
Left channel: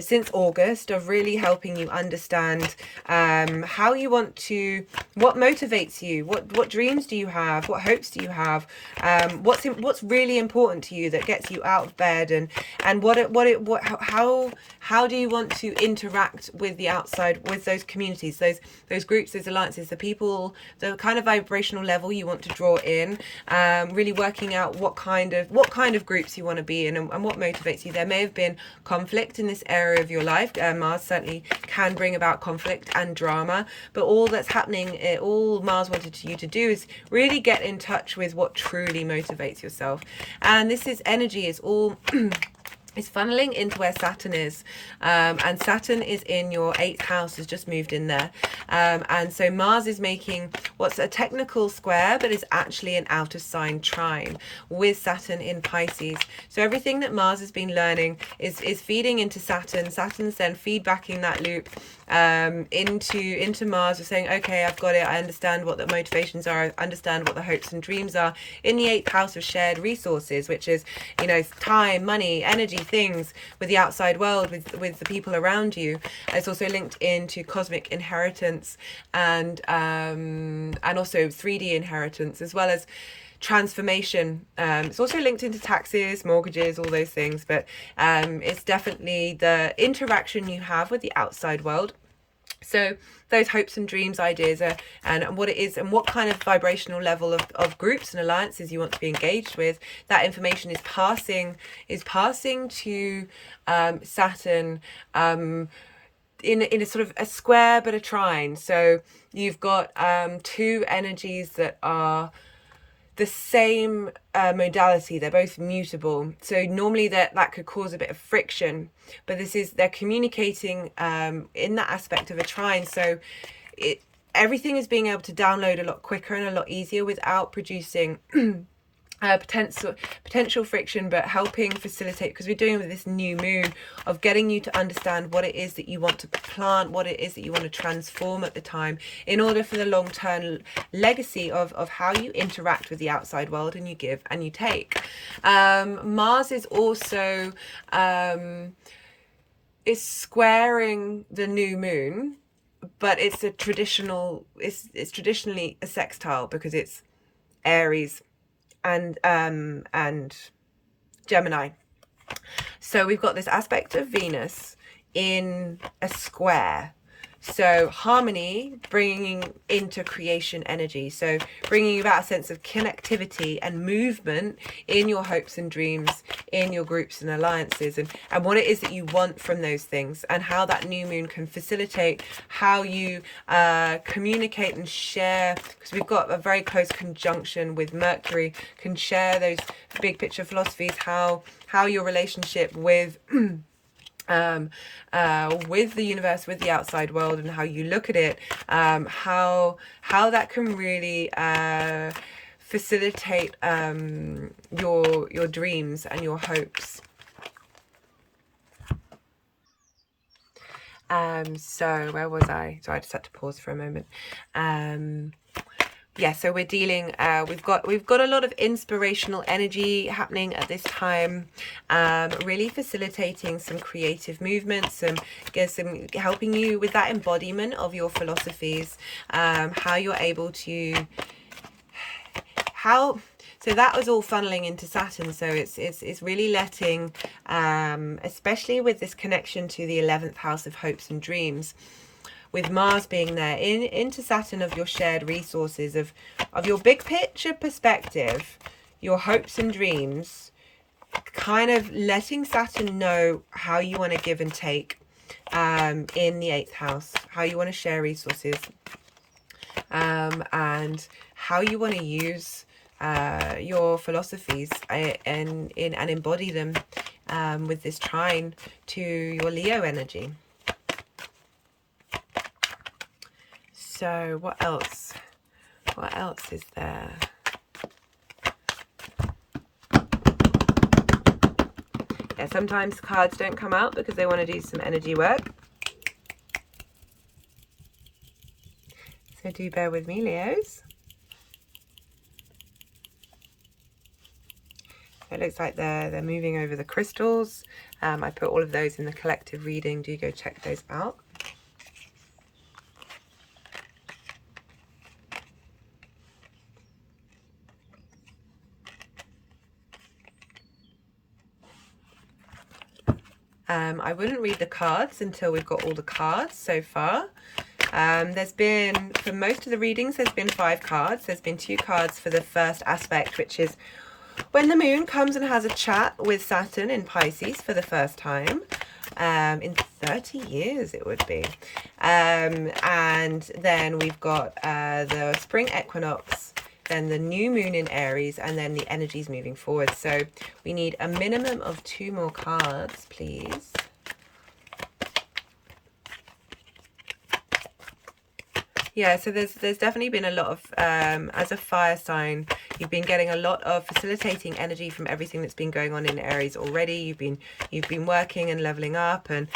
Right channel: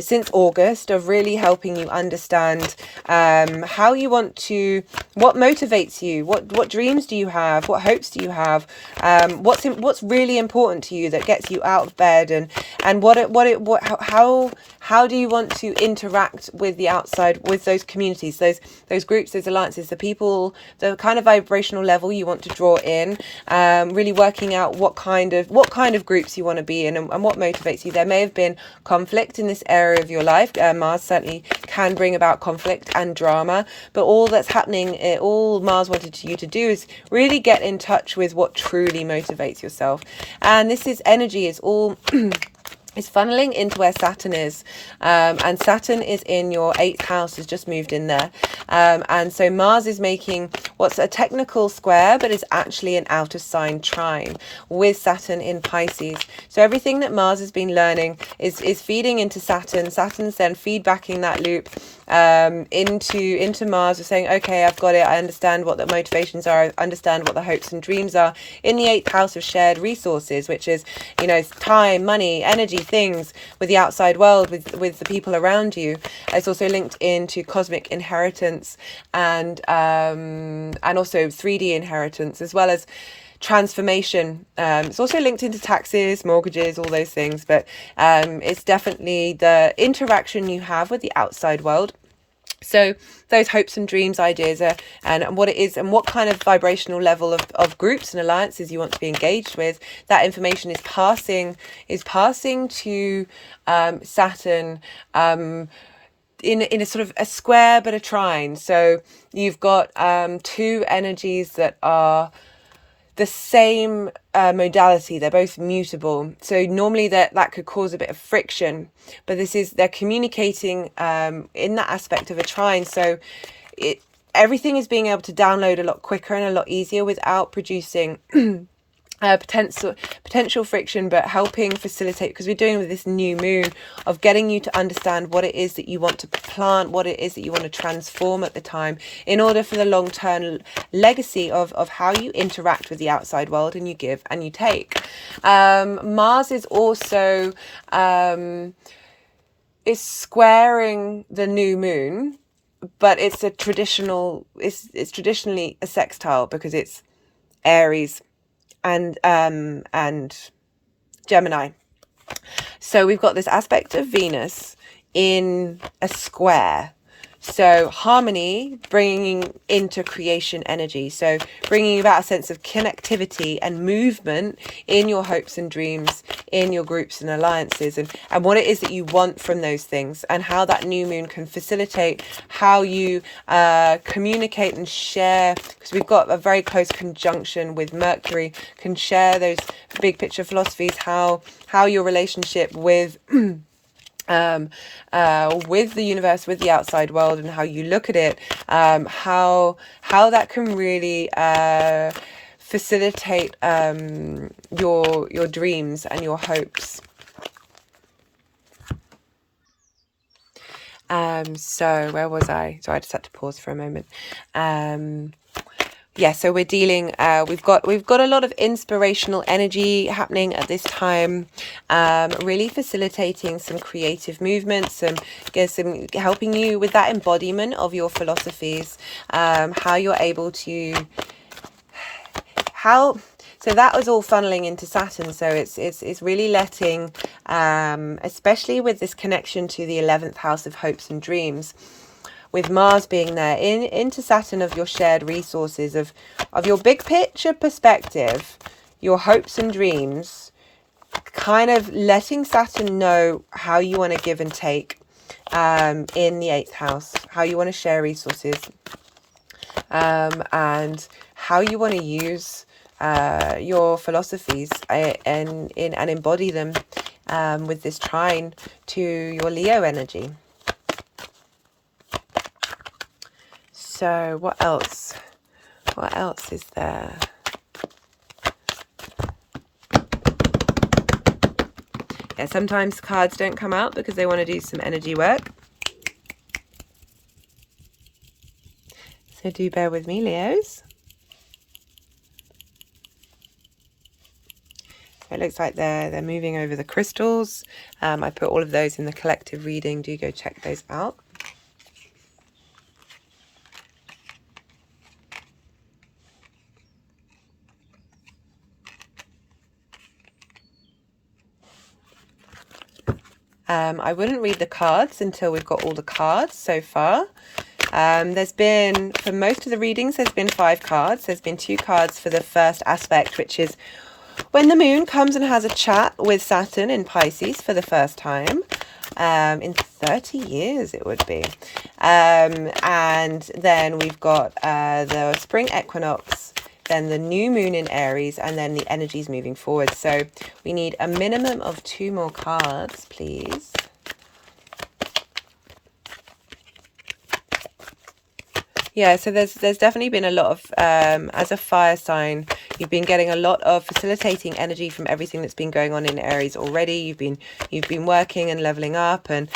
since August, of really helping you understand how you want to, what motivates you, what dreams do you have, what hopes do you have, what's really important to you that gets you out of bed, and how do you want to interact with the outside, with those communities, those groups, those alliances, the people, the kind of vibrational level you want to draw in, really working out what kind of groups you want to be in, and what motivates you. There may have been conflict in this area of your life. Mars certainly can bring about conflict and drama, but all that's happening, all Mars wanted you to do is really get in touch with what truly motivates yourself. And this is energy is all is funneling into where Saturn is, and Saturn is in your 8th house, has just moved in there, and so Mars is making what's a technical square but is actually an out of sign trine with Saturn in Pisces. So everything that Mars has been learning is feeding into Saturn. Saturn's then feedbacking that loop into Mars, of saying, okay, I've got it, I understand what the motivations are, I understand what the hopes and dreams are, in the 8th house of shared resources, which is, you know, time, money, energy, things with the outside world, with the people around you. It's also linked into cosmic inheritance, and also 3D inheritance, as well as transformation. It's also linked into taxes, mortgages, all those things, but it's definitely the interaction you have with the outside world. So those hopes and dreams, ideas, and what it is, and what kind of vibrational level of groups and alliances you want to be engaged with, that information is passing to Saturn, in a sort of a square but a trine. So you've got two energies that are the same modality. They're both mutable, so normally that could cause a bit of friction, but they're communicating in that aspect of a trine. So everything is being able to download a lot quicker and a lot easier without producing potential friction, but helping facilitate, because we're doing with this new moon, of getting you to understand what it is that you want to plant, what it is that you want to transform at the time, in order for the long-term legacy of how you interact with the outside world, and you give and you take. Mars is also is squaring the new moon, but it's traditionally a sextile, because it's Aries and Gemini. So we've got this aspect of Venus in a square. So harmony, bringing into creation energy. So bringing about a sense of connectivity and movement in your hopes and dreams, in your groups and alliances, and what it is that you want from those things, and how that new moon can facilitate how you communicate and share, because we've got a very close conjunction with Mercury, can share those big picture philosophies, how your relationship with the universe, with the outside world, and how you look at it, how that can really facilitate your dreams and your hopes. So where was I? So I just had to pause for a moment. Yeah, so we're dealing, we've got a lot of inspirational energy happening at this time, really facilitating some creative movements, and some helping you with that embodiment of your philosophies, how you're able to, so that was all funneling into Saturn. So it's really letting, especially with this connection to the 11th house of hopes and dreams, with Mars being there into Saturn, of your shared resources, of your big picture perspective, your hopes and dreams, kind of letting Saturn know how you want to give and take, in the 8th house, how you want to share resources, and how you want to use your philosophies and embody them with this trine to your Leo energy. So what else? What else is there? Yeah, sometimes cards don't come out because they want to do some energy work. So do bear with me, Leos. It looks like they're moving over the crystals. I put all of those in the collective reading. Do go check those out. I wouldn't read the cards until we've got all the cards so far. There's been, for most of the readings, there's been 5 cards. There's been 2 cards for the first aspect, which is when the moon comes and has a chat with Saturn in Pisces for the first time. In 30 years it would be. And then we've got the spring equinox, then the new moon in Aries, and then the energies moving forward. So we need a minimum of 2 more cards, please. Yeah, so there's definitely been a lot of, as a fire sign, you've been getting a lot of facilitating energy from everything that's been going on in Aries already. You've been working and leveling up and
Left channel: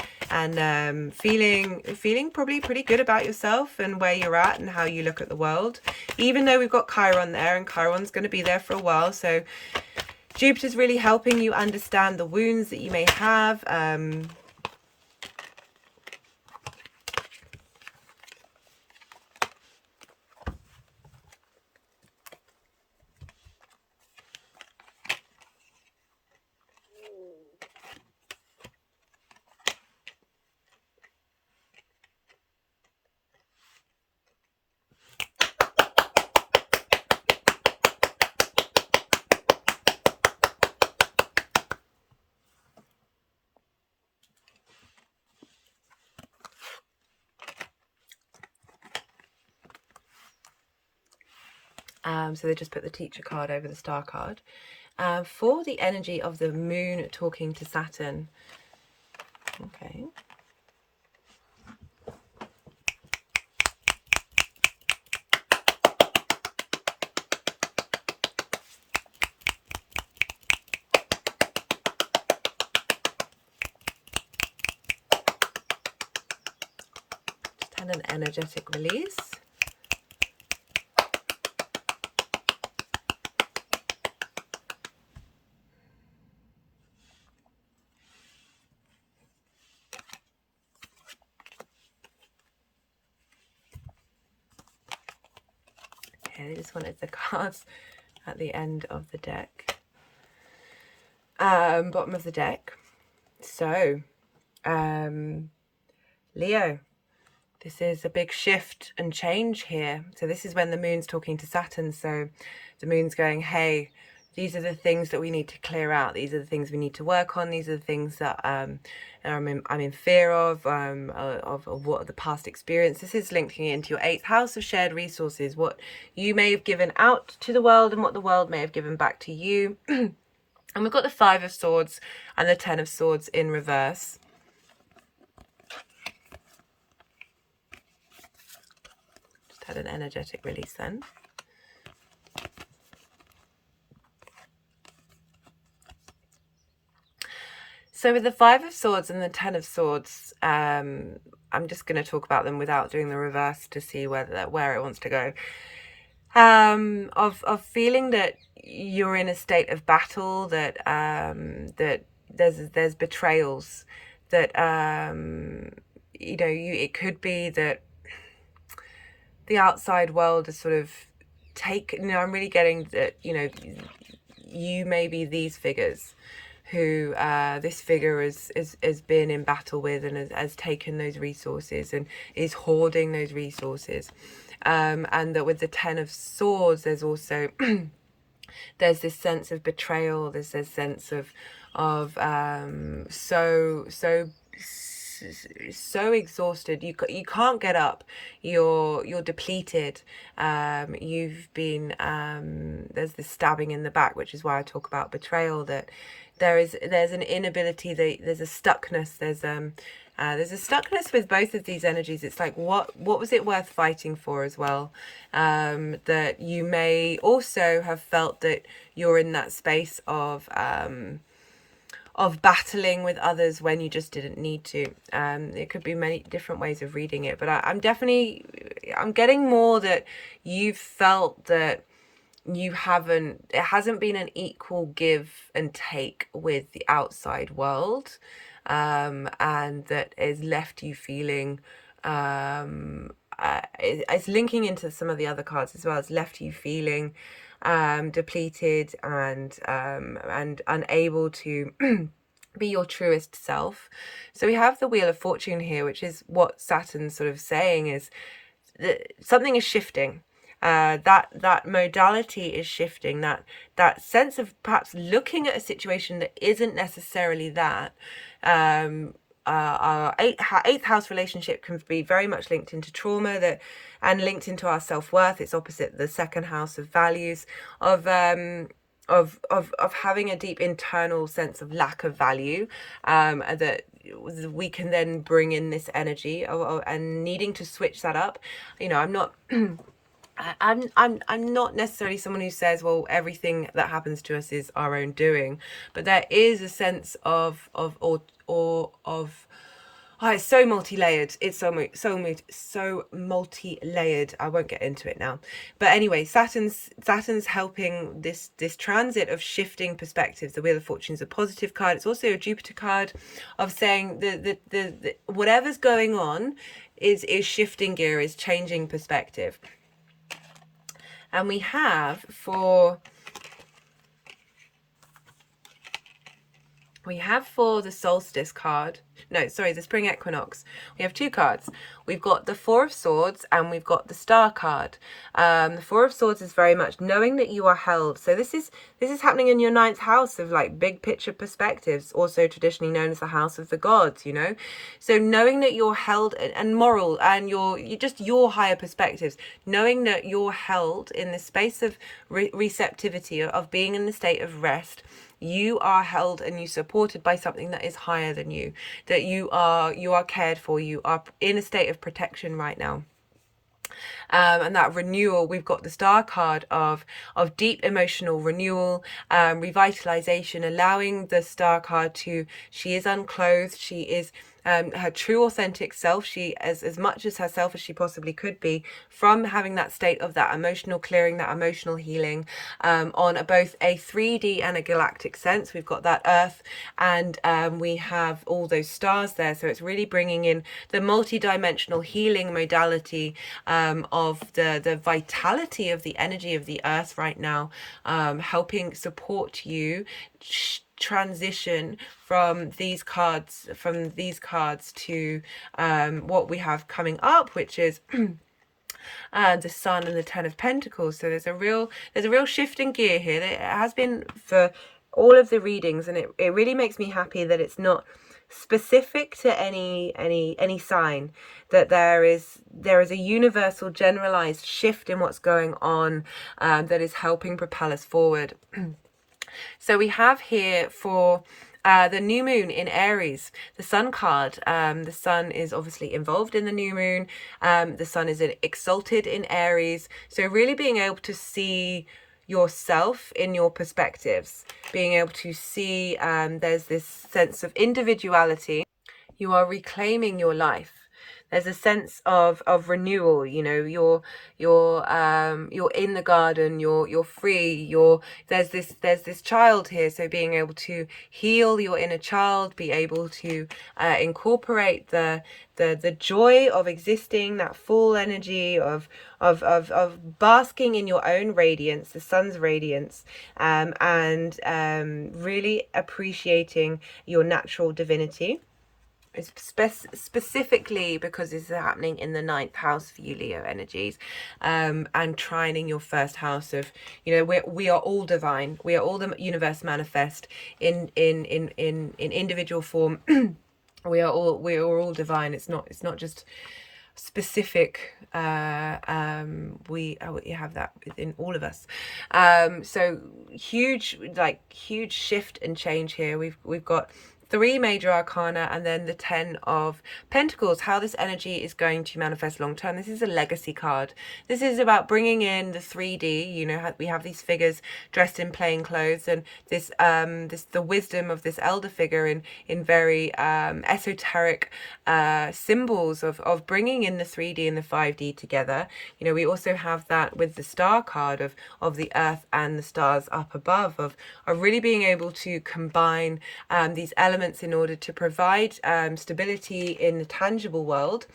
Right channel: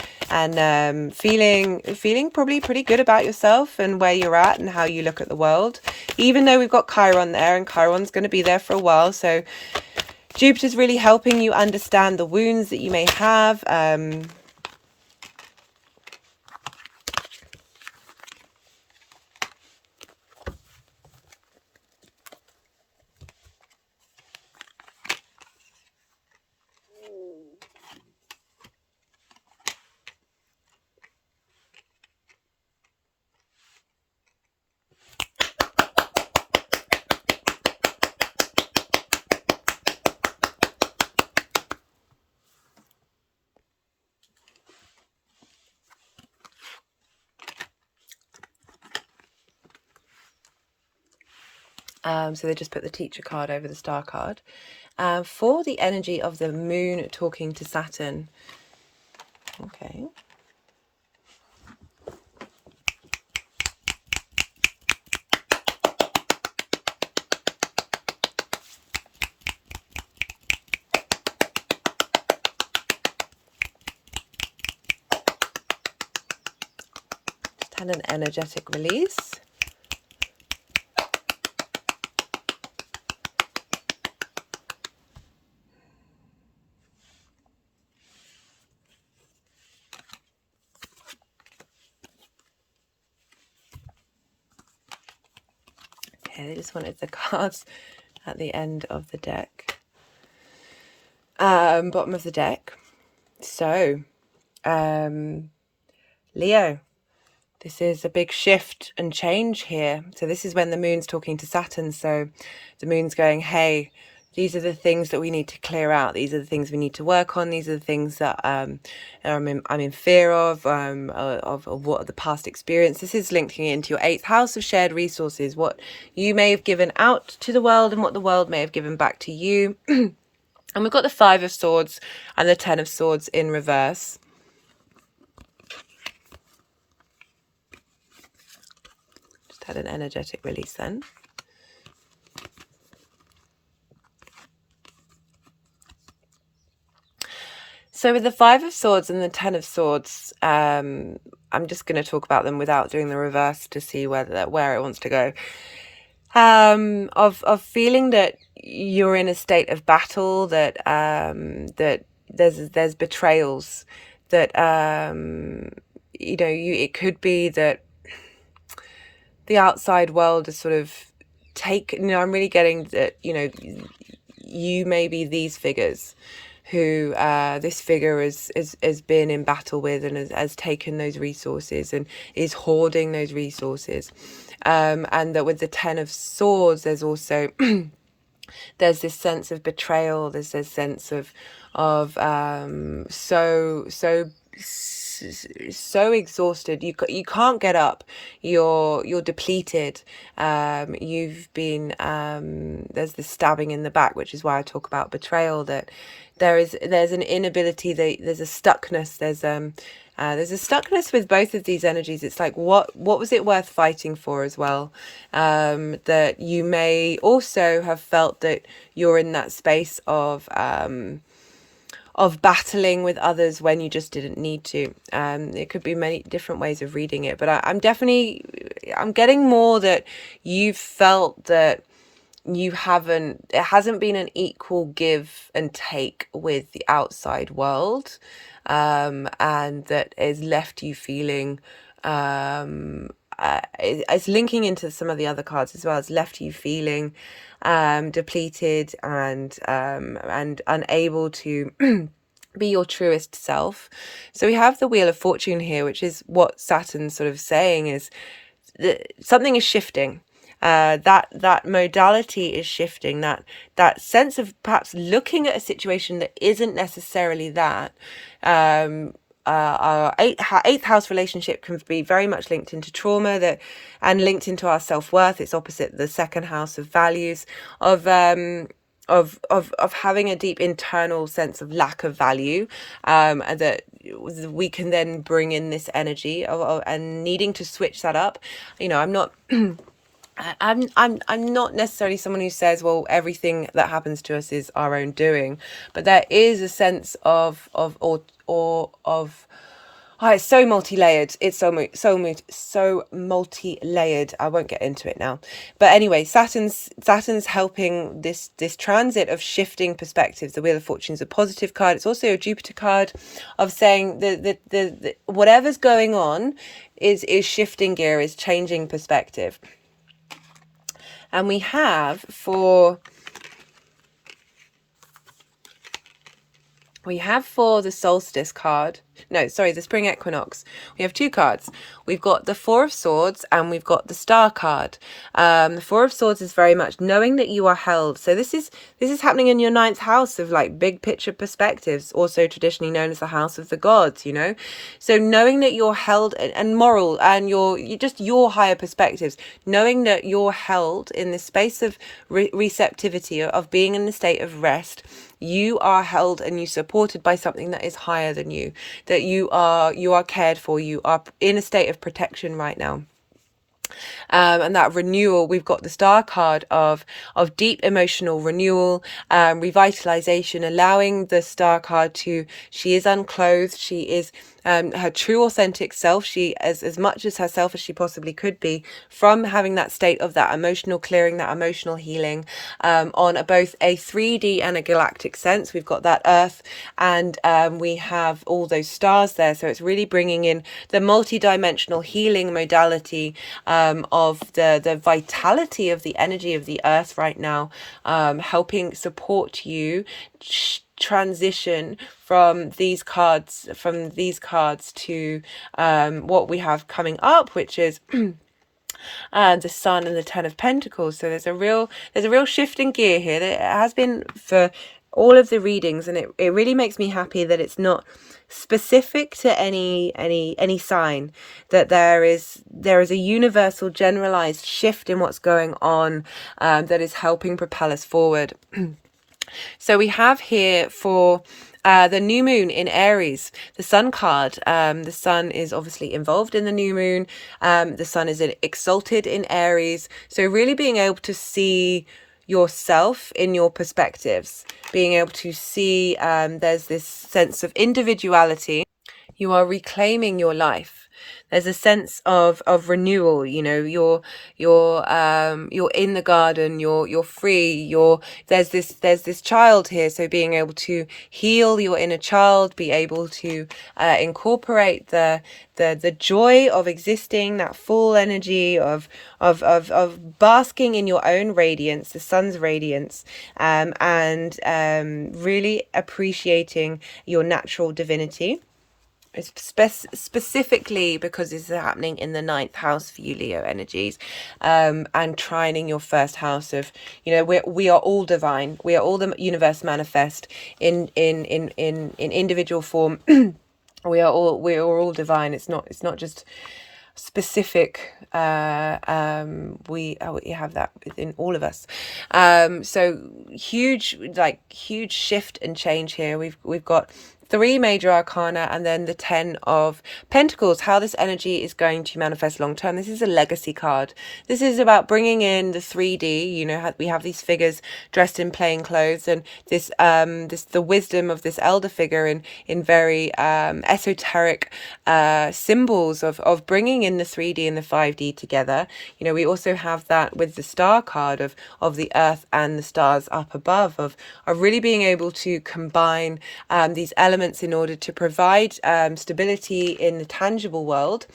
feeling probably pretty good about yourself and where you're at and how you look at the world. Even though we've got Chiron there, and Chiron's going to be there for a while, so Jupiter's really helping you understand the wounds that you may have. So they just put the teacher card over the star card. For the energy of the moon talking to Saturn. Okay. Just had an energetic release. They just wanted the cards at the end of the deck, bottom of the deck. So Leo, this is a big shift and change here. So this is when the moon's talking to Saturn. So the moon's going, hey, these are the things that we need to clear out. These are the things we need to work on. These are the things that I'm in fear of what the past experience. This is linking into your 8th house of shared resources, what you may have given out to the world and what the world may have given back to you. And we've got the 5 of Swords and the 10 of Swords in reverse. Just had an energetic release then. So with the 5 of Swords and the 10 of Swords, I'm just going to talk about them without doing the reverse to see where it wants to go. Of feeling that you're in a state of battle, that that there's betrayals, that it could be that the outside world is sort of I'm really getting that you may be these figures who this figure has been in battle with and has taken those resources and is hoarding those resources. And that with the 10 of Swords, there's also there's this sense of betrayal. There's this sense of so exhausted. You can't get up. You're depleted. You've been there's this stabbing in the back, which is why I talk about betrayal. That there's an inability. There's a stuckness. There's a stuckness with both of these energies. It's like, what was it worth fighting for as well? That you may also have felt that you're in that space of battling with others when you just didn't need to. It could be many different ways of reading it, but I'm getting more that you've felt that it hasn't been an equal give and take with the outside world, and that has left you feeling, it's linking into some of the other cards as well. It's left you feeling depleted and unable to be your truest self. So we have the Wheel of Fortune here, which is what Saturn's sort of saying is that something is shifting. That modality is shifting, that sense of perhaps looking at a situation that isn't necessarily that. Our eighth house relationship can be very much linked into trauma and linked into our self-worth. It's opposite the second house of values, of having a deep internal sense of lack of value, that we can then bring in this energy and needing to switch that up. I'm not I'm not necessarily someone who says, well, everything that happens to us is our own doing, but there is a sense of it's so multi-layered. It's so multi-layered. I won't get into it now. But anyway, Saturn's helping this transit of shifting perspectives. The Wheel of Fortune is a positive card. It's also a Juipter card of saying the whatever's going on is shifting gear, is changing perspective. And we have for the solstice card, no, sorry, the spring equinox, we have two cards. We've got the Four of Swords and we've got the Star card. The Four of Swords is very much knowing that you are held. So this is happening in your ninth house of like big picture perspectives, also traditionally known as the house of the gods, So knowing that you're held and moral and your higher perspectives, knowing that you're held in this space of receptivity, of being in the state of rest. You are held and you supported by something that is higher than you, that you are cared for, you are in a state of protection right now. And that renewal, we've got the Star card of deep emotional renewal, revitalization, allowing the Star card she is unclothed, she is her true authentic self, she as much as herself as she possibly could be, from having that state of that emotional clearing, that emotional healing, on both a 3D and a galactic sense. We've got that Earth and we have all those stars there, so it's really bringing in the multi-dimensional healing modality of the vitality of the energy of the Earth right now, helping support you transition from these cards to what we have coming up, which is the Sun and the Ten of Pentacles. So there's a real shift in gear here. It has been for all of the readings, and it really makes me happy that it's not specific to any sign, that there is a universal generalized shift in what's going on, that is helping propel us forward. So we have here for the new moon in Aries, the Sun card. The Sun is obviously involved in the new moon. The Sun is exalted in Aries. So really being able to see yourself in your perspectives, being able to see there's this sense of individuality. You are reclaiming your life. There's a sense of renewal. You're in the garden. You're free. There's this child here. So being able to heal your inner child, be able to incorporate the joy of existing, that full energy of basking in your own radiance, the sun's radiance, and really appreciating your natural divinity. It's specifically because this is happening in the ninth house for you, Leo energies, and trining your first house of, we are all divine. We are all the universe manifest in individual form. We are all divine. It's not just specific. We have that within all of us. So huge shift and change here. We've got 3 major arcana and then the 10 of Pentacles, how this energy is going to manifest long term. This is a legacy card. This is about bringing in the 3D. You know, we have these figures dressed in plain clothes, and this the wisdom of this elder figure in very esoteric symbols of bringing in the 3D and the 5D together. You know, we also have that with the star card of the earth and the stars up above, of really being able to combine these elements in order to provide stability in the tangible world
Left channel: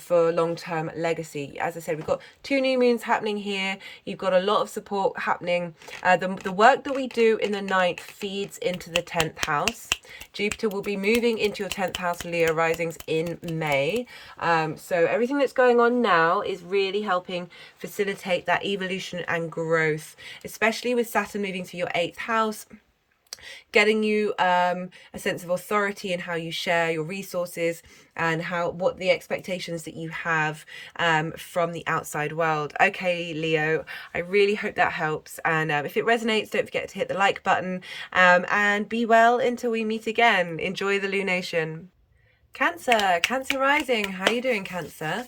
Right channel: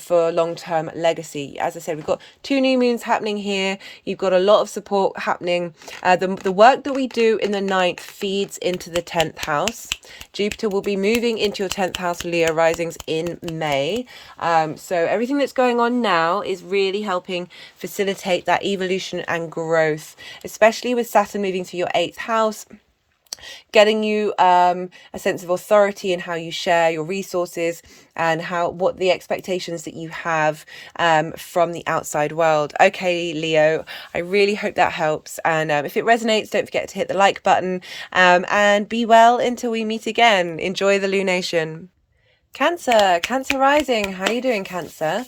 for long-term legacy. As I said, we've got 2 new moons happening here. You've got a lot of support happening. The work that we do in the 9th feeds into the 10th house. Jupiter will be moving into your 10th house, Leo risings, in May. So everything that's going on now is really helping facilitate that evolution and growth, especially with Saturn moving to your 8th house, getting you a sense of authority in how you share your resources and what the expectations that you have from the outside world. Okay, Leo, I really hope that helps. And if it resonates, don't forget to hit the like button, and be well until we meet again. Enjoy the lunation. Cancer rising. How are you doing, Cancer?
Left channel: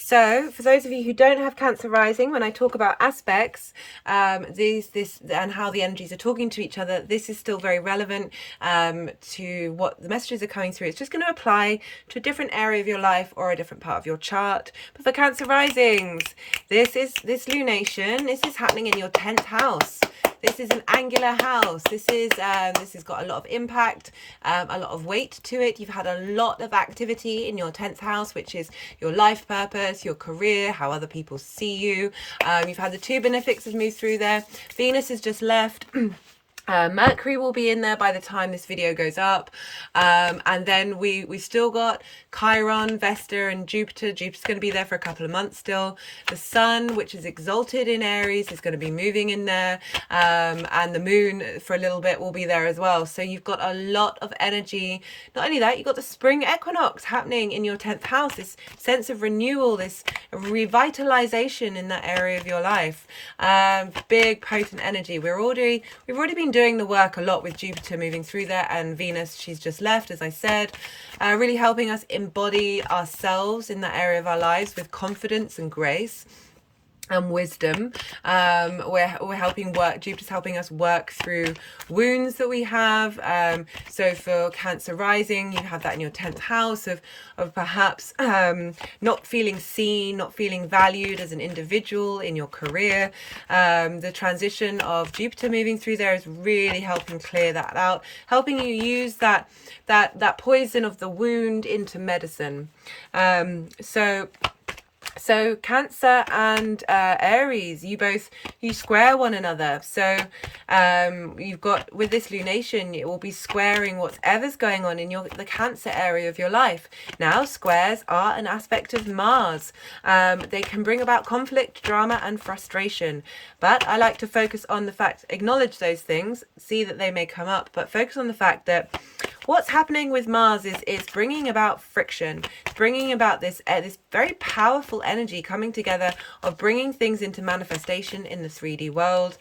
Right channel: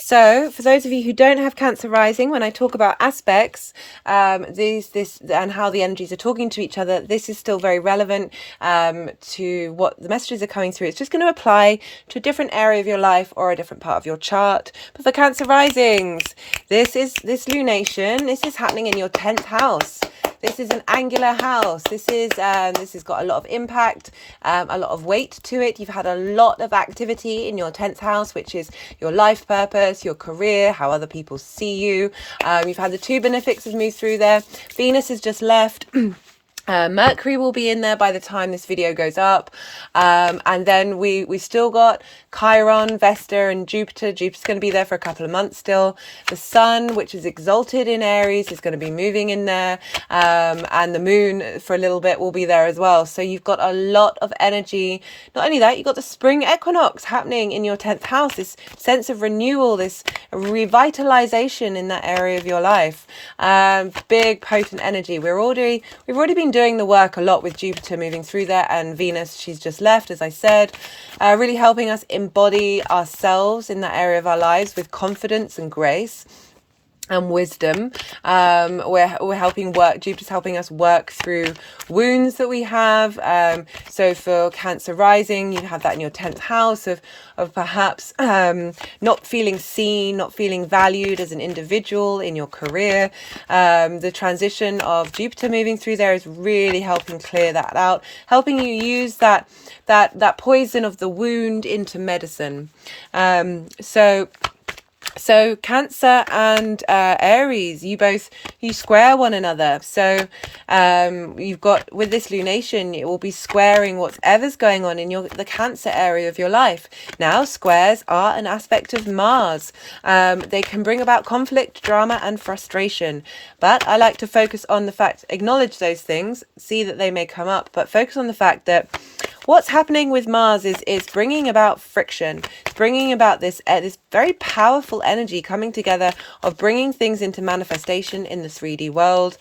So for those of you who don't have Cancer rising, when I talk about aspects, this and how the energies are talking to each other, this is still very relevant to what the messages are coming through. It's just going to apply to a different area of your life or a different part of your chart. But for Cancer risings, this lunation, this is happening in your 10th house. This is an angular house. This has got a lot of impact, a lot of weight to it. You've had a lot of activity in your 10th house, which is your life purpose, your career, how other people see you. You've had the 2 benefics have moved through there. Venus has just left. Mercury will be in there by the time this video goes up, and then we still got Chiron, Vesta, and Jupiter. Jupiter's going to be there for a couple of months still. The Sun, which is exalted in Aries, is going to be moving in there, and the Moon for a little bit will be there as well. So you've got a lot of energy. Not only that, you've got the spring equinox happening in your 10th house, this sense of renewal, this revitalization in that area of your life. Big potent energy. We've already been doing the work a lot with Jupiter moving through there, and Venus, she's just left, as I said, really helping us embody ourselves in that area of our lives with confidence and grace and wisdom. We're helping Jupiter's helping us work through wounds that we have. So for Cancer rising, you have that in your 10th house of perhaps not feeling seen, not feeling valued as an individual in your career. The transition of Jupiter moving through there is really helping clear that out, helping you use that poison of the wound into medicine. So Cancer and Aries, you square one another. So you've got, with this lunation, it will be squaring whatever's going on in the Cancer area of your life. Now, squares are an aspect of Mars. They can bring about conflict, drama, and frustration. But I like to focus on the fact, acknowledge those things, see that they may come up, but focus on the fact that what's happening with Mars is bringing about friction. It's bringing about this very powerful energy coming together of bringing things into manifestation in the 3D world.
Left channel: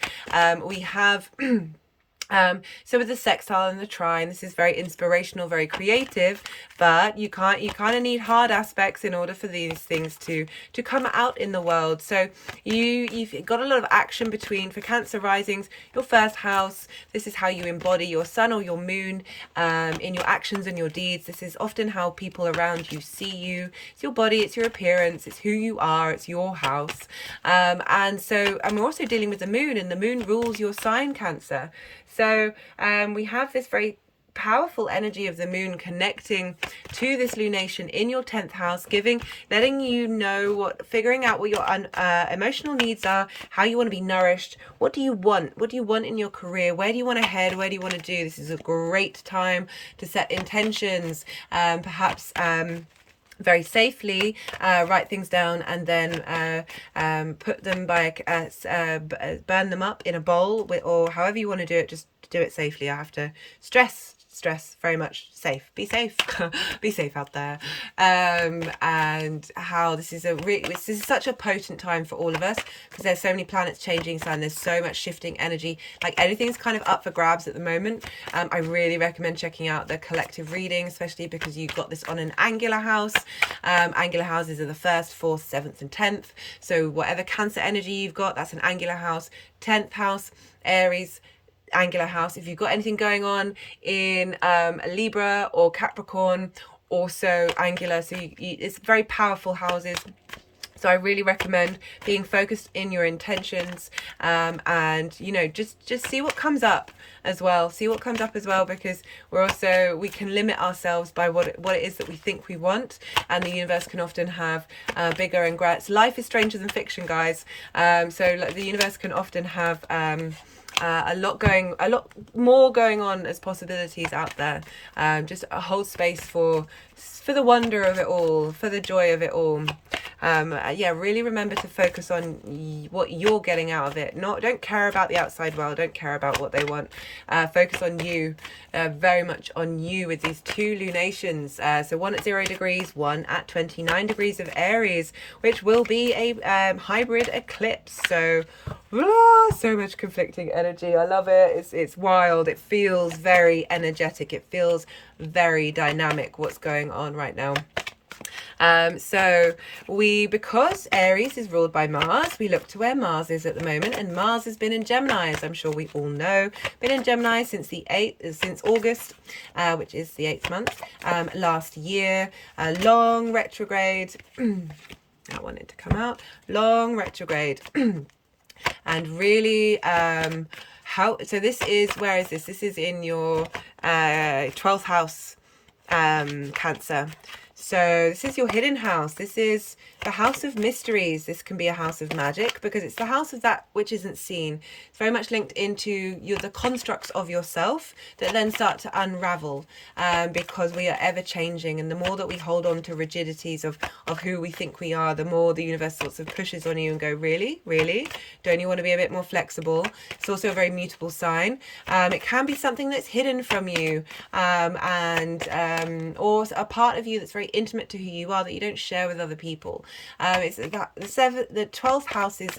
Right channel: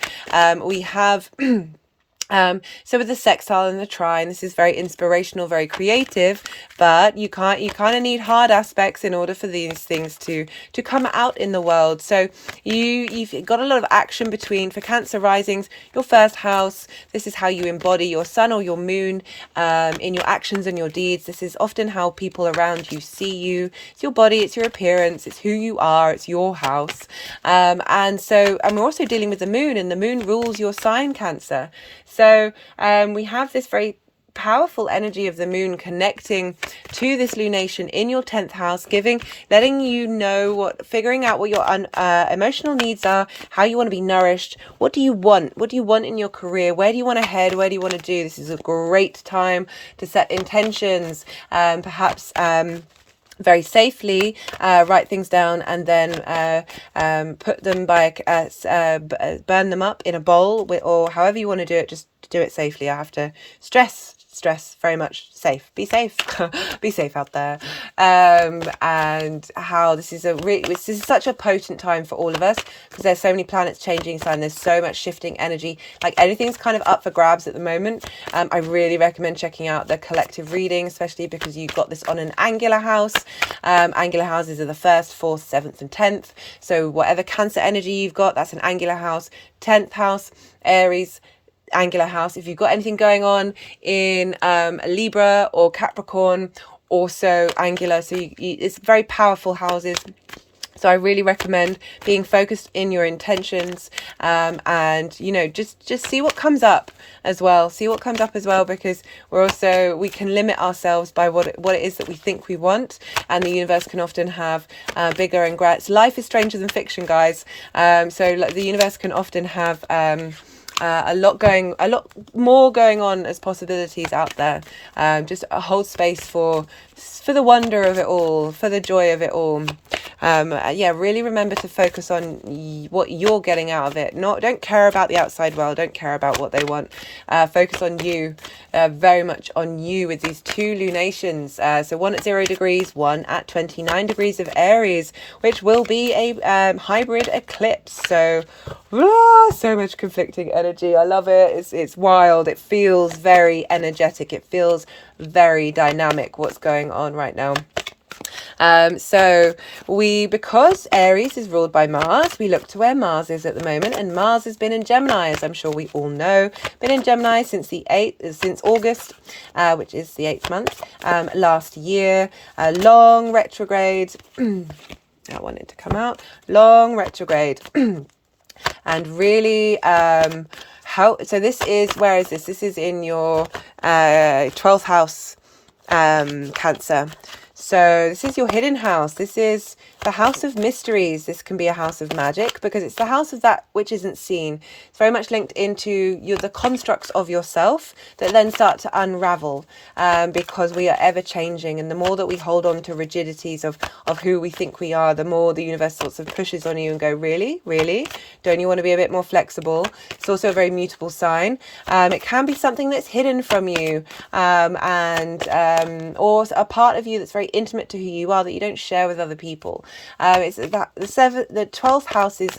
We have so with the sextile and the trine, this is very inspirational, very creative, but you kind of need hard aspects in order for these things to come out in the world. So you've got a lot of action for Cancer risings, your 1st house. This is how you embody your sun or your moon in your actions and your deeds. This is often how people around you see you. It's your body, it's your appearance, it's who you are, it's your house. And we're also dealing with the moon, and the moon rules your sign, Cancer. So we have this very powerful energy of the moon connecting to this lunation in your 10th house, letting you know figuring out what your emotional needs are, how you want to be nourished, what do you want in your career, where do you want to head, where do you want to do. This is a great time to set intentions, perhaps very safely, write things down, and then put them burn them up in a bowl, or however you want to do it. Just do it safely. I have to stress stress, very much safe. Be safe. Be safe out there. And how this is such a potent time for all of us, because there's so many planets changing sign, there's so much shifting energy, like anything's kind of up for grabs at the moment. I really recommend checking out the collective reading, especially because you've got this on an angular house. Angular houses are the 1st, 4th, 7th and 10th. So whatever Cancer energy you've got, that's an angular house. 10th house, Aries, angular house. If you've got anything going on in Libra or Capricorn, also angular. So it's very powerful houses. So I really recommend being focused in your intentions, and, you know, just see what comes up as well. See what comes up as well, because we can limit ourselves by what it is that we think we want, and the universe can often have bigger and greater. Life is stranger than fiction, guys. So like, the universe can often have a lot more going on as possibilities out there. Just hold space for the wonder of it all, for the joy of it all. Yeah, really remember to focus on what you're getting out of it. Don't care about the outside world, don't care about what they want. Focus on you, very much on you, with these 2 lunations. So one at 0 degrees, one at 29 degrees of Aries, which will be a hybrid eclipse. So so much conflicting energy. I love it. It's wild. It feels very energetic. It feels very dynamic, what's going on right now. So because Aries is ruled by Mars, we look to where Mars is at the moment, and Mars has been in Gemini, as I'm sure we all know. Been in Gemini since August, which is the 8th month, last year. A long retrograde. I want it to come out. Long retrograde. And really, so this is, where is this? This is in your 12th house, Cancer. So this is your hidden house. This is the house of mysteries. This can be a house of magic, because it's the house of that which isn't seen. It's very much linked into the constructs of yourself that then start to unravel, because we are ever changing. And the more that we hold on to rigidities of who we think we are, the more the universe sorts of pushes on you and go, really? Don't you want to be a bit more flexible? It's also a very mutable sign. It can be something that's hidden from you, or a part of you that's very intimate to who you are that you don't share with other people. It's that the 12th house is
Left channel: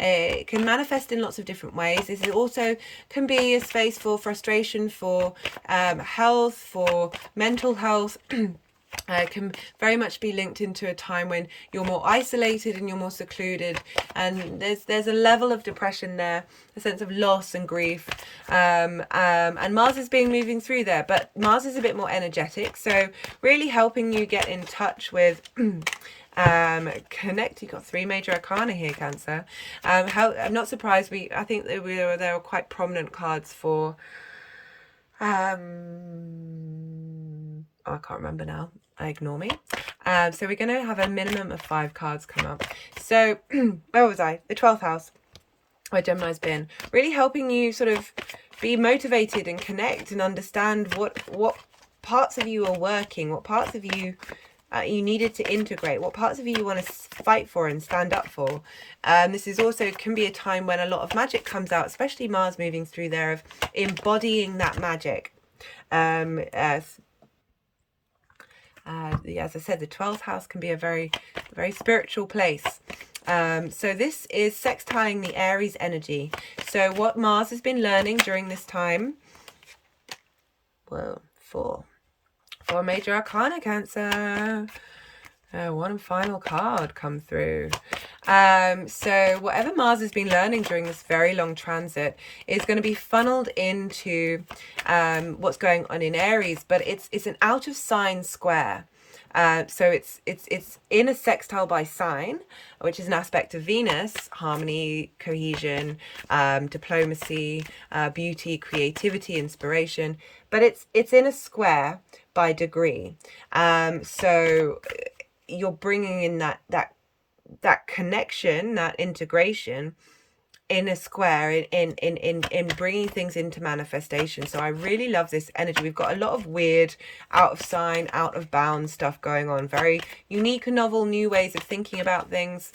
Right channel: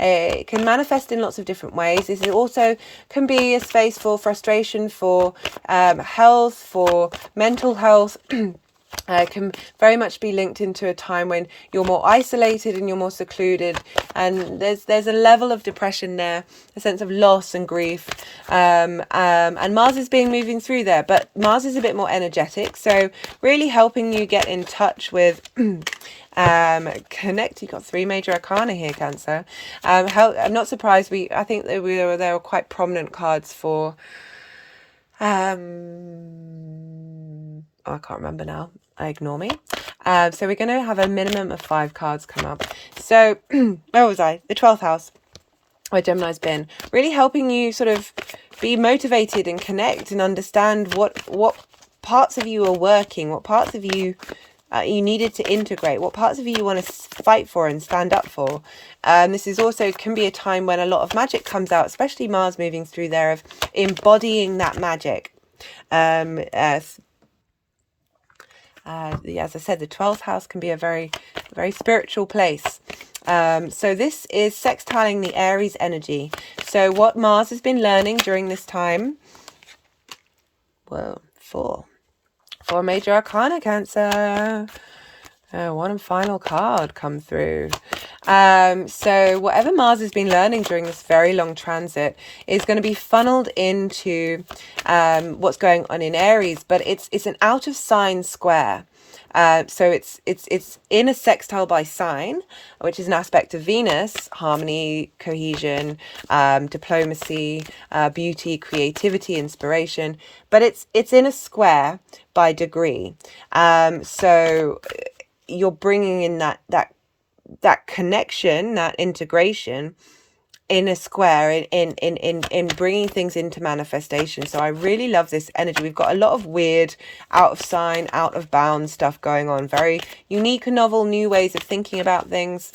it can manifest in lots of different ways. This is also can be a space for frustration, for health, for mental health. Can very much be linked into a time when you're more isolated and you're more secluded, and there's a level of depression there, a sense of loss and grief, and Mars is moving through there, but Mars is a bit more energetic, so really helping you get in touch with connect. You've got 3 major arcana here, Cancer. I'm not surprised. I think there were quite prominent cards for I can't remember now. Ignore me. So we're going to have a minimum of 5 cards come up. So where was I? The 12th house, where Gemini's been. Really helping you sort of be motivated and connect and understand what parts of you are working, what parts of you you needed to integrate, what parts of you want to fight for and stand up for. This is also can be a time when a lot of magic comes out, especially Mars moving through there, of embodying that magic. As I said, the 12th house can be a very, very spiritual place. So this is sextiling the Aries energy. So what Mars has been learning during this time, well, 4 major arcana, Cancer. One and final card come through. So whatever Mars has been learning during this very long transit is going to be funneled into what's going on in Aries, but it's an out of sign square. So it's in a sextile by sign, which is an aspect of Venus, harmony, cohesion, diplomacy, beauty, creativity, inspiration, but it's in a square by degree. So you're bringing in that connection, that integration in a square, in bringing things into manifestation. So I really love this energy. We've got a lot of weird out of sign, out of bounds stuff going on, very unique and novel new ways of thinking about things.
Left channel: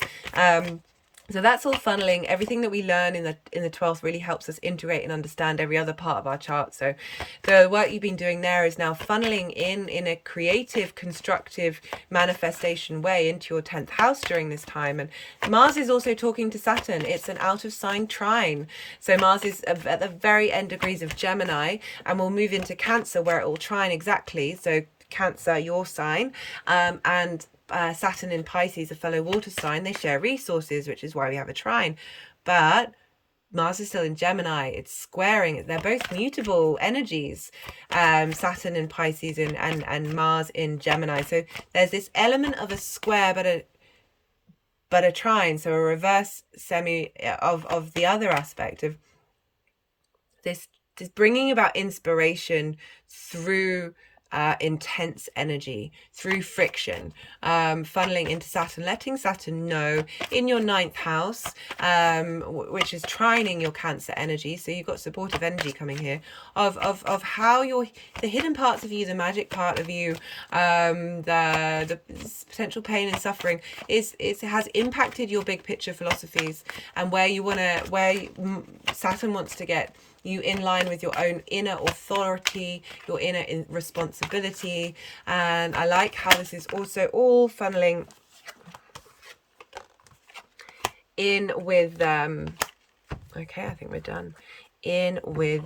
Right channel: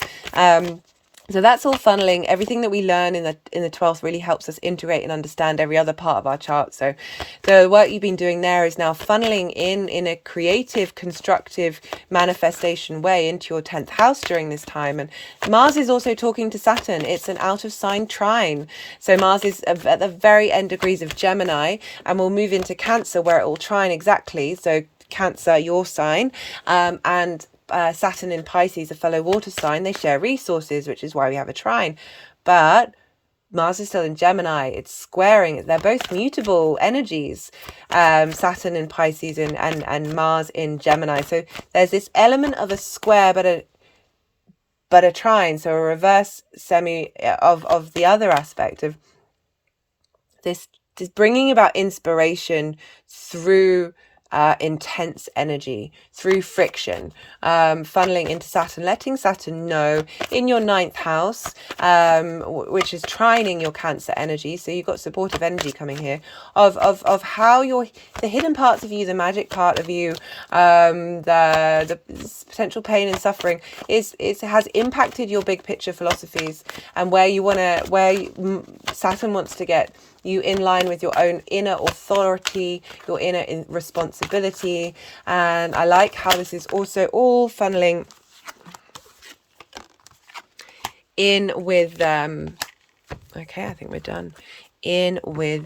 So that's all funneling. Everything that we learn in the 12th really helps us integrate and understand every other part of our chart. So the work you've been doing there is now funneling in a creative, constructive manifestation way into your 10th house during this time. And Mars is also talking to Saturn. It's an out of sign trine. So Mars is at the very end degrees of Gemini, and we'll move into Cancer where it will trine exactly. So Cancer, your sign, and Saturn in Pisces, a fellow water sign, they share resources, which is why we have a trine. But Mars is still in Gemini. It's squaring. They're both mutable energies, Saturn in Pisces and Mars in Gemini. So there's this element of a square, but a trine. So a reverse semi of the other aspect of this bringing about inspiration through intense energy, through friction, funneling into Saturn, letting Saturn know in your 9th house, which is trining your Cancer energy. So you've got supportive energy coming here of how the hidden parts of you, the magic part of you, the potential pain and suffering has impacted your big picture philosophies, and where Saturn wants to get you in line with your own inner authority, your inner responsibility. And I like how this is also all funneling in with okay, I think we're done. In with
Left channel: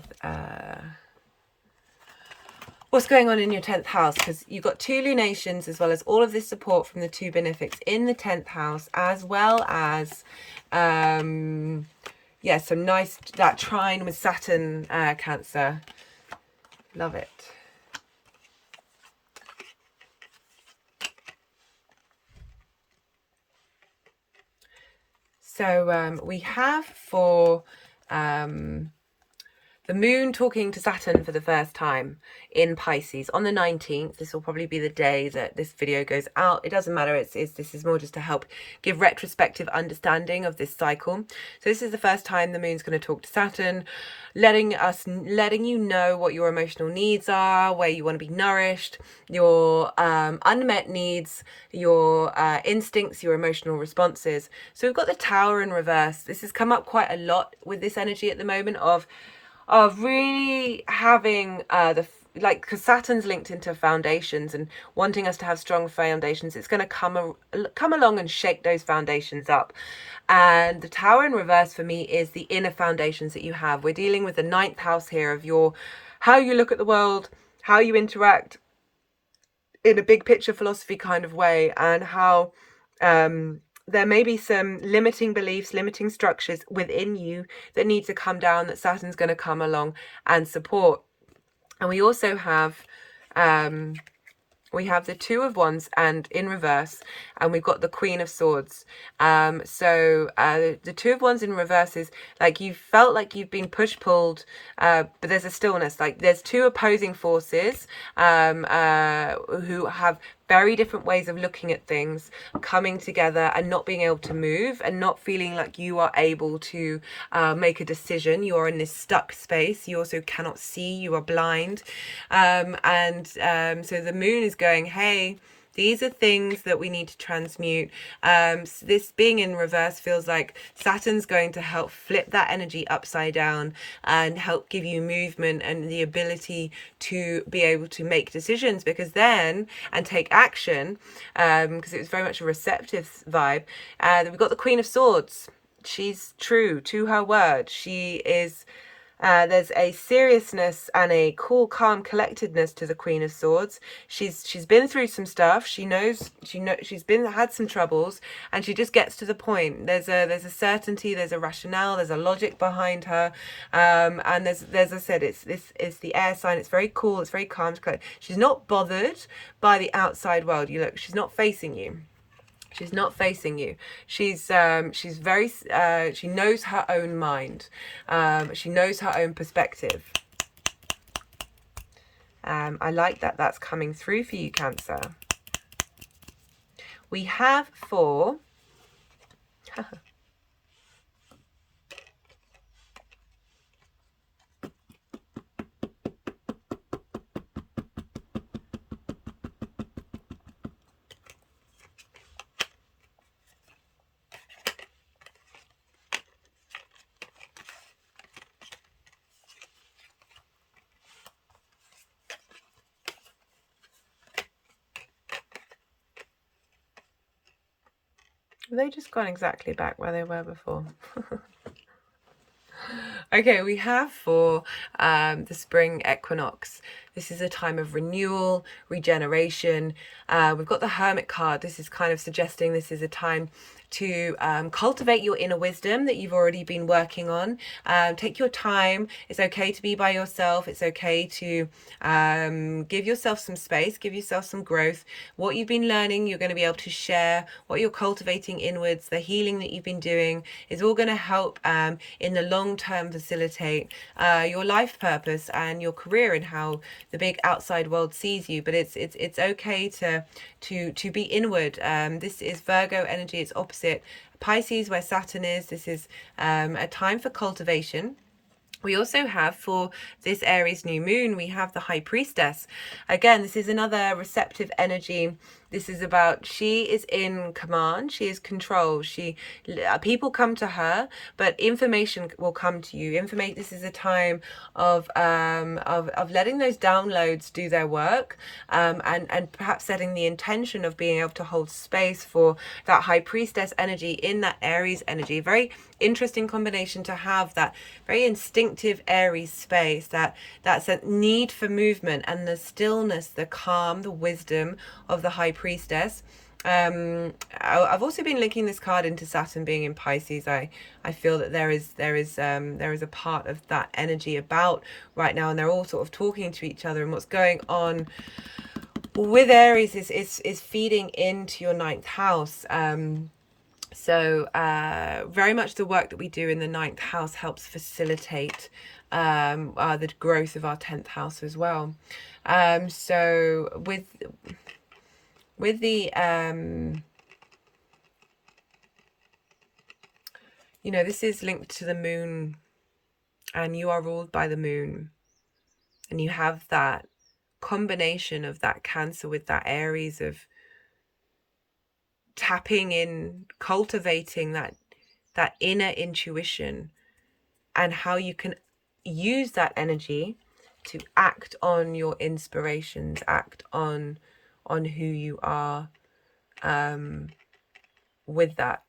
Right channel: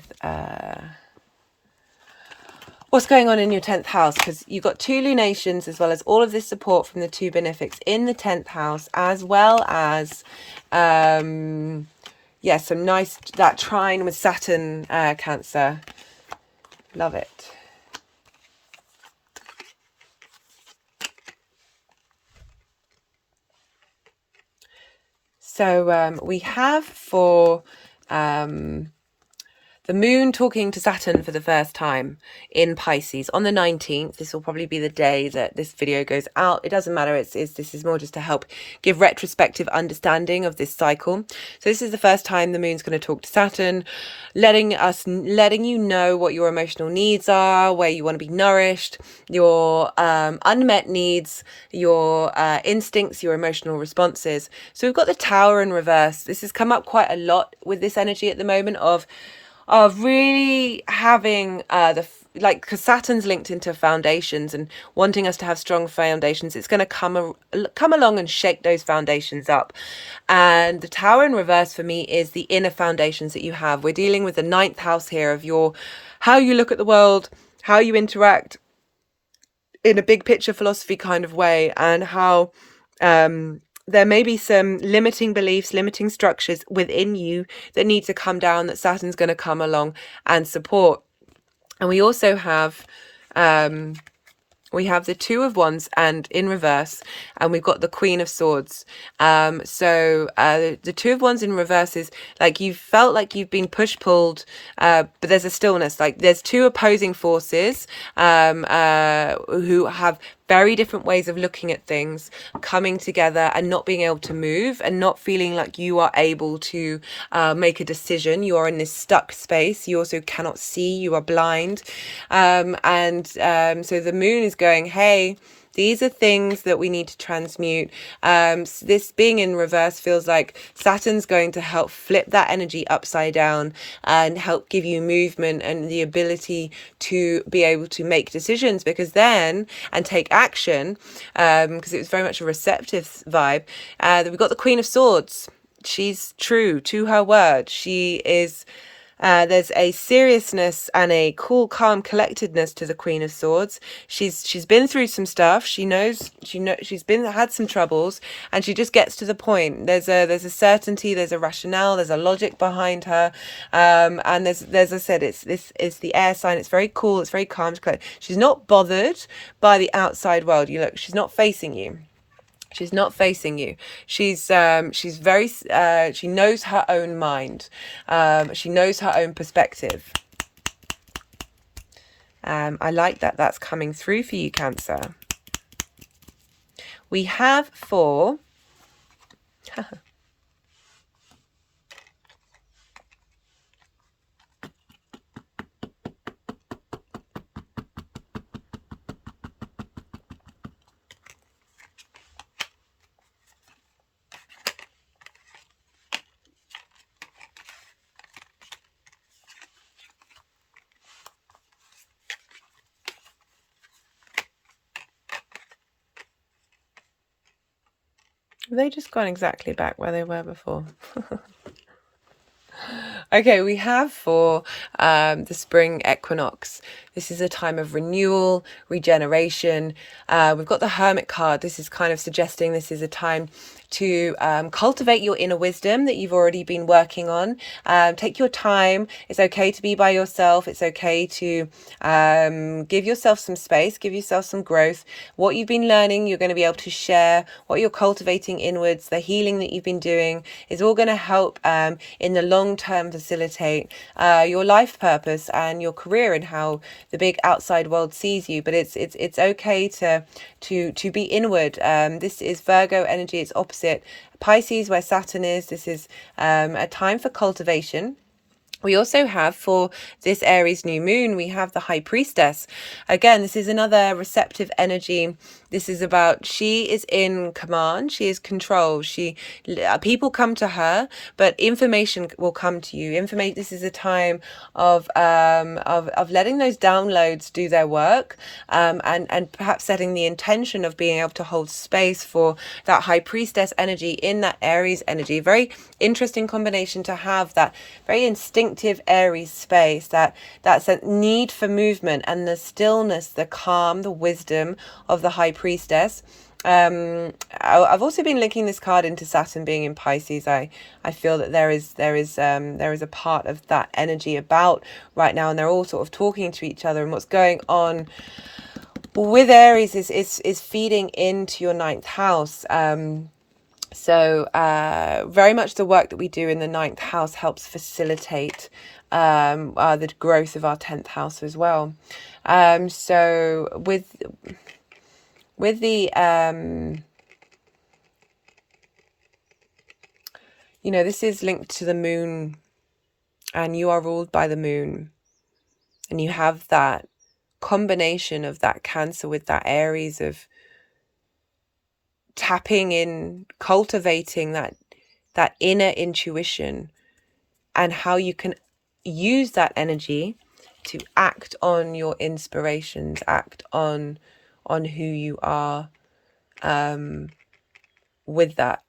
what's going on in your 10th house, because you've got 2 lunations as well as all of this support from the 2 benefics in the 10th house, as well as yeah, some nice, that trine with Saturn, Cancer. Love it. So we have for the moon talking to Saturn for the first time in Pisces on the 19th. This will probably be the day that this video goes out. It doesn't matter. This is more just to help give retrospective understanding of this cycle. So this is the first time the moon's going to talk to Saturn, letting you know what your emotional needs are, where you want to be nourished, your unmet needs, your instincts, your emotional responses. So we've got the Tower in reverse. This has come up quite a lot with this energy at the moment of really having because Saturn's linked into foundations and wanting us to have strong foundations. It's going to come along and shake those foundations up. And the Tower in reverse for me is the inner foundations that you have. We're dealing with the 9th house here of how you look at the world, how you interact in a big picture philosophy kind of way, and how there may be some limiting beliefs, limiting structures within you that need to come down, that Saturn's going to come along and support. And we also have the 2 of Wands and in reverse, and we've got the Queen of Swords. So the 2 of Wands in reverse is like you felt like you've been pulled, but there's a stillness. Like there's 2 opposing forces who have very different ways of looking at things coming together and not being able to move and not feeling like you are able to make a decision. You are in this stuck space. You also cannot see. You are blind. So the moon is going, hey, these are things that we need to transmute. This being in reverse feels like Saturn's going to help flip that energy upside down and help give you movement and the ability to be able to make decisions and take action, because it was very much a receptive vibe. We've got the Queen of Swords. She's true to her word. She is... there's a seriousness and a cool, calm collectedness to the Queen of Swords. She's been through some stuff. She knows she's had some troubles, and she just gets to the point. There's a certainty, there's a rationale, there's a logic behind her, and there's as I said, it's the air sign. It's very cool. It's very calm. She's not bothered by the outside world. She's not facing you. She's not facing you. She's very, she knows her own mind. She knows her own perspective. I like that that's coming through for you, Cancer. We have for... They just gone exactly back where they were before. Okay, we have for the spring equinox. This is a time of renewal, regeneration. We've got the Hermit card. This is kind of suggesting this is a time to cultivate your inner wisdom that you've already been working on. Take your time. It's okay to be by yourself. It's okay to give yourself some space, give yourself some growth. What you've been learning, you're going to be able to share. What you're cultivating inwards, the healing that you've been doing is all going to help in the long term facilitate your life purpose and your career and how the big outside world sees you. But it's okay to be inward. This is Virgo energy. It's opposite Pisces, where Saturn is. This is a time for cultivation. We also have for this Aries new moon, we have the High Priestess. Again, this is another receptive energy. This is about, she is in command, she is control. People come to her, but information will come to you. This is a time of letting those downloads do their work, and perhaps setting the intention of being able to hold space for that High Priestess energy in that Aries energy. Very interesting combination to have, that very instinctive Aries space, that's a need for movement and the stillness, the calm, the wisdom of the High Priestess. I've also been linking this card into Saturn being in Pisces. I feel that there is a part of that energy about right now, and they're all sort of talking to each other, and what's going on with Aries is feeding into your 9th house. So very much the work that we do in the 9th house helps facilitate the growth of our 10th house as well. So with the this is linked to the moon, and you are ruled by the moon, and you have that combination of that Cancer with that Aries of tapping in, cultivating that inner intuition, and how you can use that energy to act on your inspirations, act on who you are, with that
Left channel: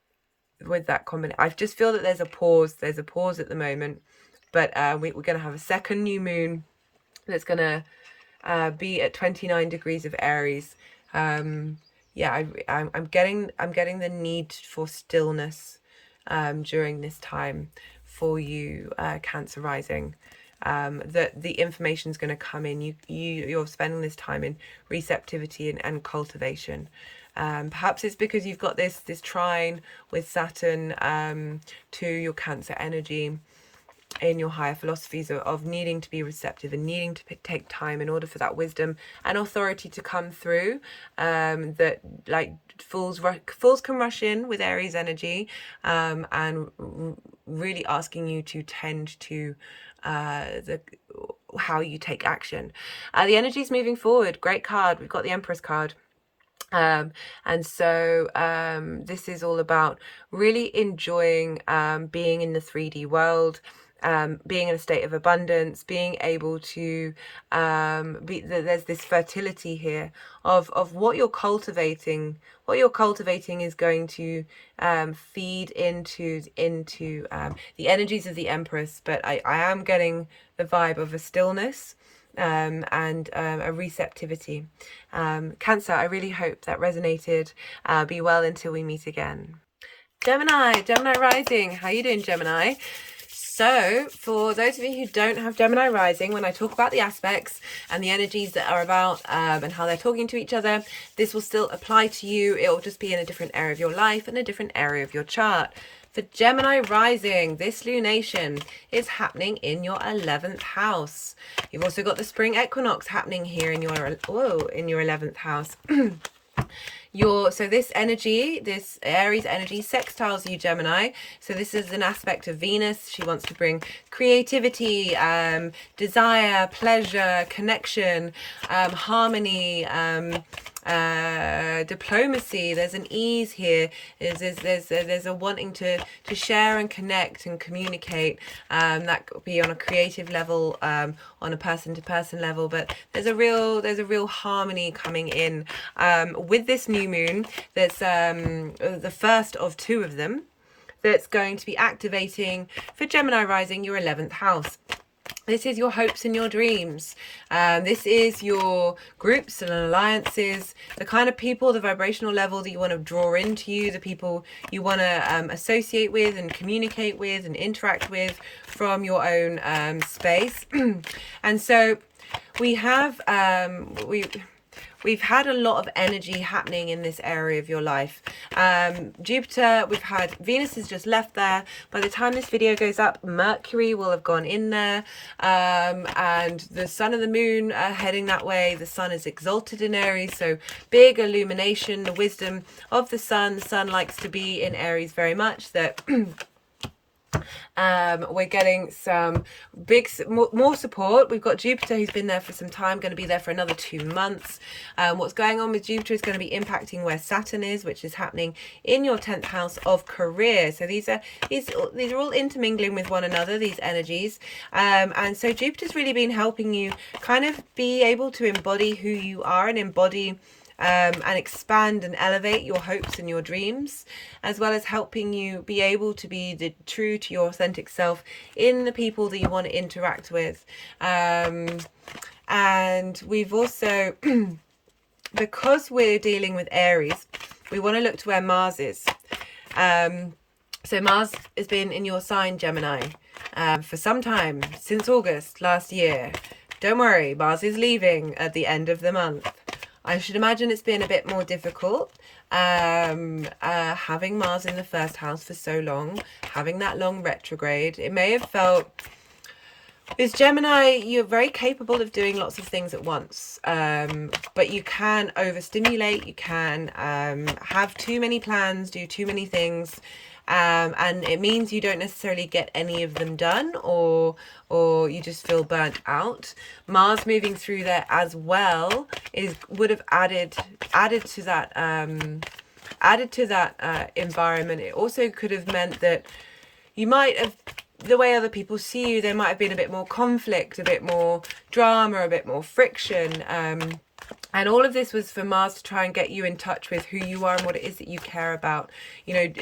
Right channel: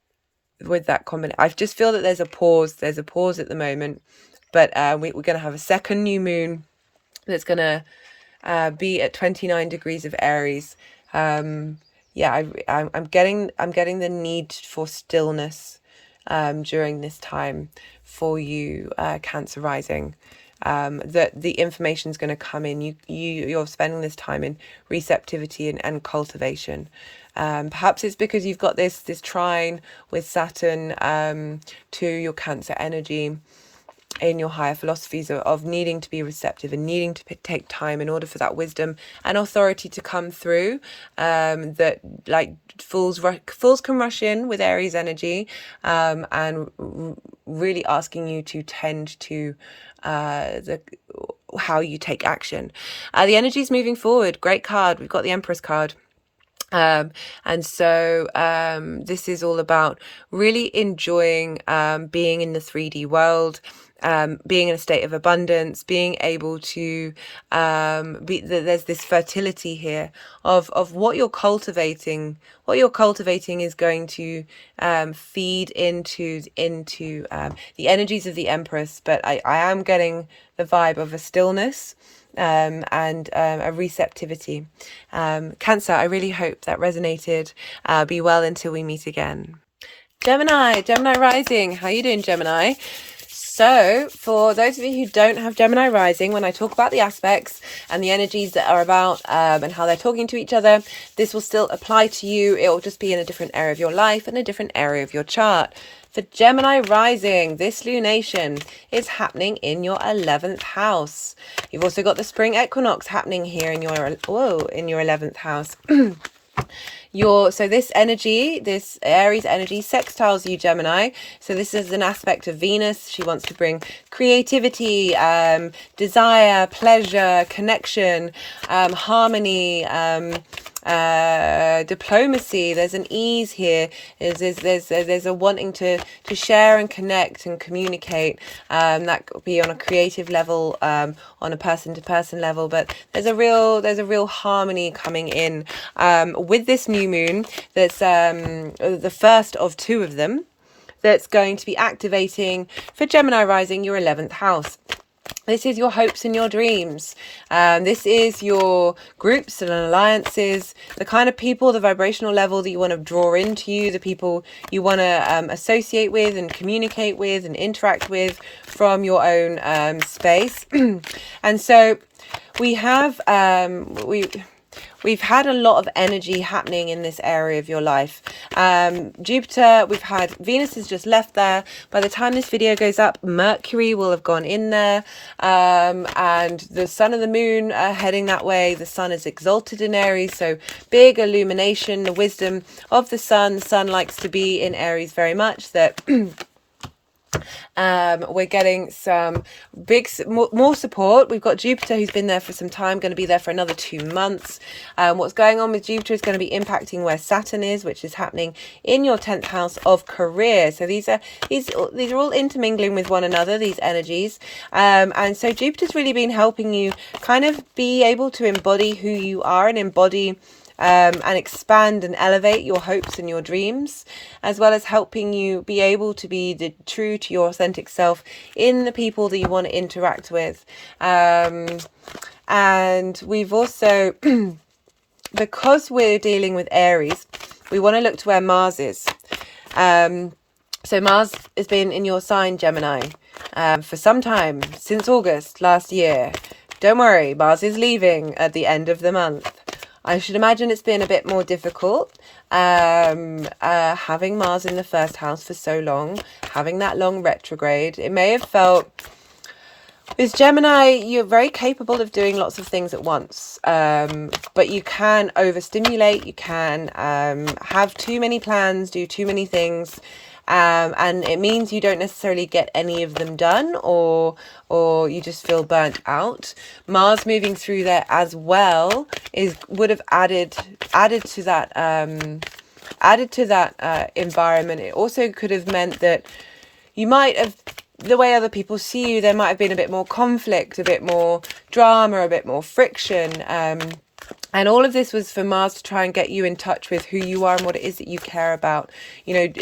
combination. I just feel that there's a pause at the moment, but we're going to have a second new moon that's going to be at 29 degrees of Aries. Yeah, I'm getting the need for stillness during this time for you, Cancer rising. That the information is going to come in. You're spending this time in receptivity and cultivation. Perhaps it's because you've got this trine with Saturn to your Cancer energy in your higher philosophies of needing to be receptive and needing to take time in order for that wisdom and authority to come through. That like fools can rush in with Aries energy, and really asking you to tend to how you take action. The energy is moving forward. Great card. We've got the Empress card. And so this is all about really enjoying being in the 3D world, being in a state of abundance, being able to there's this fertility here of what you're cultivating. What you're cultivating is going to feed into the energies of the Empress, but I am getting the vibe of a stillness and a receptivity. Cancer, I really hope that resonated. Be well until we meet again. Gemini rising. How you doing, Gemini? So for those of you who don't have Gemini rising, when I talk about the aspects and the energies that are about and how they're talking to each other, this will still apply to you. It will just be in a different area of your life and a different area of your chart. For Gemini rising, this lunation is happening in your 11th house. You've also got the spring equinox happening here in your 11th house. So this energy, this Aries energy sextiles you, Gemini. So this is an aspect of Venus. She wants to bring creativity, desire, pleasure, connection, harmony, diplomacy. There's an ease here. There's a wanting to share and connect and communicate. That could be on a creative level, on a person to person level, but there's a real harmony coming in with this new moon. That's the first of two of them, that's going to be activating for Gemini rising, your 11th house. This is your hopes and your dreams. This is your groups and alliances, the kind of people, the vibrational level that you want to draw into you, the people you want to associate with and communicate with and interact with from your own space. And so we have we've had a lot of energy happening in this area of your life. Jupiter, we've had Venus has just left there. By the time this video goes up, Mercury will have gone in there. And the sun and the moon are heading that way. The sun is exalted in Aries, so big illumination, the wisdom of the sun. The sun likes to be in Aries very much. That we're getting some more support. We've got Jupiter, who's been there for some time, going to be there for another 2 months. What's going on with Jupiter is going to be impacting where Saturn is, which is happening in your 10th house of career. So these are all intermingling with one another, these energies. And so Jupiter's really been helping you kind of be able to embody who you are and embody and expand and elevate your hopes and your dreams, as well as helping you be able to be true to your authentic self in the people that you want to interact with. And we've also, because we're dealing with Aries, we want to look to where Mars is. So Mars has been in your sign, Gemini, for some time, since August last year. Don't worry, Mars is leaving at the end of the month. I should imagine it's been a bit more difficult having Mars in the first house for so long, having that long retrograde. It may have felt, with Gemini, you're very capable of doing lots of things at once, but you can overstimulate, you can have too many plans, do too many things. And it means you don't necessarily get any of them done, or you just feel burnt out. Mars moving through there as well would have added to that environment. It also could have meant that you might have, the way other people see you, there might have been a bit more conflict, a bit more drama, a bit more friction. And all of this was for Mars to try and get you in touch with who you are and what it is that you care about. You know,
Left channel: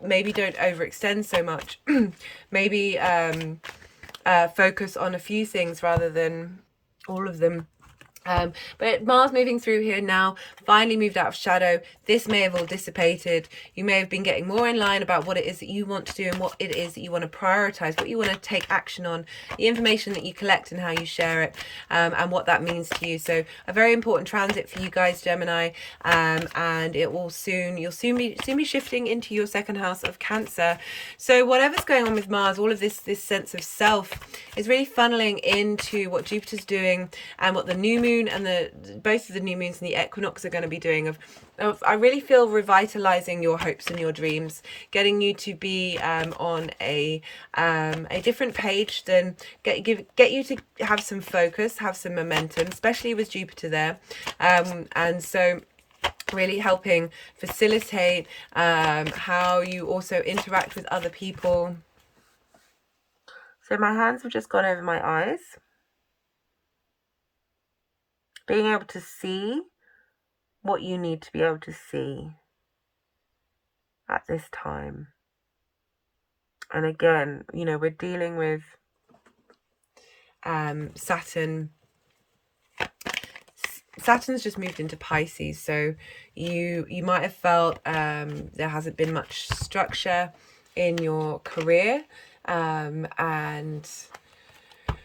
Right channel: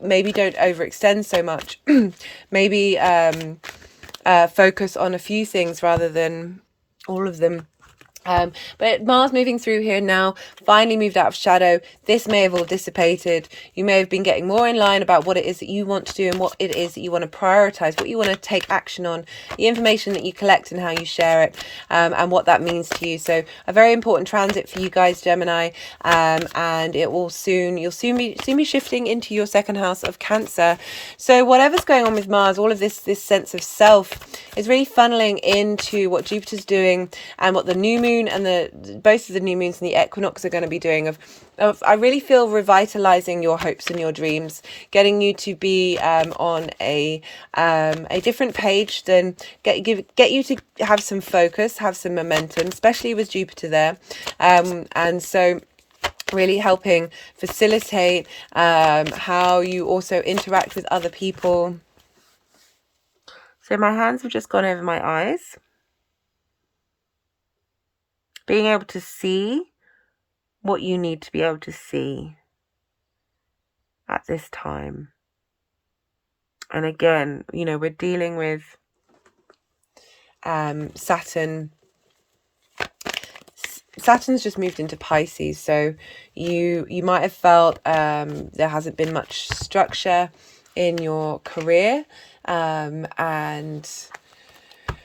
maybe don't overextend so much. Maybe focus on a few things rather than all of them. But Mars moving through here now, finally moved out of shadow. This may have all dissipated. You may have been getting more in line about what it is that you want to do and what it is that you want to prioritize, what you want to take action on, the information that you collect and how you share it, and what that means to you. So a very important transit for you guys, Gemini, and it will you'll soon be shifting into your second house of Cancer. So whatever's going on with Mars, all of this sense of self is really funneling into what Jupiter's doing and what the new moon and both of the new moons and the equinox are going to be doing of I really feel revitalizing your hopes and your dreams, getting you to be on a different page, than get you to have some focus, have some momentum, especially with Jupiter there, and so really helping facilitate how you also interact with other people. So my hands have just gone over my eyes. Being able to see what you need to be able to see at this time. And again, you know, we're dealing with Saturn. Saturn's just moved into Pisces, so you might have felt there hasn't been much structure in your career, and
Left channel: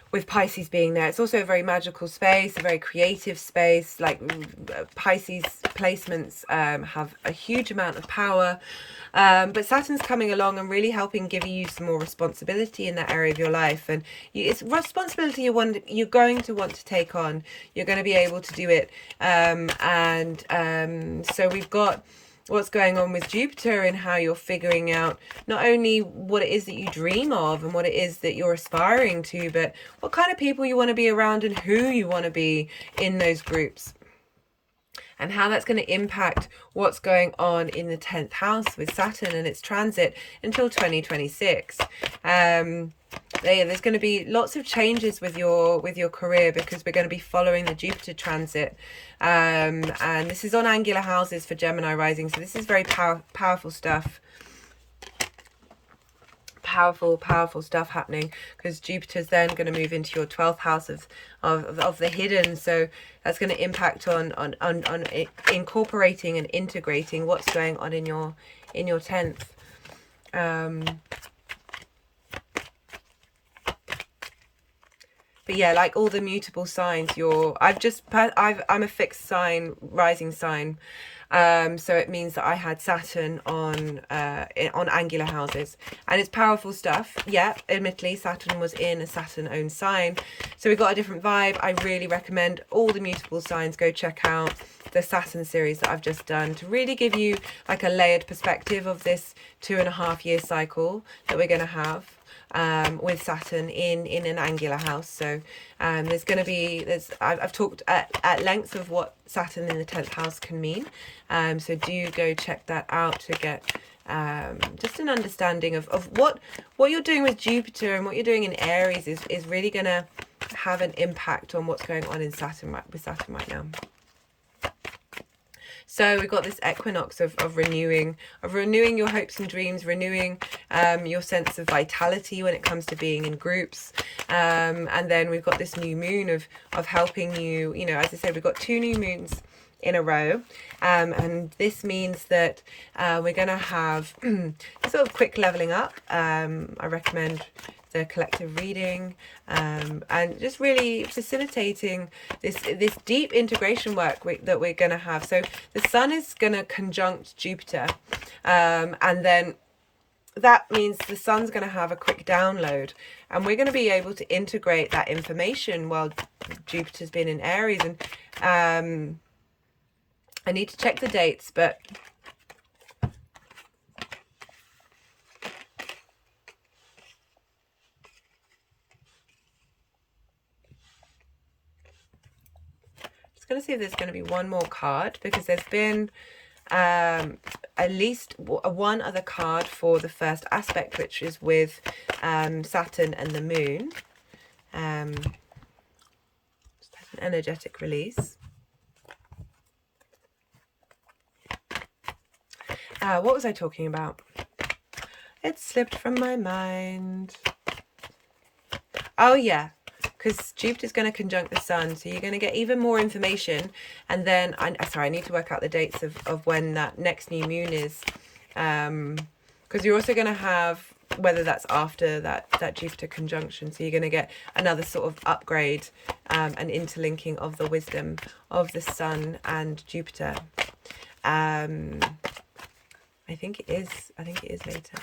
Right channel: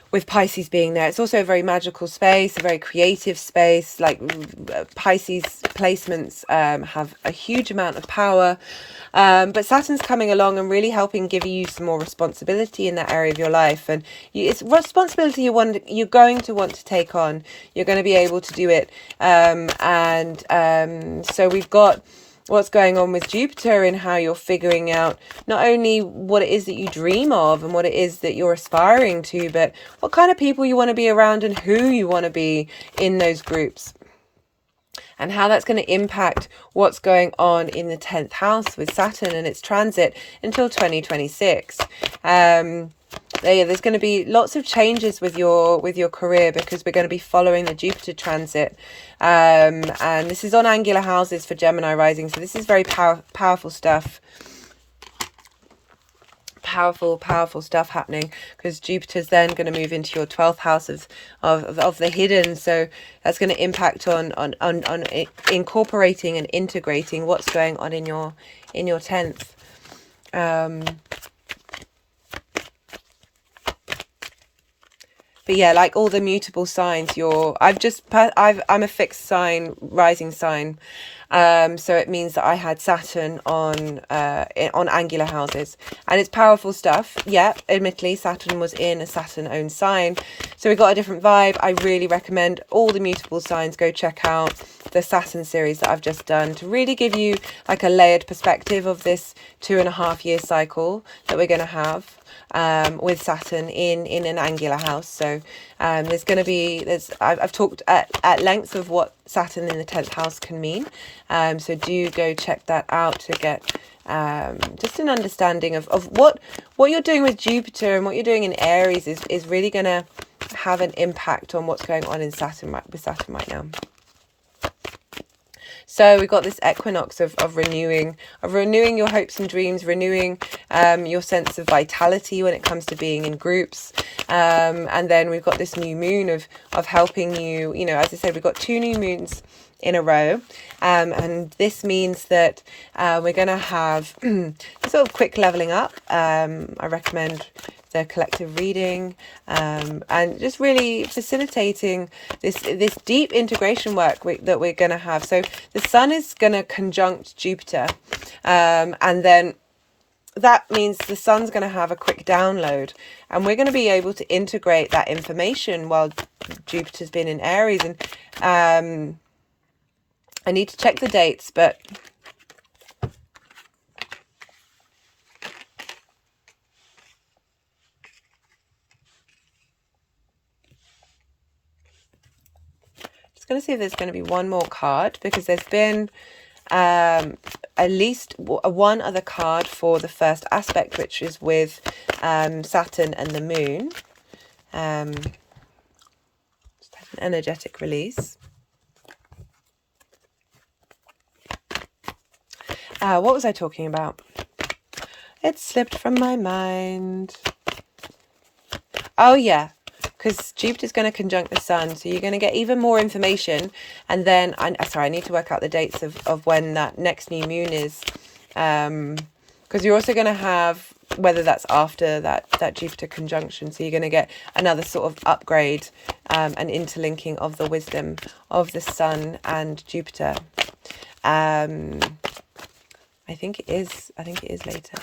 with Pisces being there, it's also a very magical space, a very creative space. Like Pisces placements have a huge amount of power, but Saturn's coming along and really helping give you some more responsibility in that area of your life. And it's responsibility you're going to want to take on. You're going to be able to do it, so we've got what's going on with Jupiter and how you're figuring out not only what it is that you dream of and what it is that you're aspiring to, but what kind of people you want to be around and who you want to be in those groups. and how that's going to impact what's going on in the 10th house with Saturn and its transit until 2026. There's going to be lots of changes with your career, because we're going to be following the Jupiter transit, and this is on angular houses for Gemini rising, so this is very powerful stuff. Powerful stuff happening, because Jupiter's then going to move into your 12th house of the hidden, so that's going to impact on incorporating and integrating what's going on in your 10th. But yeah, like all the mutable signs, I'm a fixed sign, rising sign. So it means that I had Saturn on angular houses, and it's powerful stuff. Yeah, admittedly, Saturn was in a Saturn-owned sign, so we got a different vibe. I really recommend all the mutable signs. Go check out the Saturn series that I've just done to really give you like a layered perspective of this 2.5 year cycle that we're going to have with Saturn in an angular house. So there's going to be, I've talked at length of what Saturn in the 10th house can mean, so do go check that out to get just an understanding of what you're doing with Jupiter and what you're doing in Aries is really going to have an impact on what's going on in Saturn right now. So we've got this equinox of renewing your hopes and dreams, renewing your sense of vitality when it comes to being in groups. And then we've got this new moon of helping you, as I said, we've got 2 new moons in a row. And this means that we're going to have sort of quick leveling up. I recommend the collective reading, and just really facilitating this deep integration work that we're going to have. So the Sun is going to conjunct Jupiter, and then that means the Sun's going to have a quick download, and we're going to be able to integrate that information while Jupiter's been in Aries. And I need to check the dates, but going to see if there's going to be one more card, because there's been at least one other card for the first aspect, which is with Saturn and the moon. Just have an energetic release. What was I talking about? It slipped from my mind. Oh yeah, because Jupiter's going to conjunct the Sun, so you're going to get even more information. And then, I need to work out the dates of when that next new moon is, because you're also going to have, whether that's after that Jupiter conjunction, so you're going to get another sort of upgrade and interlinking of the wisdom of the Sun and Jupiter. I think it is later.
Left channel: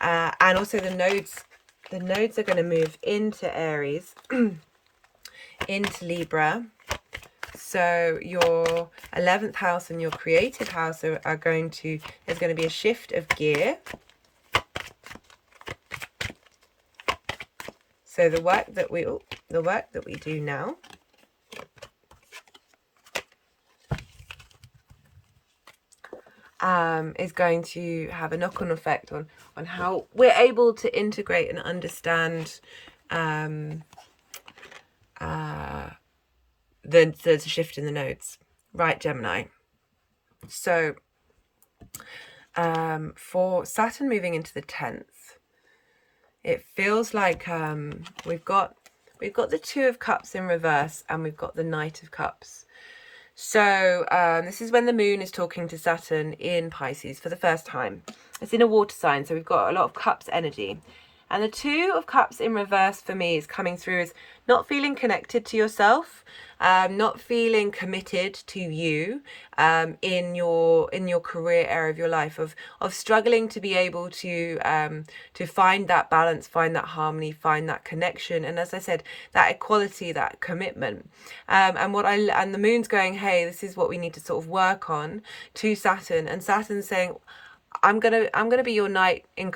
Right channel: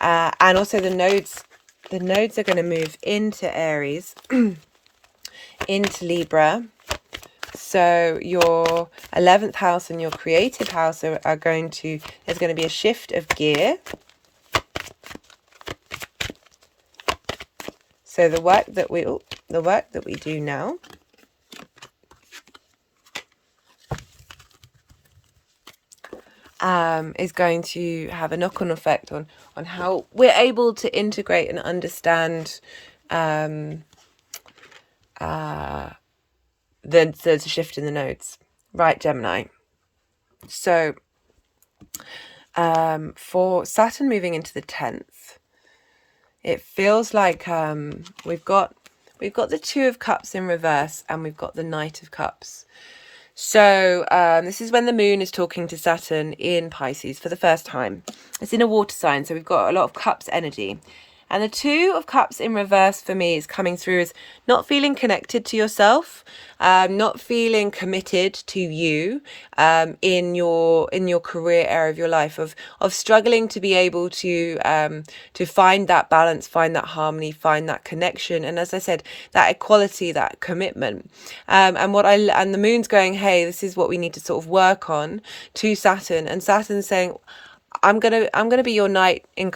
And also the nodes are going to move into Aries, into Libra. So your 11th house and your creative house are going to, there's going to be a shift of gear. So the work that we do now is going to have a knock-on effect on how we're able to integrate and understand the shift in the nodes, right, Gemini? So for Saturn moving into the 10th, it feels like we've got the 2 of Cups in reverse, and we've got the Knight of Cups. So this is when the moon is talking to Saturn in Pisces for the first time. It's in a water sign, so we've got a lot of Cups energy. And the 2 of Cups in reverse for me is coming through as not feeling connected to yourself, not feeling committed to you in your career area of your life, of struggling to be able to find that balance, find that harmony, find that connection, and as I said, that equality, that commitment. And the moon's going, hey, this is what we need to sort of work on, to Saturn, and Saturn's saying, I'm gonna be your knight in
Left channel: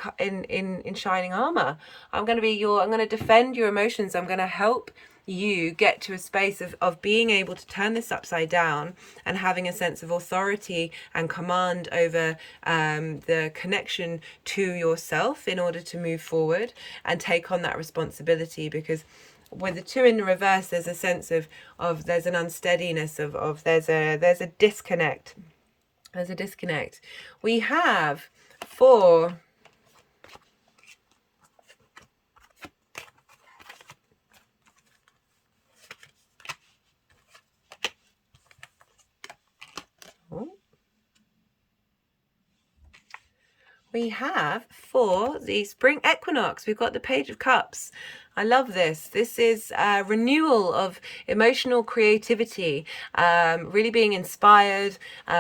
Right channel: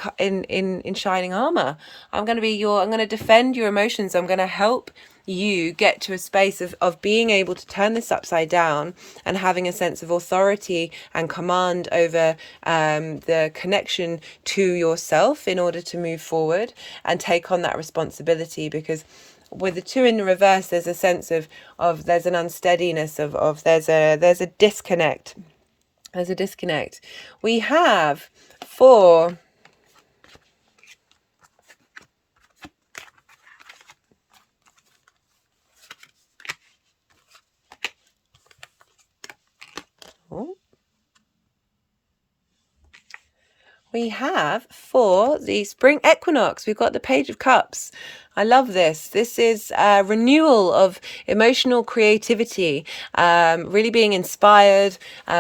shining armor. I'm gonna defend your emotions. I'm gonna help you get to a space of being able to turn this upside down and having a sense of authority and command over the connection to yourself in order to move forward and take on that responsibility. Because with the 2 in the reverse, there's a sense of there's an unsteadiness of there's a disconnect. There's a disconnect. We have 4. We have for the spring equinox, we've got the Page of Cups. I love this. This is a renewal of emotional creativity, really being inspired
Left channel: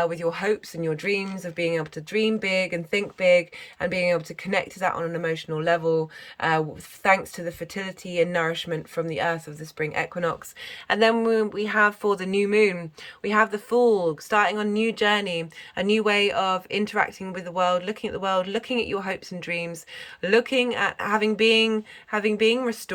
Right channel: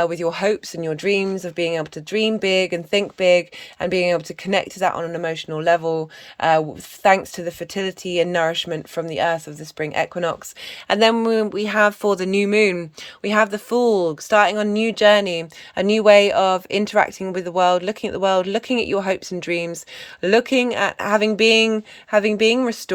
with your hopes and your dreams, of being able to dream big and think big and being able to connect to that on an emotional level, thanks to the fertility and nourishment from the earth of the spring equinox. And then we have for the new moon, we have the Fool, starting on a new journey, a new way of interacting with the world, looking at the world, looking at your hopes and dreams, looking at having been restored.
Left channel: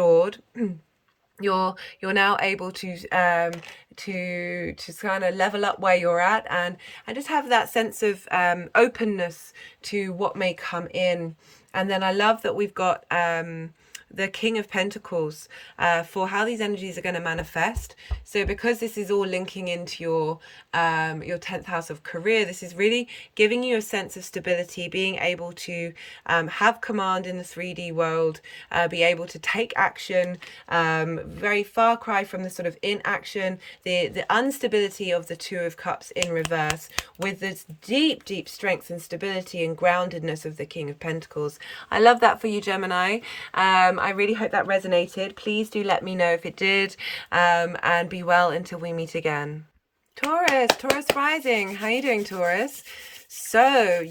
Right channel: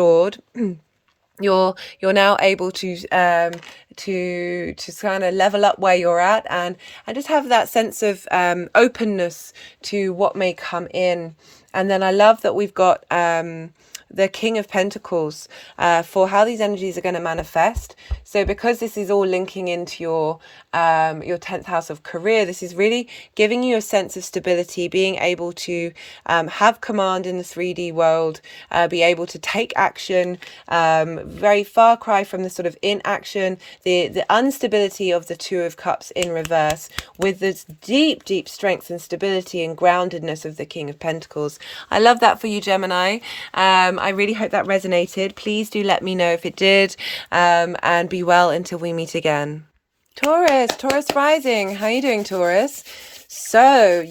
You're now able to kind of level up where you're at and just have that sense of openness to what may come in. And then I love that we've got the King of Pentacles for how these energies are going to manifest. So because this is all linking into your 10th house of career, this is really giving you a sense of stability, being able to have command in the 3D world, be able to take action, very far cry from the sort of inaction, the instability of the 2 of Cups in reverse, with this deep strength and stability and groundedness of the King of Pentacles. I love that for you, Gemini. I really hope that resonated. Please do let me know if it did, and be well until we meet again. Taurus rising. How are you doing, Taurus? So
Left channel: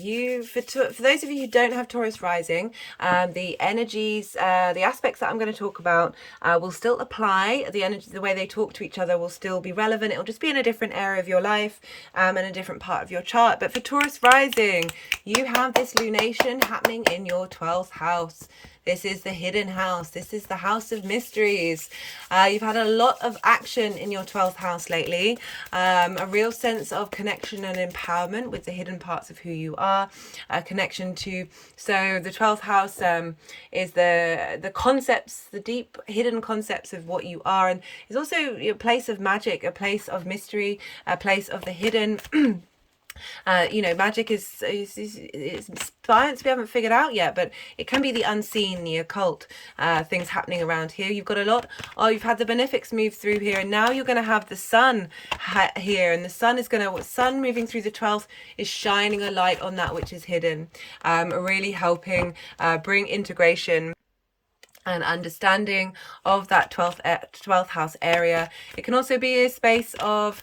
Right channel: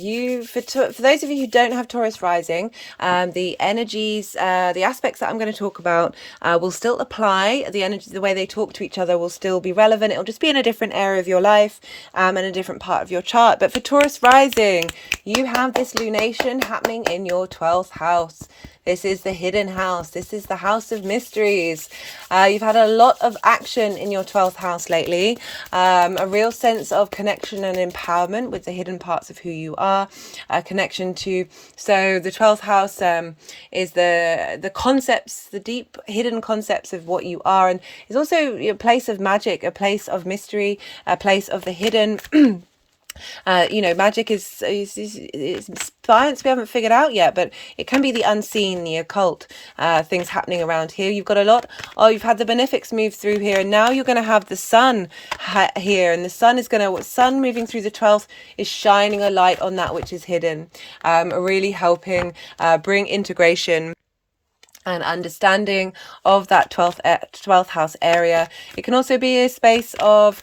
for those of you who don't have Taurus rising, the energies, the aspects that I'm going to talk about will still apply. The energy, the way they talk to each other will still be relevant. It'll just be in a different area of your life and a different part of your chart. But for Taurus rising, you have this lunation happening in your 12th house. This is the hidden house. This is the house of mysteries. You've had a lot of action in your 12th house lately. A real sense of connection and empowerment with the hidden parts of who you are. A connection to, so the 12th house is the concepts, the deep hidden concepts of what you are. And it's also a place of magic, a place of mystery, a place of the hidden. Magic is science we haven't figured out yet, but it can be the unseen, the occult, things happening around here. You've got a lot. You've had the benefics move through here, and now you're going to have the sun here, and the sun moving through the 12th is shining a light on that which is hidden, really helping bring integration and understanding of that 12th house area. It can also be a space of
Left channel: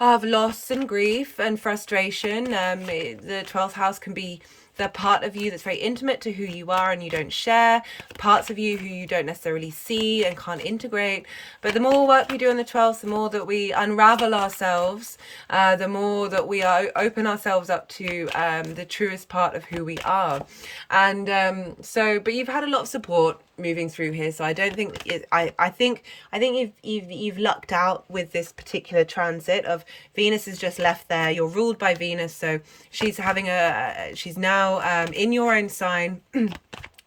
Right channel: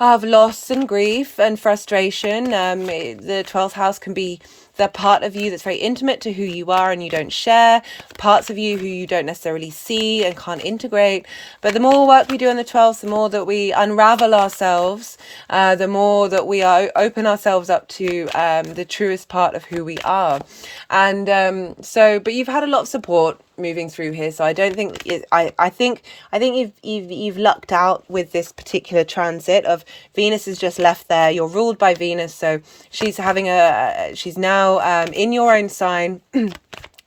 loss and grief and frustration. The 12th house can be the part of you that's very intimate to who you are and you don't share, parts of you who you don't necessarily see and can't integrate. But the more work we do on the 12th, the more that we unravel ourselves, the more that we open ourselves up to the truest part of who we are. And but you've had a lot of support moving through here, so I don't think I think you've lucked out with this particular transit of Venus has just left there. You're ruled by Venus, so she's now in your own sign.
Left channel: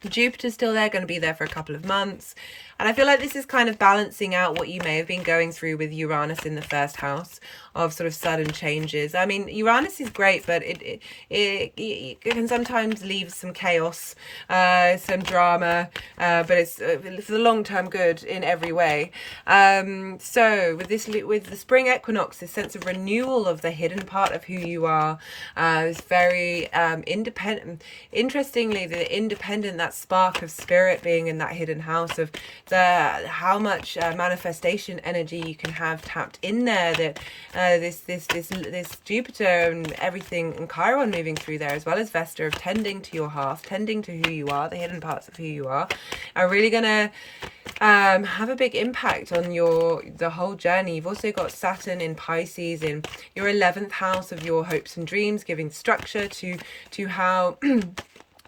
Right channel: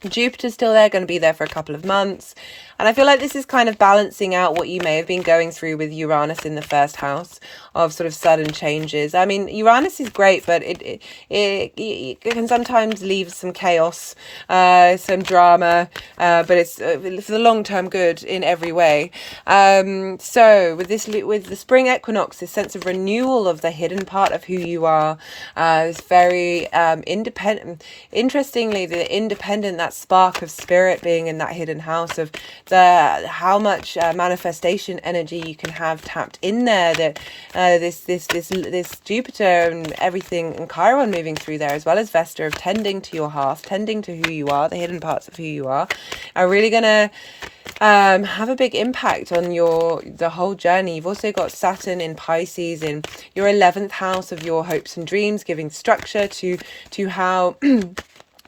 Jupiter's still there, going to be there for a couple of months. And I feel like this is kind of balancing out what you may have been going through with Uranus in the 1st house of sort of sudden changes. I mean, Uranus is great, but it can sometimes leave some chaos, some drama, but it's for the long-term good in every way. So with the spring equinox, this sense of renewal of the hidden part of who you are, is very independent. Interestingly, the independent, that spark of spirit being in that hidden house of how much manifestation energy you can have tapped in there, that this Jupiter and everything and Chiron moving through there, as well as Vesta, of tending to your heart, tending to who you are, the hidden parts of who you are really gonna have a big impact on the whole journey. You've also got Saturn in Pisces in your 11th house of your hopes and dreams, giving structure to how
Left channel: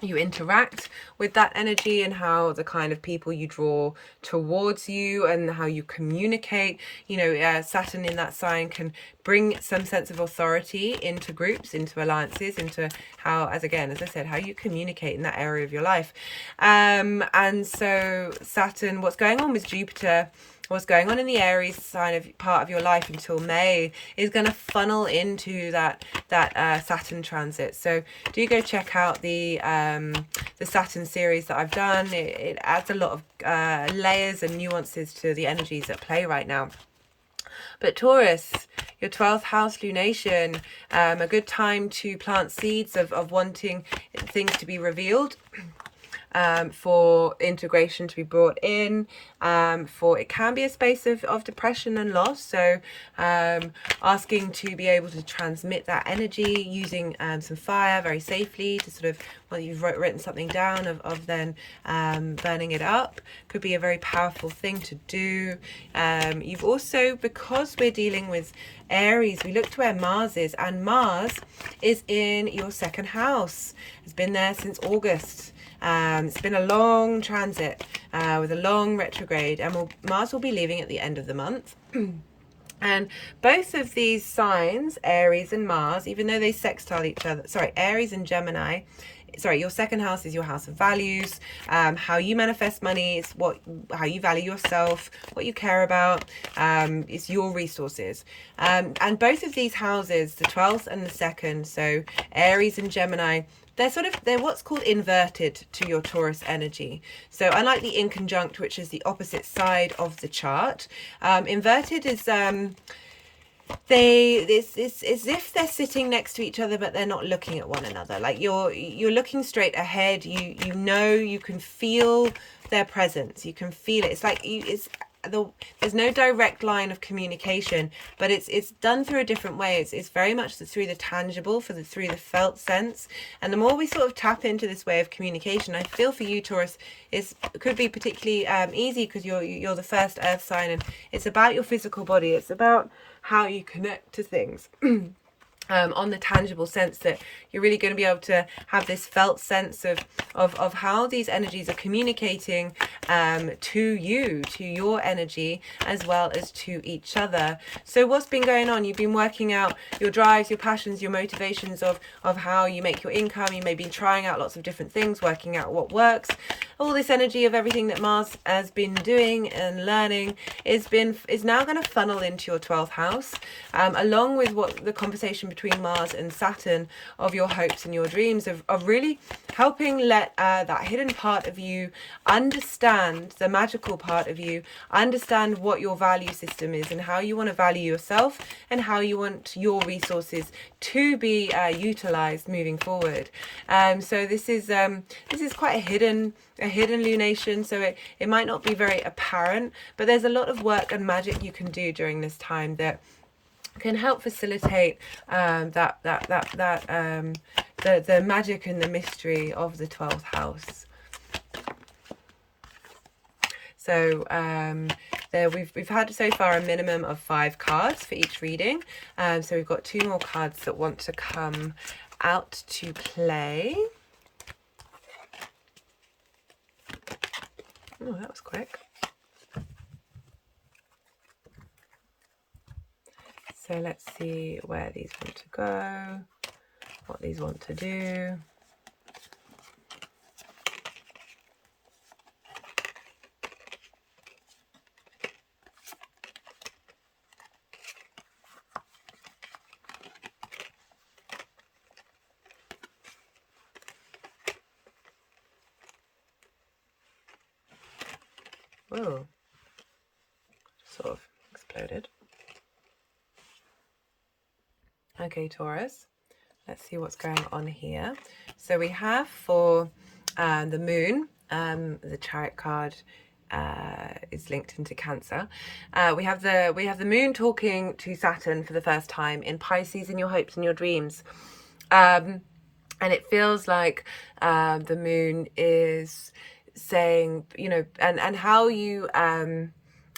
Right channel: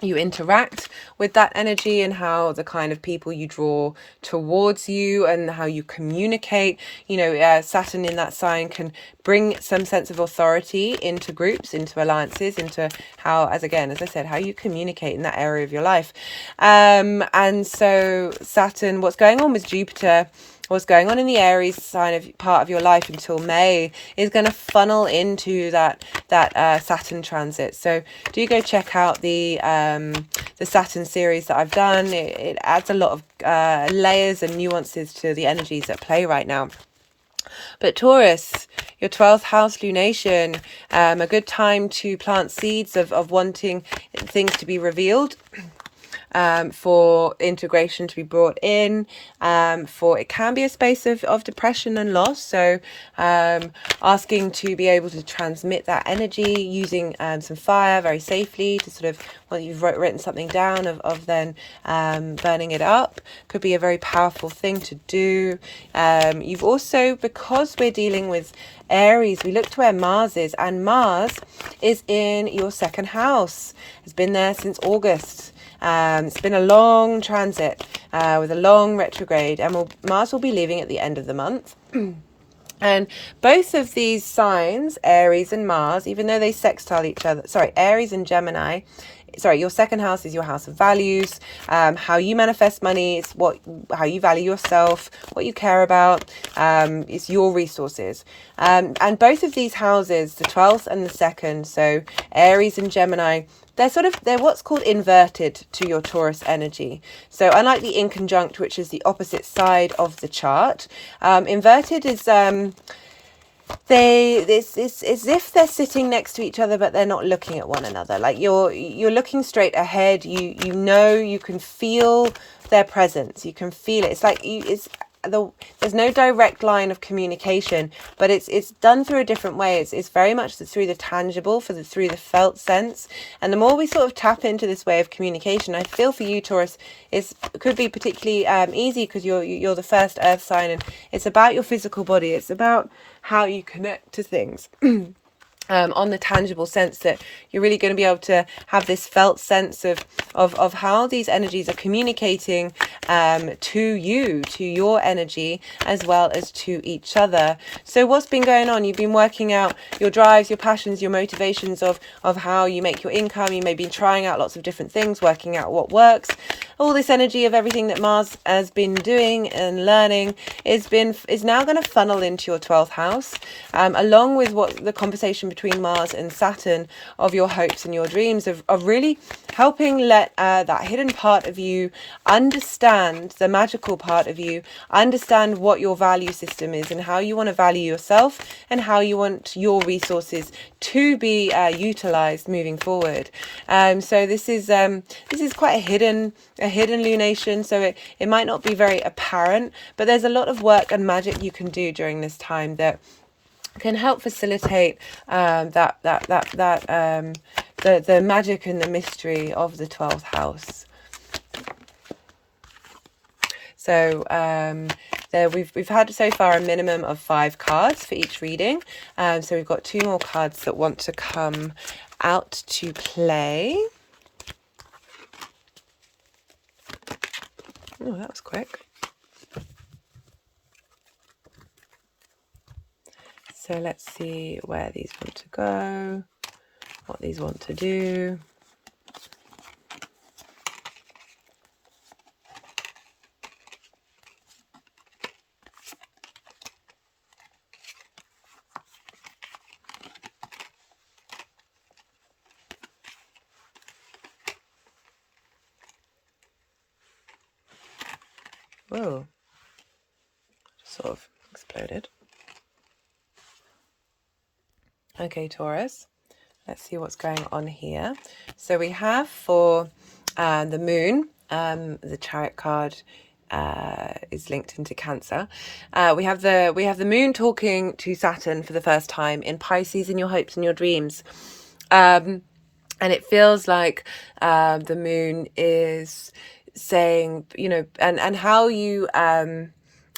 you interact with that energy, and how the kind of people you draw towards you and how you communicate. You know, Saturn in that sign can bring some sense of authority into groups, into alliances, into how, as I said, how you communicate in that area of your life. And so Saturn, what's going on with Jupiter, what's going on in the Aries sign of part of your life until May, is going to funnel into that Saturn transit. So do go check out the Saturn series that I've done. It adds a lot of layers and nuances to the energies at play right now. But Taurus, your 12th house lunation, a good time to plant seeds of wanting things to be revealed. For integration to be brought in, for it can be a space of depression and loss. So asking to be able to transmit that energy using some fire very safely to sort of, well, you've written something down of then burning it up could be a very powerful thing to do. You've also, because we're dealing with Aries, we look to where Mars is, and Mars is in your second house. It's been there since August. It's been a long transit with a long retrograde, and Mars will be leaving at the end of the month. And both of these signs, Aries and Mars, even though they sextile each other, Aries and Gemini, your second house is your house of values, how you manifest money, it's how you value yourself, what you care about, it's your resources. And both of these houses, the 12th and the 2nd, so Aries and Gemini, they're what's called inverted to your Taurus energy. So unlike the inconjunct, which is the opposite side of the chart, inverted is it's as if they're sitting next to each other, but they're not looking at one another. Like you're looking straight ahead. You know, you can feel their presence. You can feel it. It's like there's no direct line of communication, but it's done through a different way. It's very much through the tangible, through the felt sense. And the more we sort of tap into this way of communication, I feel for you, Taurus, it could be particularly easy because you're the first earth sign, and it's about your physical body. It's about how you connect to things. On the tangible sense that you're really going to be able to have this felt sense of how these energies are communicating to you, to your energy, as well as to each other. So what's been going on? You've been working out your drives, your passions, your motivations of how you make your income. You may be trying out lots of different things, working out what works. All this energy of everything that Mars has been doing and learning is now going to funnel into your 12th house, along with what the conversation between Mars and Saturn of your hopes and your dreams, of really helping let that hidden part of you understand, the magical part of you, understand what your value system is and how you want to value yourself and how you want your resources to be utilized moving forward. So this is quite a hidden lunation, so it might not be very apparent, but there's a lot of work and magic you can do during this time that can help facilitate the magic and the mystery of the 12th house. So we've had so far a minimum of 5 cards for each reading. So we've got 2 more cards that want to come out to play. Oh, that was quick. So let's see where these want to go, what these want to do. Whoa, sort of exploded. Okay, Taurus, let's see what's going on here. So we have for the moon, the Chariot card is linked into Cancer. We have the moon talking to Saturn for the first time in Pisces, in your hopes and your dreams. And it feels like the moon is saying, you know, and how you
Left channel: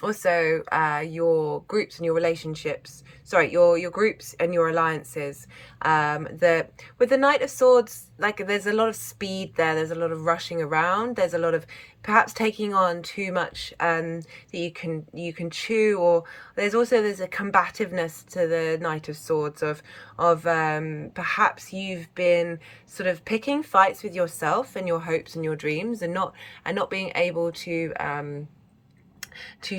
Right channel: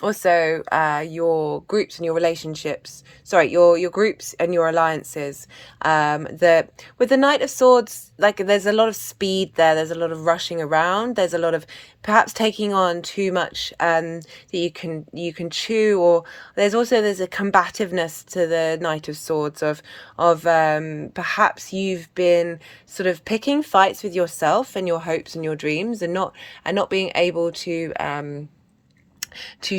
also your groups and your relationships, sorry, your groups and your alliances. With the Knight of Swords, like, there's a lot of speed there, there's a lot of rushing around, there's a lot of perhaps taking on too much that you can chew, or there's a combativeness to the Knight of Swords of perhaps you've been sort of picking fights with yourself and your hopes and your dreams, and not being able to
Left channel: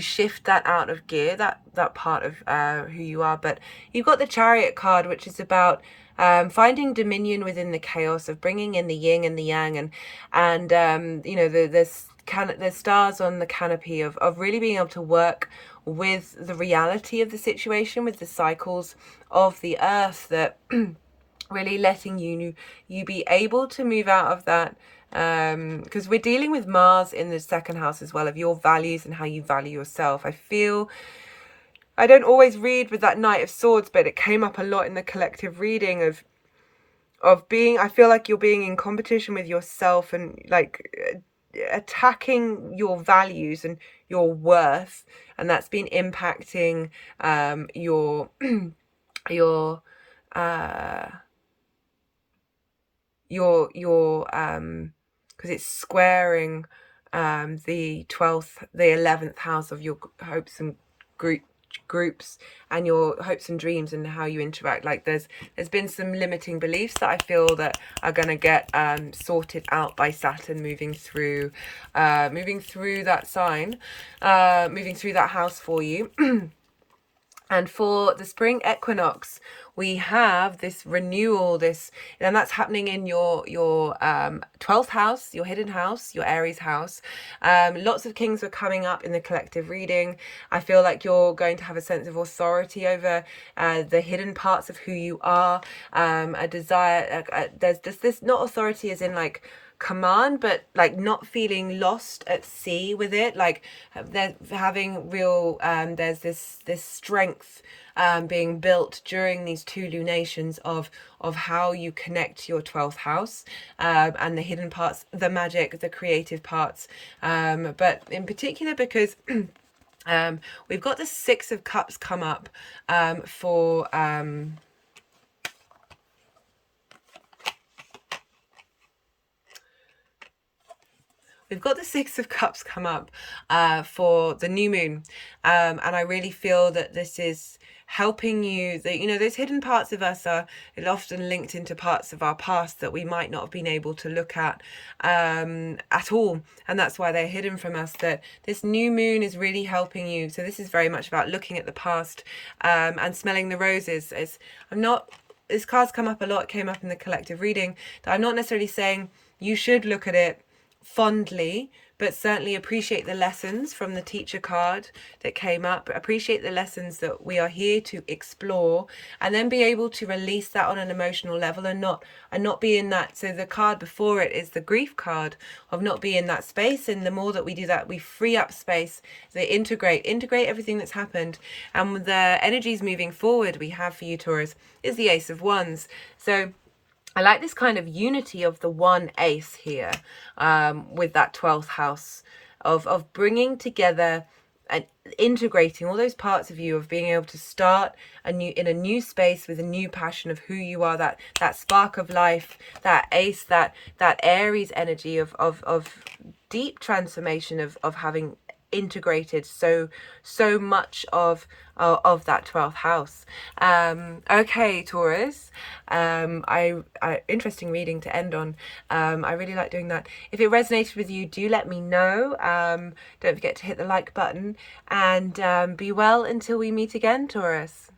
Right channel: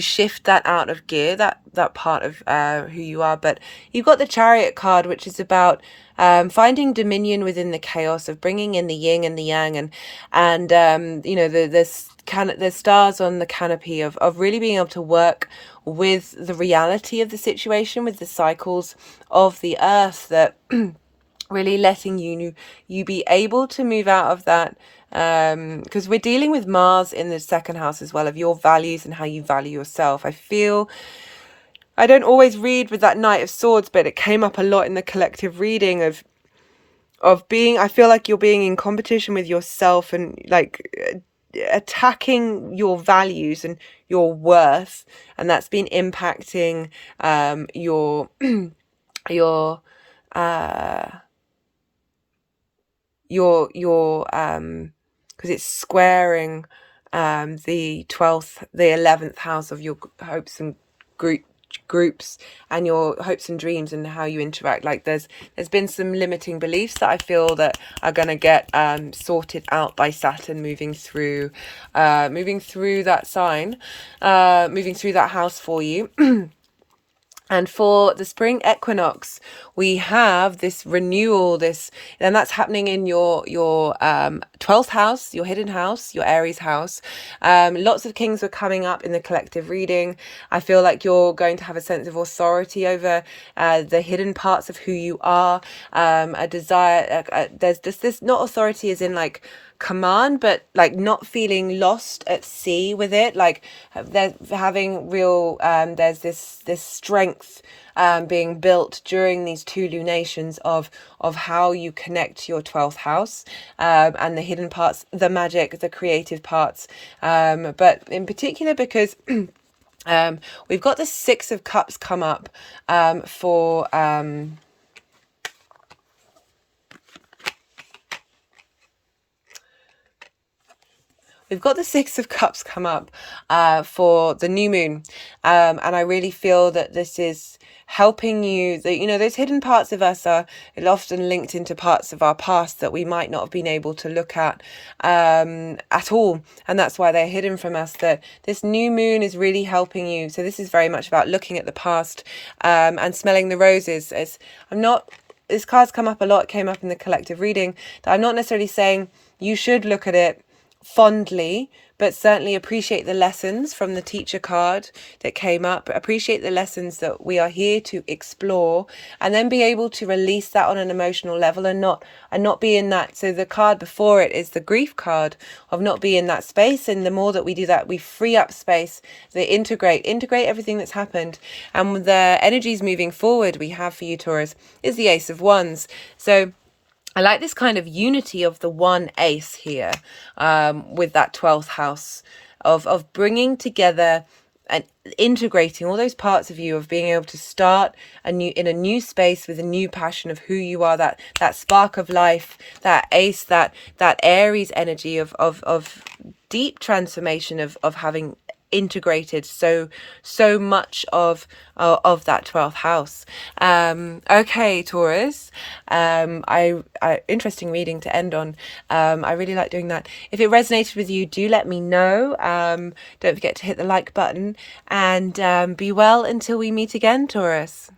shift that out of gear, that part of who you are. But you've got the Chariot card, which is about finding dominion within the chaos, of bringing in the yin and the yang, and you know, the stars on the canopy of really being able to work with the reality of the situation, with the cycles of the earth, that really letting you be able to move out of that, because we're dealing with Mars in the second house as well, of your values and how you value yourself. I don't always read with that Knight of Swords, but it came up a lot in the collective reading of being, I feel like you're being in competition with yourself, and like attacking your values and your worth, and that's been impacting your because it's squaring the 11th house of your hopes and groups, and your hopes and dreams, and how you interact. Like there's been some limiting beliefs that I feel that are going to get sorted out by Saturn moving through that sign, moving through that house for you. And for the spring equinox, we have this renewal, and that's happening in your 12th house, your hidden house, your Aries house. Lots of kings are coming up in the collective reading. I feel like you're going to have a sense of authority over the hidden parts of who you are. A desire, there's just this, not authority as in like command, but like not feeling lost at sea with it. Like they're having real there's this strength being built during these two lunations of how you connect to your 12th house, and the hidden parts, the magic, the creative parts, but in particular because we've got the Six of Cups come up for we've got the Six of Cups come up for the new moon, and I really feel that this is helping you. That, you know, those hidden parts of us are often linked into parts of our past that we might not have been able to look at all, and that's why they're hidden from us. That this new moon is really helping you. So this is very much about looking at the past and smelling the roses. This card's come up a lot, came up in the collective reading, that I'm not necessarily saying you should look at it fondly, but certainly appreciate the lessons from the teacher card that came up. Appreciate the lessons that we are here to explore, and then be able to release that on an emotional level, and not be in that. So the card before it is the grief card of not being in that space, and the more that we do that, we free up space. They integrate everything that's happened. And the energies moving forward we have for you, Taurus, is the Ace of Wands. So I like this kind of unity of the one ace here, with that 12th house of bringing together and integrating all those parts of you, of being able to start in a new space with a new passion of who you are, that spark of life, that ace, that Aries energy of deep transformation, of having integrated so much of that 12th house. Okay, Taurus, interesting reading to end on. I really like doing that. If it resonated with you, do let me know. Don't forget to hit the like button, and be well until we meet again, Taurus.